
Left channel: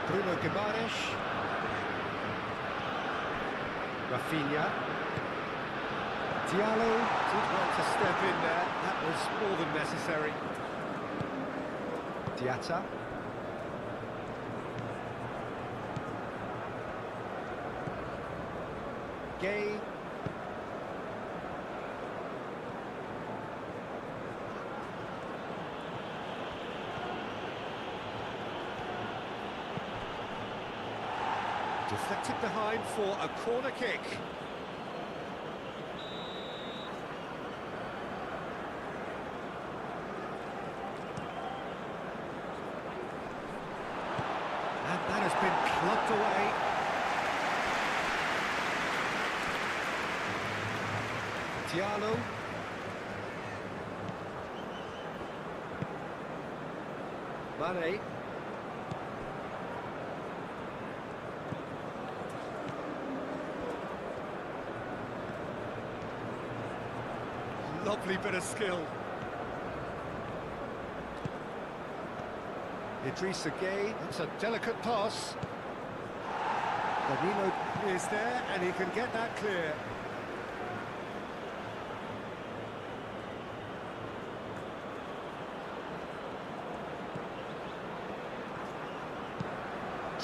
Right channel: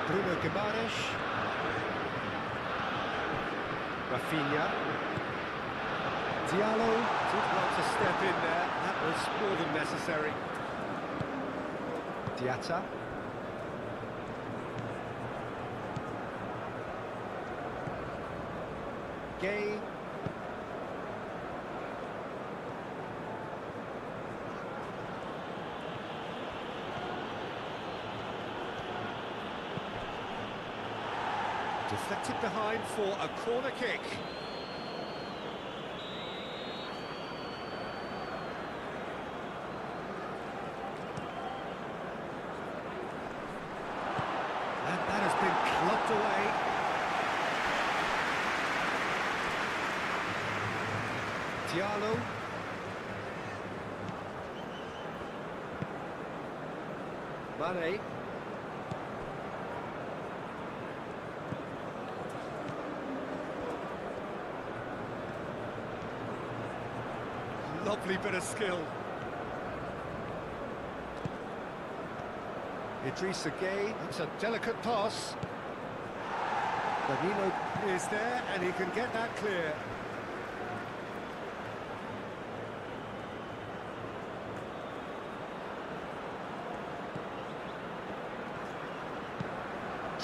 Bruno Guimaraes. Rafinha. Diallo did well to step in there. That was more than necessary. Diatta. Gay. Deflected behind for a corner kick. And that has been clubbed away. Diallo. Mane. Lovely bit of skill. Idrissa Gueye, it's a delicate pass. Danilo is there and he can get that clear.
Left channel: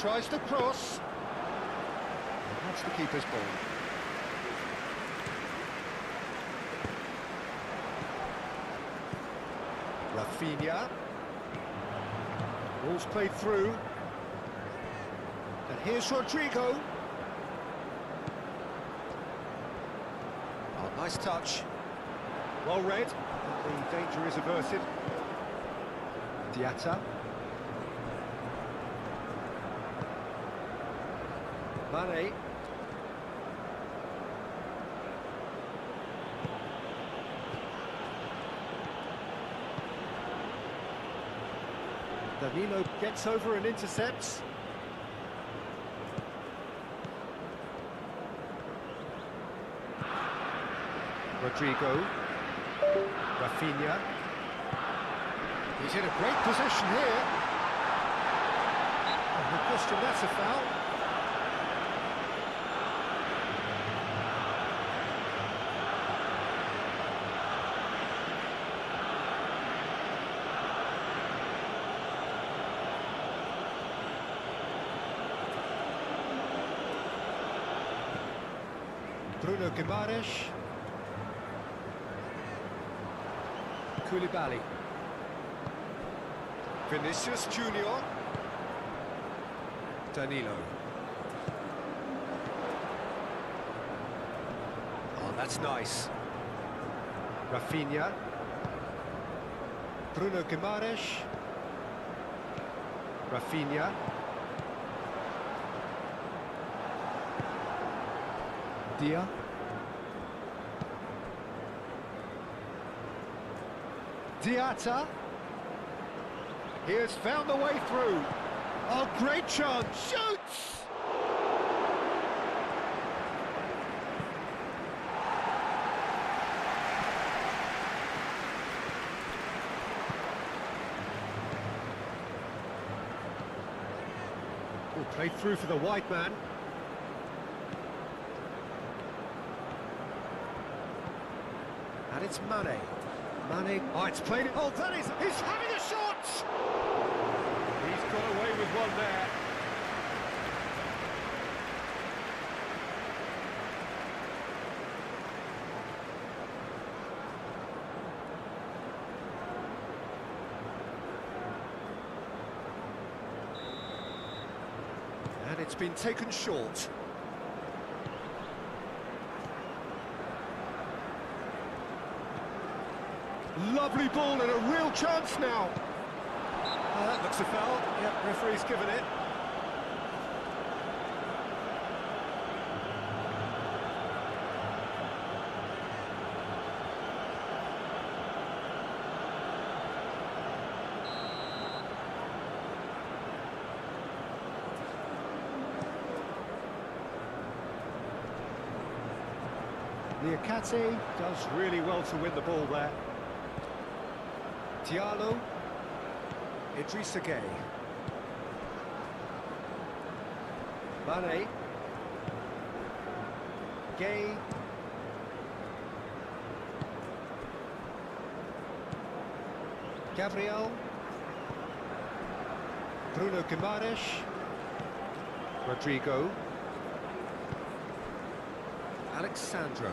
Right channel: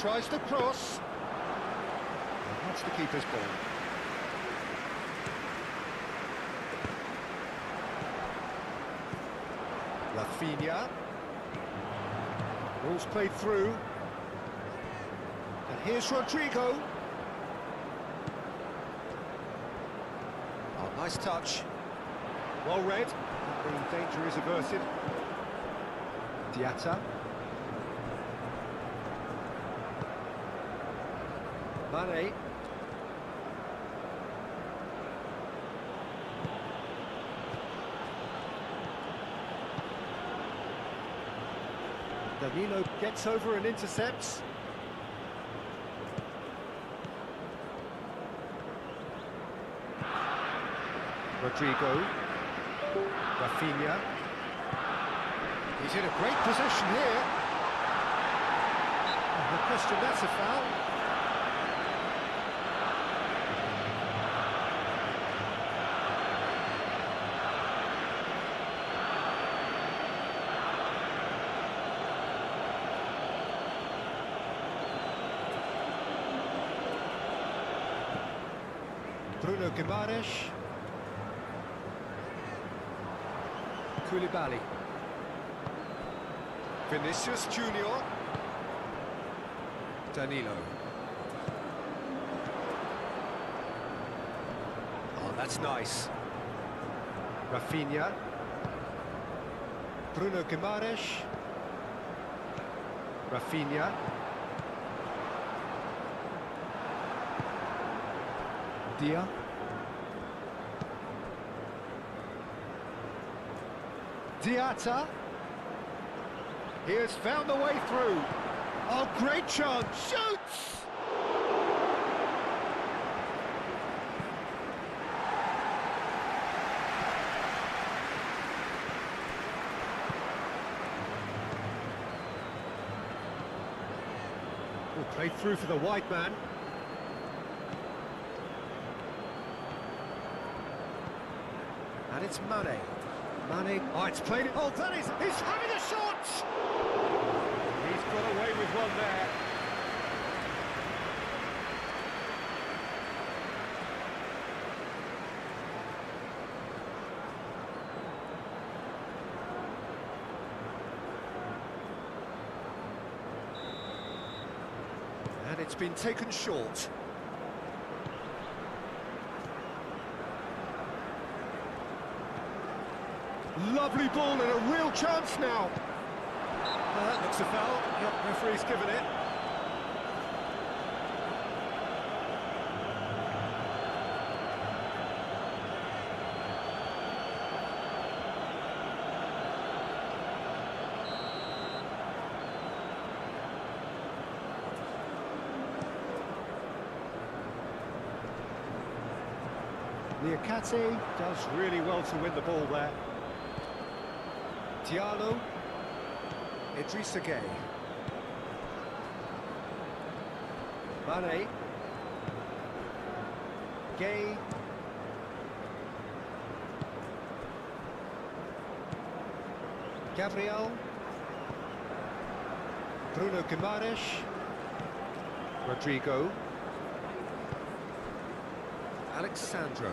Tries to cross. That's the keeper's ball. Rafinha. Ball's played through. And here's Rodrigo. Oh, nice touch. Well read. And the danger is averted. Diatta. Mane. Danilo gets over and intercepts. Rodrigo. Rafinha. He's in a great position here. No question, that's a foul. Bruno Guimaraes. Koulibaly. Vinicius Junior. Danilo. Oh, that's nice. Rafinha. Bruno Guimaraes. Rafinha. Dia. Diatta. He has found the way through. Oh, great chance. Shoots! Oh, played through for the white man. And it's Mane. Mane. Oh, it's played it. Oh, that is. He's having a shot! He's got away with one there. And it's been taken short. Lovely ball and a real chance now. That looks a foul. Yep, referee's given it. Niakate does really well to win the ball there. Diallo. Idrissa Gueye. Mane. Gueye. Gabriel. Bruno Guimaraes. Rodrigo. Alexandro.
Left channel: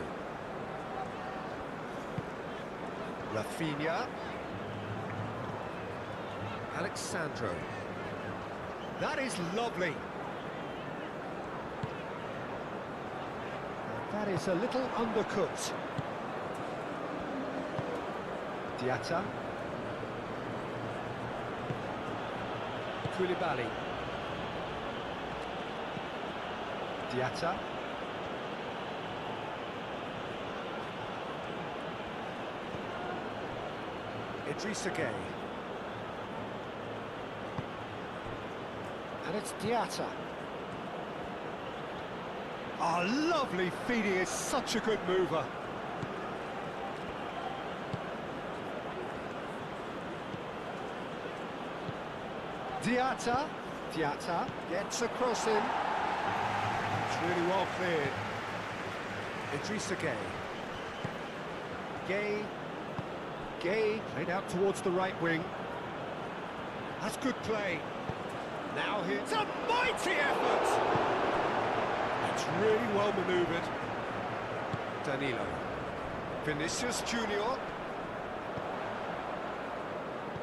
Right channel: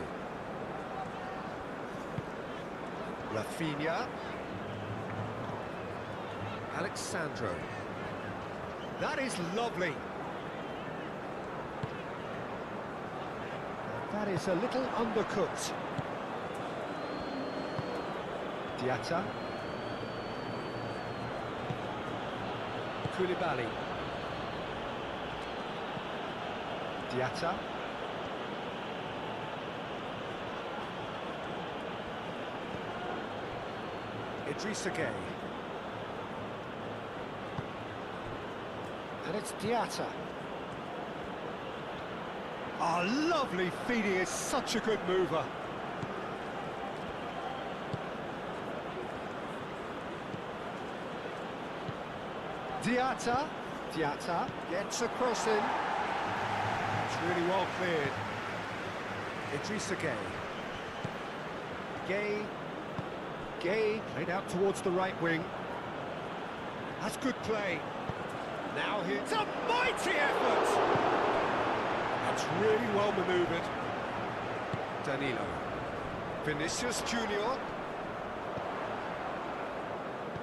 Rafinha. Alexandro. That is lovely. That is a little undercooked. Diatta. Koulibaly. Diatta. Idrissa Gueye. And it's Diatta. Oh, lovely feed, he is such a good mover. Diatta gets across him. It's really well cleared. Idrissa Gueye. Gueye played out towards the right wing. That's good play. Now here's a mighty effort! That's really well manoeuvred. Danilo. Vinicius Junior.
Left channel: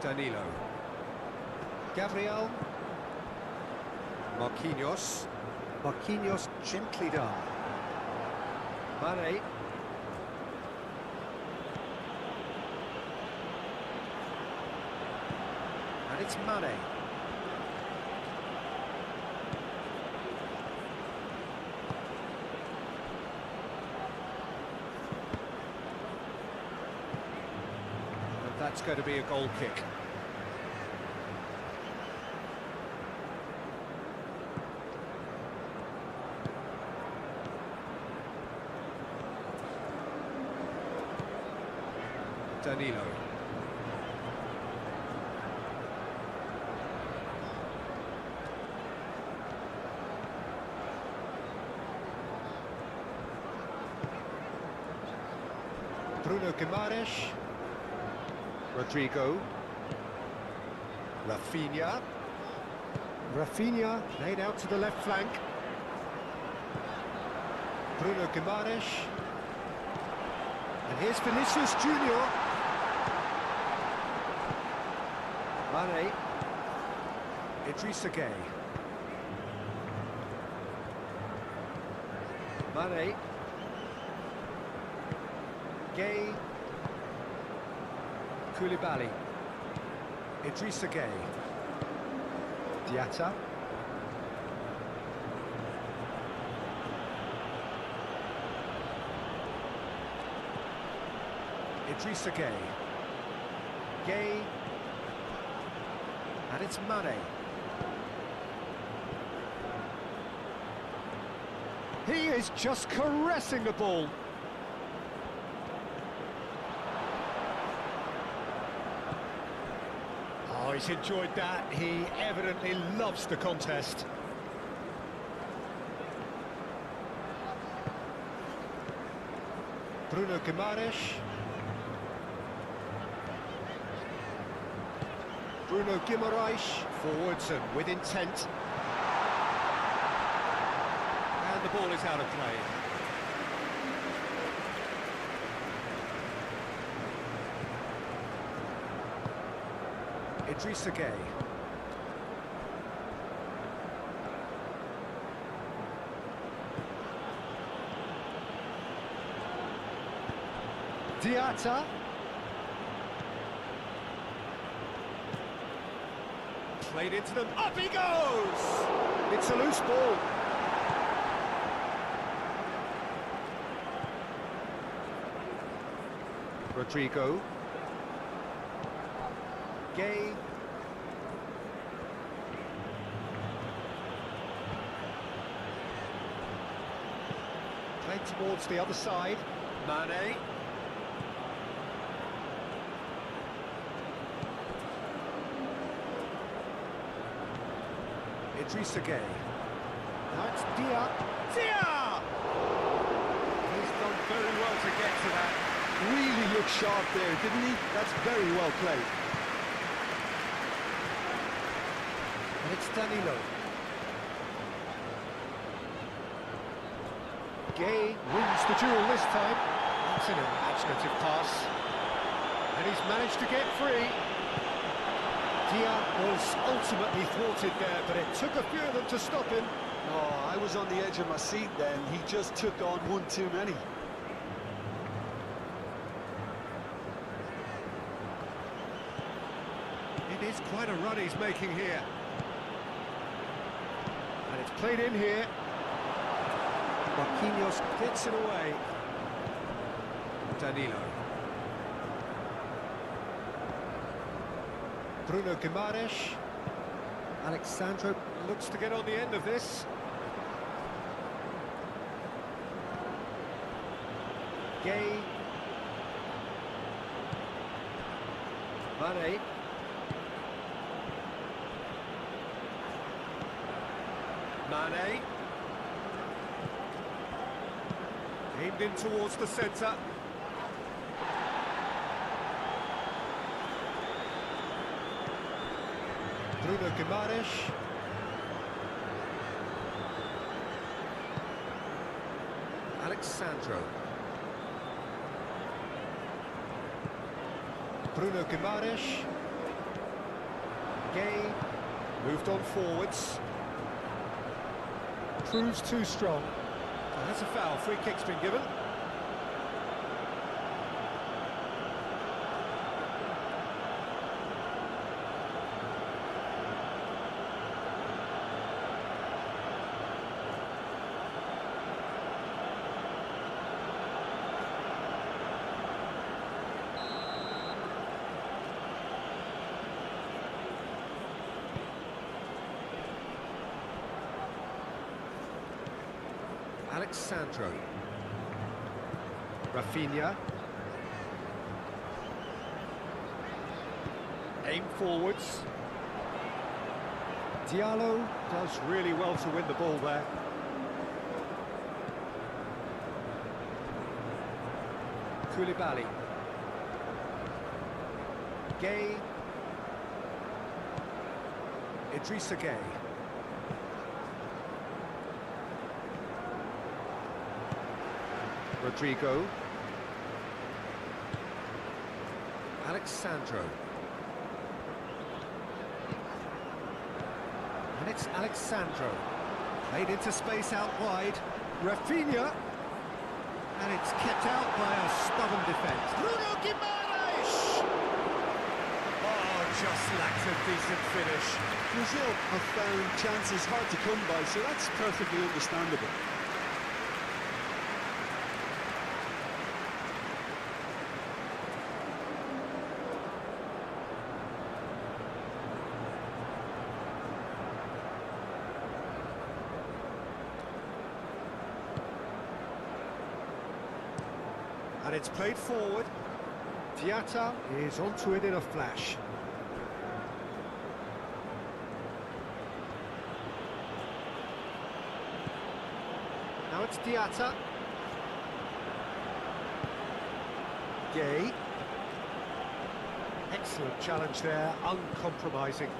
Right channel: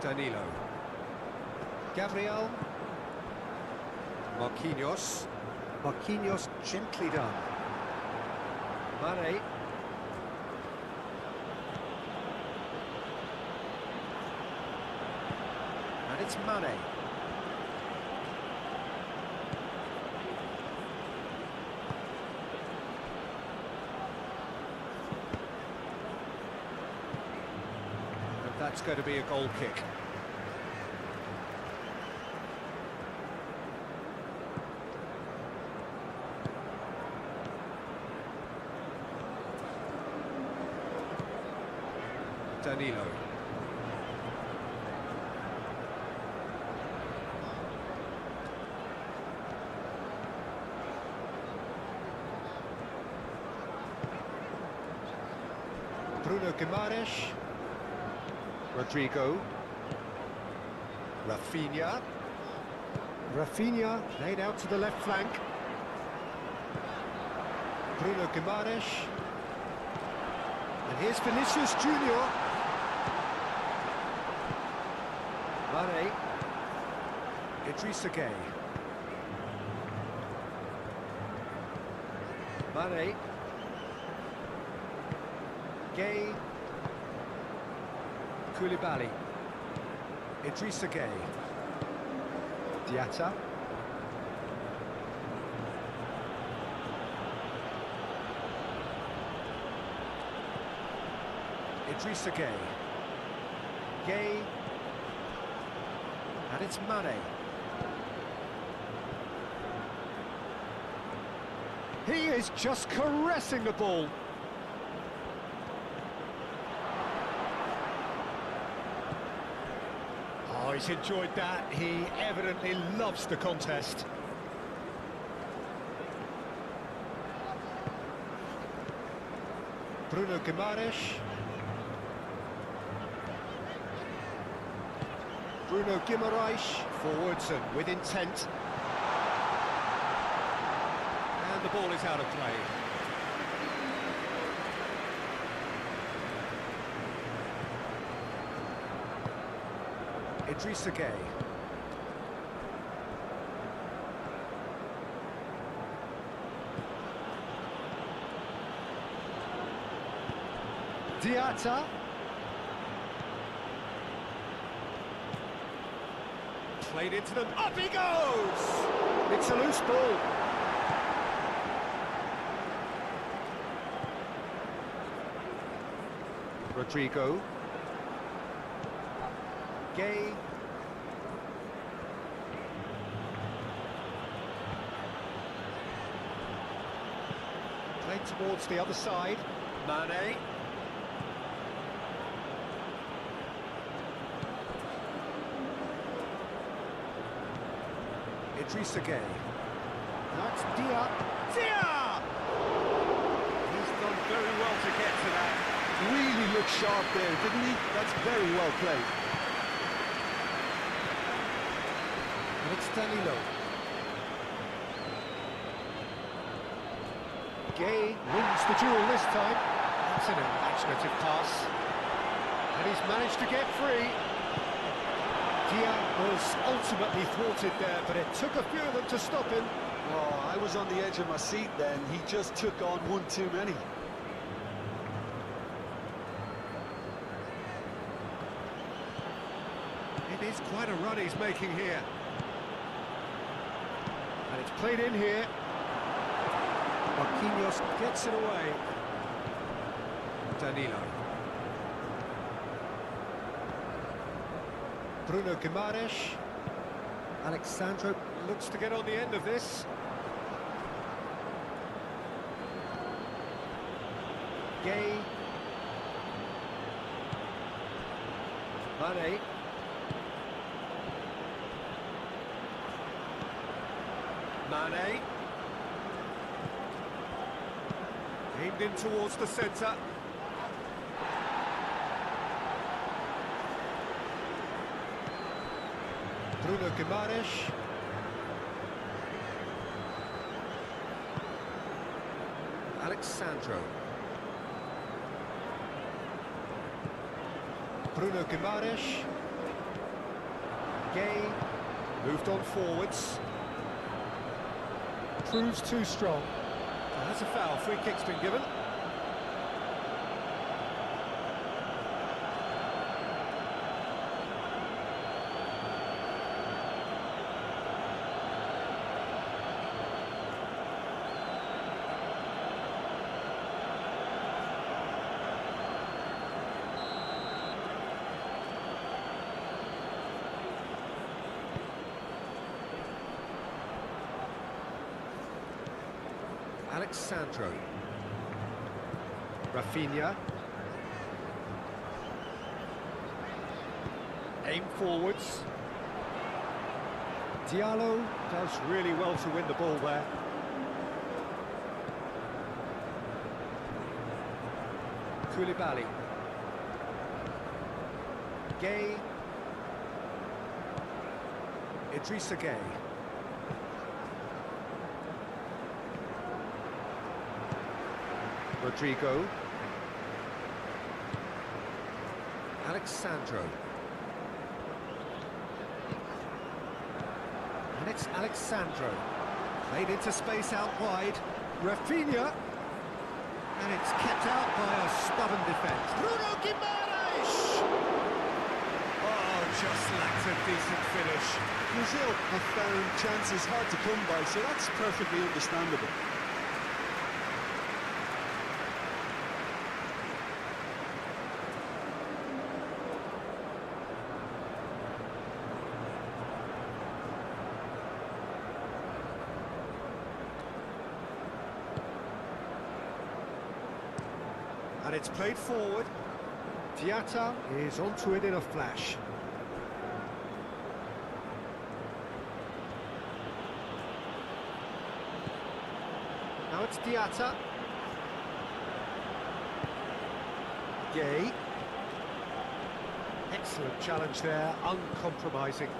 Danilo. Gabriel. Marquinhos. Marquinhos gently done. Mane. And it's Mane. And that's going to be a goal kick. Danilo. Bruno Guimaraes. Rodrigo. Rafinha. Rafinha laid out to the left flank. Bruno Guimaraes. And here's Vinicius Junior. Mane. Idrissa Gueye. Mane. Gueye. Koulibaly. Idrissa Gueye. Diatta. Idrissa Gueye. Gueye. And it's Mane. He is just caressing the ball. Oh, he's enjoyed that. He evidently loves the contest. Bruno Guimaraes. Bruno Guimaraes forwards and with intent. And the ball is out of play. Idrissa Gueye. Diatta. Played into them. Up he goes! It's a loose ball. Rodrigo. Gueye. Played towards the other side. Mane. Idrissa Gueye. Now it's Dia. He's done very well to get to that. Really looked sharp there, didn't he? That's very well played. And it's Danilo. Gay wins the duel this time. That's an imaginative pass. And he's managed to get free. Dia was ultimately thwarted there, but it took a few of them to stop him. Oh, I was on the edge of my seat then. He just took on one too many. It is quite a run he's making here. And it's played in here. Marquinhos gets it away. Danilo. Bruno Guimaraes. Alexandro looks to get on the end of this. Gay. Mane. Mane. Aimed in towards the centre. Bruno Guimaraes. Alexandro. Bruno Guimaraes. Gay. Moved on forwards. Proves too strong. Well, that's a foul. Free kick's been given. Alexandro. Rafinha. Aim forwards. Diallo does really well to win the ball there. Koulibaly. Gay. Idrissa Gay. Rodrigo. Alexandro. And it's Alexandro. Played into space out wide. Rafinha. And it's kept out by a stubborn defence. Bruno Guimaraes! Oh, just lacked a decent finish. Brazil have found chances hard to come by, so that's perfectly understandable. And it's played forward. Diatta is onto it in a flash. Now it's Diatta. Gay. Excellent challenge there, uncompromising.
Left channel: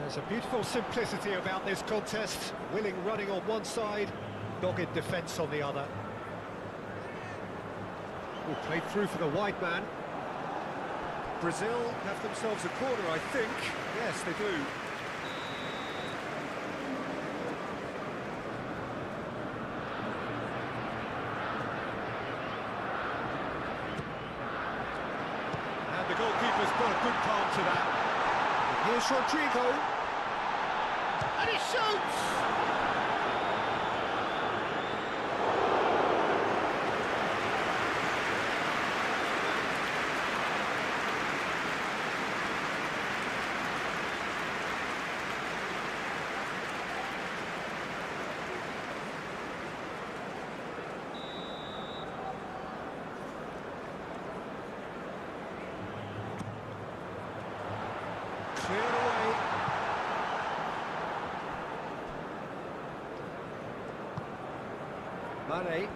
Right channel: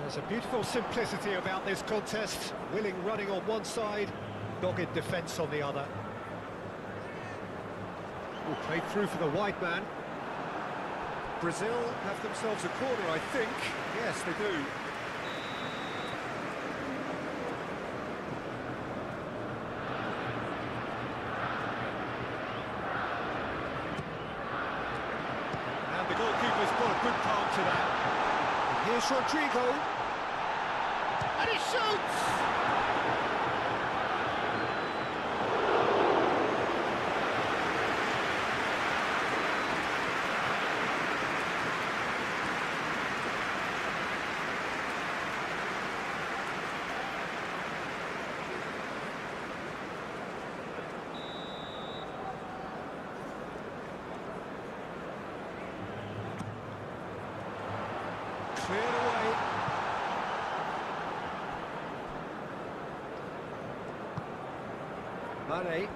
There's a beautiful simplicity about this contest. Willing running on one side, dogged defence on the other. Oh, played through for the wide man. Brazil have themselves a corner, I think. Yes, they do. And the goalkeeper's got a good palm to that. And here's Rodrigo. And he shoots! Cleared away. Mane.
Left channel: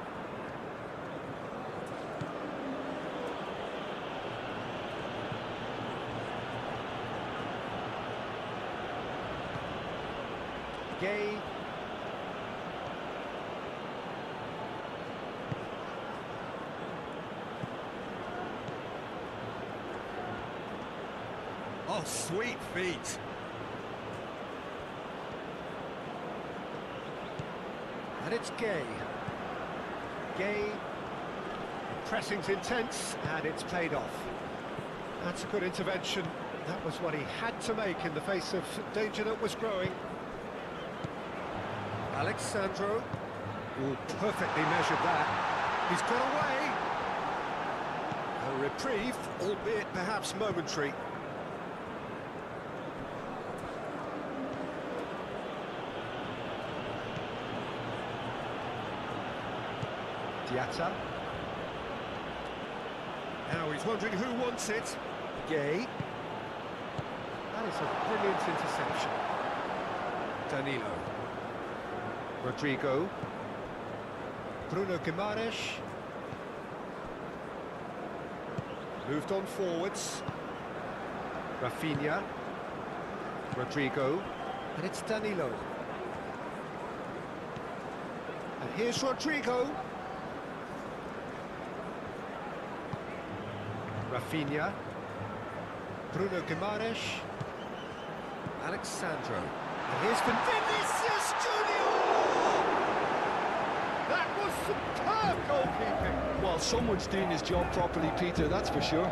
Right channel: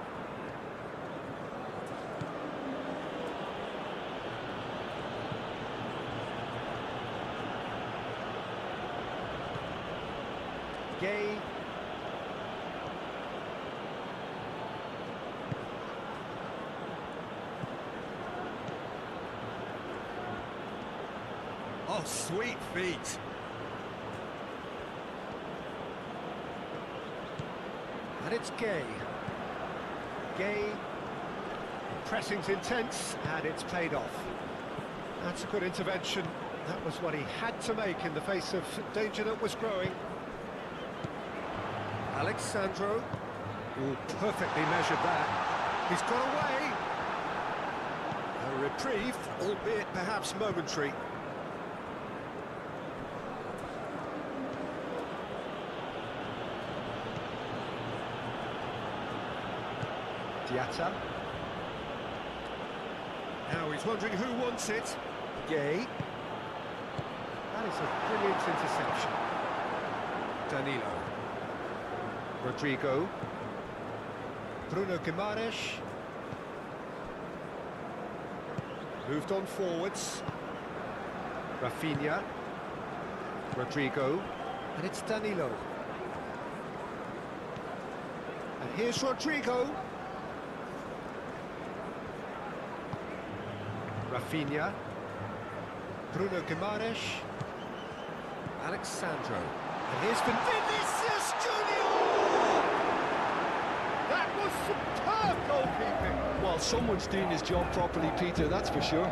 Gay. Oh, sweet feet. And it's Gay. Gay. Pressing's intense, and it's paid off. That's a good intervention. That was what he had to make in the face of danger that was growing. Alexandro. Oh, perfectly measured that. He's got away. A reprieve, albeit perhaps momentary. Diatta. Now he's wondering who wants it. Gay. That is a brilliant interception. Danilo. Rodrigo. Bruno Guimaraes. Moved on forwards. Rafinha. Rodrigo. And it's Danilo. And here's Rodrigo. Rafinha. Bruno Guimaraes. Alexandro. And here's Vinicius Junior! That was superb goalkeeping! Well, someone's doing his job properly, Peter, that's for sure.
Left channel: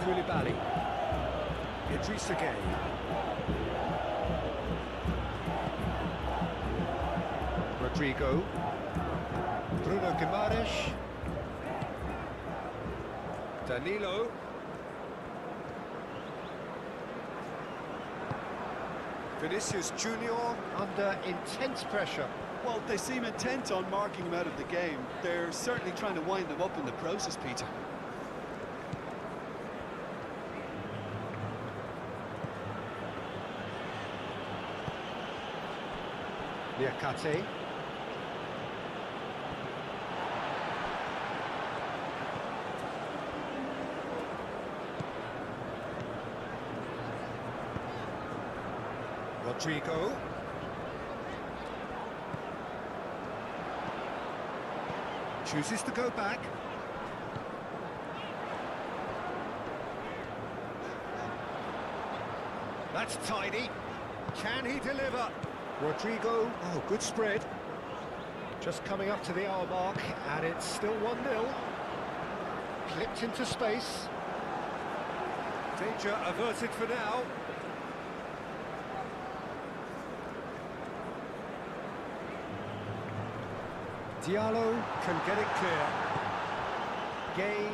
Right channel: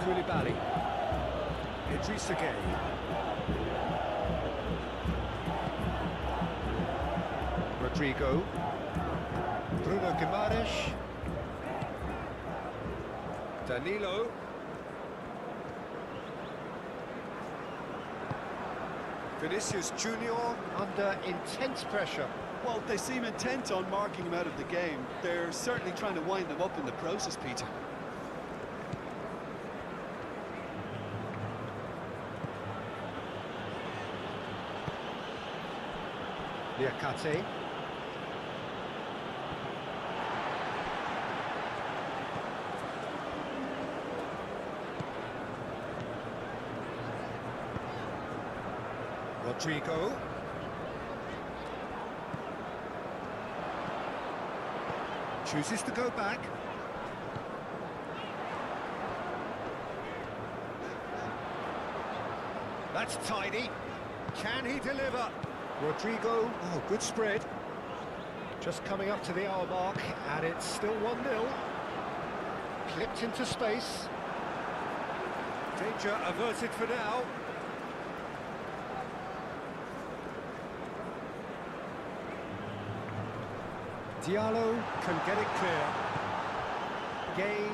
Koulibaly. Idrissa Gueye. Rodrigo. Bruno Guimaraes. Danilo. Vinicius Junior under intense pressure. Well, they seem intent on marking him out of the game. They're certainly trying to wind him up in the process, Peter. Liakate. Rodrigo. Chooses to go back. That's tidy. Can he deliver? Rodrigo, oh, good spread. Just coming up to the hour mark, and it's still 1-0. Clipped into space. Danger averted for now. Diallo can get it clear. Gay.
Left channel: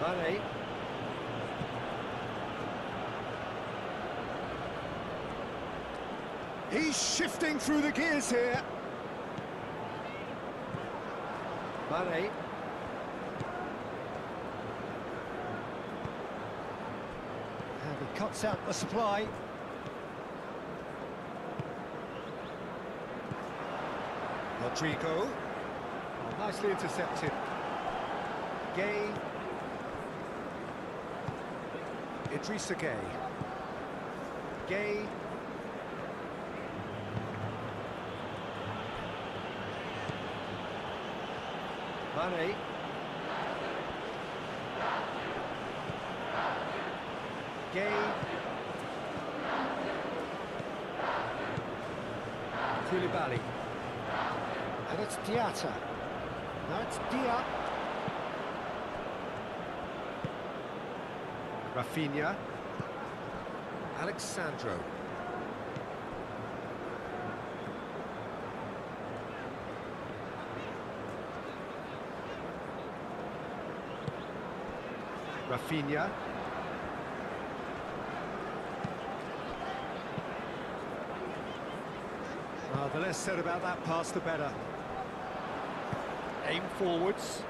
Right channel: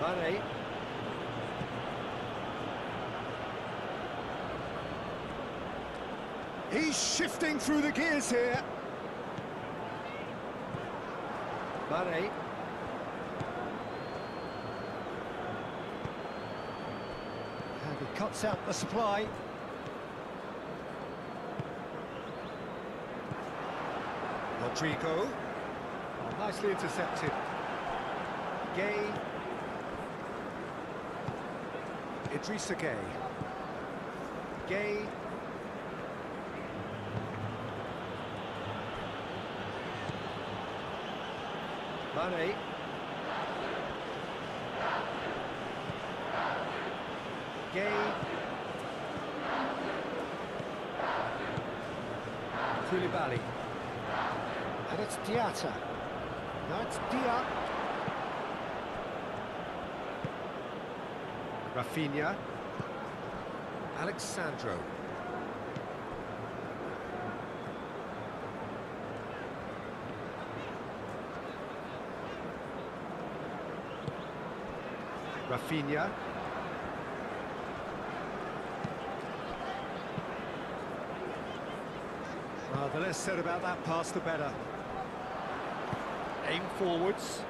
Mane. He's shifting through the gears here. Mane. And he cuts out the supply. Rodrigo. Oh, nicely intercepted. Gay. Idrissa Gueye. Gay. Mane. Gay. Koulibaly. And it's Diatta. Now it's Dia. Rafinha. Alexandro. Rafinha. Well, the less said about that pass, the better. Aim forwards.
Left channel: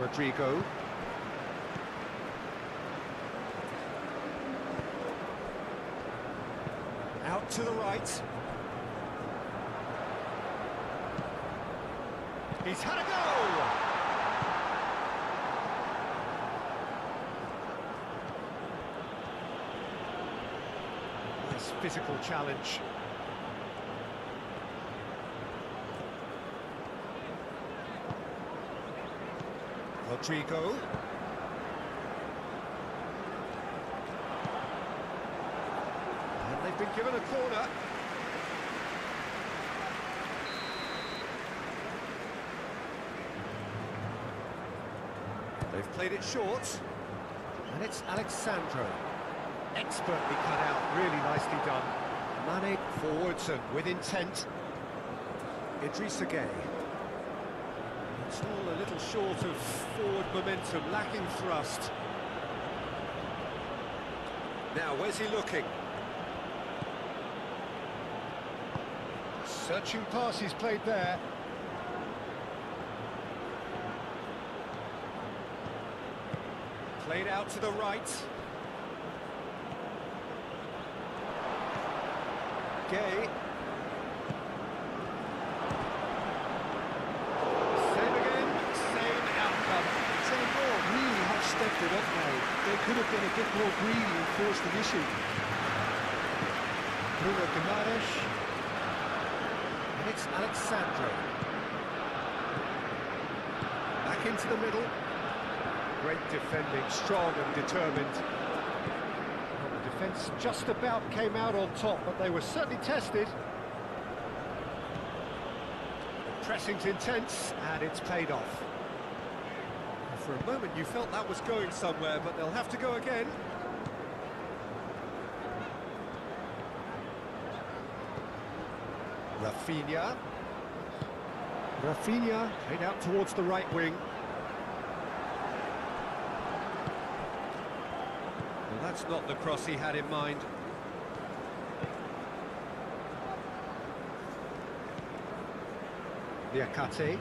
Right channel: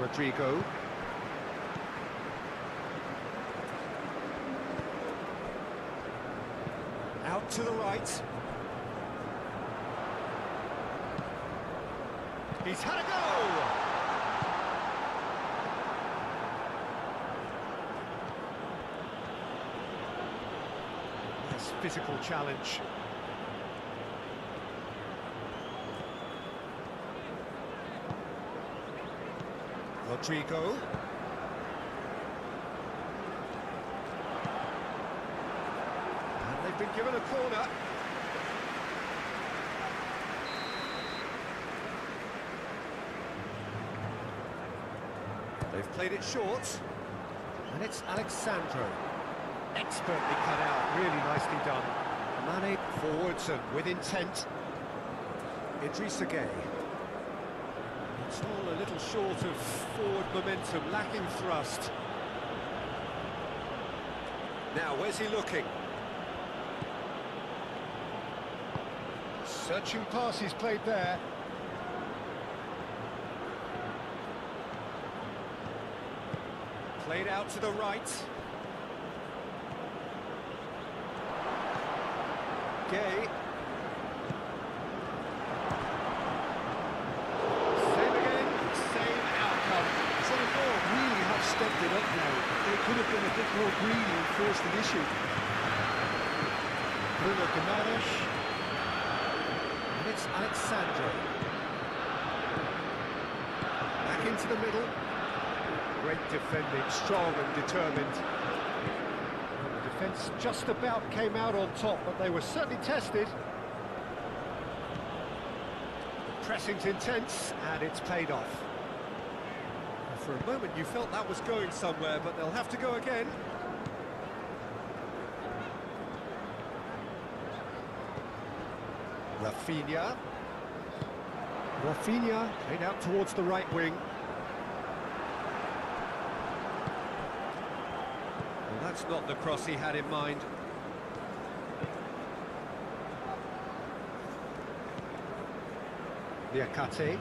Rodrigo. Out to the right. He's had a go! Nice physical challenge. Rodrigo. And they've been given a corner. They've played it short. And it's Alexandro. Expertly cut out, really nicely done. Mane forwards and with intent. Idrissa Gueye. It's all a little short of forward momentum, lacking thrust. Now, where's he looking? Searching pass he's played there. Played out to the right. Gueye. Same again, same outcome. Senegal really have stepped it up now. They could have been a bit more greedy and forced the issue. Bruno Guimaraes. And it's Alexandro. Back into the middle. Great defending, strong and determined. Well, the defence just about came out on top, but they were certainly tested. Pressing's intense, and it's paid off. For a moment you felt that was going somewhere, but they'll have to go again. Rafinha played out towards the right wing. Well, that's not the cross he had in mind. Niakate.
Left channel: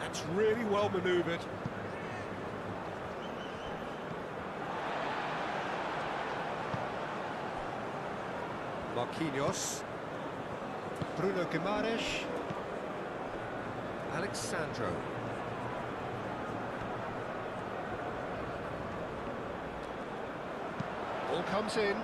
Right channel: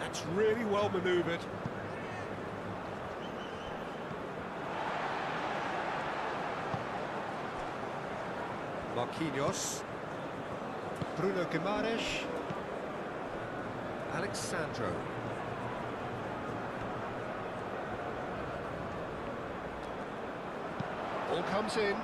That's really well manoeuvred. Marquinhos. Bruno Guimaraes. Alexandro. Ball comes in.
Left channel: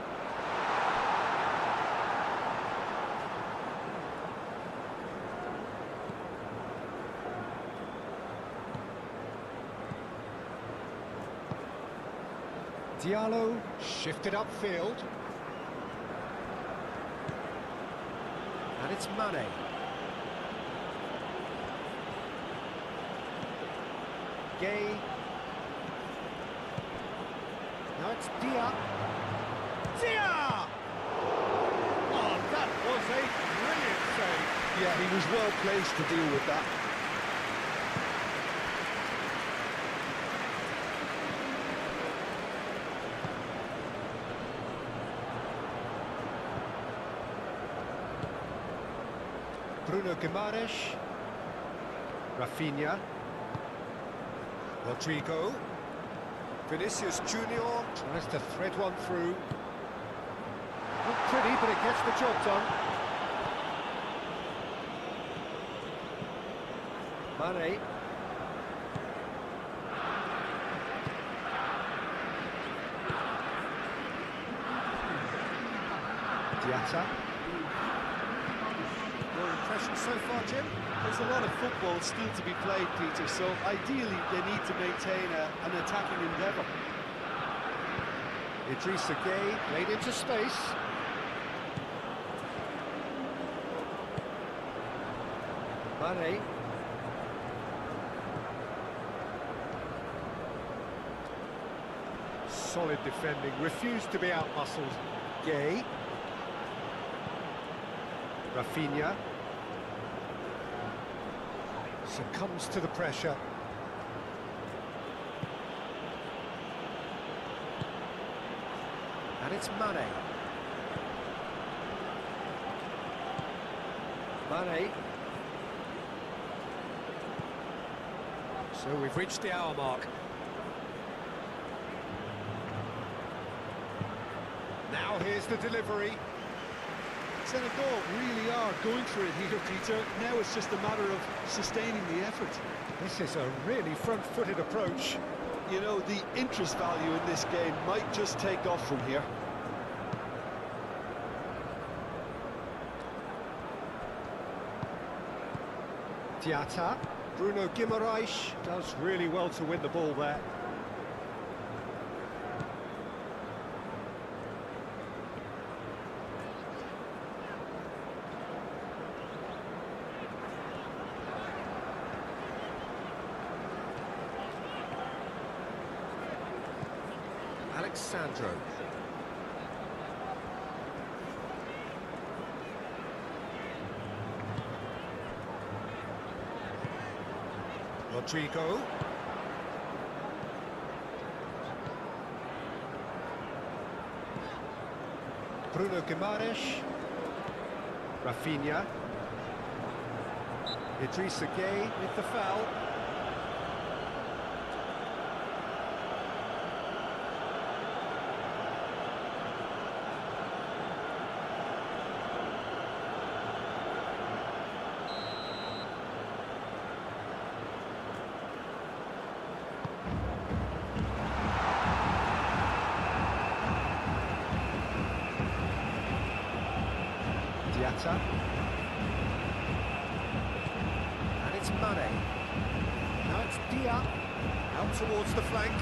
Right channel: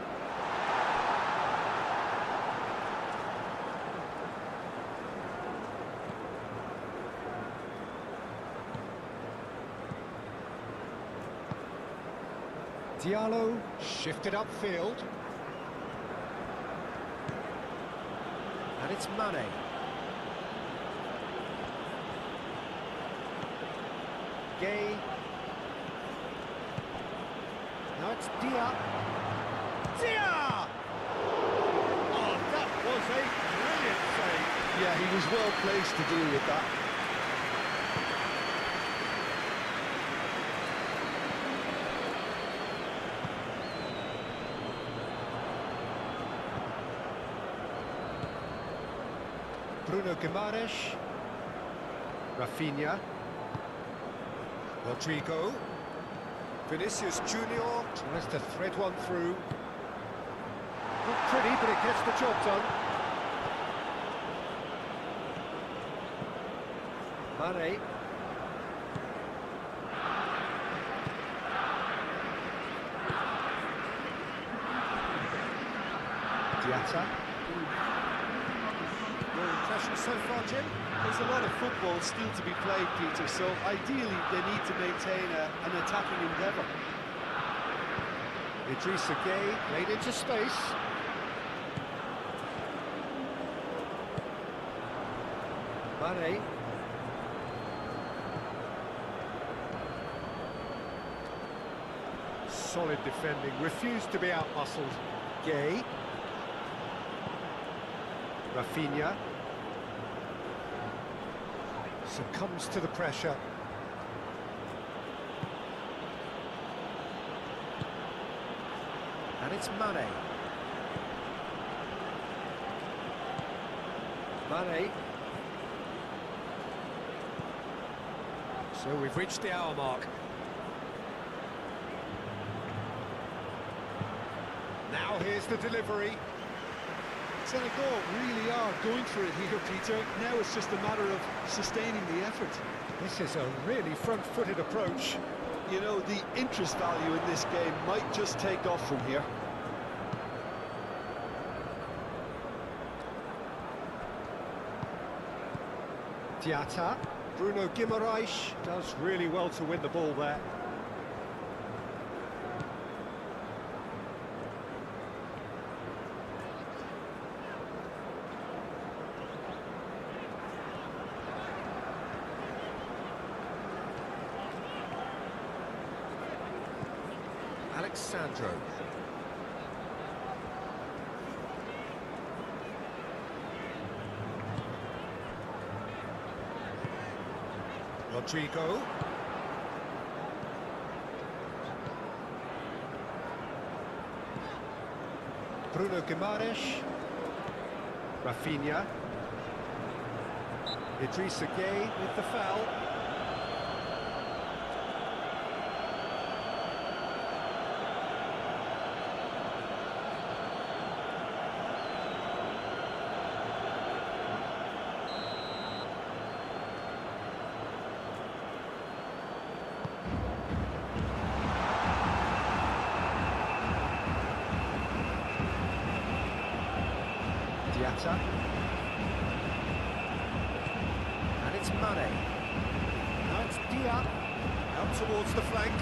Diallo shifted upfield. And it's Mane. Gueye. Now it's Dia. Dia! Oh, that was a brilliant save. Yeah, he was well placed to deal with that. Bruno Guimaraes. Rafinha. Rodrigo. Vinicius Junior tries to thread one through. Not pretty, but it gets the job done. Mane. Diatta. Your impression so far, Jim? There's a lot of football still to be played, Peter, so ideally they need to maintain an attacking endeavour. Idrissa Gueye played into space. Mane. Solid defending, refused to be out-muscled. Gueye. Rafinha. Succumbs to the pressure. And it's Mane. Mane. So we've reached the hour mark. Now here's the delivery. Senegal really are going for it here, Peter. Now it's just a matter of sustaining the effort. This is a really front-footed approach. You know, the interest value in this game might just take off from here. Diatta. Bruno Guimaraes does really well to win the ball there. Alexandro. Rodrigo. Bruno Guimaraes. Rafinha. Idrissa Gueye with the foul. Diatta. And it's Mane. Now it's Dia. Out towards the flank.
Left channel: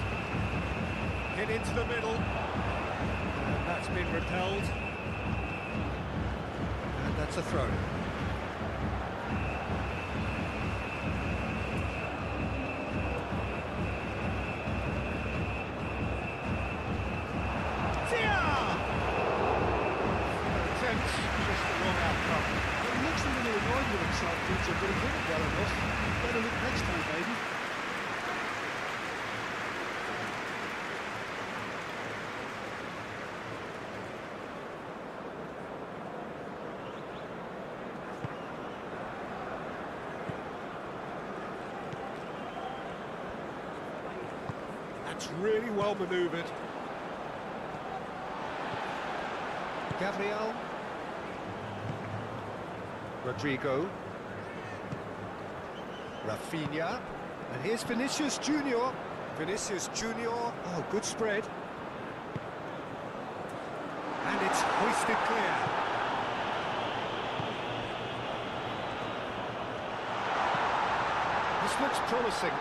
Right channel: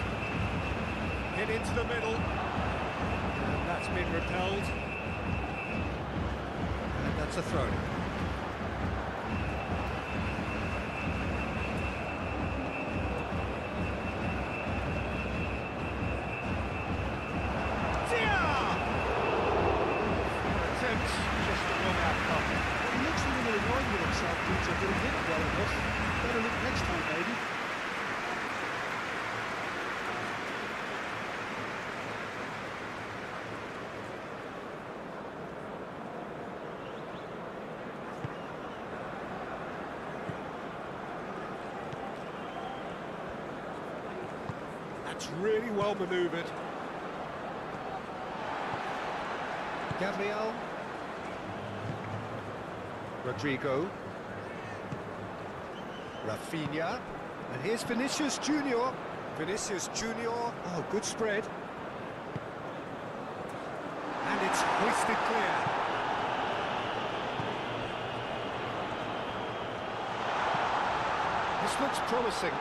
Hit into the middle. And that's been repelled. And that's a throw. Just the wrong outcome. Well, he looks a little annoyed with himself, Peter, but he did it well enough. Better look next time, maybe. That's really well manoeuvred. Gabriel. Rodrigo. Rafinha. And here's Vinicius Junior. Vinicius Junior. Oh, good spread. And it's hoisted clear. This looks promising.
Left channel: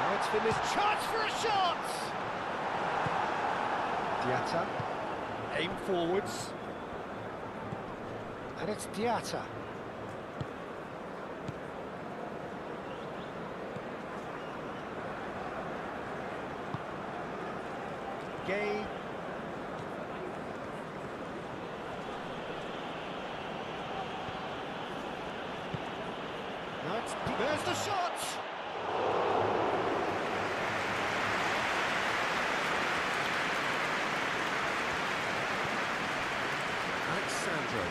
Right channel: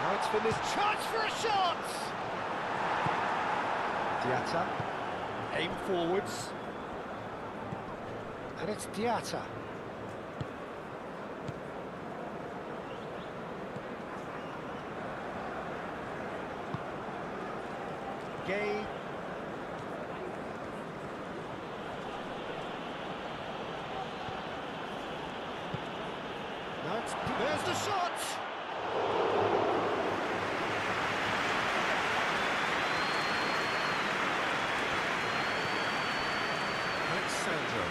Now it's Vinicius. Chance for a shot! Diatta. Aim forwards. And it's Diatta. Gueye. Now it's... There's the shot! Alexandro.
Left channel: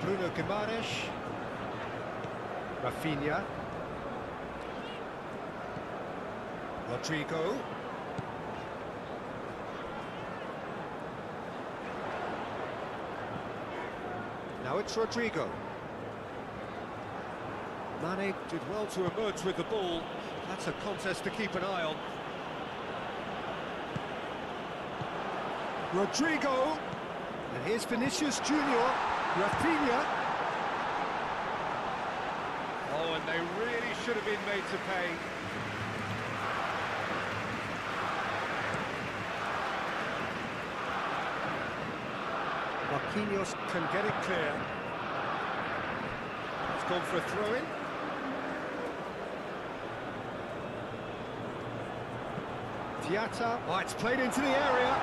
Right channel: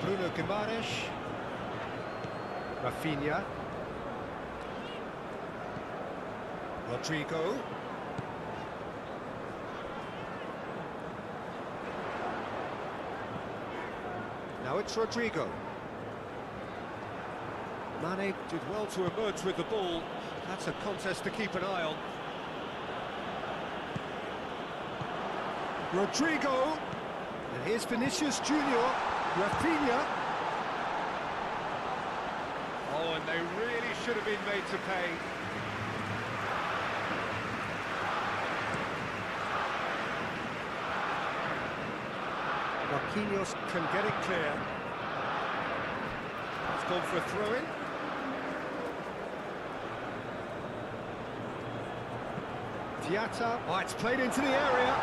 Bruno Guimaraes. Rafinha. Rodrigo. Now it's Rodrigo. Mane did well to emerge with the ball. That's a contest to keep an eye on. Rodrigo. And here's Vinicius Junior. Rafinha. Oh, and they really should have been made to pay. Marquinhos can get it clear. It's gone for a throw-in. Diatta. Oh, it's played into the area.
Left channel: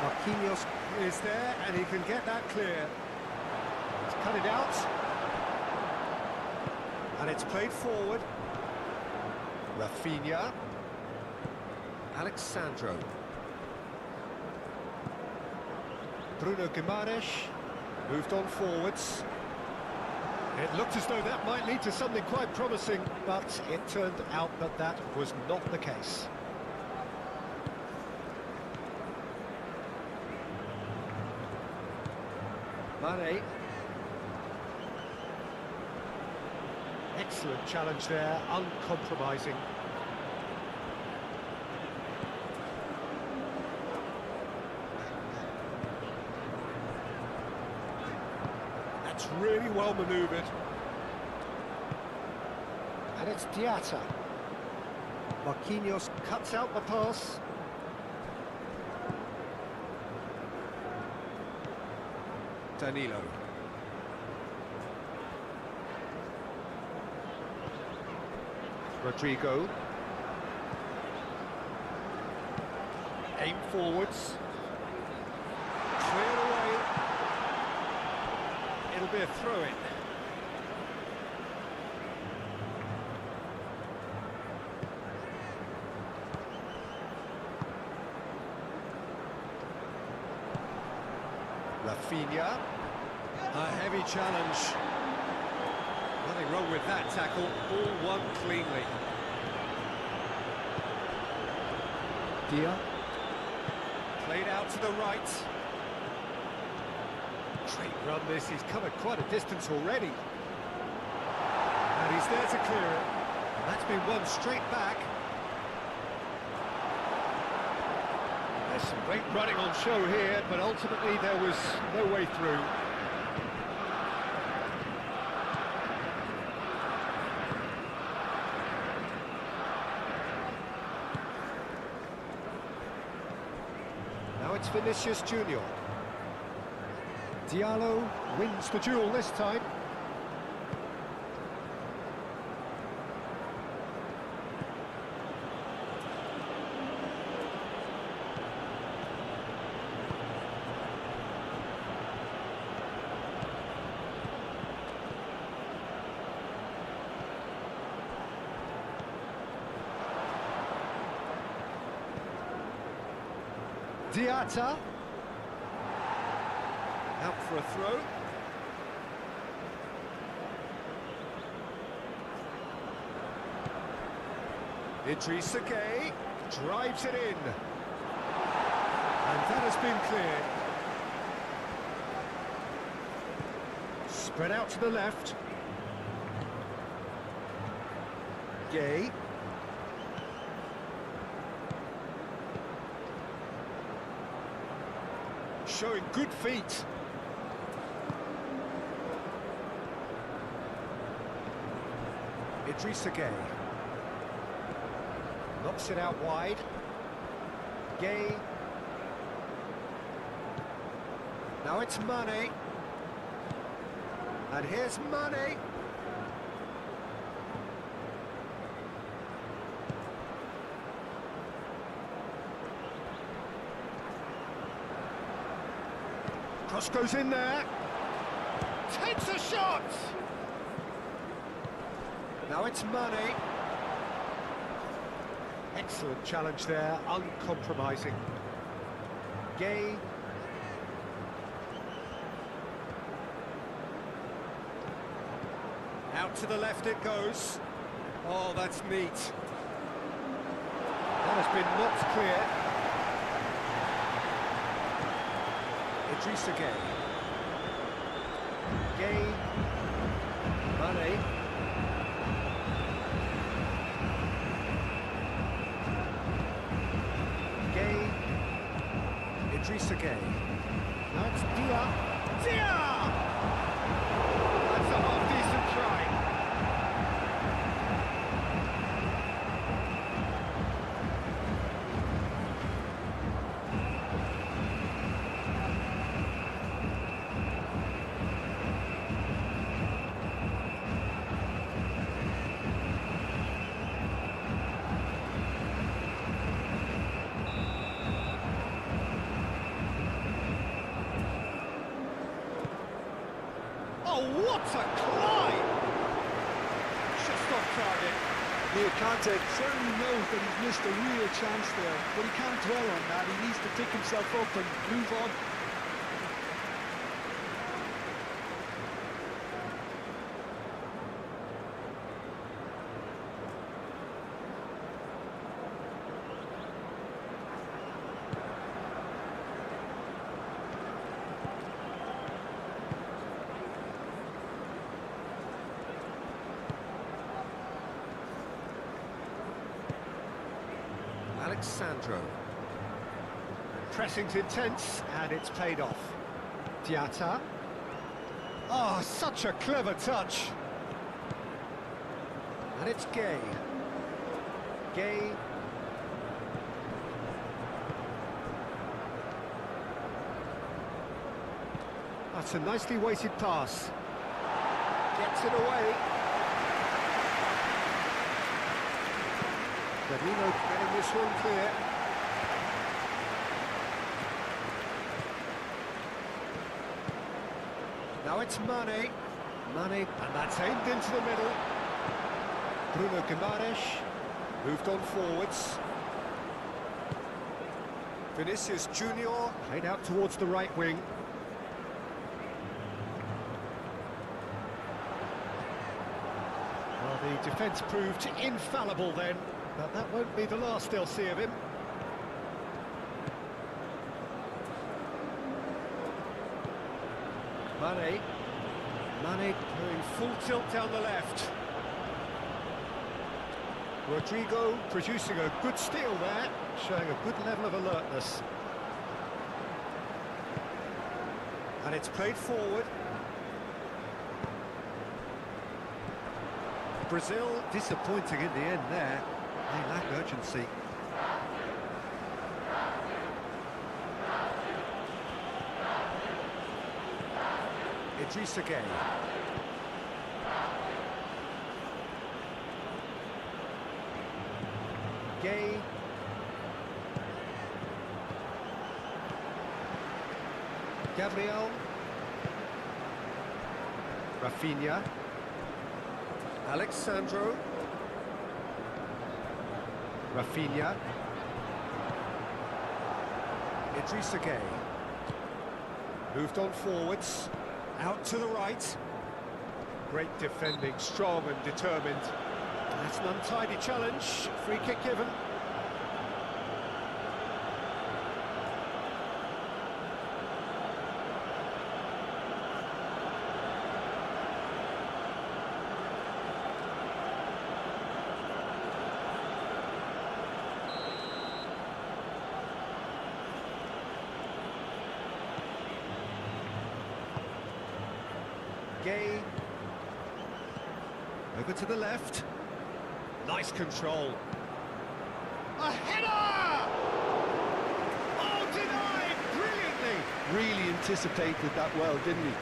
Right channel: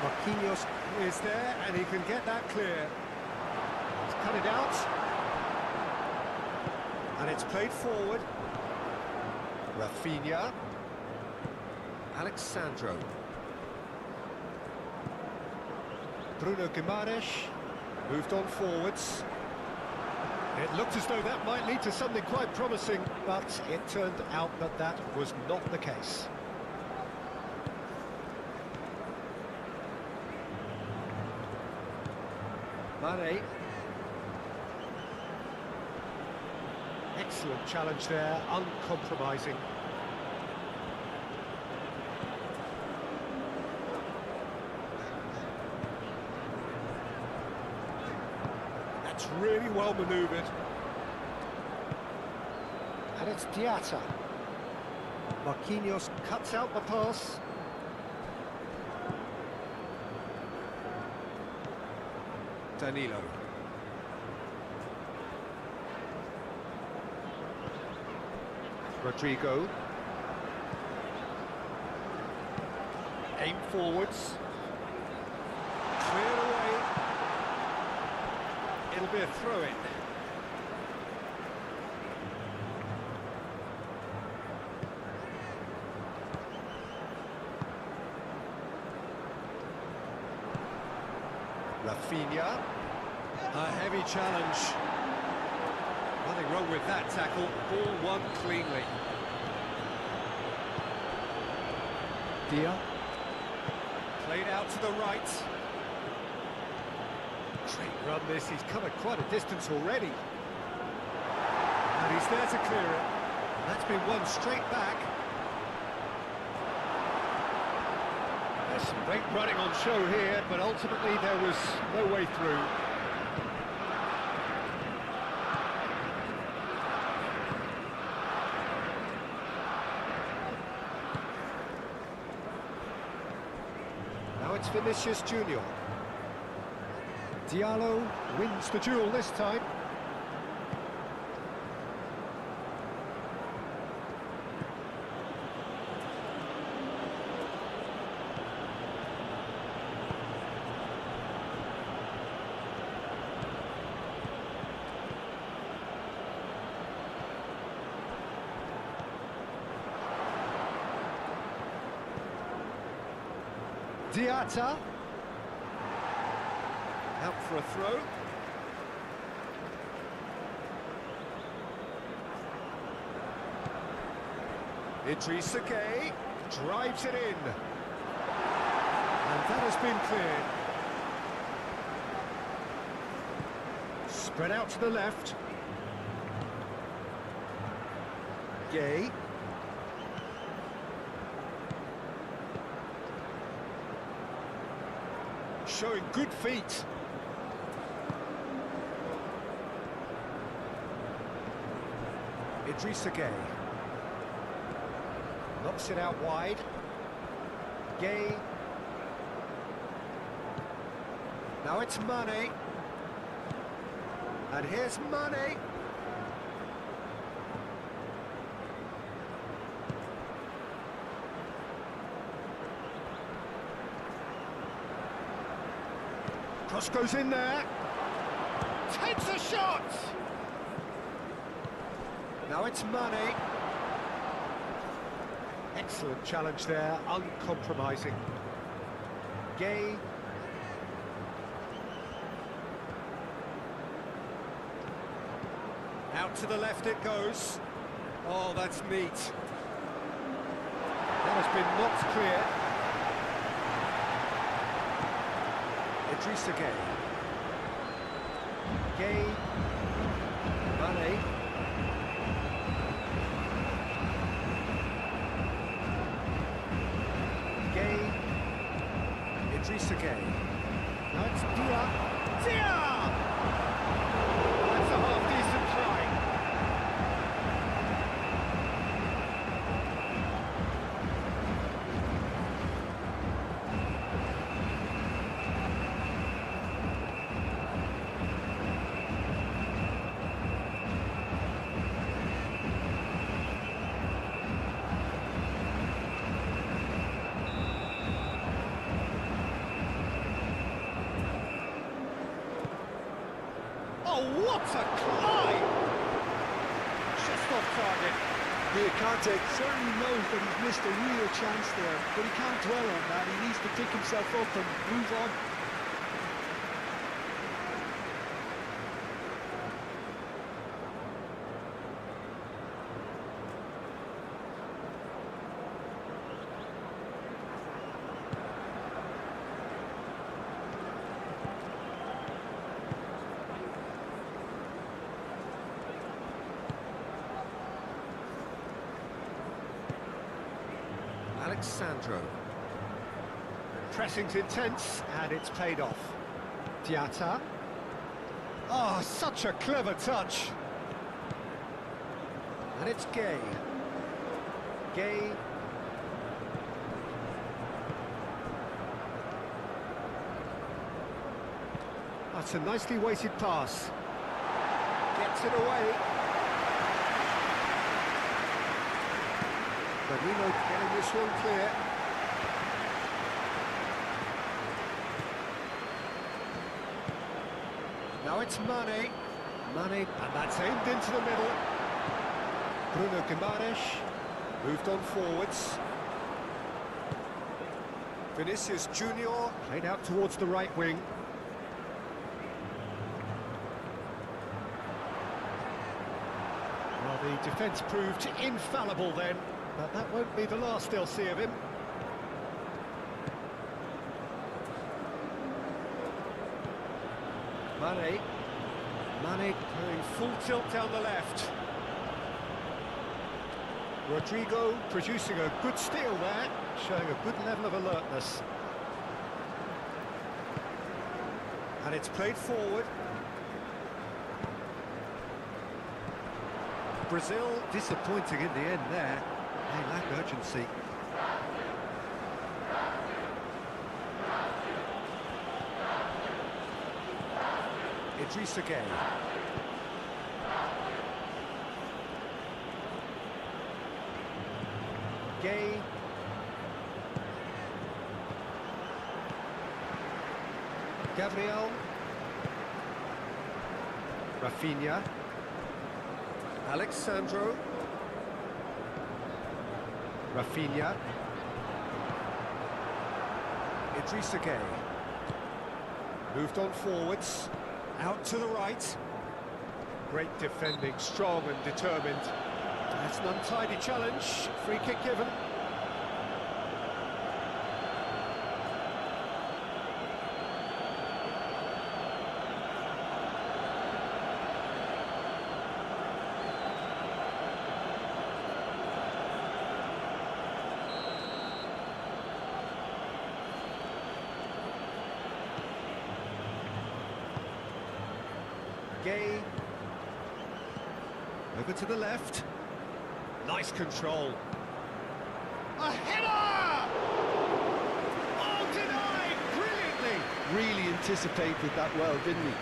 Marquinhos is there, and he can get that clear. He's cut it out. And it's played forward. Rafinha. Alexandro. Bruno Guimaraes moved on forwards. It looked as though that might lead to something quite promising, but it turned out that that was not the case. Mane. Excellent challenge there, uncompromising. That's really well manoeuvred. And it's Diatta. Marquinhos cuts out the pass. Danilo. Rodrigo. Aim forwards. Cleared away. It'll be a throw-in. Rafinha. A heavy challenge. Nothing wrong with that tackle. Ball won cleanly. Dia. Played out to the right. Great run this. He's covered quite a distance already. And he's there to clear it. And that's been won straight back. There's some great running on show here, but ultimately there was no way through. Now it's Vinicius Junior. Diallo wins the duel this time. Diatta. Out for a throw. Idrissa Gueye drives it in. And that has been cleared. Spread out to the left. Gueye. Showing good feet. Idrissa Gueye. Knocks it out wide. Gueye. Now it's Mane. And here's Mane. Cross goes in there. Takes a shot. Now it's Mane. Excellent challenge there, uncompromising. Gueye. Out to the left it goes. Oh, that's neat. That has been knocked clear. Idrissa Gueye. Gueye. Mane. Gueye. Idrissa Gueye. Now it's Dia. Dia! That's a half-decent try. Oh, what a climb! Just off target. Near contact certainly knows that he's missed a real chance there, but he can't dwell on that. He needs to pick himself up and move on. Alexandro. Pressing's intense, and it's paid off. Diatta. Oh, such a clever touch. And it's Gay. Gay. That's a nicely weighted pass. Gets it away. Danilo getting this one clear. Now it's Mane. Mane, and that's aimed into the middle. Bruno Guimaraes moved on forwards. Vinicius Junior played out towards the right wing. Well, the defence proved infallible then, but that won't be the last they'll see of him. Mane going full tilt down the left. Rodrigo producing a good steal there, showing a good level of alertness. And it's played forward. Brazil disappointing in the end there. They lack urgency. Idrissa Gueye. Gay. Gabriel. Rafinha. Alexandro. Rafinha. Idrissa Gueye. Moved on forwards. Out to the right. Great defending, strong and determined. That's an untidy challenge. Free kick given. Gay. Over to the left. Nice control. A header! Oh, denied brilliantly! Really anticipated that well, didn't he?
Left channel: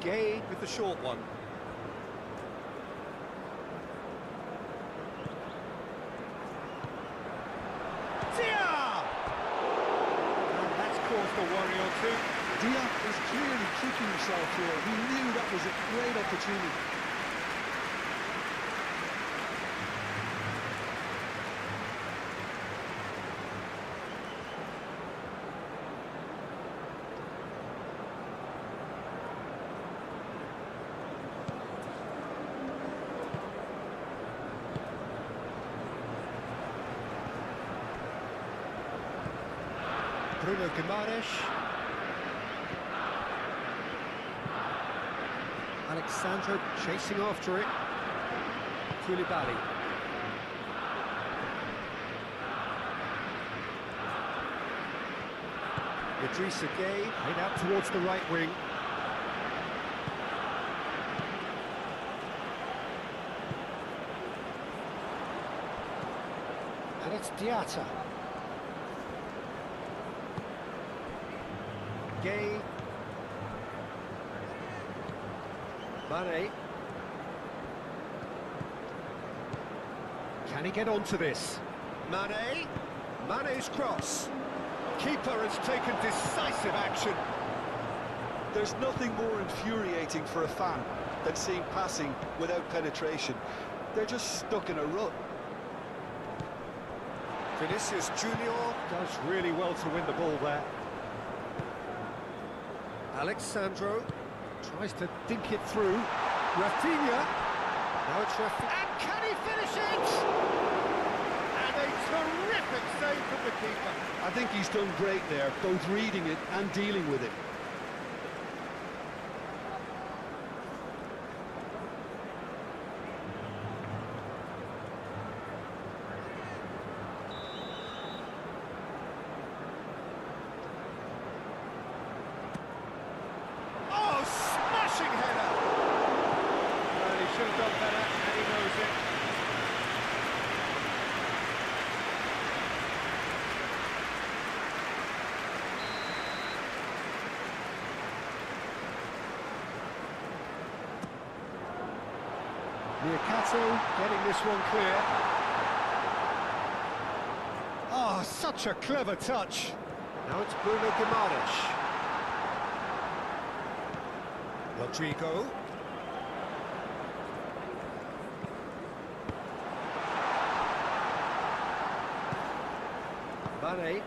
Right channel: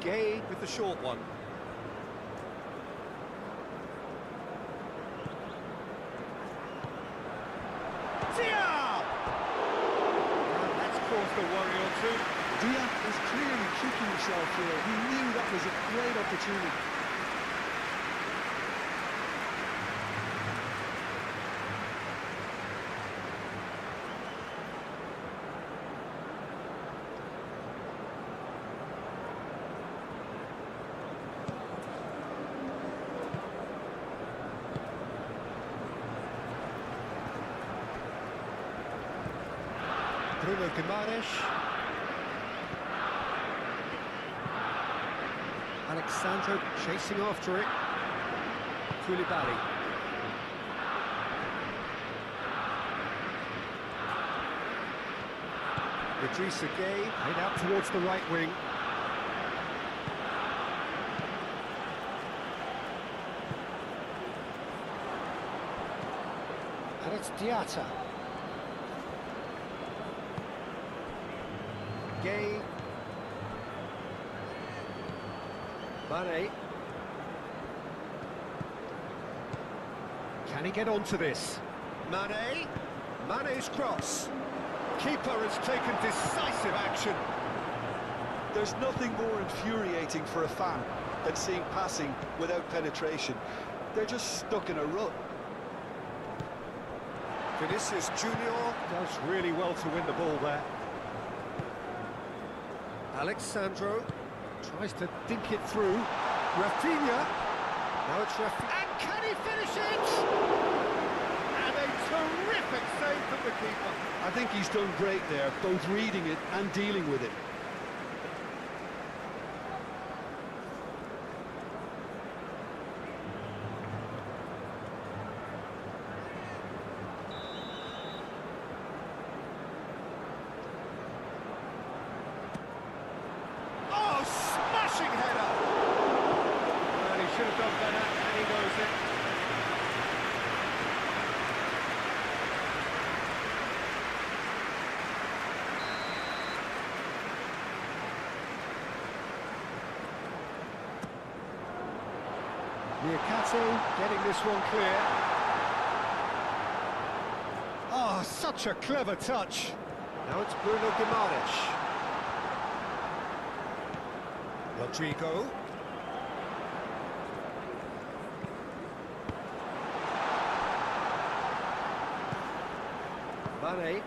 Gay with the short one. Dia! And that's caused a worry or two. Dia is clearly kicking himself here. He knew that was a great opportunity. Bruno Guimaraes. Alexandro chasing after it. Koulibaly. Idrissa Gueye played out towards the right wing. And it's Diatta. Gay. Mane. Can he get onto this? Mane. Mane's cross. Keeper has taken decisive action. There's nothing more infuriating for a fan than seeing passing without penetration. They're just stuck in a rut. Vinicius Junior does really well to win the ball there. Alexandro tries to dink it through. Rafinha. Now it's Rafinha. And can he finish it? And they Terrific save from the keeper. I think he's done great there, both reading it and dealing with it. Oh, smashing header! Well, he should have done better, and he knows it. Niakate getting this one clear. Oh, such a clever touch. Now it's Bruno Guimaraes. Rodrigo. Mane.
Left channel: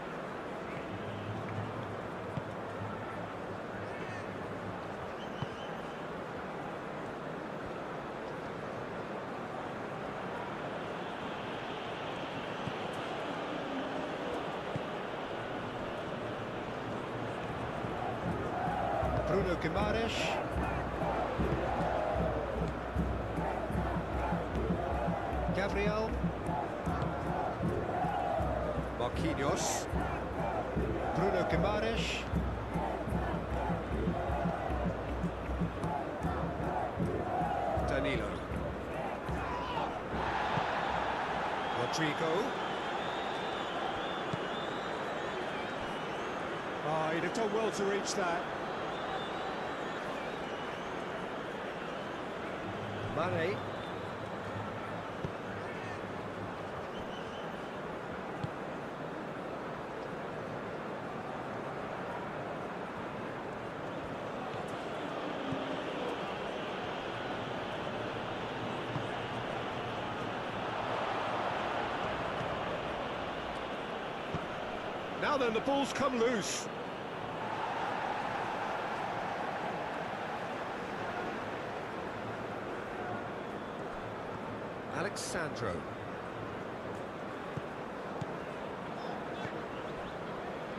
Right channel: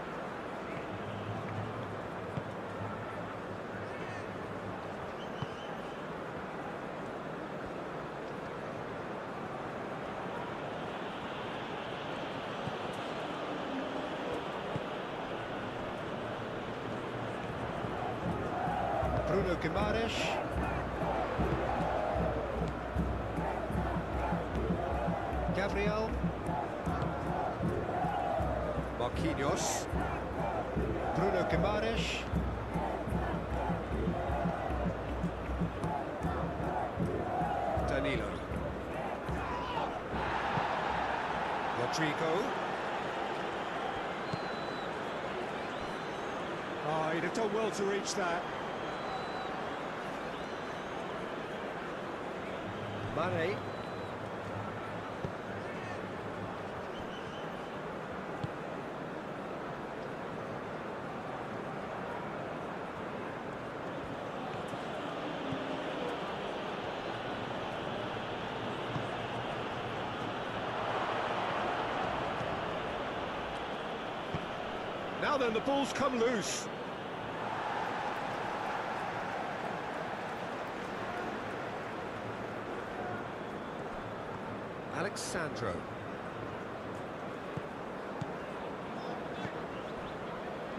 Bruno Guimaraes. Gabriel. Marquinhos. Bruno Guimaraes. Danilo. Rodrigo. Oh, he'd have done well to reach that. Mane. Now then, the ball's come loose. Alexandro.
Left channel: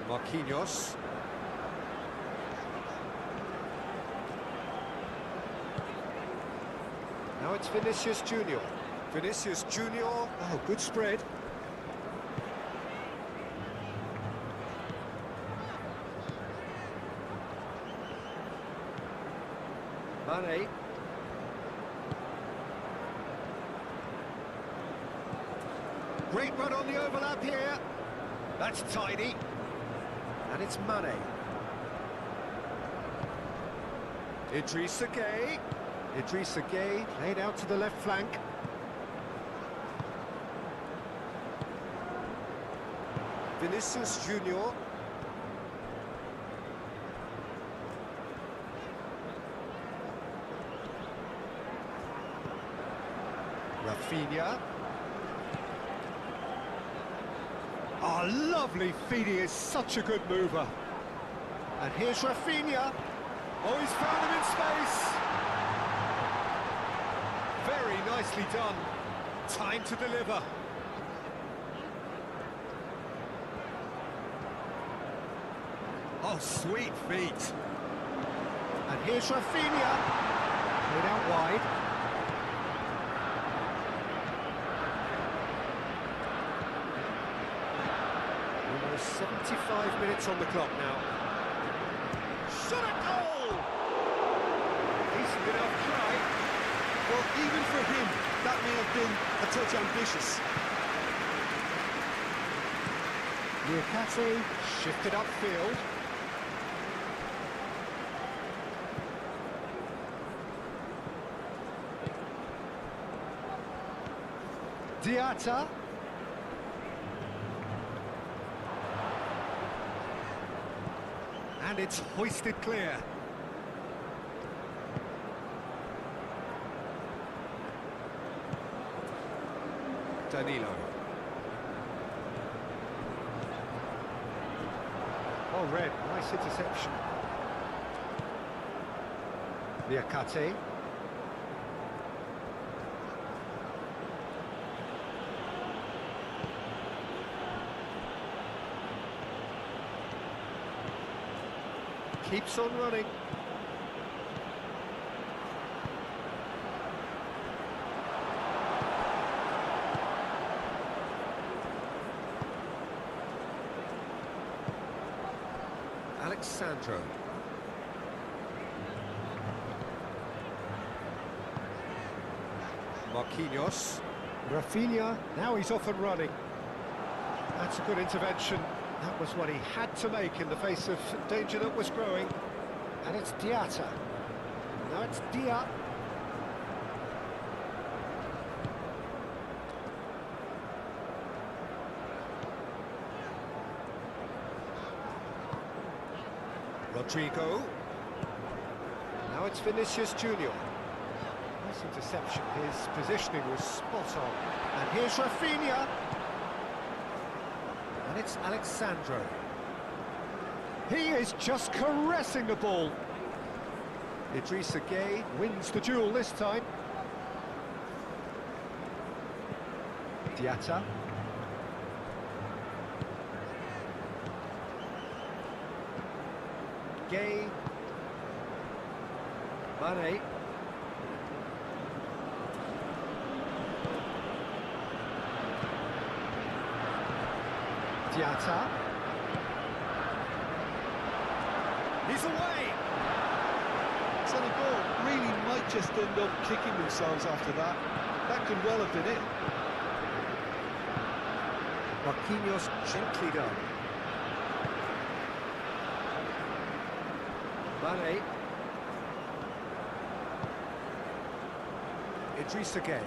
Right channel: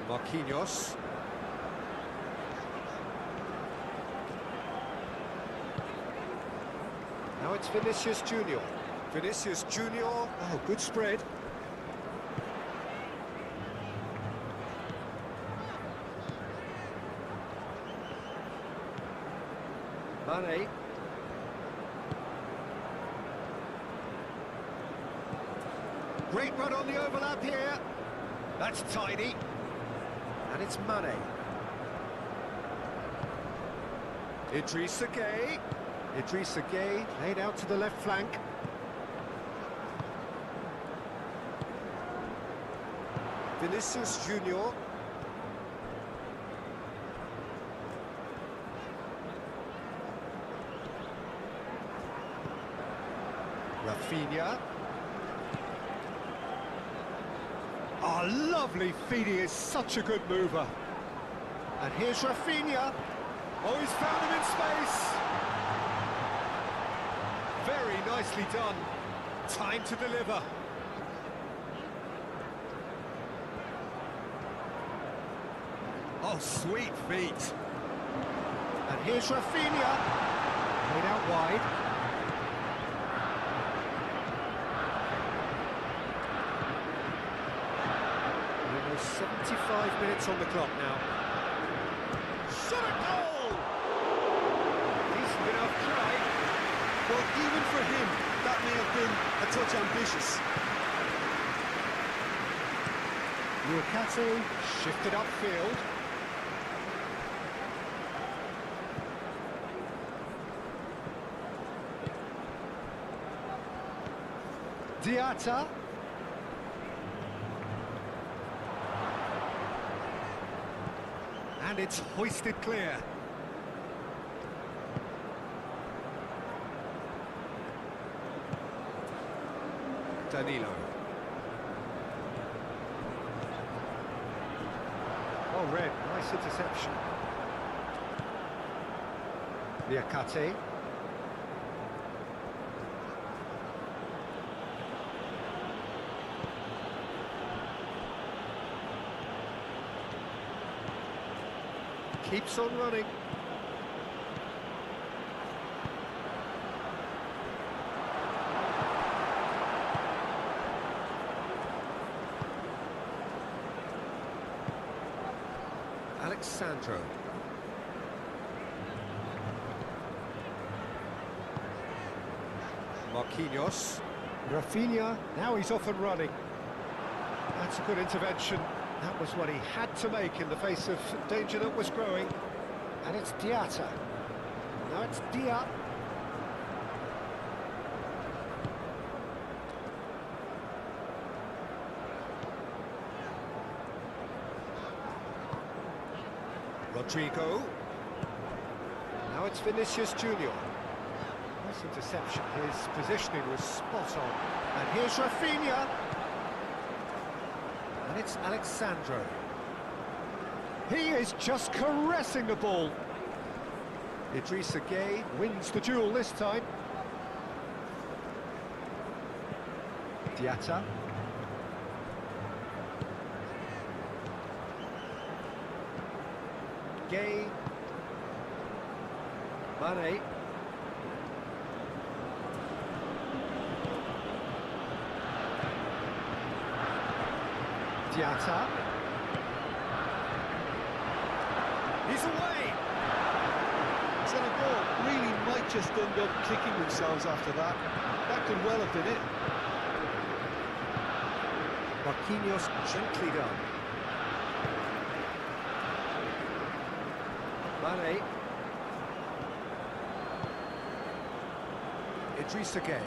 Marquinhos. Now it's Vinicius Junior. Vinicius Junior. Oh, good spread. Mane. Great run on the overlap here. That's tidy. And it's Mane. Idrissa Gueye. Idrissa Gueye laid out to the left flank. Vinicius Junior. Rafinha. Oh, lovely feed, he is such a good mover. And here's Rafinha. Oh, he's found him in space. Very nicely done. Time to deliver. Oh, sweet feet. And here's Rafinha. Played out wide. Almost 75 minutes on the clock now. Shot a goal! Decent enough try. Well, even for him, that may have been a touch ambitious. Niakate shifted upfield. Diatta. And it's hoisted clear. Danilo. Oh, red. Nice interception. Niakate. keeps on running. Alexandro. Marquinhos. Rafinha, now he's off and running. That's a good intervention. That was what he had to make in the face of danger that was growing. And it's Diatta. Now it's Dia. Rodrigo. Now it's Vinicius Junior. Nice interception. His positioning was spot on. And here's Rafinha. And it's Alexandro. He is just caressing the ball. Idrissa Gueye wins the duel this time. Diatta. Gueye. Mane. Diatta. He's away! Senegal really might just end up kicking themselves after that. That could well have been it. Marquinhos gently done. Mane. Idrissa Gueye.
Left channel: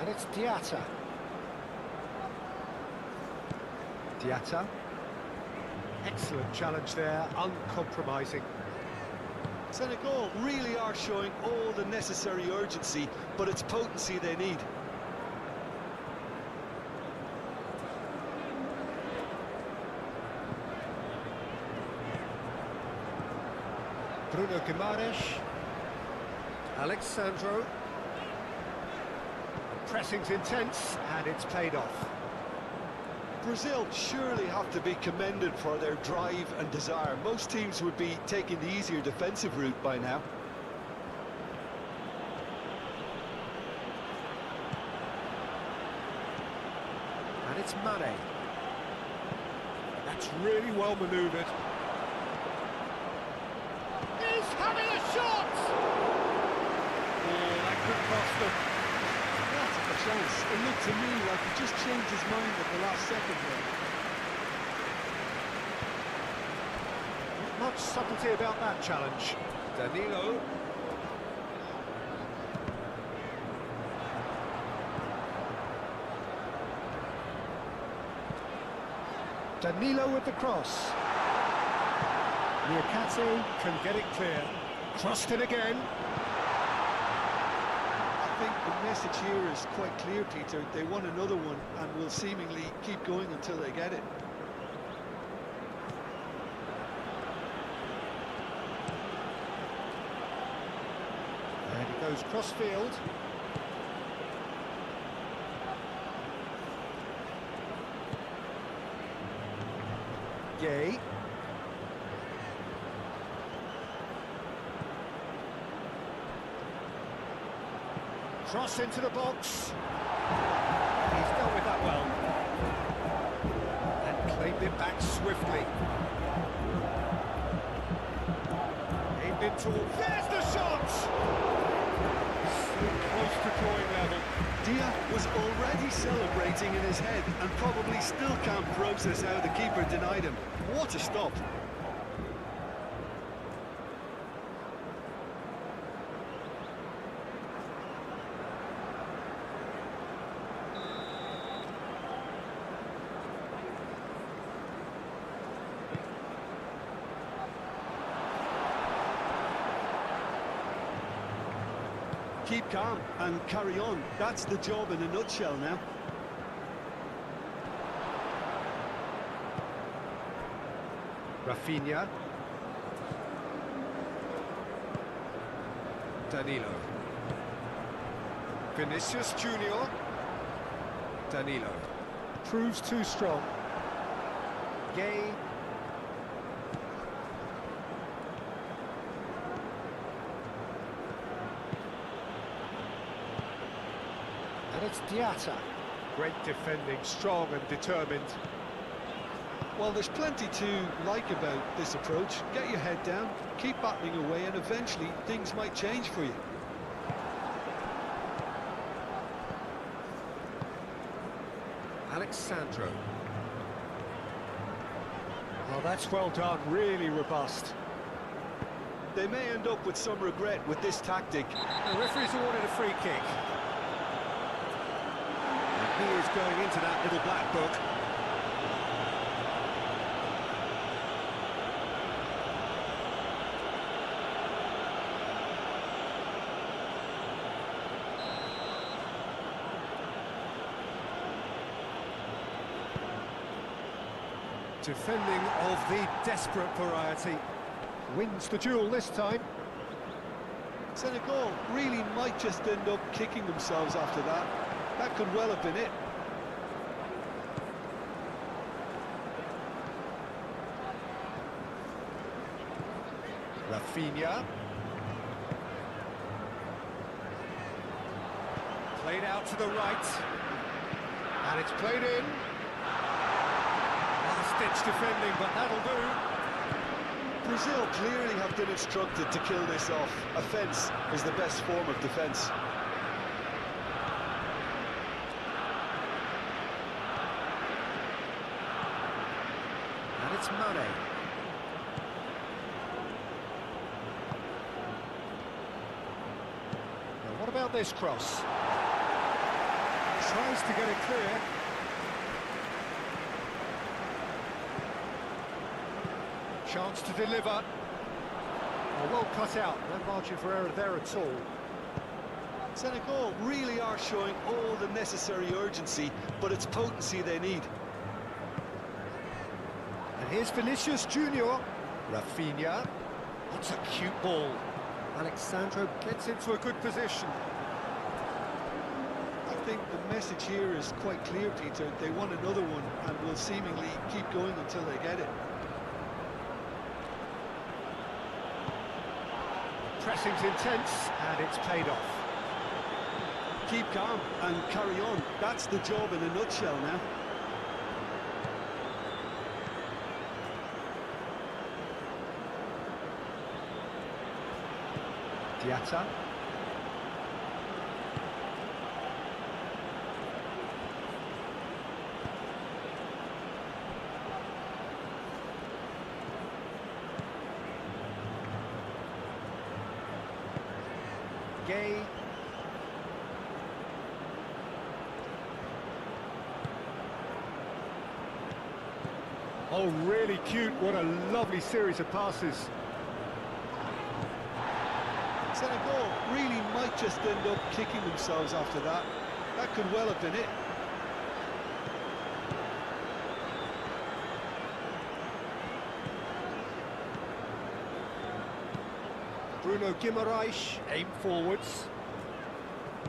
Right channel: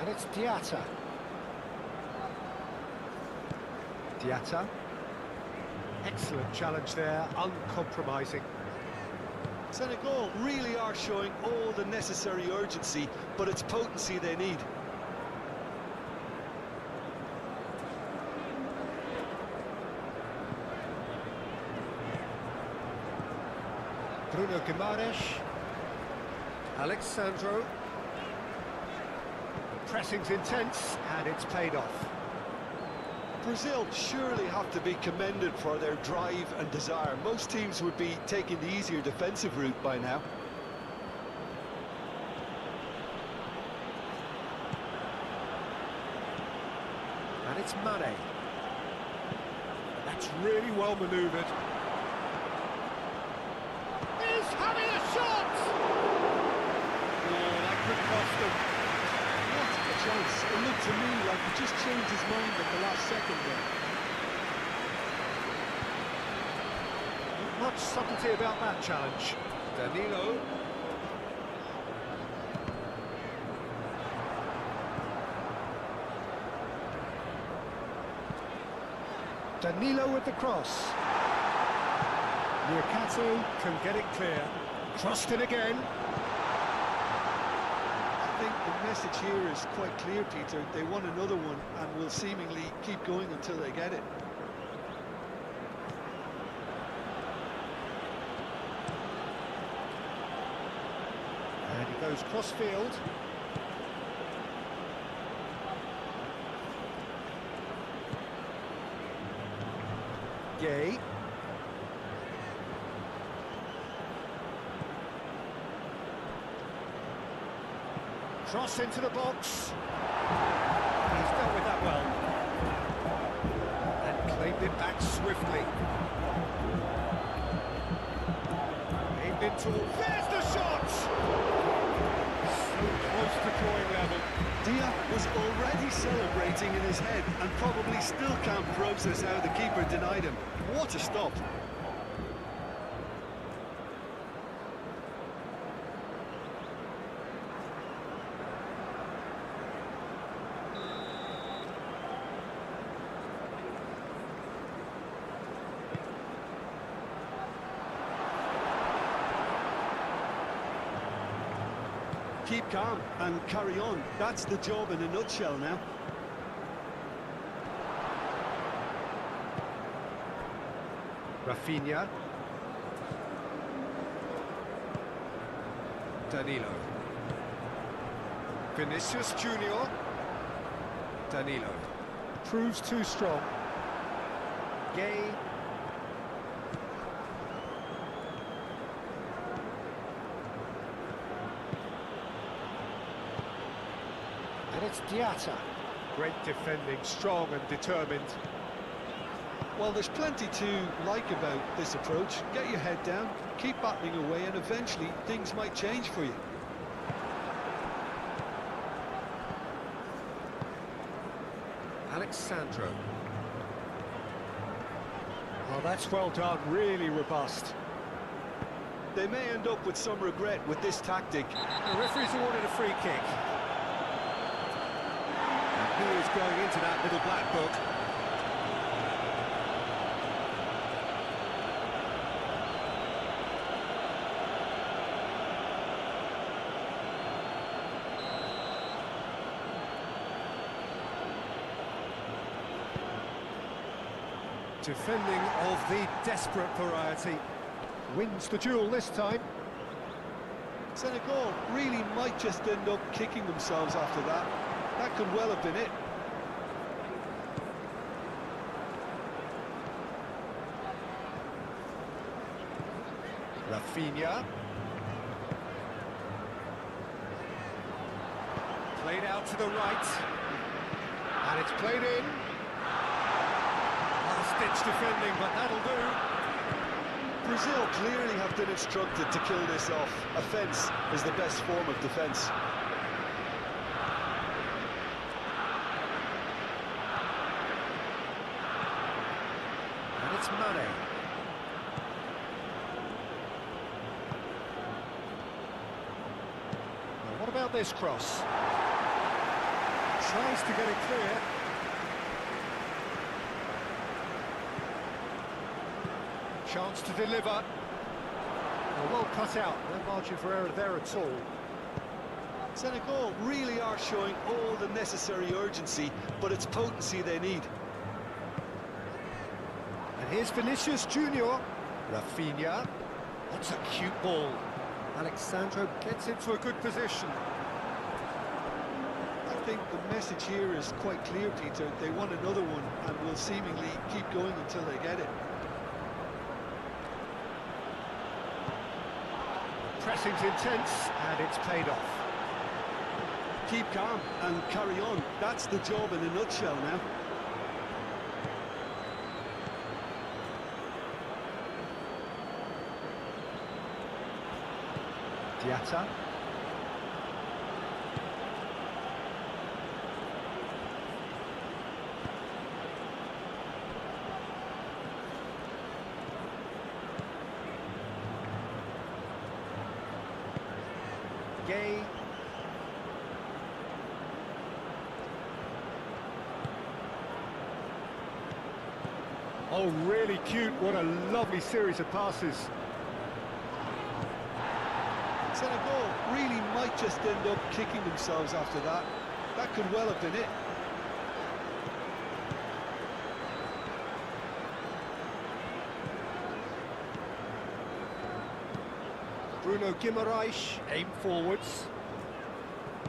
And it's Diatta. Diatta. Excellent challenge there, uncompromising. Senegal really are showing all the necessary urgency, but it's potency they need. Bruno Guimaraes. Alexandro. The pressing's intense, and it's paid off. Brazil surely have to be commended for their drive and desire. Most teams would be taking the easier defensive route by now. And it's Mane. That's really well manoeuvred. He's having a shot! Oh, that could cost them. What a chance. It looked to me like he just changed his mind at the last second there. Not much subtlety about that challenge. Danilo. Danilo with the cross. Niakate can get it clear. Crossed it again. I think the message here is quite clear, Peter. They want another one and will seemingly keep going until they get it. And he goes cross-field. Gueye. Cross into the box. He's dealt with that well. And claimed it back swiftly. Aimed into all. There's the shot! So close to drawing level. Dia was already celebrating in his head and probably still can't process how the keeper denied him. What a stop. Keep calm and carry on. That's the job in a nutshell now. Rafinha. Danilo. Vinicius Junior. Danilo. Proves too strong. Gueye. And it's Diatta. Great defending, strong and determined. Well, there's plenty to like about this approach. Get your head down, keep battling away, and eventually things might change for you. Alexandro. Well, that's well done, really robust. They may end up with some regret with this tactic. The referee's awarded a free kick. And he is going into that little black book. Defending of the desperate variety. Wins the duel this time. Senegal really might just end up kicking themselves after that. That could well have been it. Rafinha. Played out to the right. And it's played in. Last-ditch defending, but that'll do. Brazil clearly have been instructed to kill this off. Offence is the best form of defence. And it's Mane. Now what about this cross? Tries to get it clear. Chance to deliver. Well cut out, no margin for error there at all. Senegal really are showing all the necessary urgency, but it's potency they need. And here's Vinicius Junior. Rafinha. What's a cute ball. Alexandro gets into a good position. I think the message here is quite clear, Peter. They want another one and will seemingly keep going until they get it. Pressing's intense, and it's paid off. Keep calm and carry on. That's the job in a nutshell now. Diatta. Gay. Oh, really cute. What a lovely series of passes. Senegal really might just end up kicking themselves after that. That could well have been it. Bruno Guimaraes aim forwards.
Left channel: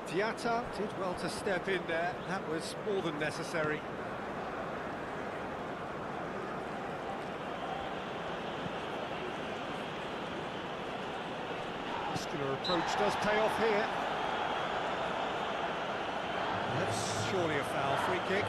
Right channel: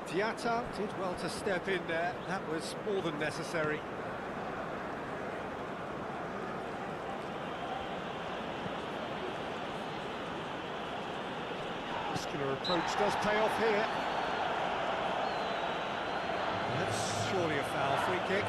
Diatta did well to step in there. That was more than necessary. Muscular approach does pay off here. That's surely a foul. Free kick.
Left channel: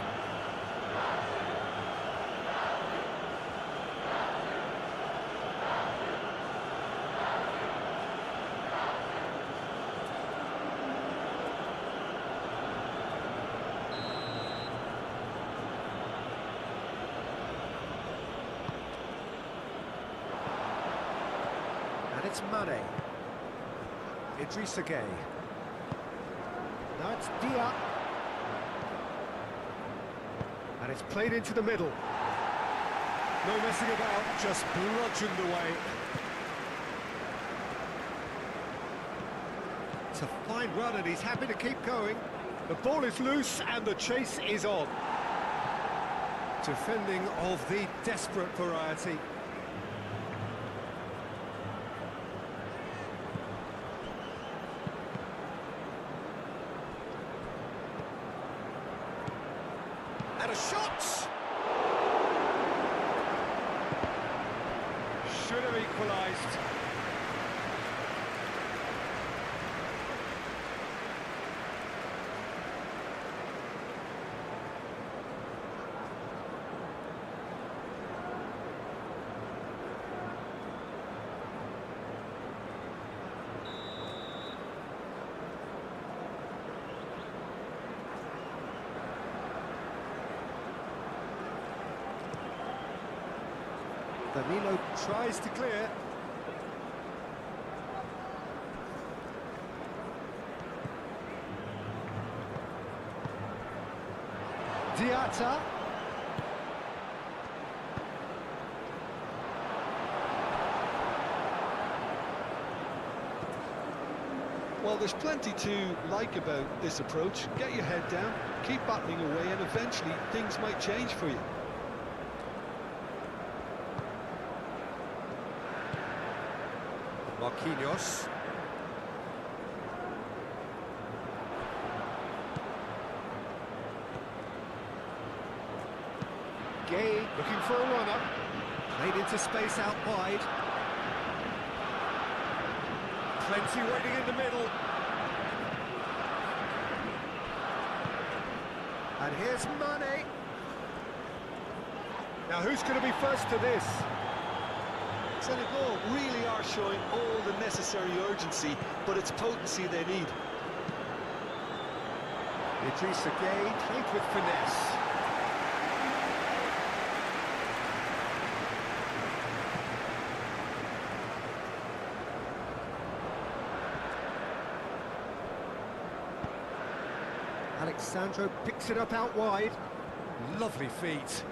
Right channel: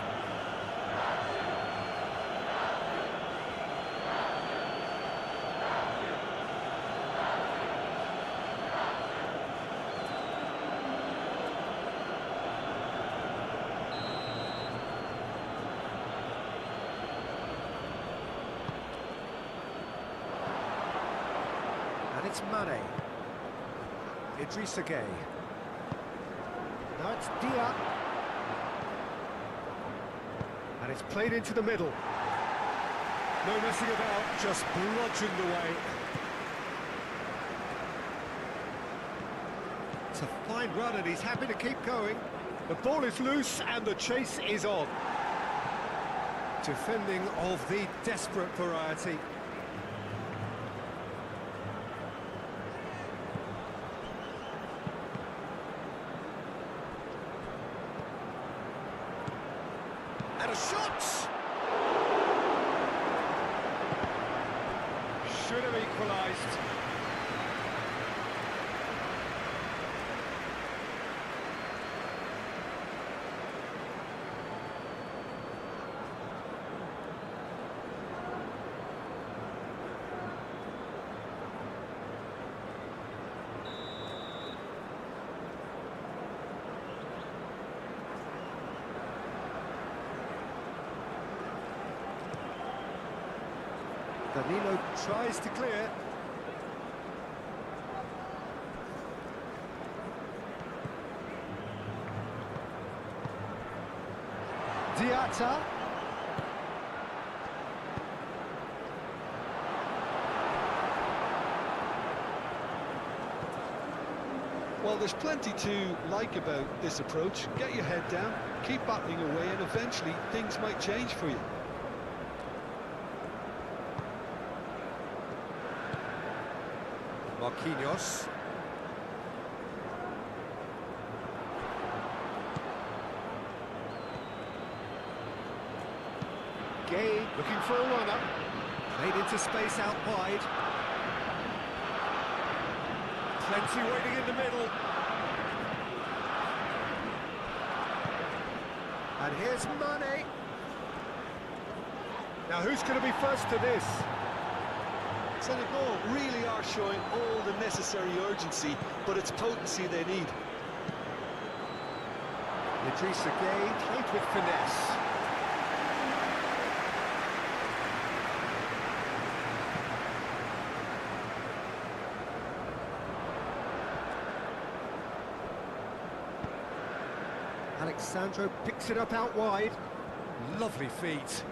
And it's Mane. Idrissa Gueye. Now it's Dia. And it's played into the middle. No messing about, just bludgeoned away. It's a fine run and he's happy to keep going. The ball is loose and the chase is on. Defending of the desperate variety. And a shot! Should have equalised. Danilo tries to clear. Diatta. Well, there's plenty to like about this approach. Get your head down, keep battling away, and eventually things might change for you. Marquinhos. Gay looking for a runner. Played into space out wide. Plenty waiting in the middle. And here's Mane. Now who's going to be first to this? Senegal really are showing all the necessary urgency, but it's potency they need. Idrissa Gueye played with finesse. Alexandro picks it up out wide. Lovely feet.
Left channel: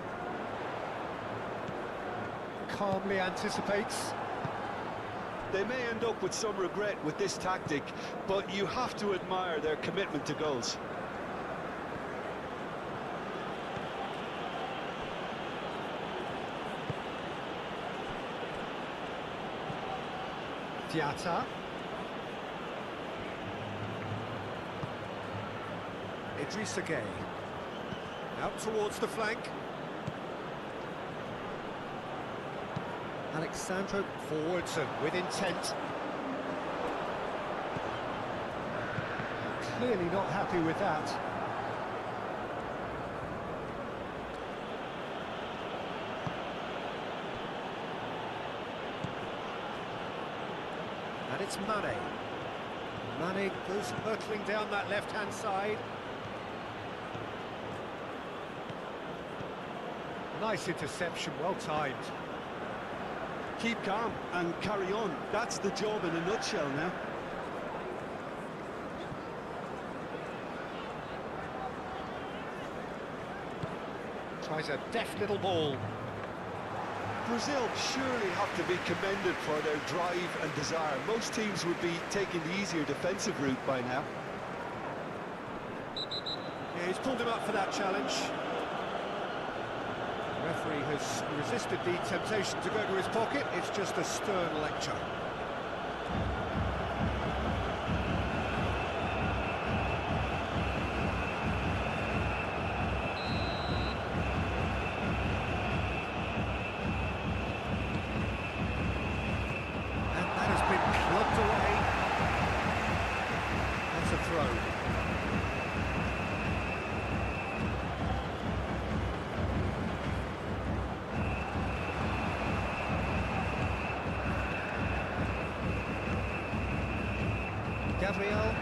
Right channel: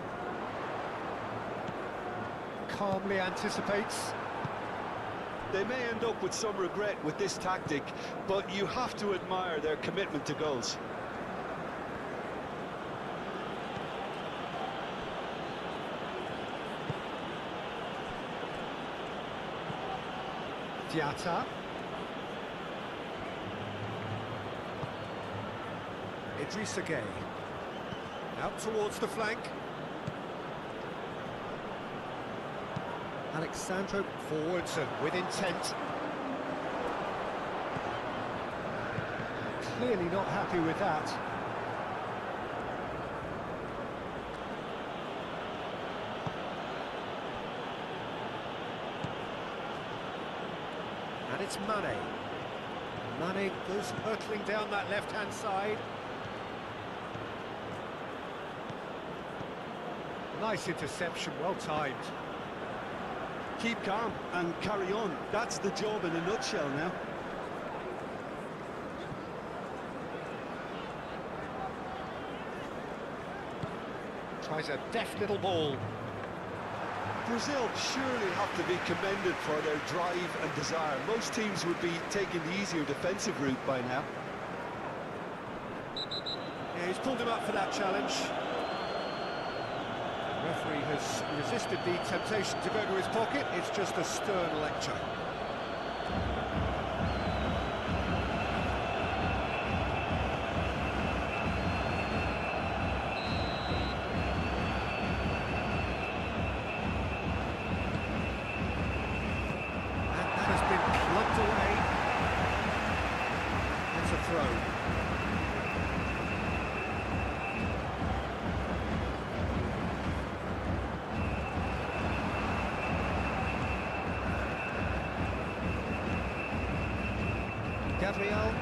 Calmly anticipates. They may end up with some regret with this tactic, but you have to admire their commitment to goals. Diatta. Idrissa Gueye. Out towards the flank. Alexandro forwards and with intent. Clearly not happy with that. And it's Mane. Mane goes hurtling down that left-hand side. Nice interception, well timed. Keep calm and carry on. That's the job in a nutshell now. Tries a deft little ball. Brazil surely have to be commended for their drive and desire. Most teams would be taking the easier defensive route by now. Yeah, he's pulled him up for that challenge. The referee has resisted the temptation to go to his pocket. It's just a stern lecture. And that has been clubbed away. That's a throw. Gabriel,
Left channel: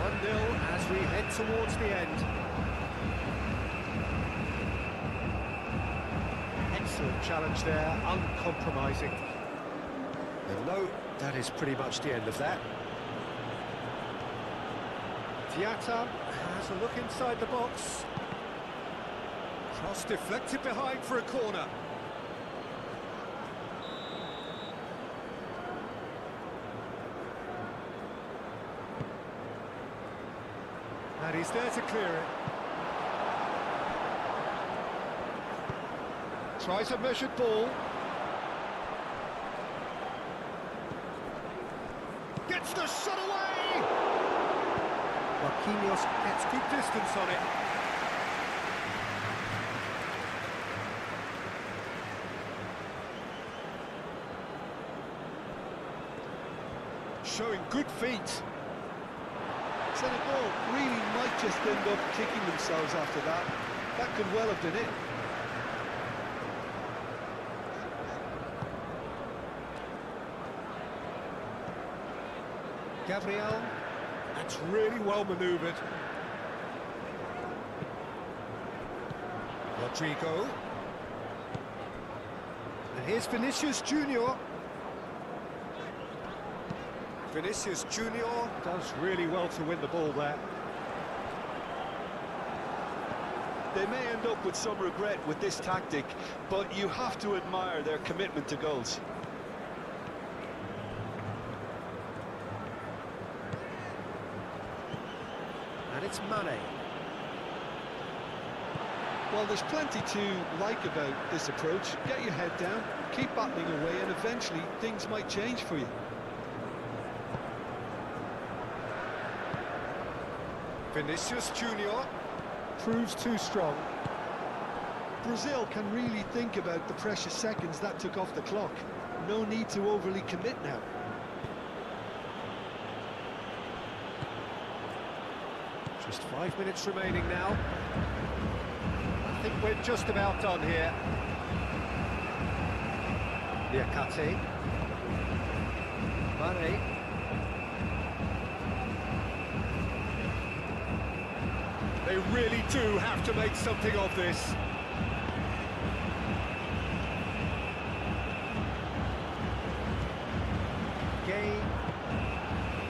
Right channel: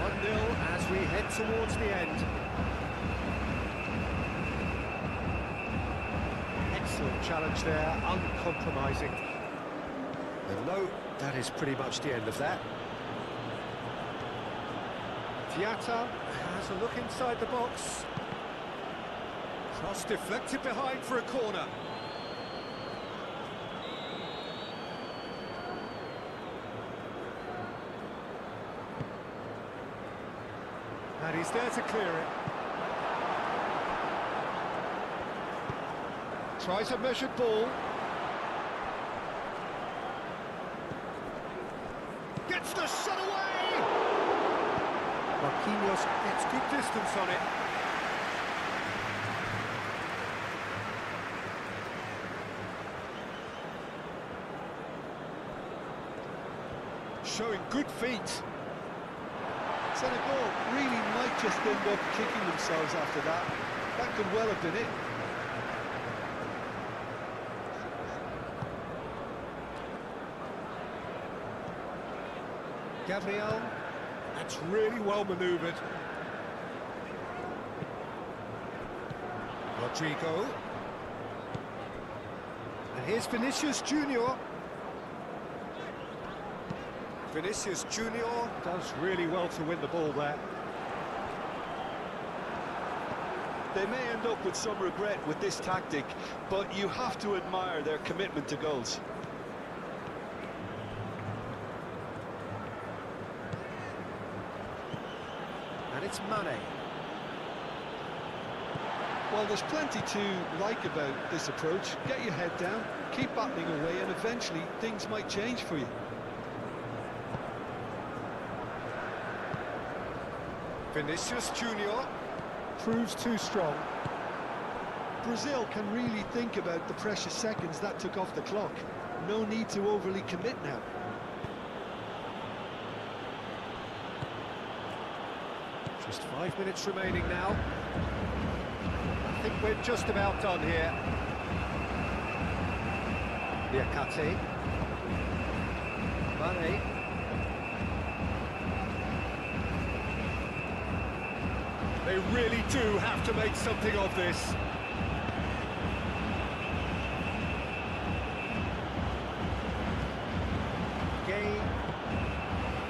1-0 as we head towards the end. Excellent challenge there, uncompromising. And no, that is pretty much the end of that. Diatta has a look inside the box. Cross deflected behind for a corner. And he's there to clear it. Tries a measured ball. Gets the shot away! Marquinhos gets good distance on it. Showing good feet. Senegal really might just end up kicking themselves after that. That could well have been it. Gabriel, that's really well manoeuvred. Rodrigo. And here's Vinicius Junior. Vinicius Junior does really well to win the ball there. They may end up with some regret with this tactic, but you have to admire their commitment to goals. And it's Mane. Well, there's plenty to like about this approach. Get your head down, keep battling away, and eventually things might change for you. Vinicius Junior proves too strong. Brazil can really think about the precious seconds that took off the clock. No need to overly commit now. Just 5 minutes remaining now. I think we're just about done here. Liakate. Mane. They really do have to make something of this. Gay.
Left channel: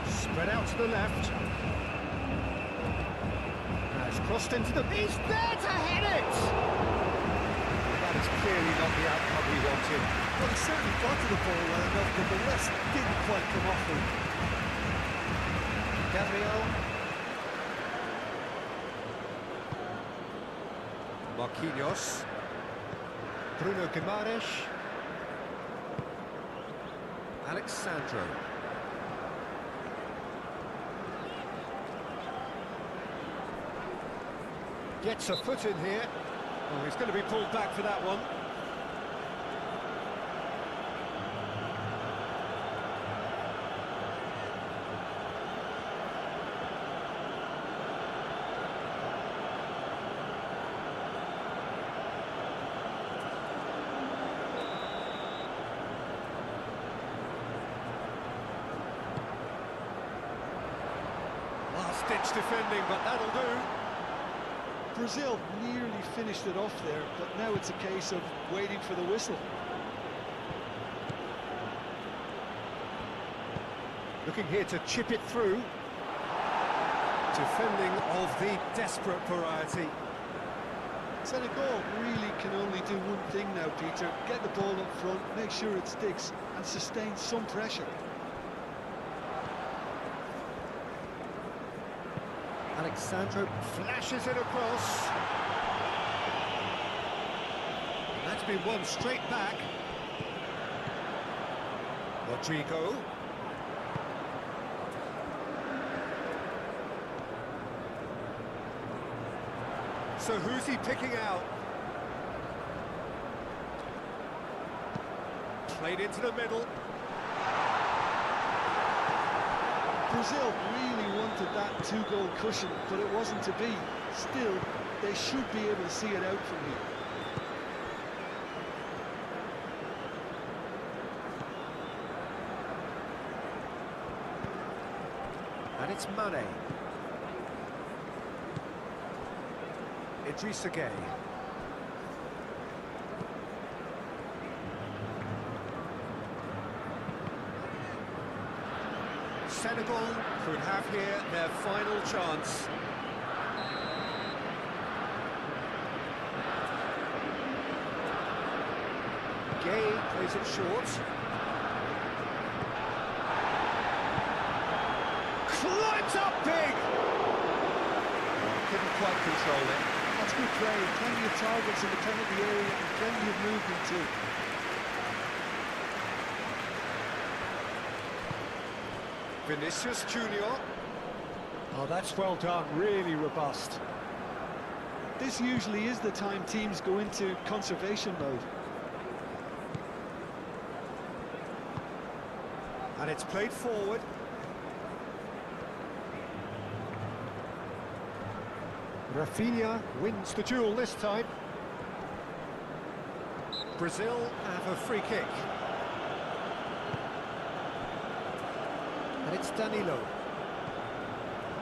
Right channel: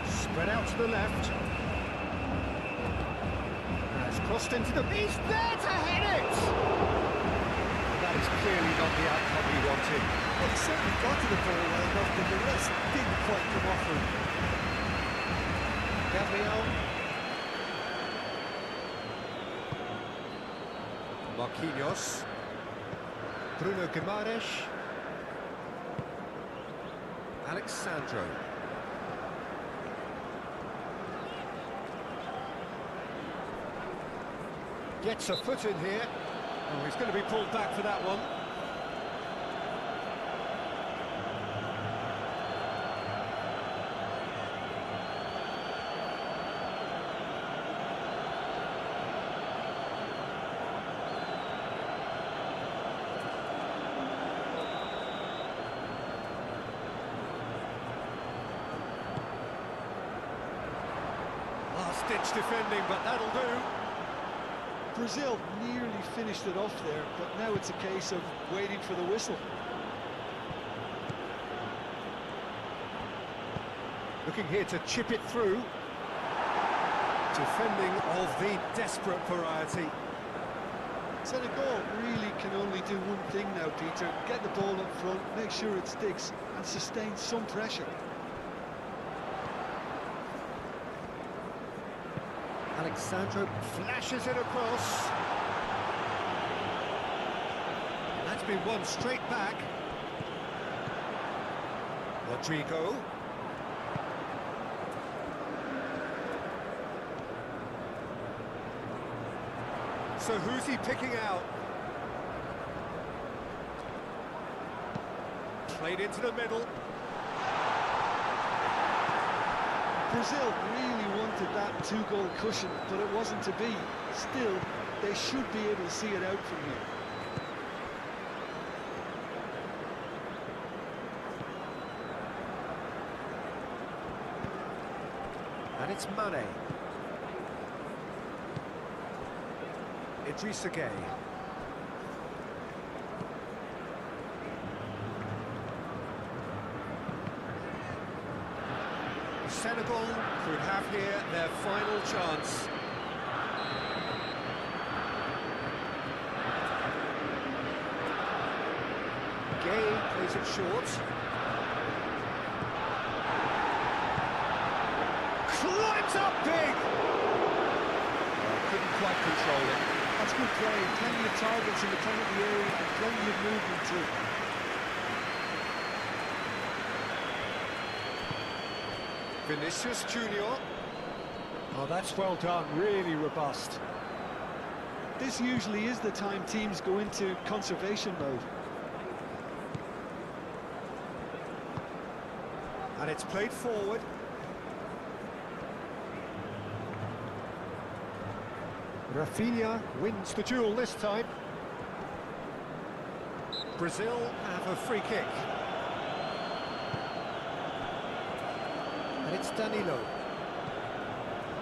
Spread out to the left. Has crossed into the... He's there to hit it! But that is clearly not the outcome he wanted. Well, he certainly got to the ball well enough, but the rest didn't quite come off for him. Gabriel. Marquinhos. Bruno Guimaraes. Alexandro. Gets a foot in here. Oh, he's going to be pulled back for that one. Last-ditch defending, but that'll do. Brazil nearly finished it off there, but now it's a case of waiting for the whistle. Looking here to chip it through. Defending of the desperate variety. Senegal really can only do one thing now, Peter. Get the ball up front, make sure it sticks, and sustain some pressure. Alexandro flashes it across. And that's been won straight back. Rodrigo. So who's he picking out? Played into the middle. Brazil really wanted that two-goal cushion, but it wasn't to be. Still, they should be able to see it out from here. And it's Mane. Idrissa Gueye. Senegal could have here their final chance. Gueye plays it short. Climbs up big! Oh, couldn't quite control it. That's good play. Plenty of targets in the penalty area and plenty of movement too. Vinicius Junior. Oh, that's well done, really robust. This usually is the time teams go into conservation mode. And it's played forward. Rafinha wins the duel this time. Brazil have a free kick. And it's Danilo.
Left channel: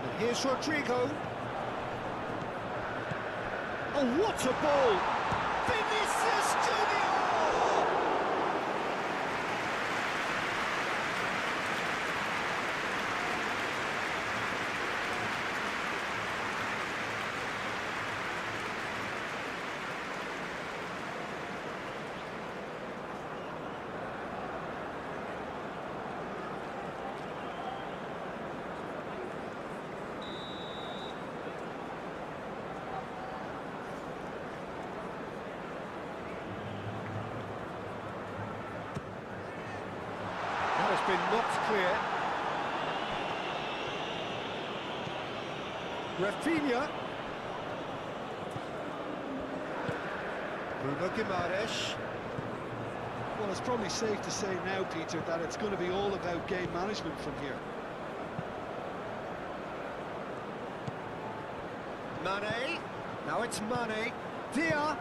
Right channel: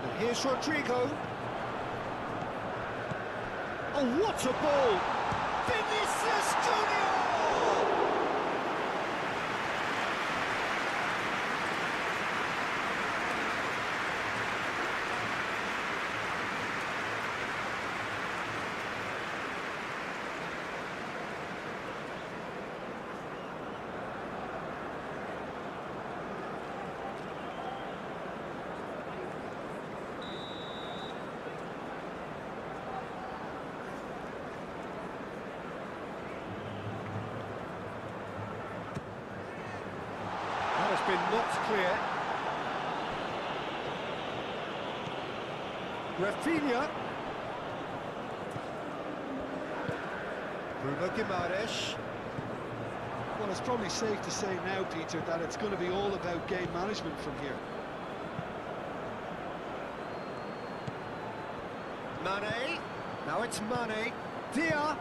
And here's Rodrigo. Oh, what a ball! Vinicius Junior! has been knocked clear. Rafinha. Bruno Guimaraes. Well, it's probably safe to say now, Peter, that it's going to be all about game management from here. Mane. Now it's Mane. Dia.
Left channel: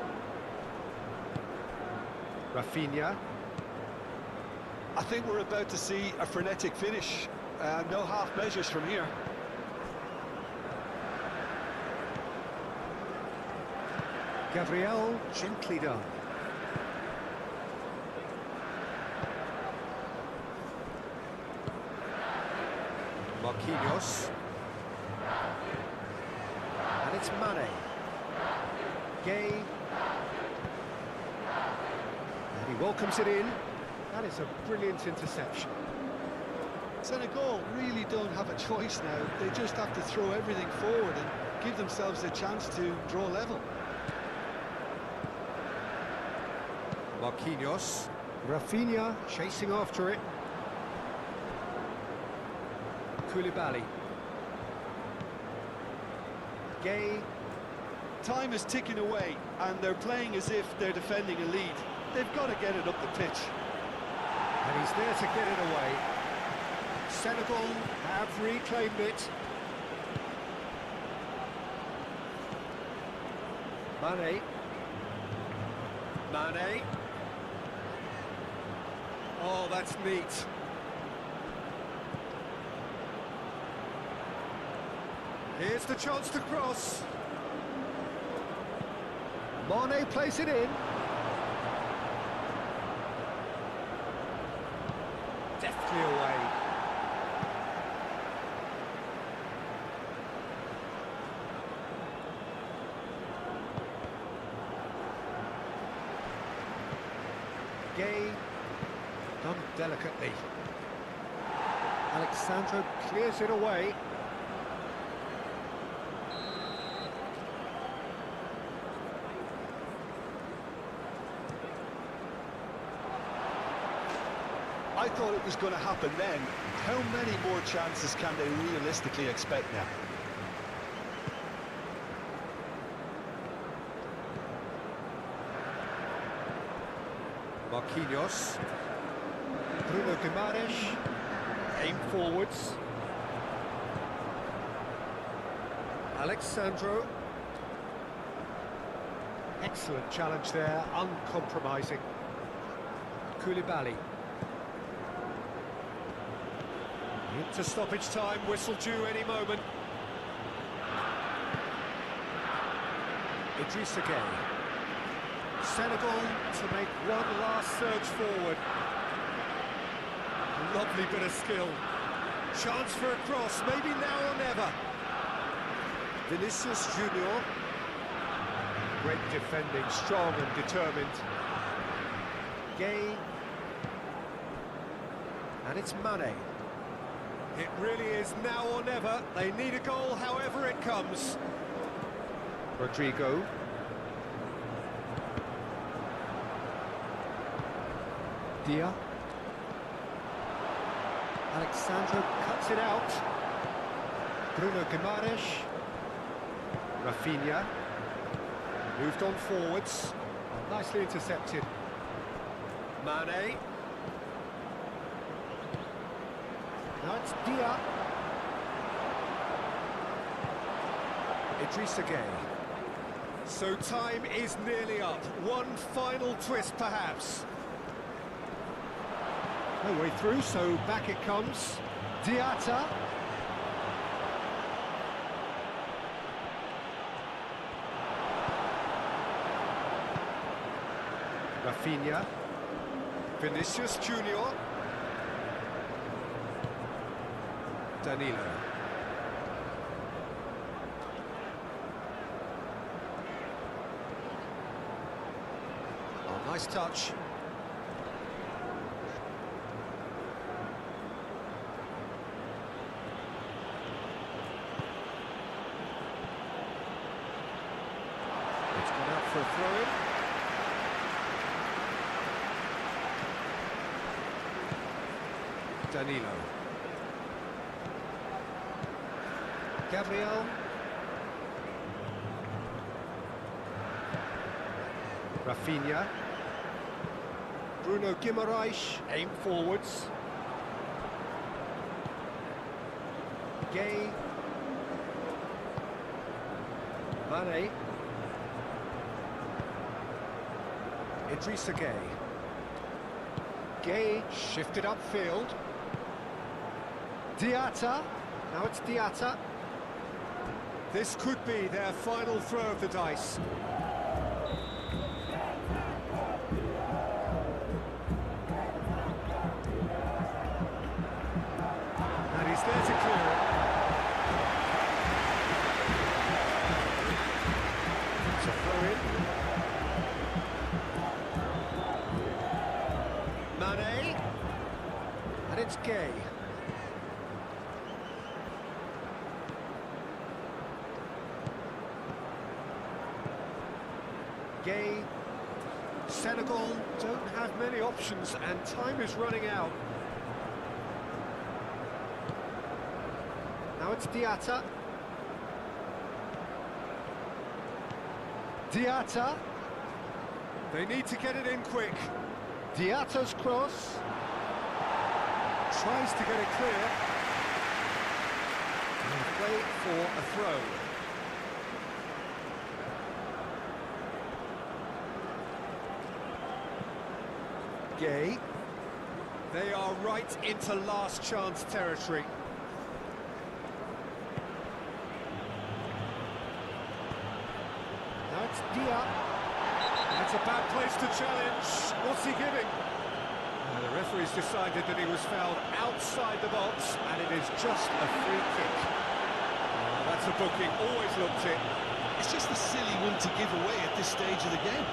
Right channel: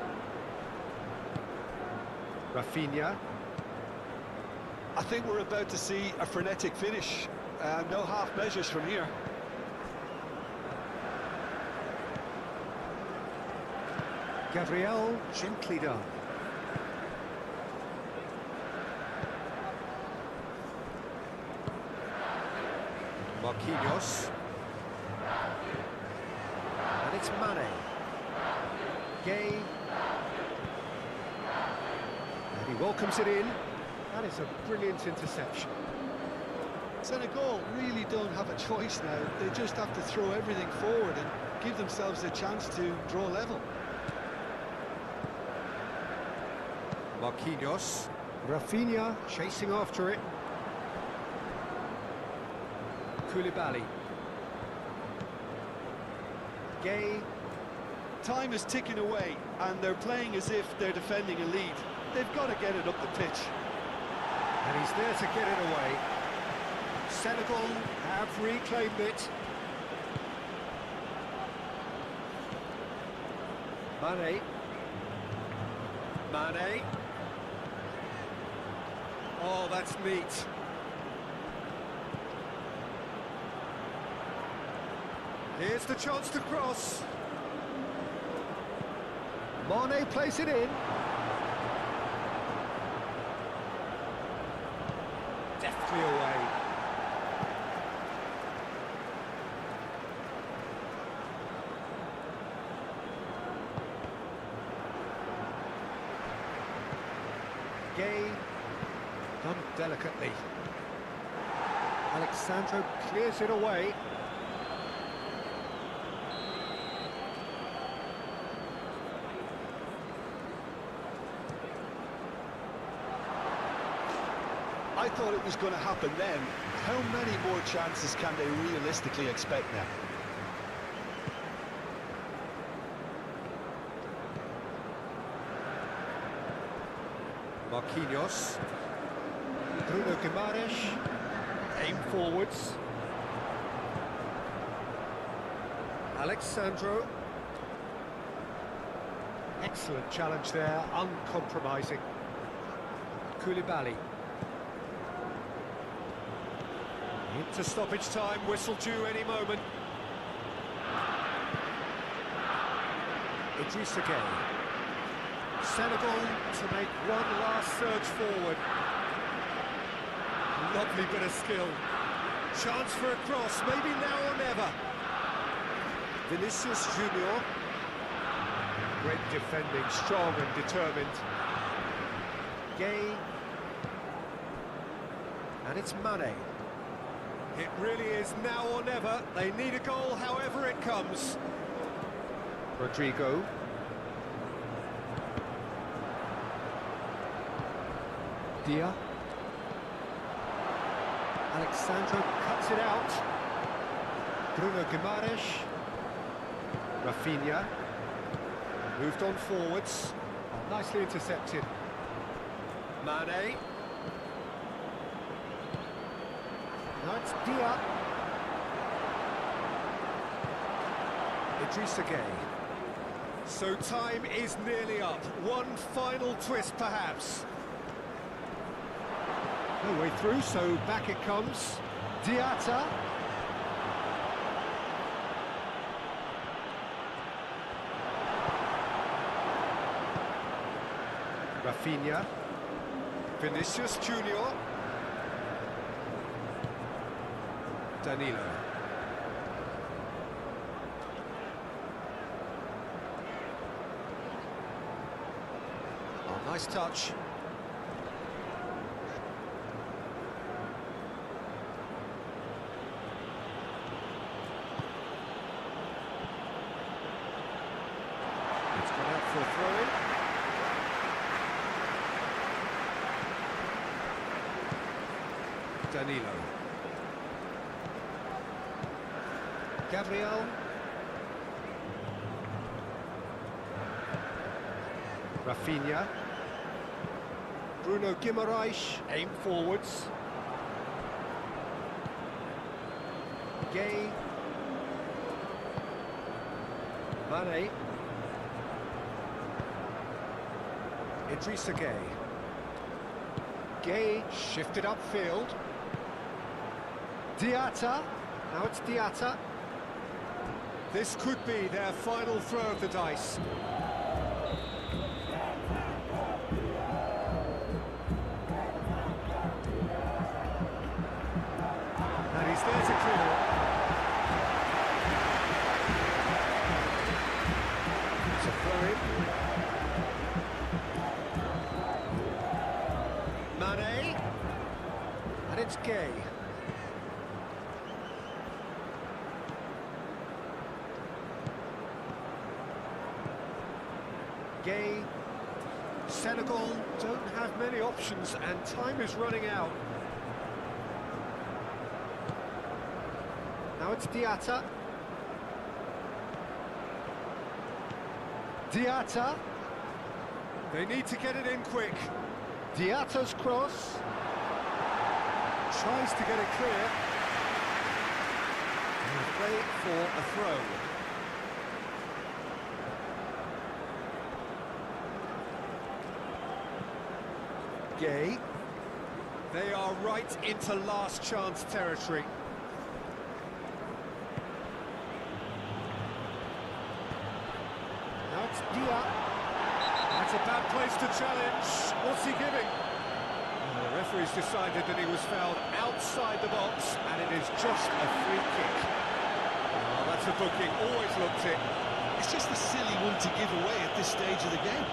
Rafinha. I think we're about to see a frenetic finish. No half measures from here. Gabriel, gently done. Marquinhos. And it's Mane. Gay. And he welcomes it in. That is a brilliant interception. Senegal really don't have a choice now. They just have to throw everything forward and give themselves a chance to draw level. Marquinhos. Rafinha chasing after it. Koulibaly. Gay. Time is ticking away, and they're playing as if they're defending a lead. They've got to get it up the pitch. And he's there to get it away. Senegal have reclaimed it. Mane. Mane. Oh, that's neat. Here's the chance to cross. Mane plays it in. Deftly away. Gay, done delicately. Alexandro clears it away. I thought it was going to happen then. How many more chances can they realistically expect now? Marquinhos. Bruno Guimaraes. Aim forwards. Alexandro. Excellent challenge there, uncompromising. Koulibaly. Into stoppage time, whistle due any moment. Idrissa Gueye. Senegal to make one last surge forward. Lovely bit of skill. Chance for a cross, maybe now or never. Vinicius Junior. Great defending, strong and determined. Gay. And it's Mane. It really is now or never. They need a goal however it comes. Rodrigo. Dia. Alexandro cuts it out. Bruno Guimaraes. Rafinha. Moved on forwards. Oh, nicely intercepted. Mane. Now it's Dia. Idrissa Gueye. So time is nearly up. One final twist perhaps. No way through, so back it comes. Diatta. Rafinha. Vinicius Junior. Danilo. Oh, nice touch. It's gone out for a throw-in. Danilo. Gabriel. Rafinha. Bruno Guimaraes, aim forwards. Gay. Mane. Idrissa Gay. Gay shifted upfield. Diatta. Now it's Diatta. This could be their final throw of the dice. And he's there to clear it. It's a throw-in. Mane. And it's Gay. Gay. Senegal don't have many options and time is running out. Now it's Diatta. Diatta. They need to get it in quick. Diatta's cross. Tries to get it clear. And play for a throw. Gay. They are right into last chance territory. Now it's Dia. That's a bad place to challenge. What's he giving? Well, the referee's decided that he was fouled outside the box, and it is just a free kick. Oh, that's a booking, always looked it. It's just a silly one to give away at this stage of the game.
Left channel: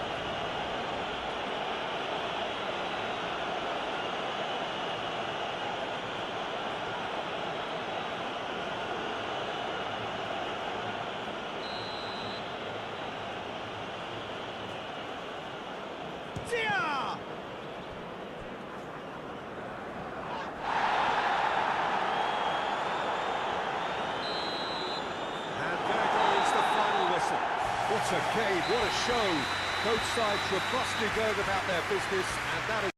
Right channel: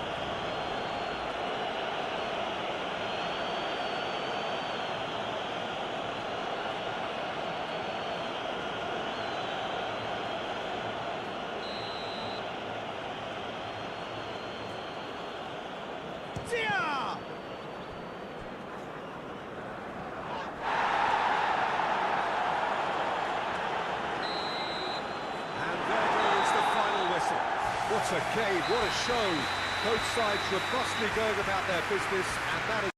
Dia! And there goes the final whistle. What a game, what a show. Both sides robustly going about their business, and that is